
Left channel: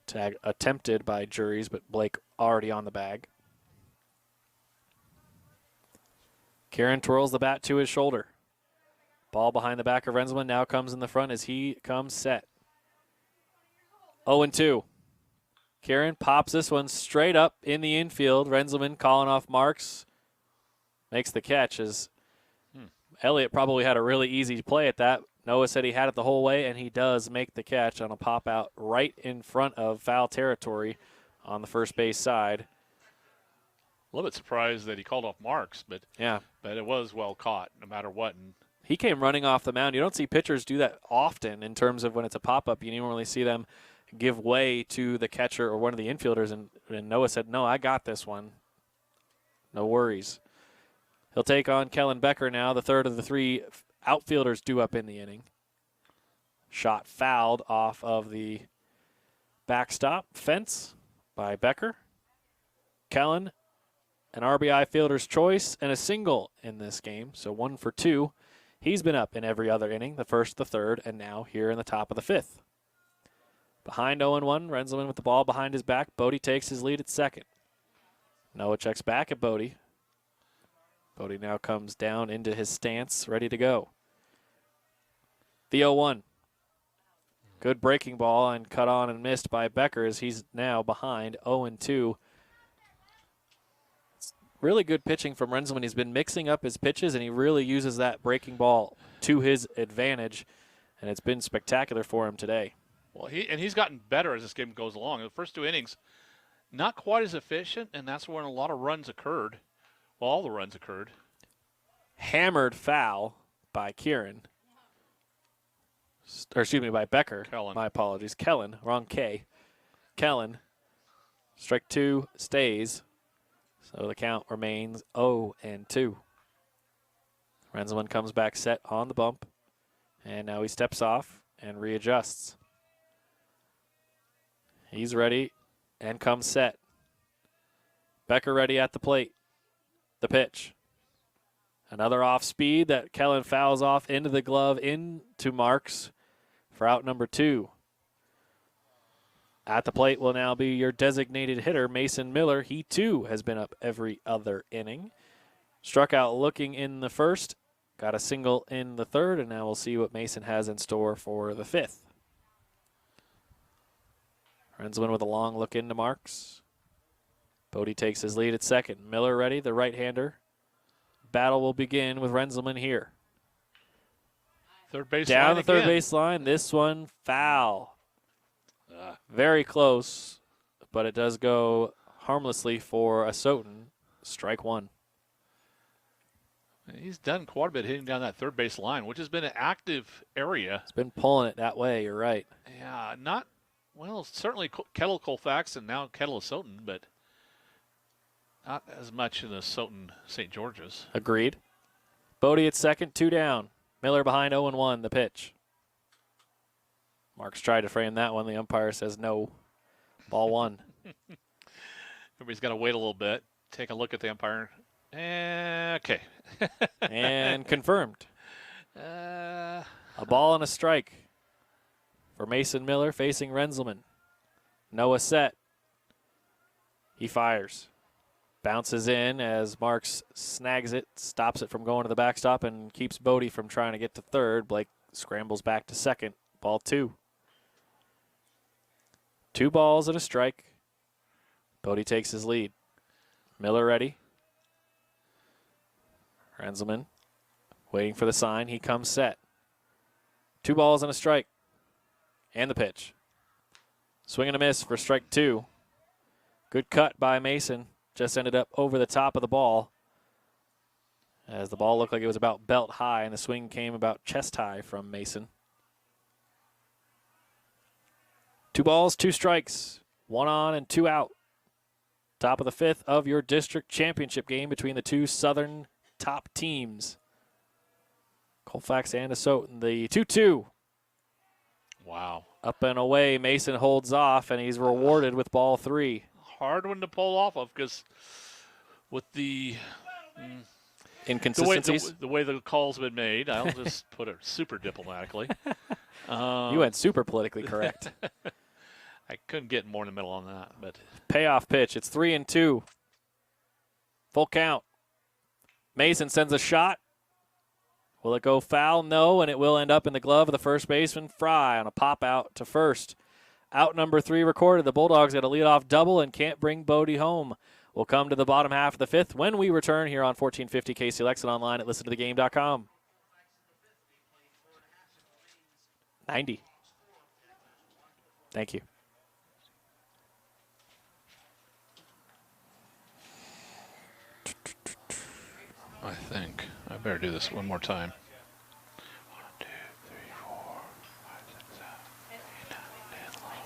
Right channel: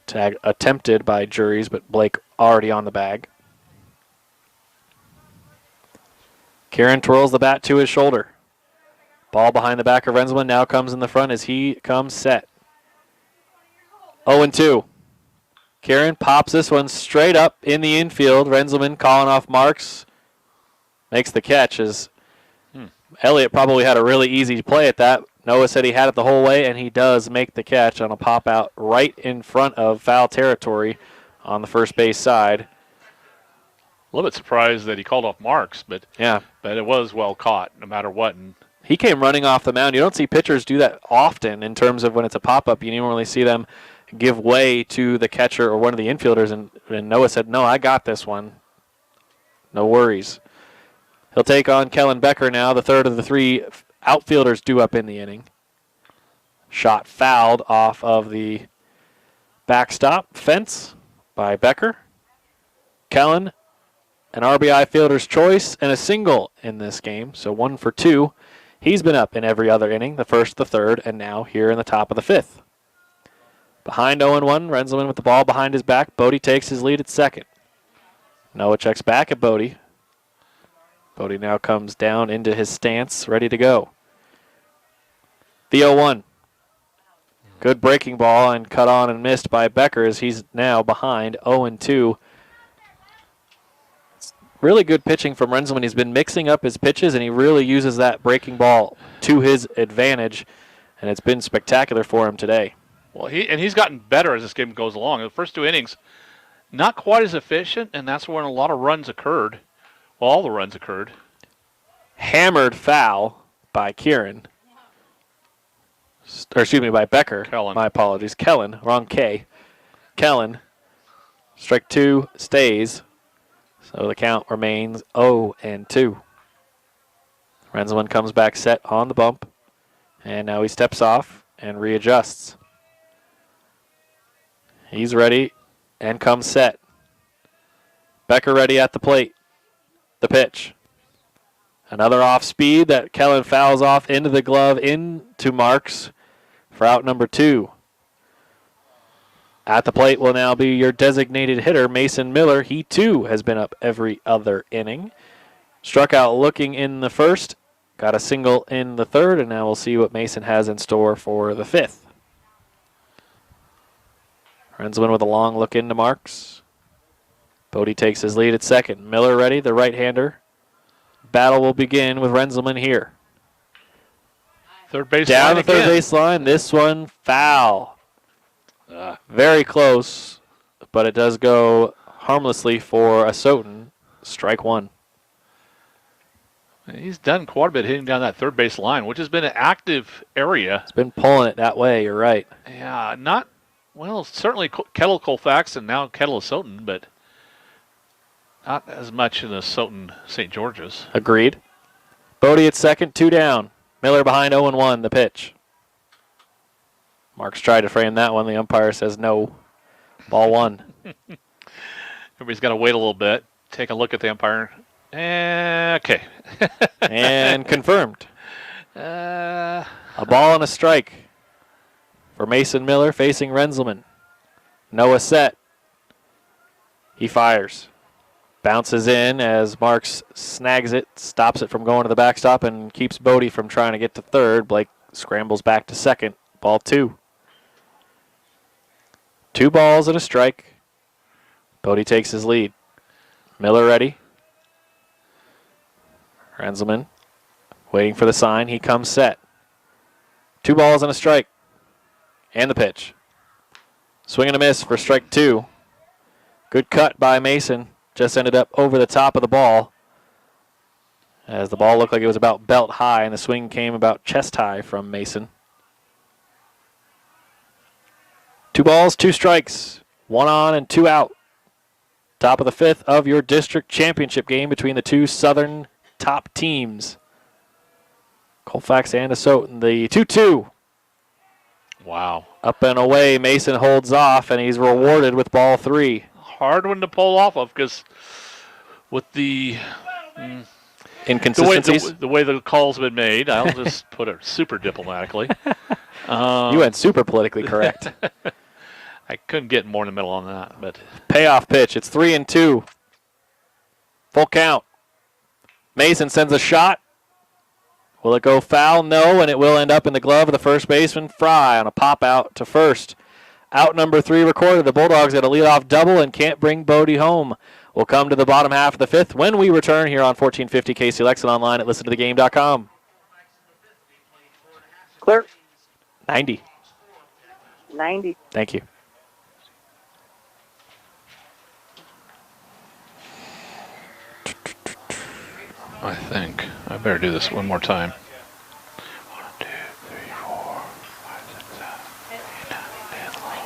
Tag attempted by Juries, but Blake already on the bag. Kieran twirls the bat to his shoulder. Ball behind the back of Renzelman now comes in the front as he comes set. 0-2. Kieran pops this one straight up in the infield. Renzelman calling off Marks. Makes the catch as Elliott probably had a really easy play at that. Noah said he had it the whole way, and he does make the catch on a pop out right in front of foul territory on the first base side. A little bit surprised that he called off Marks, but yeah, but it was well caught no matter what. And he came running off the mound. You don't see pitchers do that often in terms of when it's a pop-up. You normally see them give way to the catcher or one of the infielders, and Noah said, "No, I got this one. No worries." He'll take on Kellen Becker now, the third of the 3 outfielders due up in the inning. Shot fouled off of the backstop fence by Becker. Kellen, an RBI fielder's choice and a single in this game, so 1 for 2. He's been up in every other inning, the first, the third, and now here in the top of the 5th. Behind 0-1, Renzelman with the ball behind his back. Bodie takes his lead at second. Noah checks back at Bodie. Bodie now comes down into his stance, ready to go. The 0-1. Good breaking ball and cut on and missed by Becker as he's now behind 0-2. really good pitching from Renzelman. He's been mixing up his pitches, and he really uses that breaking ball to his advantage, and it's been spectacular for him today. Well, he's gotten better as this game goes along. The first 2 innings, not quite as efficient, and that's when a lot of runs occurred. Well, all the runs occurred. Hammered foul by Kieran. Or excuse me, by Becker. Kellen. My apologies. Kellen, wrong K. Kellen. Strike 2 stays. So the count remains 0-2. Renzelman comes back set on the bump. And now he steps off and readjusts. He's ready and comes set. Becker ready at the plate. The pitch. Another off speed that Kellen fouls off into the glove, into Marks for out number 2. At the plate will now be your designated hitter, Mason Miller. He too has been up every other inning. Struck out looking in the first, got a single in the third, and now we'll see what Mason has in store for the 5th. Renzelman with a long look into Marks. Bodie takes his lead at second. Miller ready, the right-hander. Battle will begin with Renzelman here. Third base down line the third again. base line. This one foul. Very close, but it does go harmlessly for a Soton. Strike 1. He's done quite a bit hitting down that third base line, which has been an active area. It's been pulling it that way. You're right. Yeah, not well. Certainly Kettle, Colfax, and now Kettle is Soton, but not as much in the Soton St. George's. Agreed. Bodie at second, 2 down. Miller behind 0-1. The pitch. Marks tried to frame that one. The umpire says no. Ball 1. Everybody's got to wait a little bit, take a look at the umpire. Okay. And confirmed. Uh, A ball and a strike for Mason Miller facing Renzelman. Noah set. He fires. Bounces in as Marks snags it, stops it from going to the backstop, and keeps Bodie from trying to get to third. Blake scrambles back to second. Ball 2. 2 balls and a strike. Bodie takes his lead. Miller ready. Renzelman waiting for the sign. He comes set. 2 balls and a strike. And the pitch. Swing and a miss for strike 2. Good cut by Mason. Just ended up over the top of the ball, as the ball looked like it was about belt high, and the swing came about chest high from Mason. 2 balls, 2 strikes. 1 on and 2 out. Top of the 5th of your district championship game between the 2 Southern top teams. Colfax and Asotin. The 2-2. wow. Up and away, Mason holds off, and he's rewarded with ball 3. Hard one to pull off of, because with the Inconsistencies. the way the call's been made, I'll just put it super diplomatically. You went super politically correct. I couldn't get more in the middle on that, but Payoff pitch. It's 3-2. Full count. Mason sends a shot. Will it go foul? No, and it will end up in the glove of the first baseman, Fry, on a pop out to first. Out number 3 recorded. The Bulldogs get a leadoff double and can't bring Bodie home. We'll come to the bottom half of the 5th when we return here on 1450 KCLX and online at listentothegame.com. Clear. 90. 90. Thank you. I think I better do this one more time. 1, 2, 3, 4, 5, 6, 7, 8, 9, 10, 11, 12,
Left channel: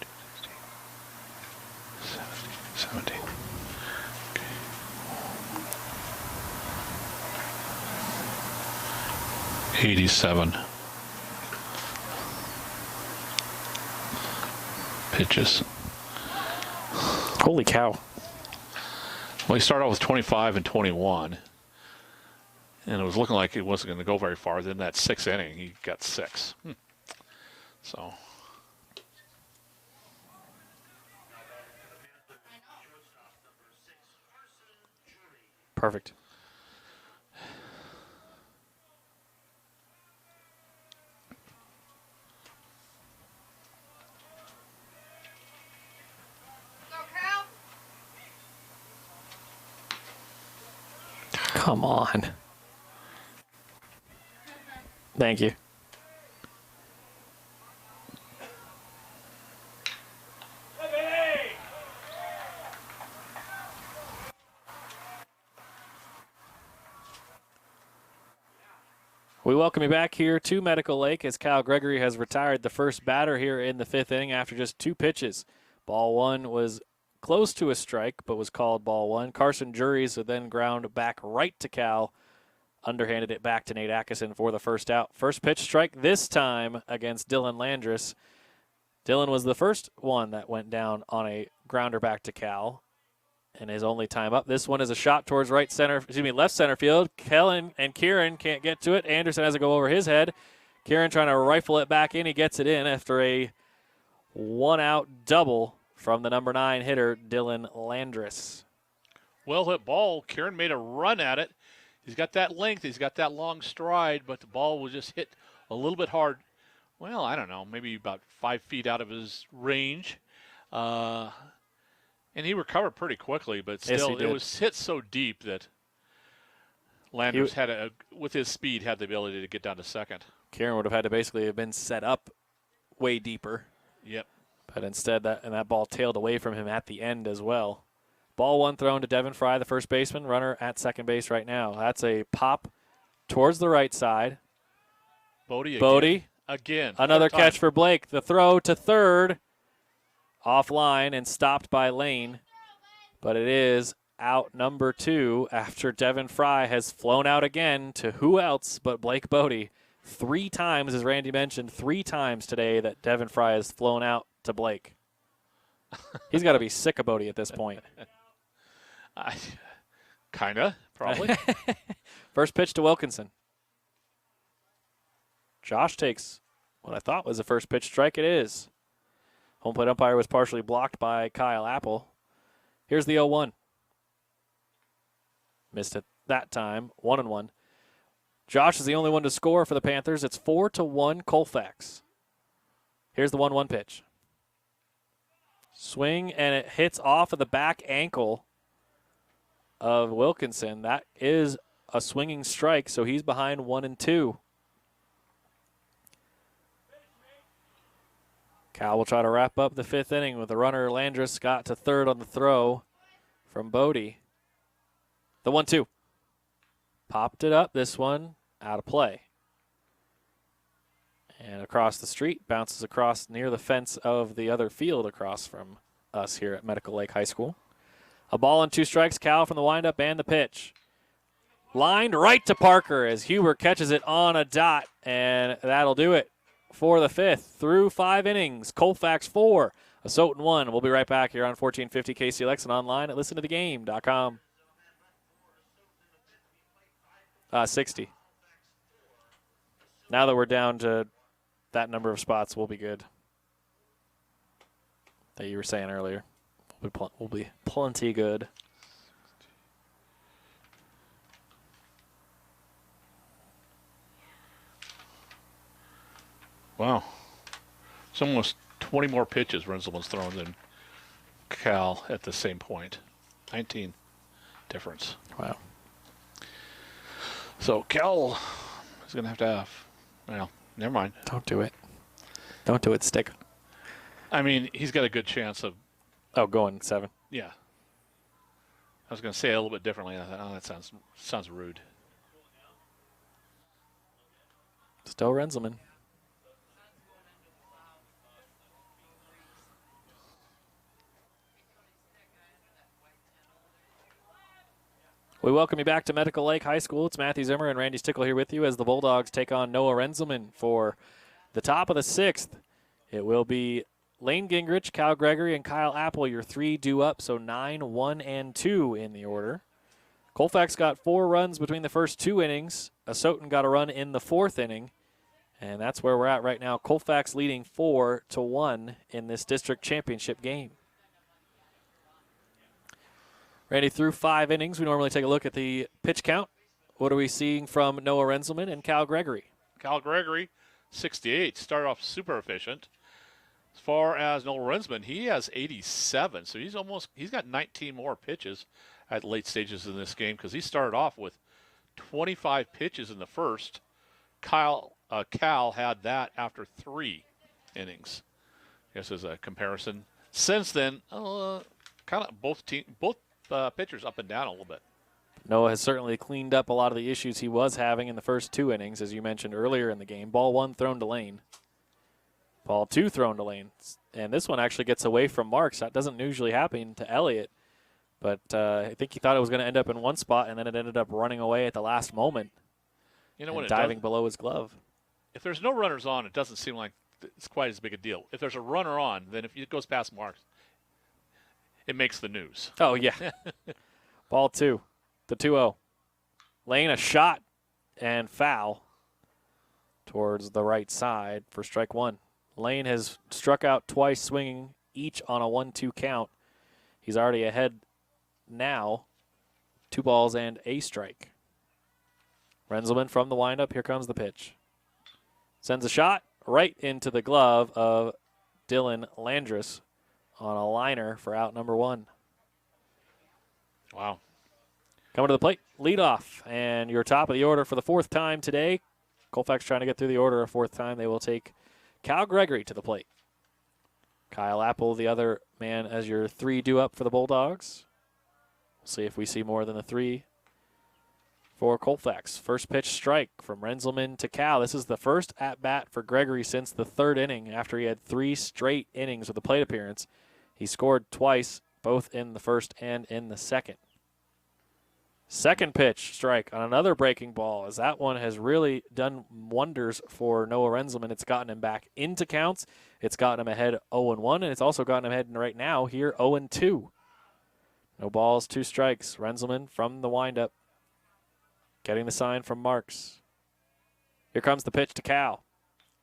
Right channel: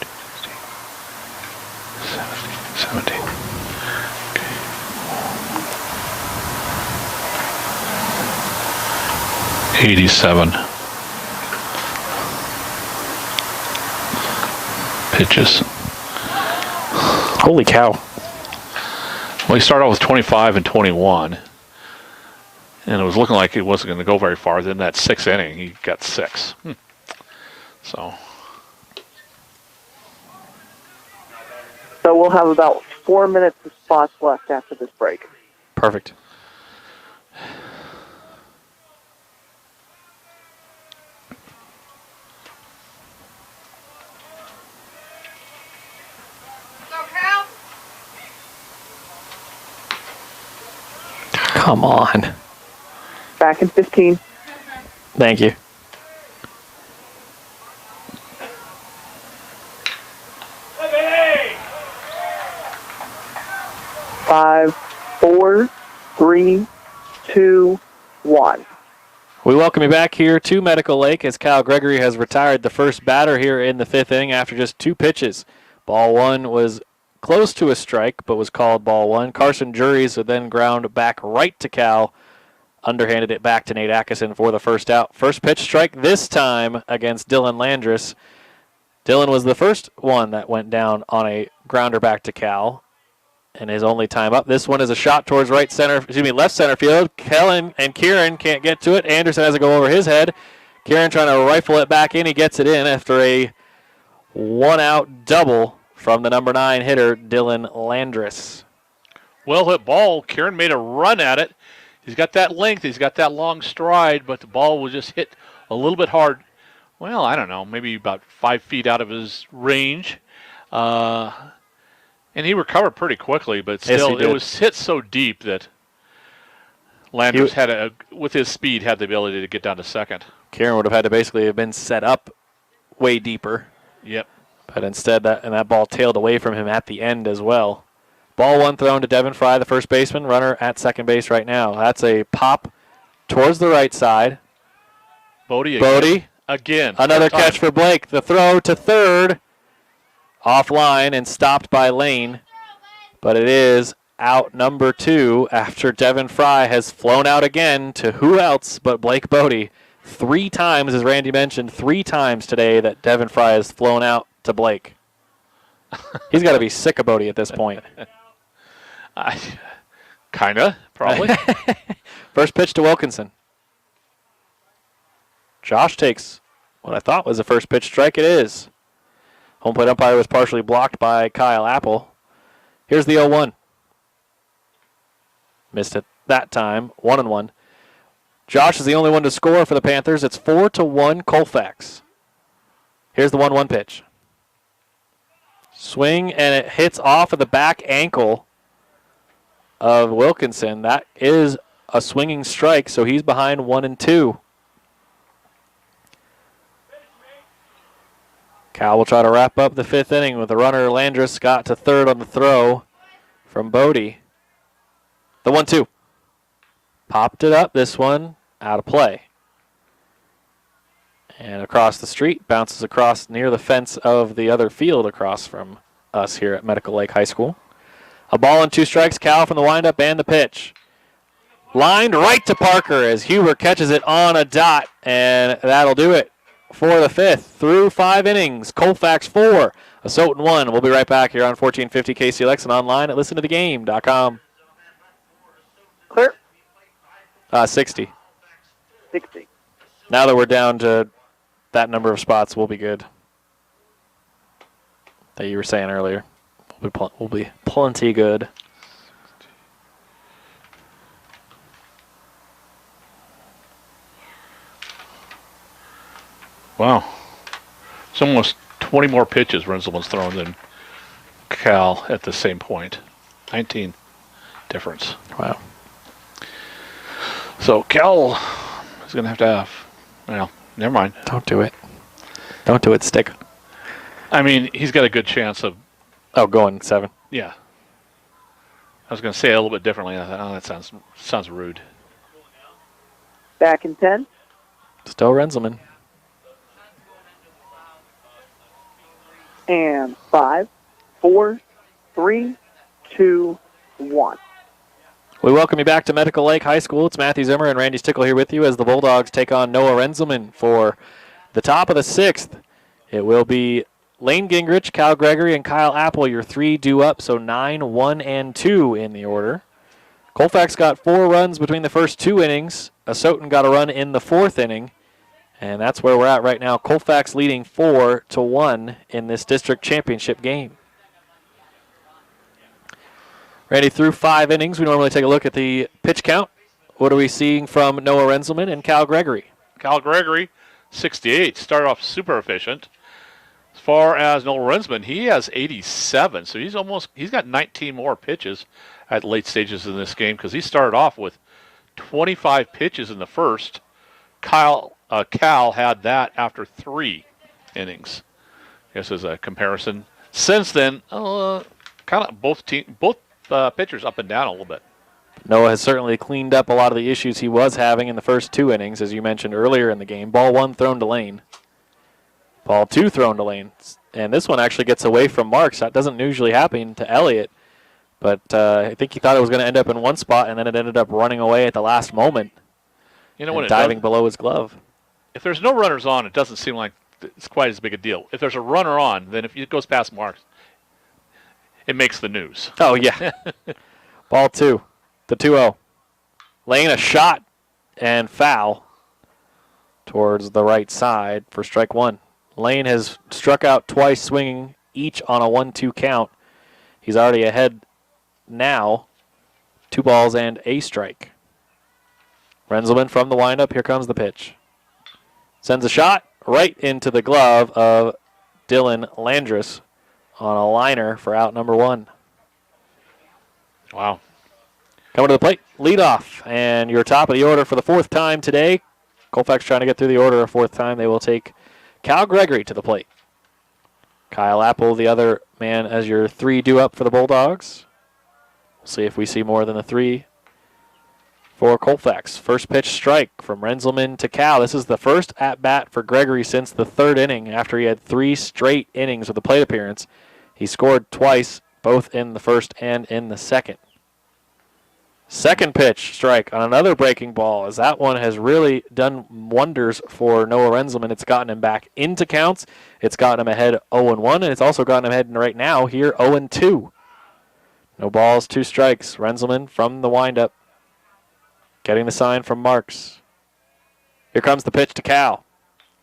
13, 14, 15, 16, 17. Okay. 87 pitches. Holy cow. Well, he started off with 25 and 21, and it was looking like it wasn't going to go very far. Then that 6th inning, he got 6. So We'll have about 4 minutes of spots left after this break. Perfect. Come on. Back in 15. Thank you. Five, 4, 3, 2, 1. We welcome you back here to Medical Lake as Kyle Gregory has retired the first batter here in the 5th inning after just 2 pitches. Ball 1 was close to a strike, but was called ball 1. Carson Juries would then ground back right to Cal, underhanded it back to Nate Atkinson for the first out. First pitch strike this time against Dylan Landris. Dylan was the first one that went down on a grounder back to Cal, and his only time up. This one is a shot towards left center field. Kellen and Kieran can't get to it. Anderson has to go over his head. Kieran trying to rifle it back in. He gets it in after a one-out double from the number 9 hitter, Dylan Landris. Well hit ball. Kieran made a run at it. He's got that length. He's got that long stride, but the ball was just hit a little bit hard. Well, I don't know, maybe about 5 feet out of his range. And he recovered pretty quickly, but still, it was hit so deep that Landers with his speed, had the ability to get down to second. Kieran would have had to basically have been set up way deeper. Yep. But instead, that ball tailed away from him at the end as well. Ball 1 thrown to Devin Fry, the first baseman, runner at second base right now. That's a pop towards the right side. Bodie again. Another catch for Blake. The throw to third. Offline and stopped by Lane, but it is out number 2 after Devin Fry has flown out again to who else but Blake Bodie. 3 times, as Randy mentioned, 3 times today that Devin Fry has flown out to Blake. He's got to be sick of Bodie at this point. Kinda, probably. First pitch to Wilkinson. Josh takes what I thought was the first pitch strike. It is. Home plate umpire was partially blocked by Kyle Apple. Here's the 0-1. Missed it that time. 1-1. Josh is the only one to score for the Panthers. It's 4-1 Colfax. Here's the 1-1 pitch. Swing, and it hits off of the back ankle of Wilkinson. That is a swinging strike, so he's behind 1-2. Cal will try to wrap up the 5th inning with the runner Landris got to third on the throw from Bodie. The 1-2. Popped it up, this one out of play. And across the street, bounces across near the fence of the other field across from us here at Medical Lake High School. A ball and 2 strikes, Cal from the windup and the pitch. Lined right to Parker as Huber catches it on a dot, and that'll do it for the 5th. Through 5 innings, Colfax 4, Asotin 1. We'll be right back here on 1450 KCLX and online at listentothegame.com. Clear. 60. 60. Now that we're down to that number of spots, we'll be good. That you were saying earlier. We'll be plenty good. Wow. It's almost 20 more pitches Renzelman's thrown than Cal at the same point. 19 difference. Wow. So Cal is going to have, well, never mind. Don't do it. Don't do it, Stick. I mean, he's got a good chance of... Oh, going 7. Yeah. I was going to say it a little bit differently. I thought, oh, that sounds rude. Back in 10. Still Renzelman. And 5, 4, 3, 2, 1. We welcome you back to Medical Lake High School. It's Matthew Zimmer and Randy Stickle here with you as the Bulldogs take on Noah Renzelman for the top of the 6th. It will be Lane Gingrich, Cal Gregory, and Kyle Apple, your 3 due up, so 9, 1, and 2 in the order. Colfax got 4 runs between the first 2 innings. Asotin got a run in the 4th inning, and that's where we're at right now. Colfax leading 4-1 in this district championship game. Randy, through 5 innings, we normally take a look at the pitch count. What are we seeing from Noah Renzelman and Cal Gregory? Cal Gregory, 68, started off super efficient. As far as Noah Renzelman, he has 87, so he's got 19 more pitches at late stages in this game because he started off with 25 pitches in the first. Cal had that after 3 innings. I guess as a comparison. Since then, kind of both pitchers up and down a little bit. Noah has certainly cleaned up a lot of the issues he was having in the first 2 innings, as you mentioned earlier in the game. Ball 1 thrown to Lane. Ball 2 thrown to Lane. And this one actually gets away from Marks. That doesn't usually happen to Elliott. But I think he thought it was going to end up in one spot, and then it ended up running away at the last moment. You know, when diving below his glove. If there's no runners on, it doesn't seem like it's quite as big a deal. If there's a runner on, then if it goes past Marks, it makes the news. Oh, yeah. Ball 2. The 2-0. Lane a shot and foul towards the right side for strike 1. Lane has struck out twice, swinging each on a 1-2 count. He's already ahead now. 2 balls and a strike. Renzelman from the windup. Here comes the pitch. Sends a shot right into the glove of Dylan Landris on a liner for out number 1. Wow. Coming to the plate, lead off, and you're top of the order for the 4th time today. Colfax trying to get through the order a 4th time. They will take Cal Gregory to the plate. Kyle Apple, the other man, as your 3 due up for the Bulldogs. We'll see if we see more than the 3 for Colfax. First pitch strike from Renzelman to Cal. This is the first at-bat for Gregory since the 3rd inning after he had 3 straight innings with a plate appearance. He scored twice, both in the first and in the second. Second pitch strike on another breaking ball, as that one has really done wonders for Noah Renzelman. It's gotten him back into counts. It's gotten him ahead 0-1, and it's also gotten him ahead right now here 0-2. No balls, 2 strikes. Renzelman from the windup, getting the sign from Marks. Here comes the pitch to Cal.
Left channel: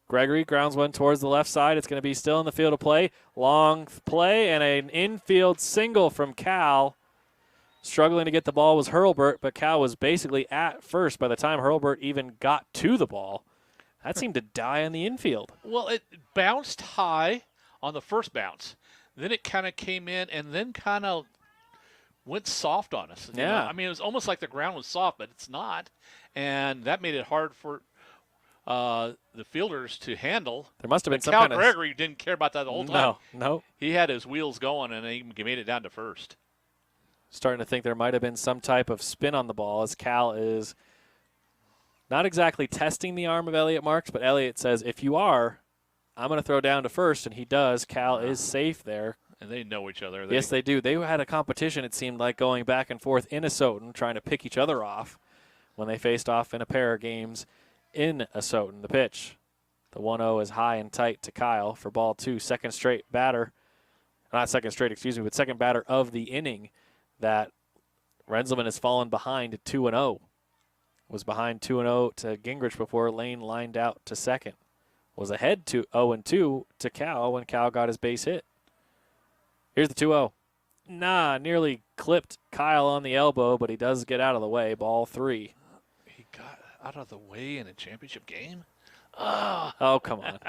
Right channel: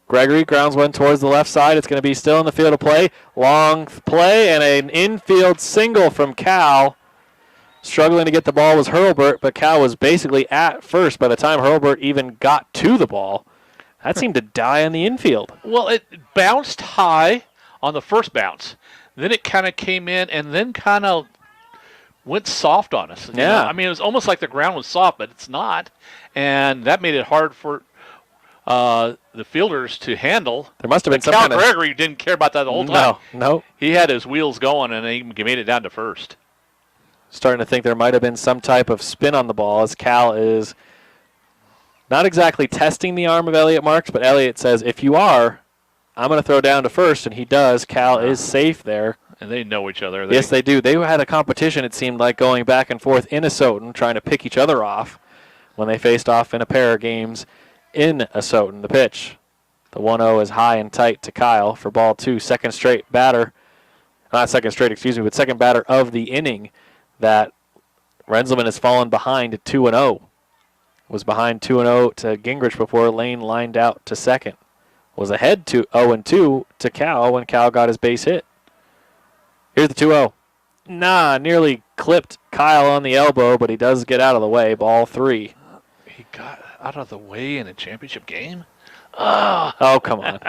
Gregory grounds one towards the left side. It's going to be still in the field of play. Long play and an infield single from Cal. Struggling to get the ball was Hurlburt, but Cal was basically at first by the time Hurlburt even got to the ball. That seemed to die in the infield. Well, it bounced high on the first bounce. Then it kind of came in and then kind of went soft on us. Yeah. You know? I mean, it was almost like the ground was soft, but it's not. And that made it hard for the fielders to handle. There must have been some Cal kind of... Gregory didn't care about that the whole time. No. He had his wheels going, and he made it down to first. Starting to think there might have been some type of spin on the ball, as Cal is not exactly testing the arm of Elliott Marks, but Elliott says, if you are, I'm going to throw down to first, and he does. Cal is safe there. And they know each other. Yes, they do. They had a competition, it seemed like, going back and forth in Asotin, trying to pick each other off when they faced off in a pair of games in Asotin. The pitch. The 1-0 is high and tight to Kyle for ball 2. Second straight batter. Not second straight, excuse me, but second batter of the inning that Renzelman has fallen behind 2-0. Was behind 2-0 to Gingrich before Lane lined out to second. Was ahead to 0-2 to Cal when Cal got his base hit. Here's the 2-0. Nearly clipped Kyle on the elbow, but he does get out of the way. Ball 3. He got out of the way in a championship game? Oh, come on.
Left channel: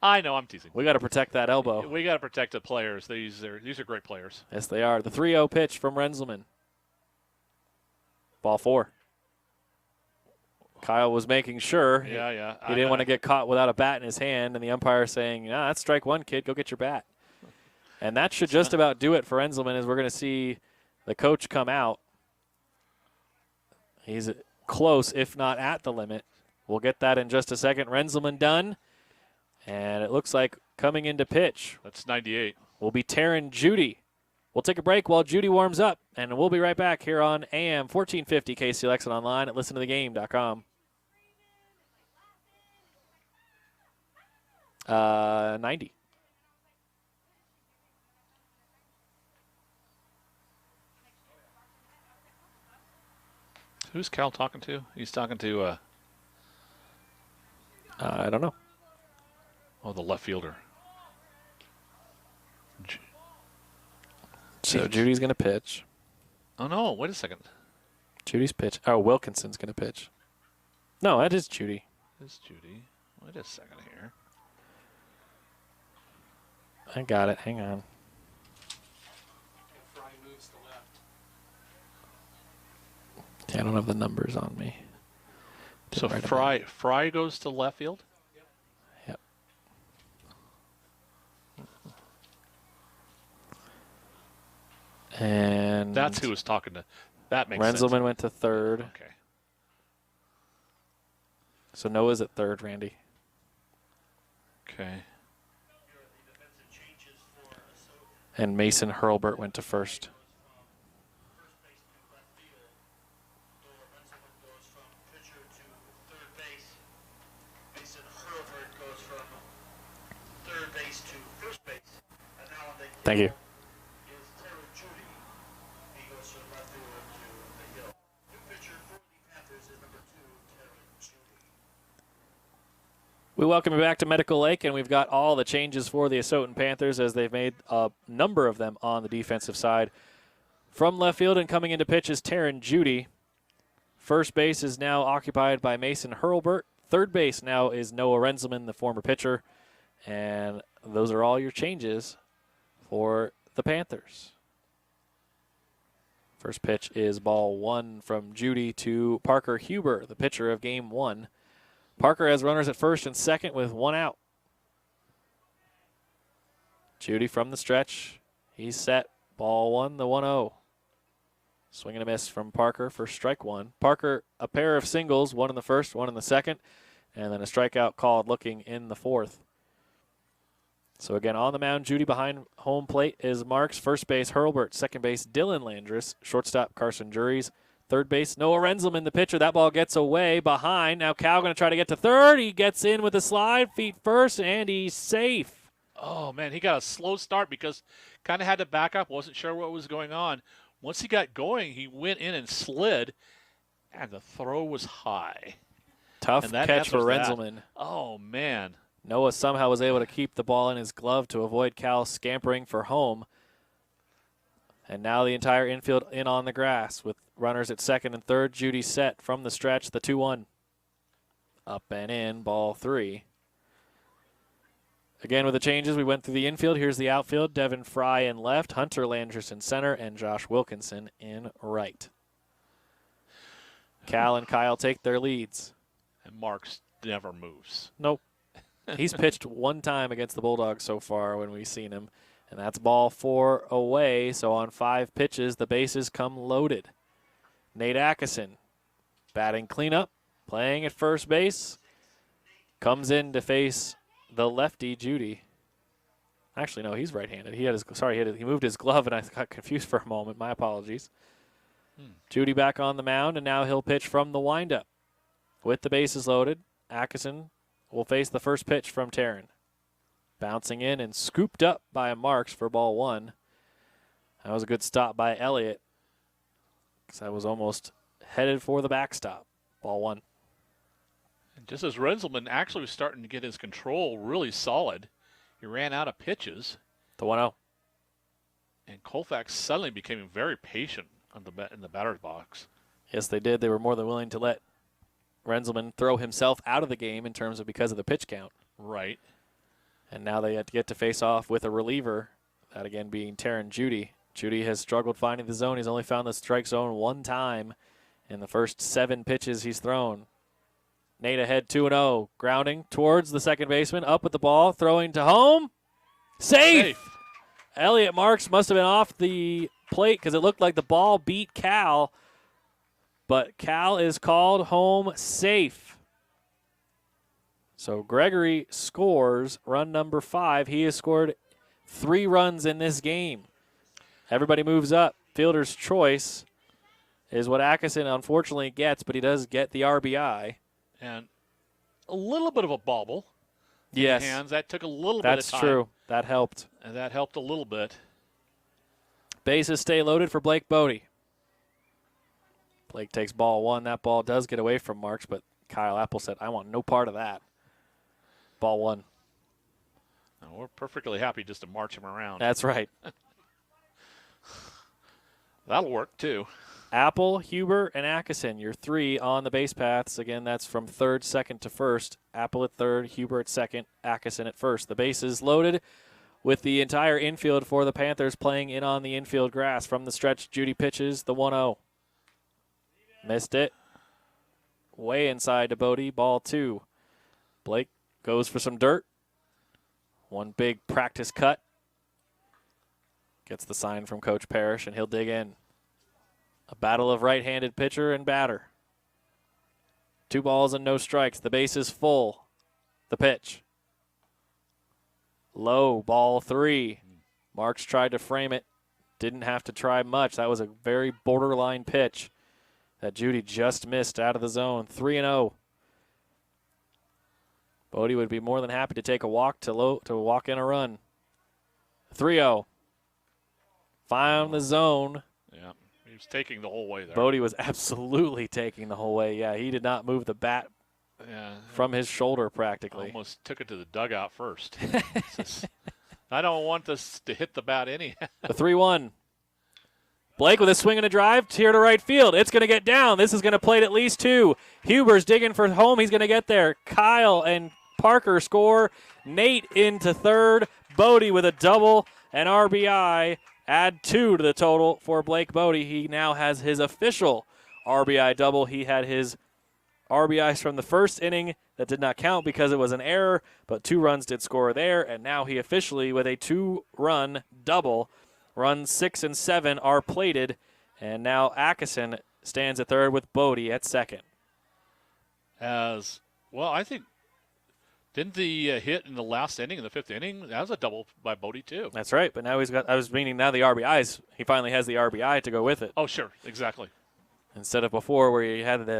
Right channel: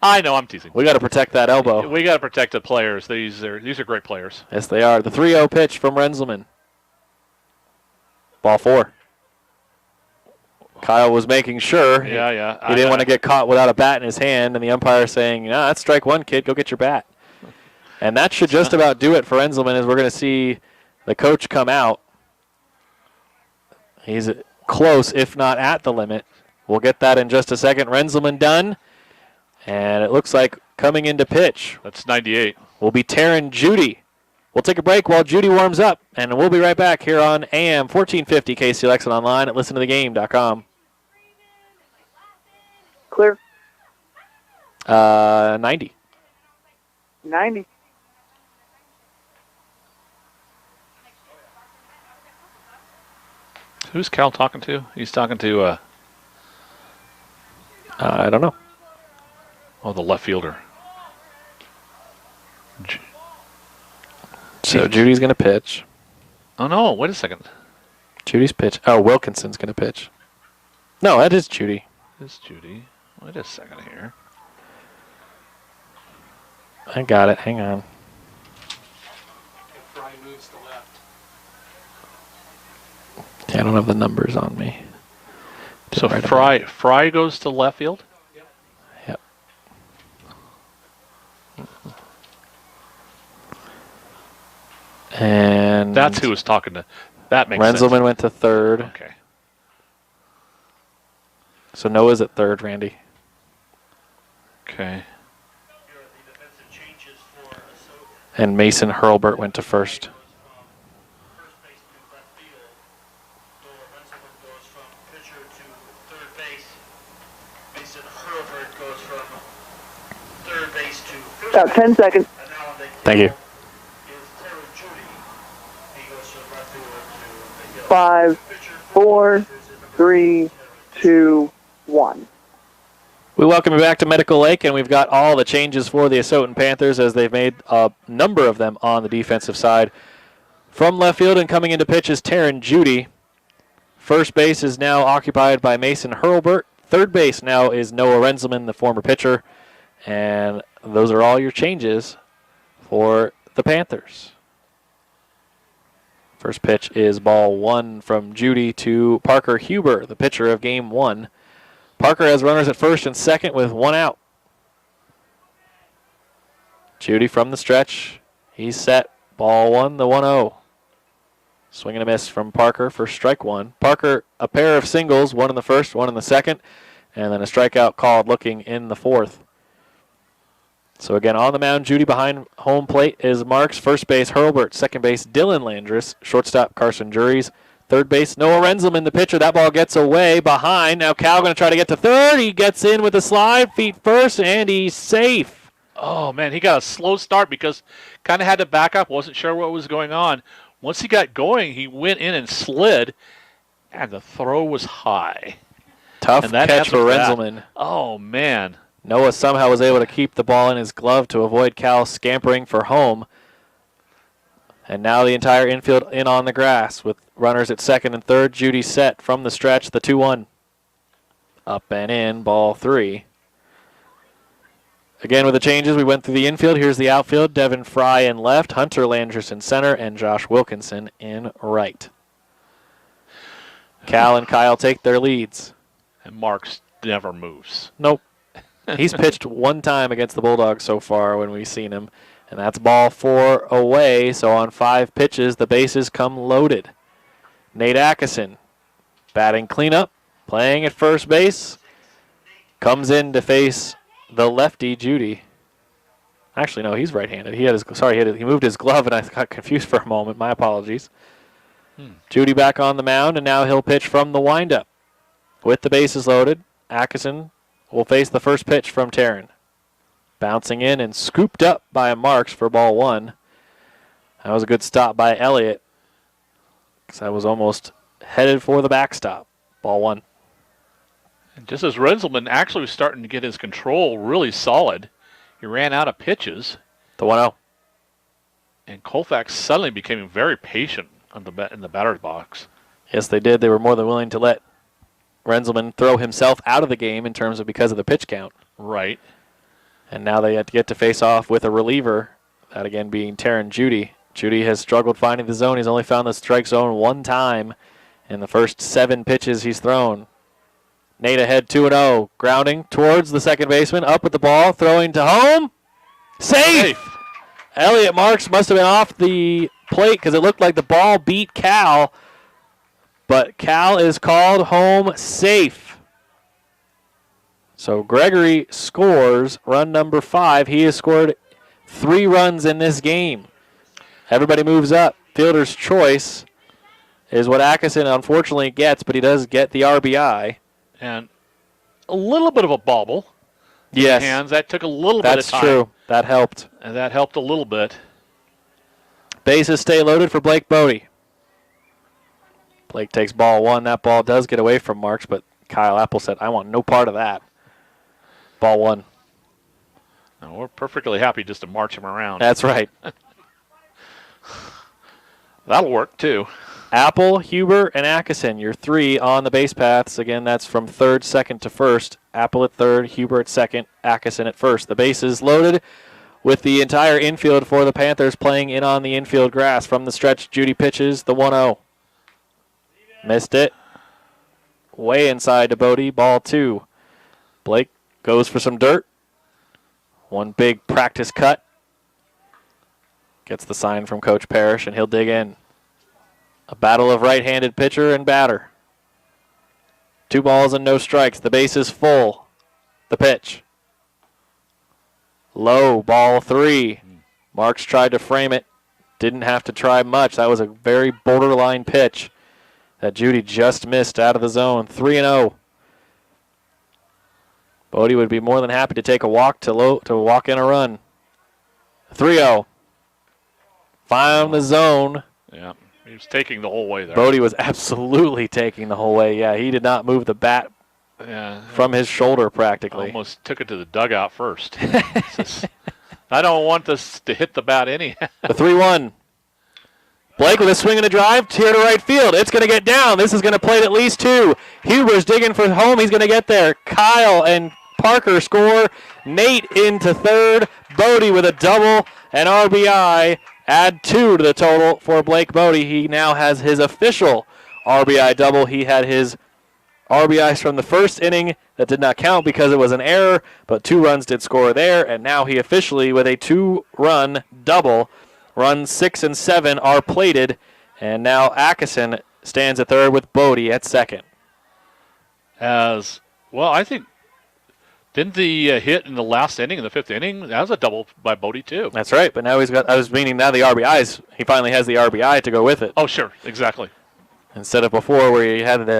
I know, I'm teasing. We got to protect that elbow. We got to protect the players. These are great players. Yes, they are. The 3-0 pitch from Renzelman. Ball 4. Kyle was making sure. Yeah. He didn't want to get caught without a bat in his hand, and the umpire saying, that's strike 1, kid. Go get your bat. And that should just about do it for Renzelman, as we're going to see the coach come out. He's close, if not at the limit. We'll get that in just a second. Renzelman done. And it looks like coming into pitch. That's 98. Will be Taryn Judy. We'll take a break while Judy warms up, and we'll be right back here on AM 1450 KCLX and online at listentothegame.com. Clear. 90. 90. Who's Cal talking to? He's talking to, I don't know. Oh, the left fielder. So Judy's going to pitch. Oh, no, wait a second. Judy's pitch. Oh, Wilkinson's going to pitch. No, that is Judy. This Judy. Wait a second here. I got it. Hang on. Fry moves to left. Yeah, I don't have the numbers on me. So Fry goes to left field? Yep. And that's who was talking to. That makes sense. Renzelman went to third. Okay. So Noah's at third, Randy. Okay. And Mason Hurlburt went to first. About 10 seconds. Thank you. 5, 4, 3, 2, 1. We welcome you back to Medical Lake, and we've got all the changes for the Asotin Panthers as they've made a number of them on the defensive side. From left field and coming into pitch is Taryn Judy. First base is now occupied by Mason Hurlburt. Third base now is Noah Renzelman, the former pitcher. And those are all your changes for the Panthers. First pitch is ball 1 from Judy to Parker Huber, the pitcher of game 1. Parker has runners at first and second with 1 out. Judy from the stretch. He's set. Ball 1, the 1-0. Swing and a miss from Parker for strike 1. Parker, a pair of singles, 1 in the first, 1 in the second, and then a strikeout called looking in the fourth. So again, on the mound, Judy behind home plate is Marks. First base, Hurlburt. Second base, Dylan Landris. Shortstop, Carson Juries. Third base, Noah Renzelman, the pitcher. That ball gets away behind. Now Cal going to try to get to third. He gets in with a slide, feet first, and he's safe. Oh, man, he got a slow start because kind of had to back up. Wasn't sure what was going on. Once he got going, he went in and slid, and the throw was high. Tough catch for Renzelman. Oh, man. Noah somehow was able to keep the ball in his glove to avoid Cal scampering for home. And now the entire infield in on the grass with runners at second and third. Judy set from the stretch, the 2-1. Up and in, ball 3. Again with the changes, we went through the infield. Here's the outfield. Devin Fry in left, Hunter Landris in center, and Josh Wilkinson in right. Cal and Kyle take their leads. And Marks never moves. Nope. He's pitched 1 time against the Bulldogs so far when we've seen him, and that's ball 4 away. So on 5 pitches, the bases come loaded. Nate Atkinson batting cleanup, playing at first base, comes in to face the lefty Judy. Actually, no, he's right-handed. He moved his glove, and I got confused for a moment. My apologies. Judy back on the mound, and now he'll pitch from the windup. With the bases loaded, Atkinson will face the first pitch from Taryn. Bouncing in and scooped up by Marks for ball 1. That was a good stop by Elliott, because I was almost headed for the backstop. Ball 1. And just as Renzelman actually was starting to get his control really solid, he ran out of pitches. The 1-0. And Colfax suddenly became very patient in the batter's box. Yes, they did. They were more than willing to let Renzelman throw himself out of the game in terms of because of the pitch count. Right. And now they have to get to face off with a reliever, that again being Taryn Judy. Judy has struggled finding the zone. He's only found the strike zone 1 time in the first 7 pitches he's thrown. Nate ahead 2-0, grounding towards the second baseman, up with the ball, throwing to home. Safe! Elliott Marks must have been off the plate because it looked like the ball beat Cal. But Cal is called home safe. So Gregory scores run number 5. He has scored 3 runs in this game. Everybody moves up. Fielder's choice is what Atkinson unfortunately gets, but he does get the RBI. And a little bit of a bobble. Yes. Hands. That took a little bit of time. That's true. That helped. And that helped a little bit. Bases stay loaded for Blake Bodie. Blake takes ball 1. That ball does get away from Marks, but Kyle Apple said, I want no part of that. Ball 1. No, we're perfectly happy just to march him around. That's right. That'll work, too. Apple, Huber, and Atkinson, your 3 on the base paths. Again, that's from third, second to first. Apple at third, Huber at second, Atkinson at first. The bases loaded with the entire infield for the Panthers playing in on the infield grass. From the stretch, Judy pitches the 1-0. Missed it. Way inside to Bodie. Ball 2. Blake goes for some dirt. One big practice cut. Gets the sign from Coach Parrish, and he'll dig in. A battle of right-handed pitcher and batter. 2 balls and no strikes. The base is full. The pitch. Low, ball 3. Marks tried to frame it. Didn't have to try much. That was a very borderline pitch that Judy just missed out of the zone. 3-0. Bodie would be more than happy to take a walk to walk in a run. 3-0. Found the zone. Yeah, he was taking the whole way there. Bodie was absolutely taking the whole way. Yeah, he did not move the bat from his shoulder practically. Almost took it to the dugout first. I don't want this to hit the bat anyhow. The 3-1. Blake with a swing and a drive here to right field. It's going to get down. This is going to plate at least 2. Huber's digging for home. He's going to get there. Kyle and Parker score. Nate into third. Bodie with a double and RBI. Add 2 to the total for Blake Bodie. He now has his official RBI double. He had his RBIs from the first inning that did not count because it was an error, but 2 runs did score there, and now he officially, with a 2-run double, runs 6 and 7 are plated, and now Atkinson stands at third with Bodie at second. As well, I think, didn't the hit in the last inning, in the 5th inning, that was a double by Bodie too. That's right, but now he's got, I was meaning now the RBIs, he finally has the RBI to go with it. Oh, sure, exactly. Instead of before where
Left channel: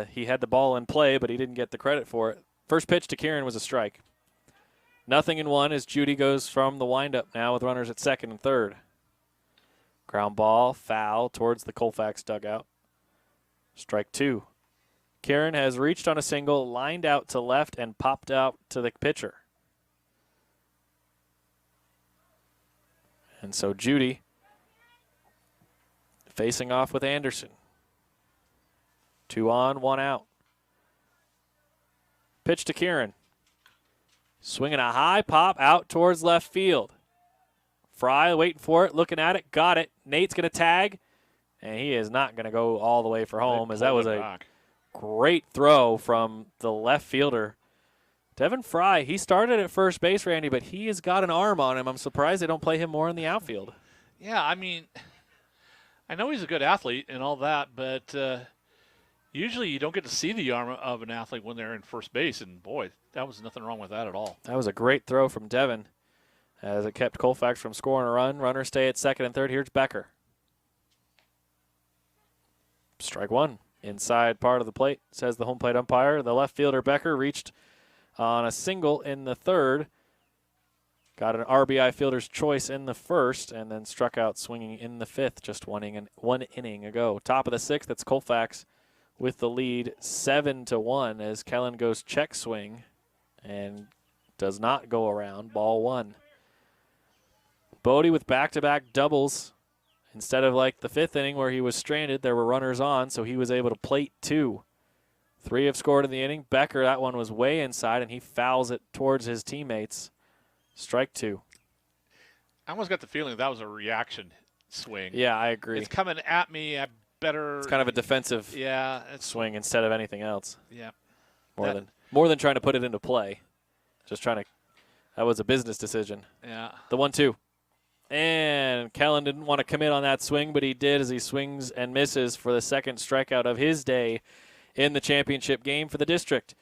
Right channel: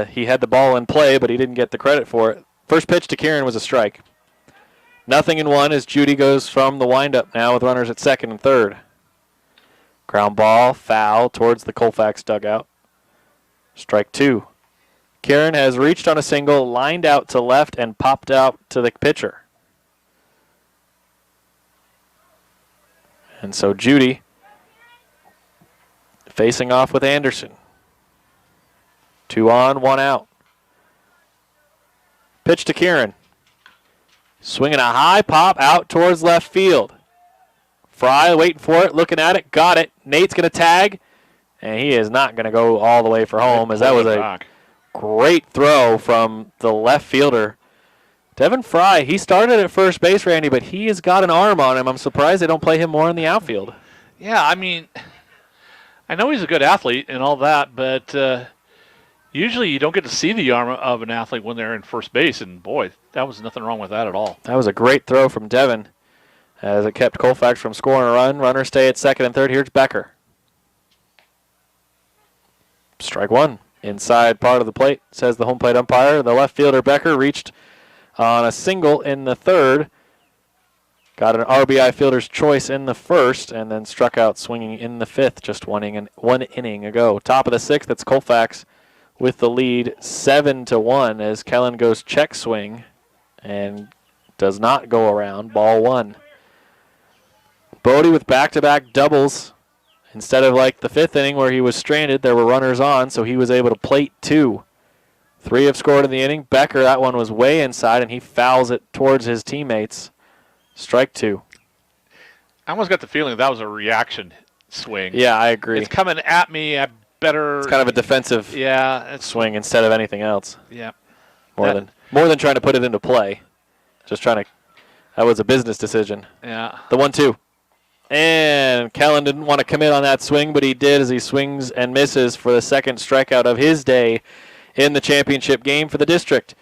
he had the ball in play, but he didn't get the credit for it. First pitch to Kieran was a strike. 0-1 as Judy goes from the windup now with runners at second and third. Ground ball, foul towards the Colfax dugout. Strike 2. Kieran has reached on a single, lined out to left, and popped out to the pitcher. And so Judy facing off with Anderson. 2 on, 1 out. Pitch to Kieran. Swinging a high pop out towards left field. Fry waiting for it, looking at it, got it. Nate's going to tag, and he is not going to go all the way for home, as that was a great throw from the left fielder. Devin Fry, he started at first base, Randy, but he has got an arm on him. I'm surprised they don't play him more in the outfield. Yeah, I mean, I know he's a good athlete and all that, but usually you don't get to see the arm of an athlete when they're in first base, and boy, that was nothing wrong with that at all. That was a great throw from Devin as it kept Colfax from scoring a run. Runners stay at second and third. Here's Becker. Strike 1. Inside part of the plate, says the home plate umpire. The left fielder, Becker, reached on a single in the third. Got an RBI fielder's choice in the first, and then struck out swinging in the 5th, just one inning ago. Top of the 6th, it's Colfax with the lead 7-1 as Kellen goes check swing and does not go around. Ball 1. Bodie with back-to-back doubles. Instead of like the 5th inning where he was stranded, there were runners on, so he was able to plate 2. 3 have scored in the inning. Becker, that one was way inside, and he fouls it towards his teammates. Strike 2. I almost got the feeling that was a reaction swing. Yeah, I agree. It's coming at me. I better. It's kind of a defensive swing instead of anything else. Yeah. More than trying to put it into play. Just trying to. That was a business decision. Yeah. The 1-2. And Kellen didn't want to commit on that swing, but he did as he swings and misses for the second strikeout of his day in the championship game for the district.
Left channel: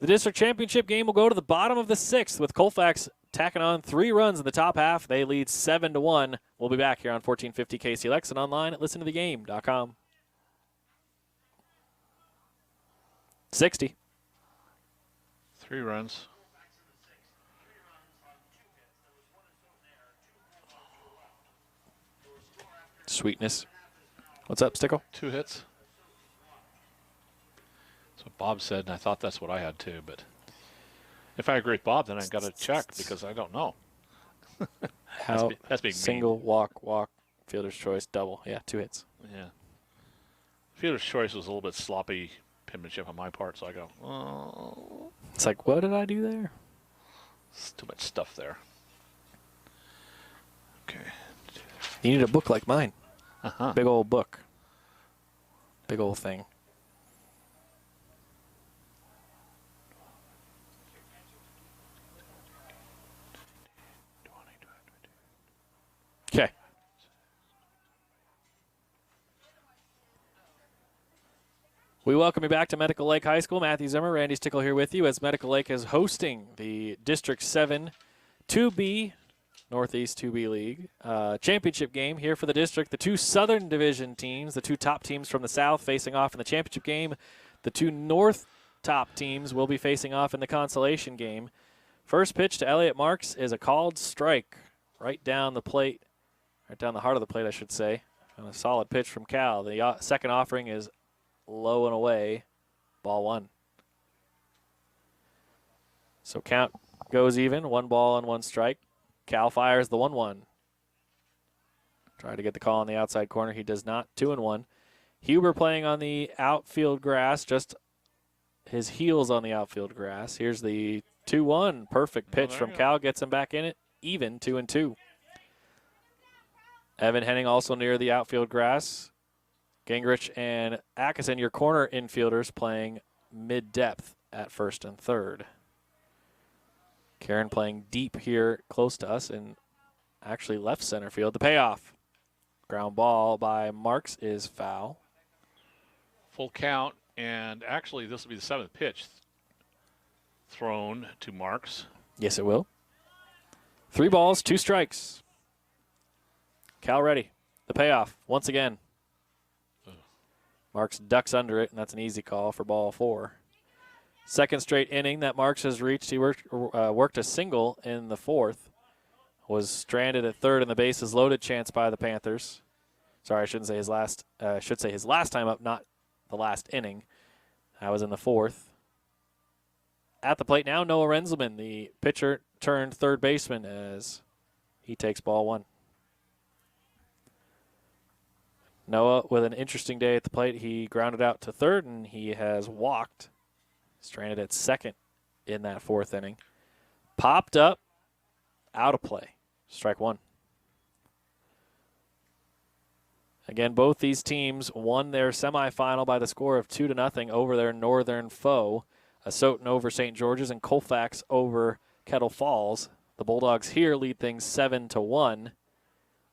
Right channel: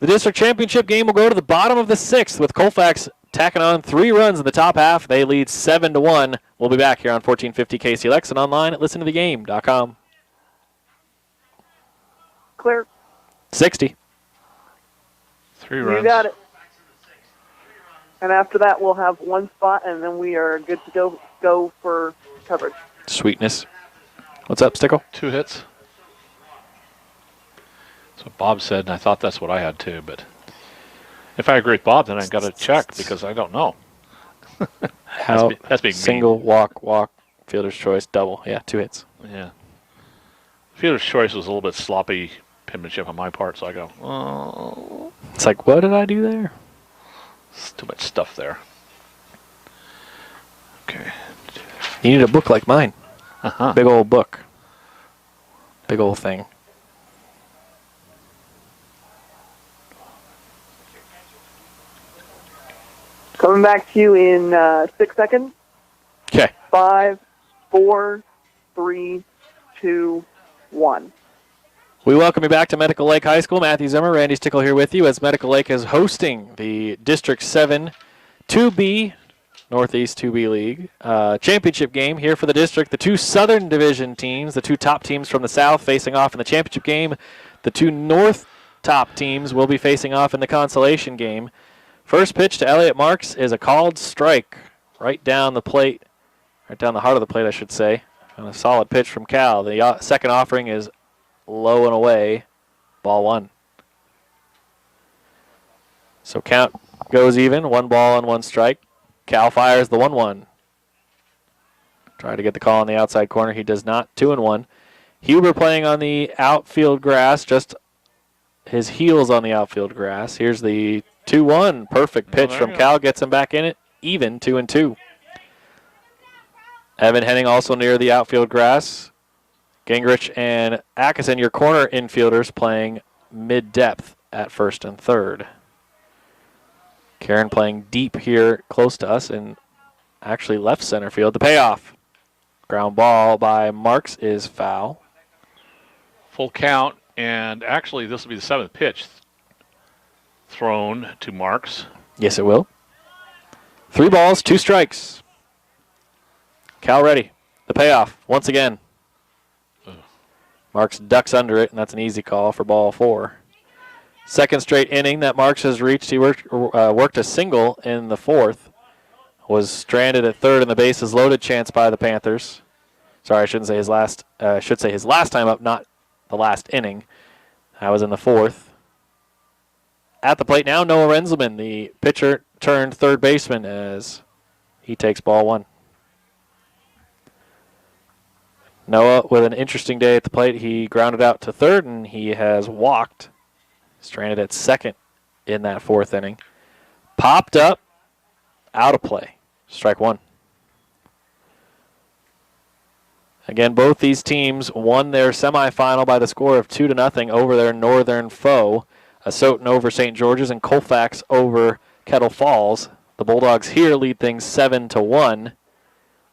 The district championship game will go to the bottom of the 6th with Colfax tacking on 3 runs in the top half. They lead 7-1. We'll be back here on 1450 KCLX and online at listentothegame.com. Clear. 60. 3 runs. You got it. And after that, we'll have 1 spot, and then we are good to go for coverage. Sweetness. What's up, Stickle? 2 hits. That's what Bob said, and I thought that's what I had too. But if I agree with Bob, then I got to check because I don't know. That's being single, mean. walk, fielder's choice, double. Yeah, 2 hits. Yeah. Fielder's choice was a little bit sloppy penmanship on my part, so I go, oh. It's like, what did I do there? It's too much stuff there. Okay. You need a book like mine. Uh-huh. Big old book. Big old thing. Coming back to you in 6 seconds. Okay. 5, 4, 3, 2, 1. We welcome you back to Medical Lake High School. Matthew Zimmer, Randy Stickle here with you as Medical Lake is hosting the District 7 2B, Northeast 2B League championship game here for the district. The two Southern Division teams, the two top teams from the South facing off in the championship game. The two North top teams will be facing off in the consolation game. First pitch to Elliot Marks is a called strike right down the plate, right down the heart of the plate, I should say. And a solid pitch from Cal. The second offering is low and away, ball 1. So count goes even, 1 ball and 1 strike. Cal fires the 1-1. Trying to get the call on the outside corner. He does not. 2-1. Huber playing on the outfield grass, just his heels on the outfield grass. Here's the 2-1. Perfect pitch from Cal. Gets him back in it. Even 2-2. Evan Henning also near the outfield grass. Gingrich and Atkinson, your corner infielders, playing mid-depth at first and third. Karen playing deep here close to us and actually left center field. The payoff. Ground ball by Marks is foul. Full count, and actually this will be the 7th pitch thrown to Marks. Yes, it will. 3 balls, 2 strikes. Cal ready. The payoff once again. Marks ducks under it, and that's an easy call for ball 4. Second straight inning that Marks has reached. He worked a single in the 4th. Was stranded at third, and the bases loaded chance by the Panthers. Sorry, I shouldn't say his last. I should say his last time up, not the last inning. That was in the 4th. At the plate now, Noah Renzelman, the pitcher turned third baseman, as he takes ball 1. Noah with an interesting day at the plate. He grounded out to third, and he has walked. Stranded at second in that 4th inning. Popped up, out of play. Strike 1. Again, both these teams won their semifinal by the score of 2-0 over their northern foe. Asotin over St. George's and Colfax over Kettle Falls. The Bulldogs here lead things 7-1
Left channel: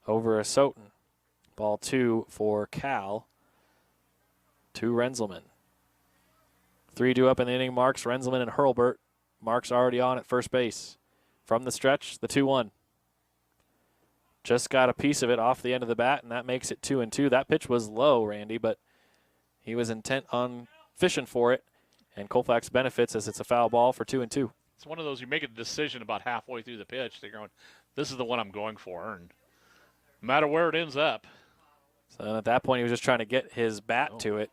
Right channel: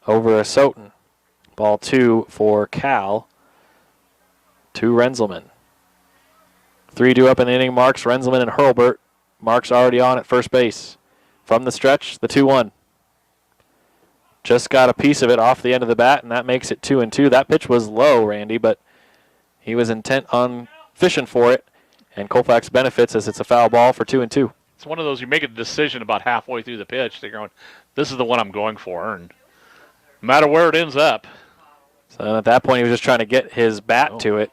over Asotin. Ball 2 for Cal. To Renzelman. 3 due up in the inning. Marks, Renzelman, and Hurlburt. Marks already on at first base. From the stretch, the 2-1. Just got a piece of it off the end of the bat, and that makes it 2-2. That pitch was low, Randy, but he was intent on fishing for it, and Colfax benefits as it's a foul ball for 2-2. It's one of those, you make a decision about halfway through the pitch. They're going, this is the one I'm going for, and no matter where it ends up. So at that point, he was just trying to get his bat to it,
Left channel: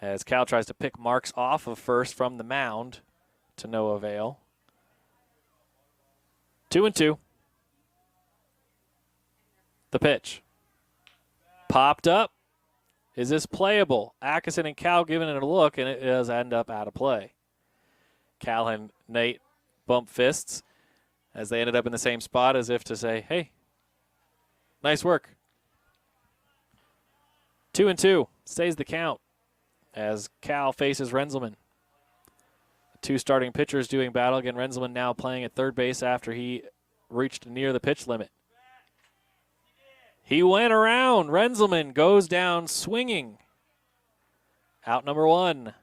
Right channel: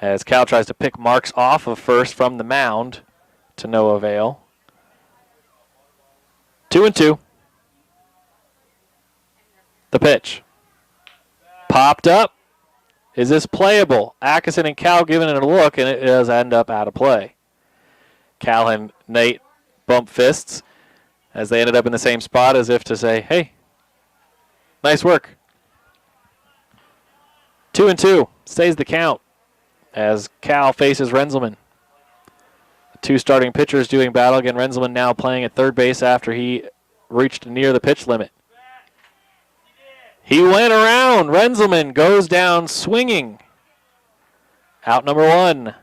as Cal tries to pick Marks off of first from the mound to no avail. 2-2. The pitch. Popped up. Is this playable? Atkinson and Cal giving it a look, and it does end up out of play. Cal and Nate bump fists as they ended up in the same spot, as if to say, hey, nice work. 2-2. Stays the count as Cal faces Renzelman. The 2 starting pitchers doing battle. Again, Renzelman now playing at third base after he reached near the pitch limit. He went around. Renzelman goes down swinging. Out number 1.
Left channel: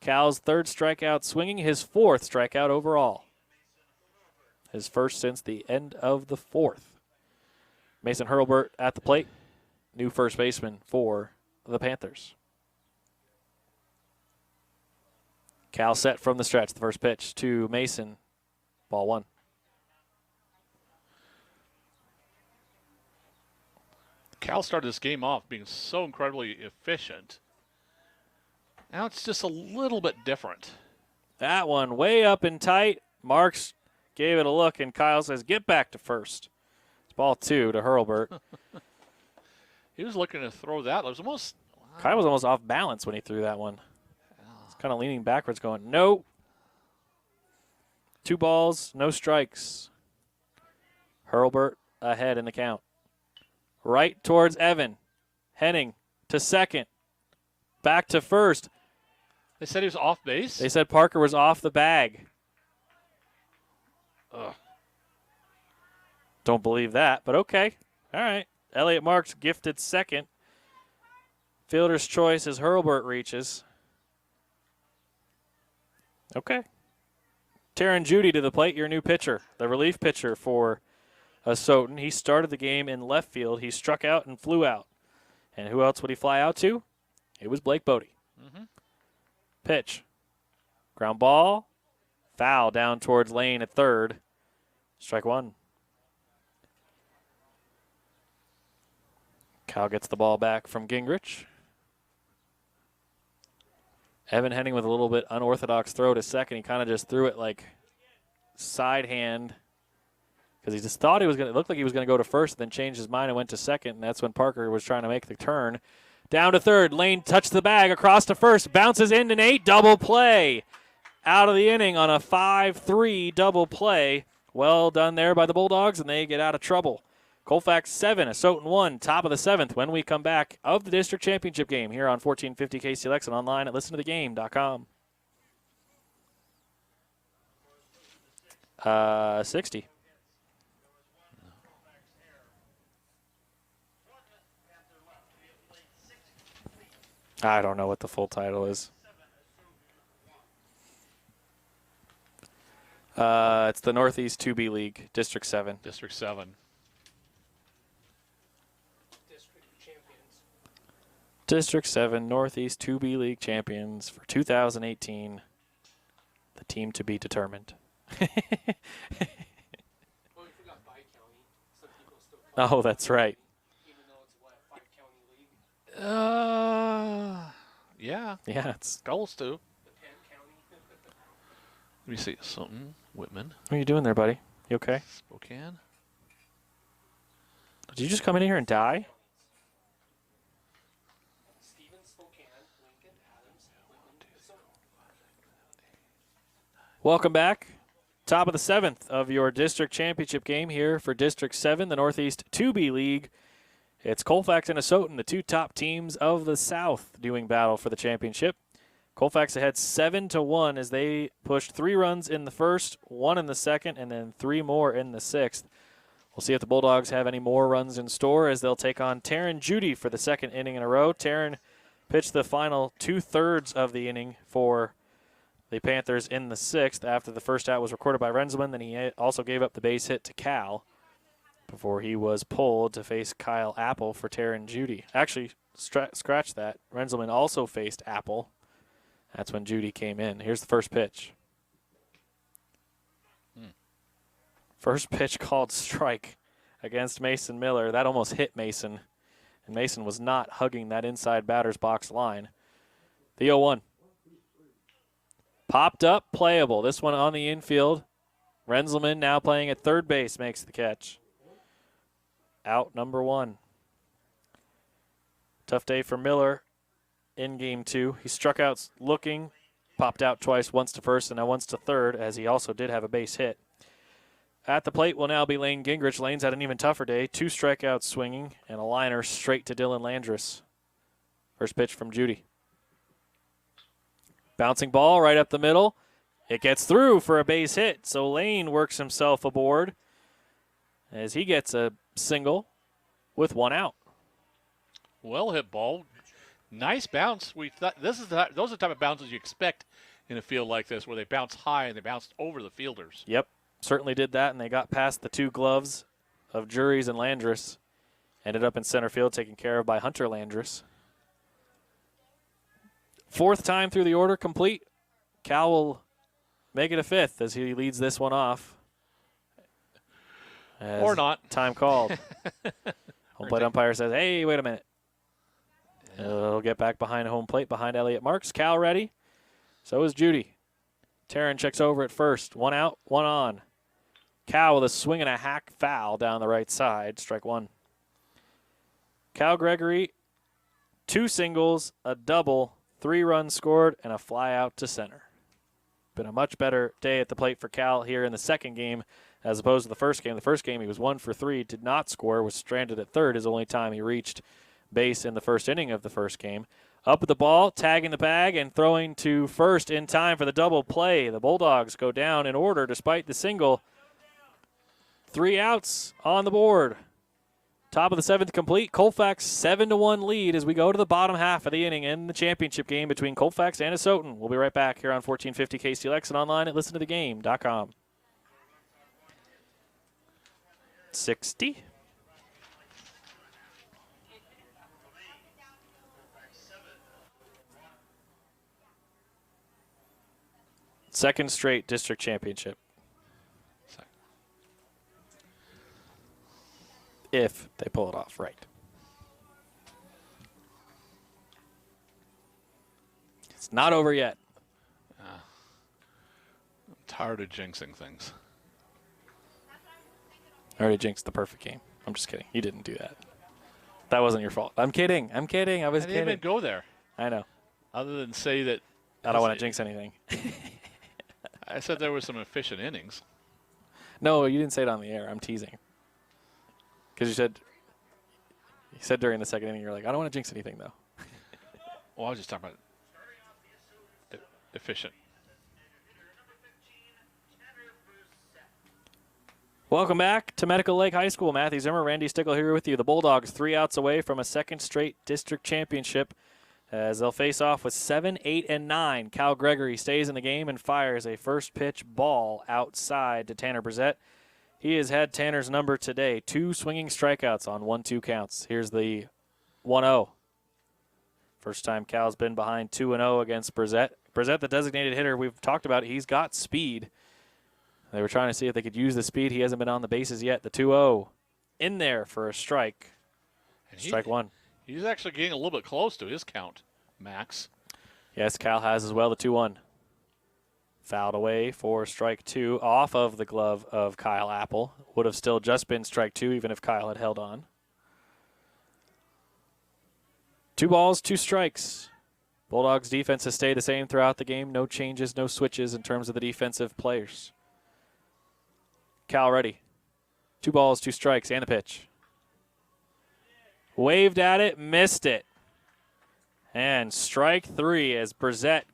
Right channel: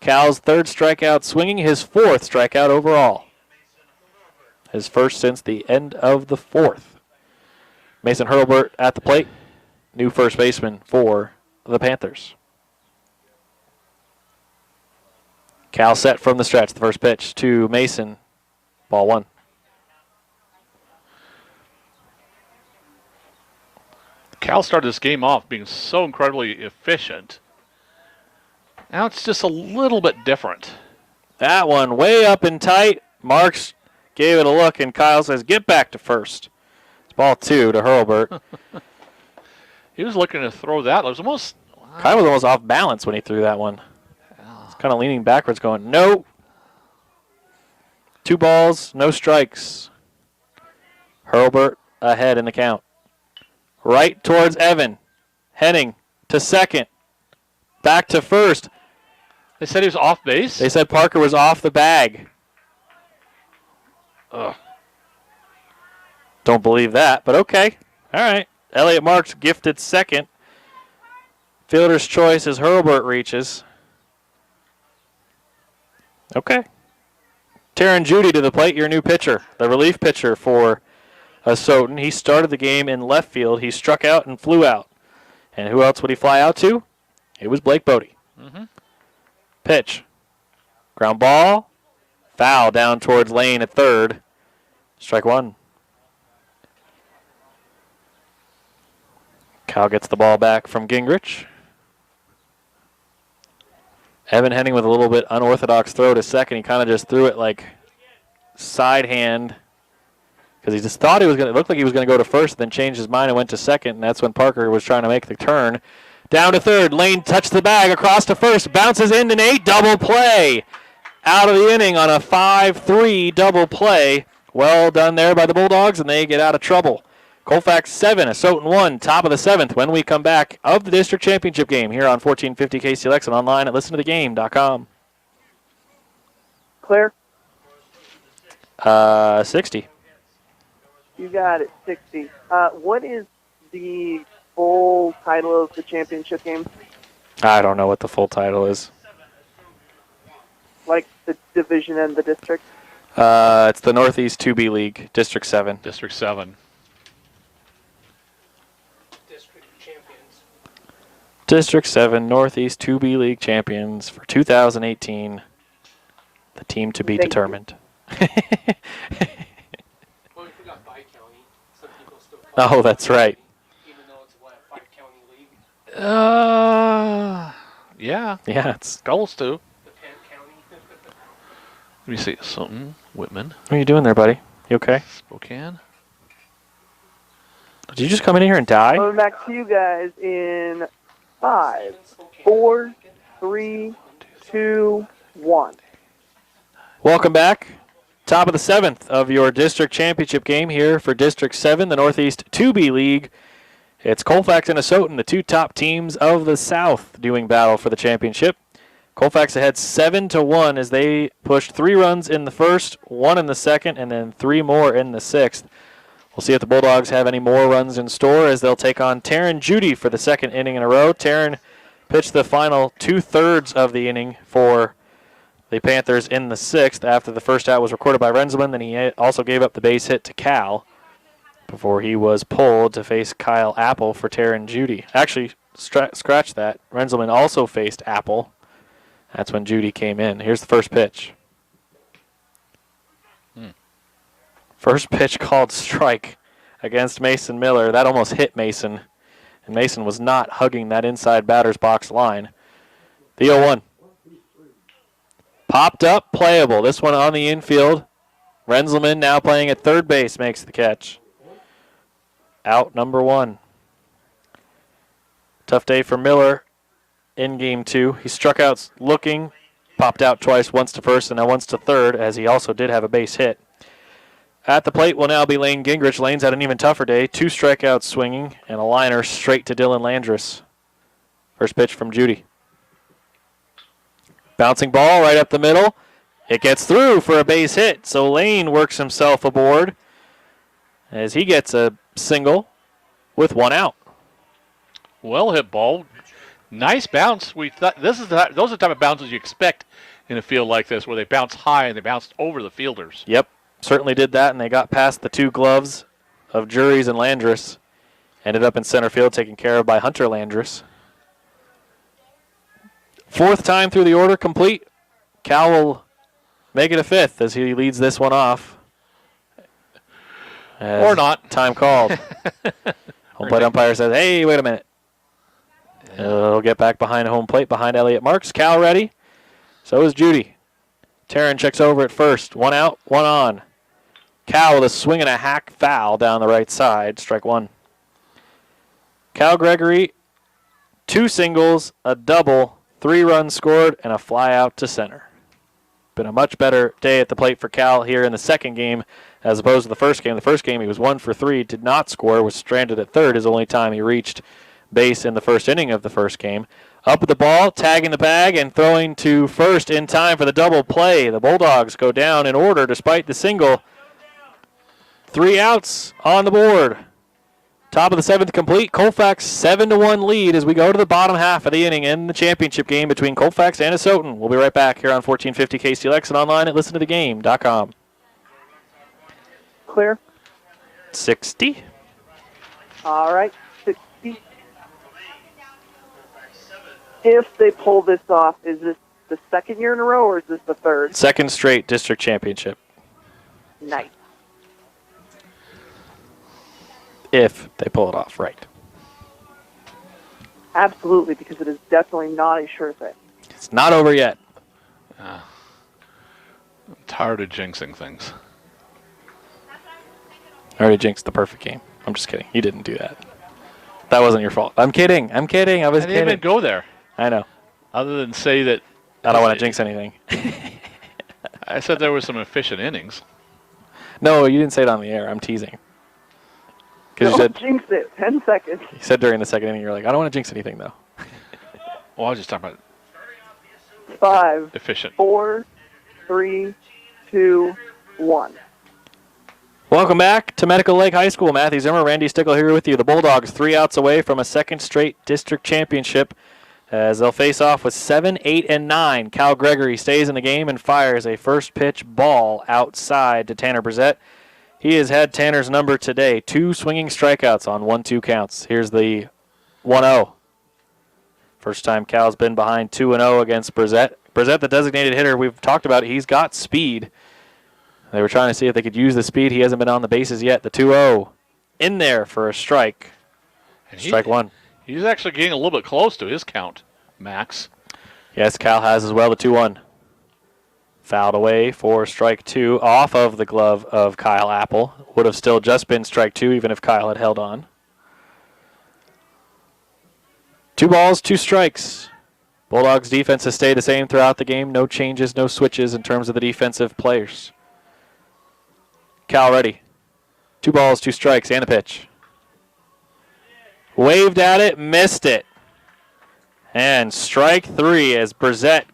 Cal's 3rd strikeout swinging, his 4th strikeout overall. His first since the end of the 4th. Mason Hurlburt at the plate. New first baseman for the Panthers. Cal set from the stretch. The first pitch to Mason. Ball 1. Cal started this game off being so incredibly efficient. Now it's just a little bit different. That one way up and tight. Marks gave it a look, and Kyle says, get back to first. It's ball 2 to Hurlburt. He was looking to throw that. It was almost... Wow. Kyle was almost off balance when he threw that one. He's kind of leaning backwards going, no. 2 balls, no strikes. Hurlburt ahead in the count. Right towards Evan. Henning to second. Back to first. They said he was off base? They said Parker was off the bag. Ugh. Don't believe that, but okay. All right. Elliott Marks gifted second. Fielder's choice as Hurlburt reaches. Okay. Taryn Judy to the plate, your new pitcher, the relief pitcher for Soton. He started the game in left field. He struck out and flew out. And who else would he fly out to? It was Blake Bodie. Mm-hmm. Pitch. Ground ball. Foul down towards Lane at third. Strike one. Cal gets the ball back from Gingrich. Evan Henning with a little bit unorthodox throw to second. He kind of just threw it like side hand because he just thought he was going to, it looked like he was going to go to first, then changed his mind and went to second, and that's when Parker was trying to make the turn. Down to third. Lane touched the bag across to first. Bounces into Nate. Double play. Out of the inning on a 5-3 double play. Well done there by the Bulldogs, and they get out of trouble. Colfax 7, Soton 1, top of the 7th when we come back of the district championship game here on 1450 KCLX and online at listentothegame.com. Claire? 60. You got it, 60. What is the full title of the championship game? I don't know what the full title is. Like the division and the district? It's the Northeast 2B League, District 7. District 7. District 7, Northeast 2B League champions for 2018. The team to be determined. Oh, that's right. Yeah. Yeah, it's. Goals too. Let me see something. Whitman. What are you doing there, buddy? You okay? Spokane. Did you just come in here and die? Coming back to you guys in 5, 4, 3, 2, 1. Welcome back. Top of the 7th of your district championship game here for District 7, the Northeast 2B League. It's Colfax and Soton, the two top teams of the South, doing battle for the championship. Colfax ahead 7-1 as they pushed 3 runs in the first, 1 in the second, and then 3 more in the 6th. We'll see if the Bulldogs have any more runs in store as they'll take on Taryn Judy for the second inning in a row. Taryn pitched the final 2/3 of the inning for the Panthers in the 6th after the first out was recorded by Renzelman. Then he also gave up the base hit to Cal before he was pulled to face Kyle Apple for Taryn Judy. Actually, scratch that. Renzelman also faced Apple. That's when Judy came in. Here's the first pitch. First pitch called strike against Mason Miller. That almost hit Mason, and Mason was not hugging that inside batter's box line. The 0-1. Popped up, playable. This one on the infield. Renzelman now playing at third base makes the catch. Out number 1. Tough day for Miller in game 2. He struck out looking, popped out twice, once to first and now once to third, as he also did have a base hit. At the plate will now be Lane Gingrich. Lane's had an even tougher day. 2 strikeouts swinging and a liner straight to Dylan Landris. First pitch from Judy. Bouncing ball right up the middle. It gets through for a base hit, so Lane works himself aboard as he gets a single with 1 out. Well hit ball. Nice bounce. We thought those are the type of bounces you expect in a field like this, where they bounce high and they bounced over the fielders. Yep, certainly did that, and they got past the 2 gloves of Juries and Landris. Ended up in center field, taken care of by Hunter Landris. 4th time through the order complete. Cal will make it a 5th as he leads this one off. Or not. Time called. Home plate umpire says, hey, wait a minute. He'll get back behind home plate, behind Elliott Marks. Cal ready. So is Judy. Taryn checks over at first. 1 out, 1 on. Cal with a swing and a hack foul down the right side. Strike 1. Cal Gregory, 2 singles, a double, 3 runs scored, and a fly out to center. Been a much better day at the plate for Cal here in the second game as opposed to the first game. The first game he was 1 for 3, did not score, was stranded at third, his only time he reached base in the first inning of the first game. Up with the ball, tagging the bag, and throwing to first in time for the double play. The Bulldogs go down in order despite the single. 3 outs on the board. Top of the 7th complete. Colfax 7-1 lead as we go to the bottom half of the inning in the championship game between Colfax and Asotin. We'll be right back here on 1450 KCLX and online at listentothegame.com. Clear. 60. All right, 60. If they pull this off, is this the second year in a row or is this the third? Second straight district championship. Nice. If they pull it off, right. Absolutely, because it is definitely not a sure thing. It's not over yet. I'm tired of jinxing things. I already jinxed the perfect game. I'm just kidding. You didn't do that. That wasn't your fault. I'm kidding. I was I didn't kidding. even go there. I know. Other than say that I don't want to jinx anything. I said there were some efficient innings. No, you didn't say it on the air. I'm teasing. Because Don't jinx it. 10 seconds. you said during the second inning, you're like, I don't want to jinx anything, though. Well, I was just talking about 5, efficient. 4, 3, 2, 1. Welcome back to Medical Lake High School. Matthew Zimmer, Randy Stickle here with you. The Bulldogs 3 outs away from a second straight district championship as they'll face off with 7, 8, and 9. Cal Gregory stays in the game and fires a first pitch ball outside to Tanner Brissett. He has had Tanner's number today. 2 swinging strikeouts on 1-2 counts. Here's the 1-0. First time Cal's been behind 2-0 against Brissett. Brissett, the designated hitter, we've talked about, he's got speed. They were trying to see if they could use the speed. He hasn't been on the bases yet. The 2-0 in there for a strike. Strike 1. He's actually getting a little bit close to his count, Max. Yes, Cal has as well, the 2-1. Fouled away for strike 2 off of the glove of Kyle Apple. Would have still just been strike 2 even if Kyle had held on. 2 balls, 2 strikes. Bulldogs defense has stayed the same throughout the game. No changes, no switches in terms of the defensive players. Cal ready. 2 balls, 2 strikes, and the pitch. Waved at it, missed it. And strike 3 as Brissett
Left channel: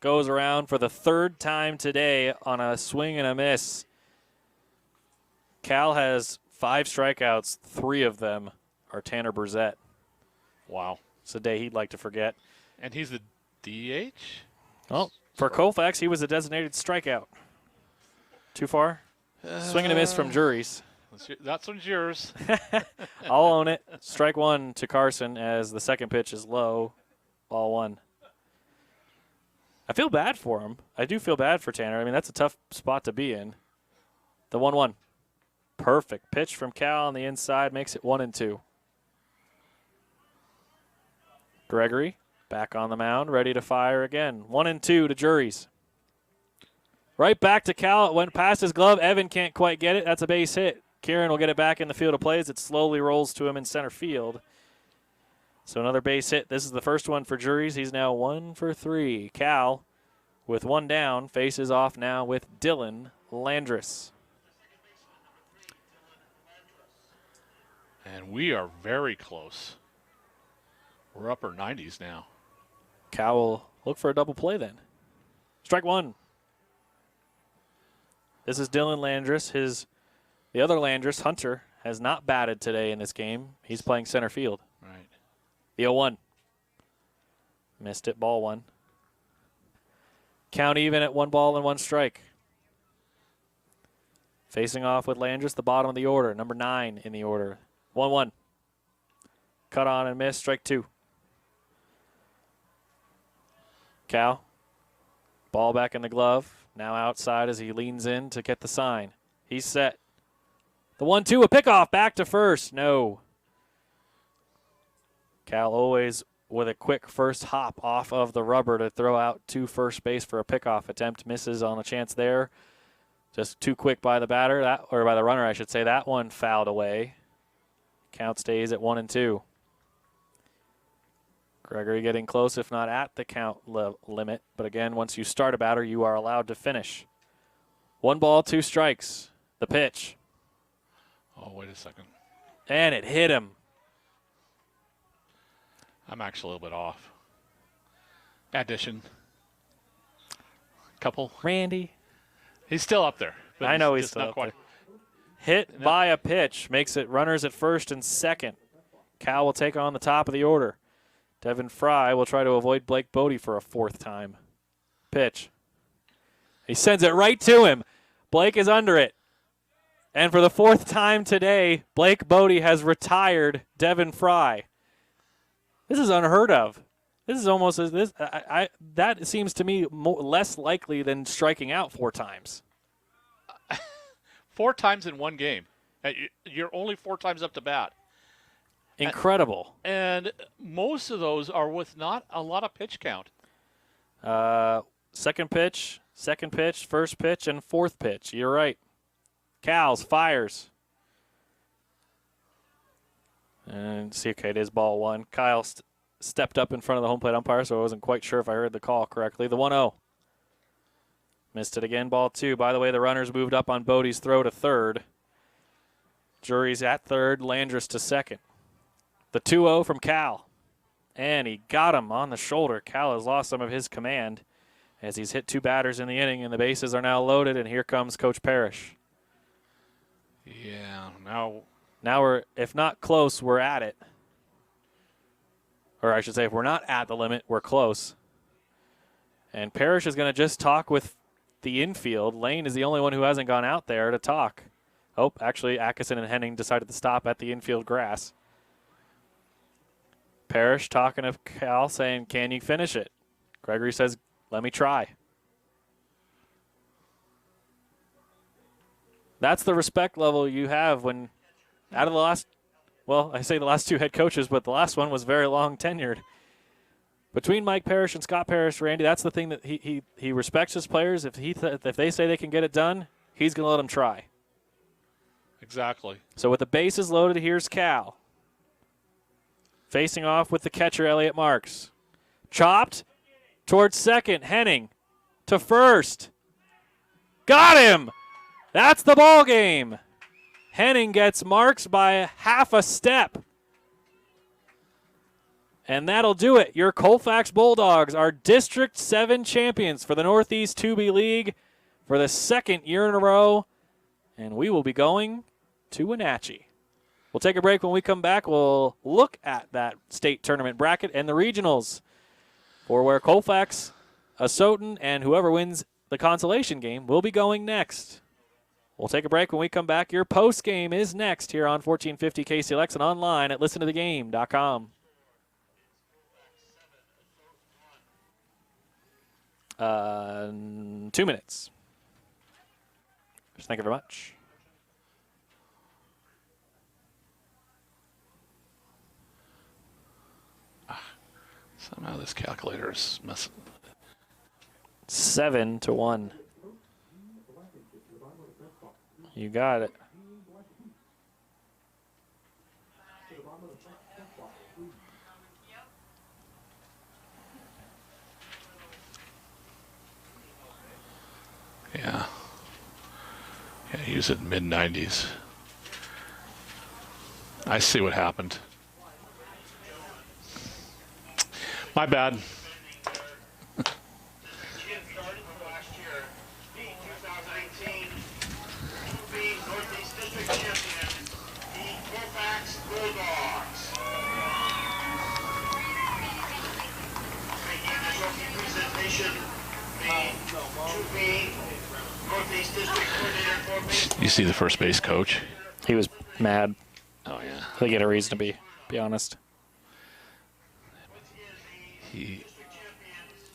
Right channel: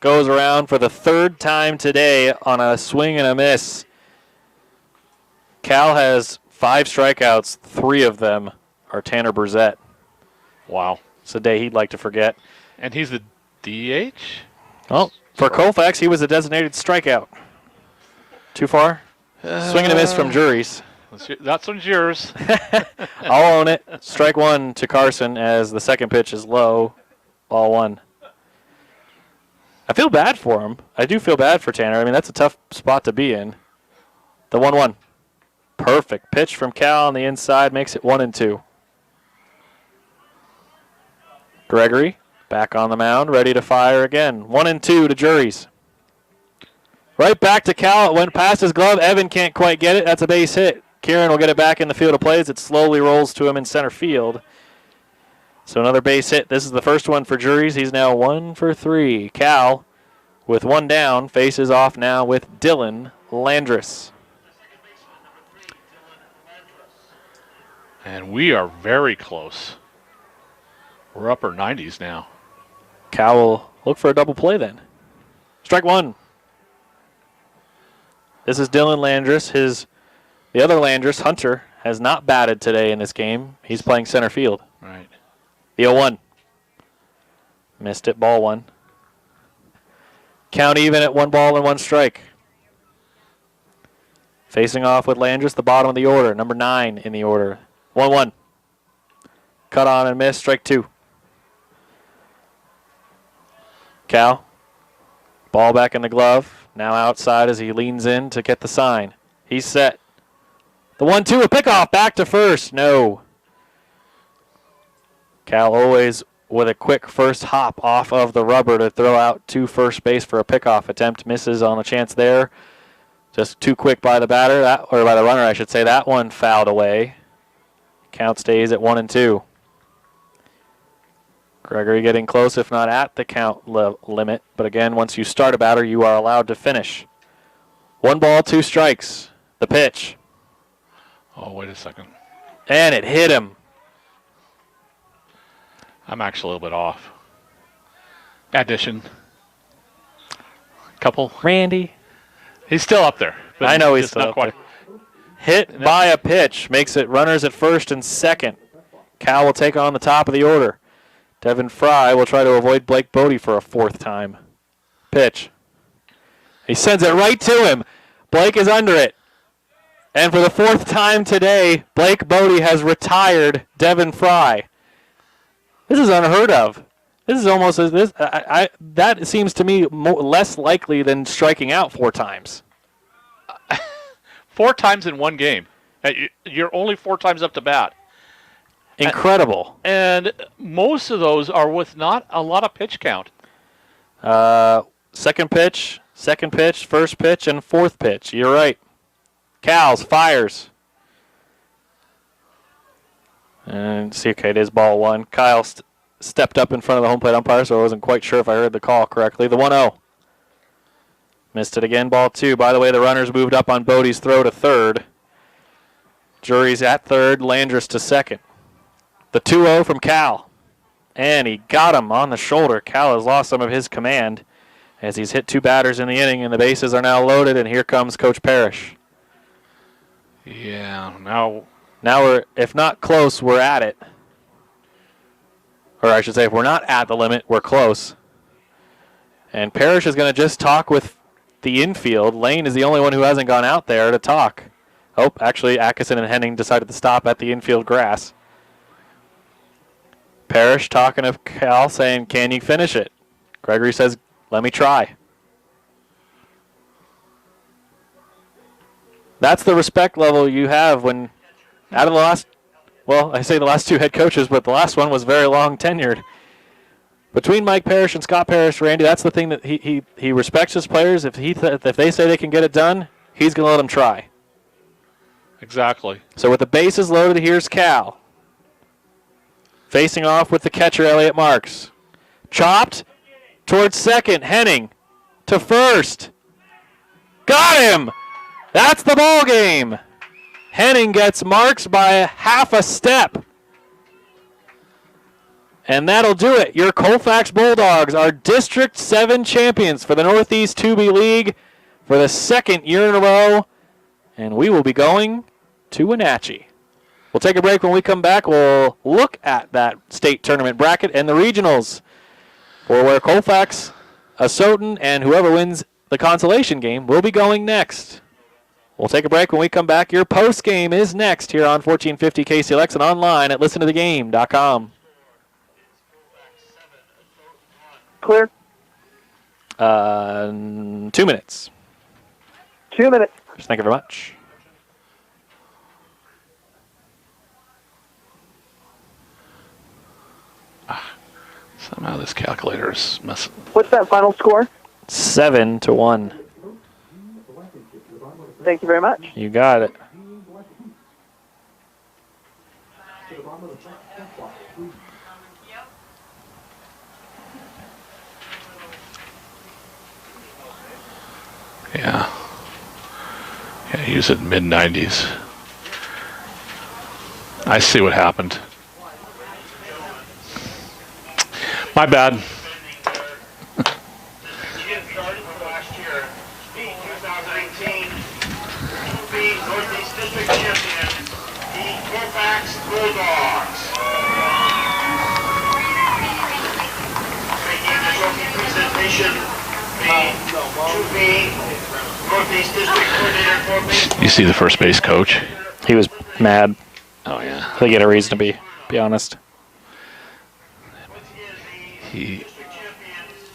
goes around for the 3rd time today on a swing and a miss. Cal has 5 strikeouts. 3 of them are Tanner Brissett. Wow. It's a day he'd like to forget. And he's the DH? Well, for Colfax, he was a designated strikeout. Too far? Swing and a miss from Juries. That one's yours. I'll own it. Strike 1 to Carson as the second pitch is low. Ball 1. I feel bad for him. I do feel bad for Tanner. I mean, that's a tough spot to be in. The 1-1. Perfect pitch from Cal on the inside makes it 1-2. Gregory back on the mound, ready to fire again. 1-2 to Juries. Right back to Cal. It went past his glove. Evan can't quite get it. That's a base hit. Kieran will get it back in the field of plays. It slowly rolls to him in center field. So another base hit. This is the first one for Juries. He's now 1 for 3. Cal, with 1 down, faces off now with Dylan Landris. And we are very close. We're upper 90s now. Cal will look for a double play then. Strike 1. This is Dylan Landris. The other Landris, Hunter, has not batted today in this game. He's playing center field. Right. The 0-1. Missed it, ball 1. Count even at 1 ball and 1 strike. Facing off with Landris, the bottom of the order, number 9 in the order. 1-1. Cut on and miss, strike 2. Cal, ball back in the glove. Now outside as he leans in to get the sign. He's set. The 1-2, a pickoff, back to first. No. Cal always with a quick first hop off of the rubber to throw out to first base for a pickoff attempt. Misses on the chance there. Just too quick by the batter, or by the runner, I should say. That one fouled away. Count stays at 1-2. Gregory getting close, if not at the count limit. But again, once you start a batter, you are allowed to finish. 1 ball, 2 strikes. The pitch. Oh, wait a second. And it hit him. I'm actually a little bit off. Addition. Couple. Randy. He's still up there. But I know he's just still not up quite. hit by a pitch. Makes it runners at first and second. Cal will take on the top of the order. Devin Fry will try to avoid Blake Bodie for a fourth time. Pitch. He sends it right to him. Blake is under it. And for the fourth time today, Blake Bodie has retired Devin Fry. This is unheard of. This is almost as this. That seems to me less likely than striking out 4 times. 4 times in one game. You're only 4 times up to bat. Incredible. And most of those are with not a lot of pitch count. Second pitch, first pitch, and fourth pitch. You're right. Cals fires. And see, okay, it is ball 1. Kyle stepped up in front of the home plate umpire, so I wasn't quite sure if I heard the call correctly. The 1-0. Missed it again, ball 2. By the way, the runners moved up on Bodie's throw to third. Jury's at third, Landris to second. The 2-0 from Cal. And he got him on the shoulder. Cal has lost some of his command as he's hit 2 batters in the inning, and the bases are now loaded, and here comes Coach Parrish. Yeah, now we're, if not close, we're at it. Or I should say, if we're not at the limit, we're close. And Parrish is going to just talk with the infield. Lane is the only one who hasn't gone out there to talk. Oh, actually, Atkinson and Henning decided to stop at the infield grass. Parrish talking to Cal, saying, can you finish it? Gregory says, let me try. That's the respect level you have when, out of the last, well, I say the last 2 head coaches, but the last one was very long tenured. Between Mike Parrish and Scott Parrish, Randy, that's the thing that he respects his players. If they say they can get it done, he's going to let them try. Exactly. So with the bases loaded, here's Cal. Facing off with the catcher, Elliot Marks. Chopped towards second. Henning to first. Got him! That's the ball game. Henning gets Marks by half a step. And that'll do it. Your Colfax Bulldogs are District 7 champions for the Northeast 2B League for the 2nd year in a row. And we will be going to Wenatchee. We'll take a break. When we come back, we'll look at that state tournament bracket and the regionals for where Colfax, Asotin, and whoever wins the consolation game will be going next. We'll take a break. When we come back, your post game is next here on 1450 KCLX and online at listentothegame.com. Clear. 2 minutes. 2 minutes. Thank you very much. Somehow this calculator is messing. What's that final score? 7-1. Thank you very much. You got it. Yeah. Yeah, use it mid-90s. I see what happened. My bad. Northeast District champion, the Colfax Bulldogs. Making the trophy presentation, the 2B Northeast District coordinator for baseball. You see the first base coach? He was mad. Oh, yeah. I think he had a reason to be honest. He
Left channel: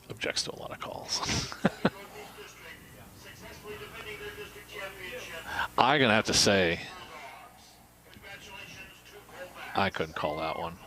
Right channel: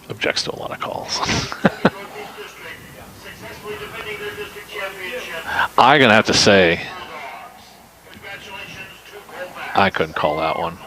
objects to a lot of calls. I'm going to have to say, I couldn't call that one.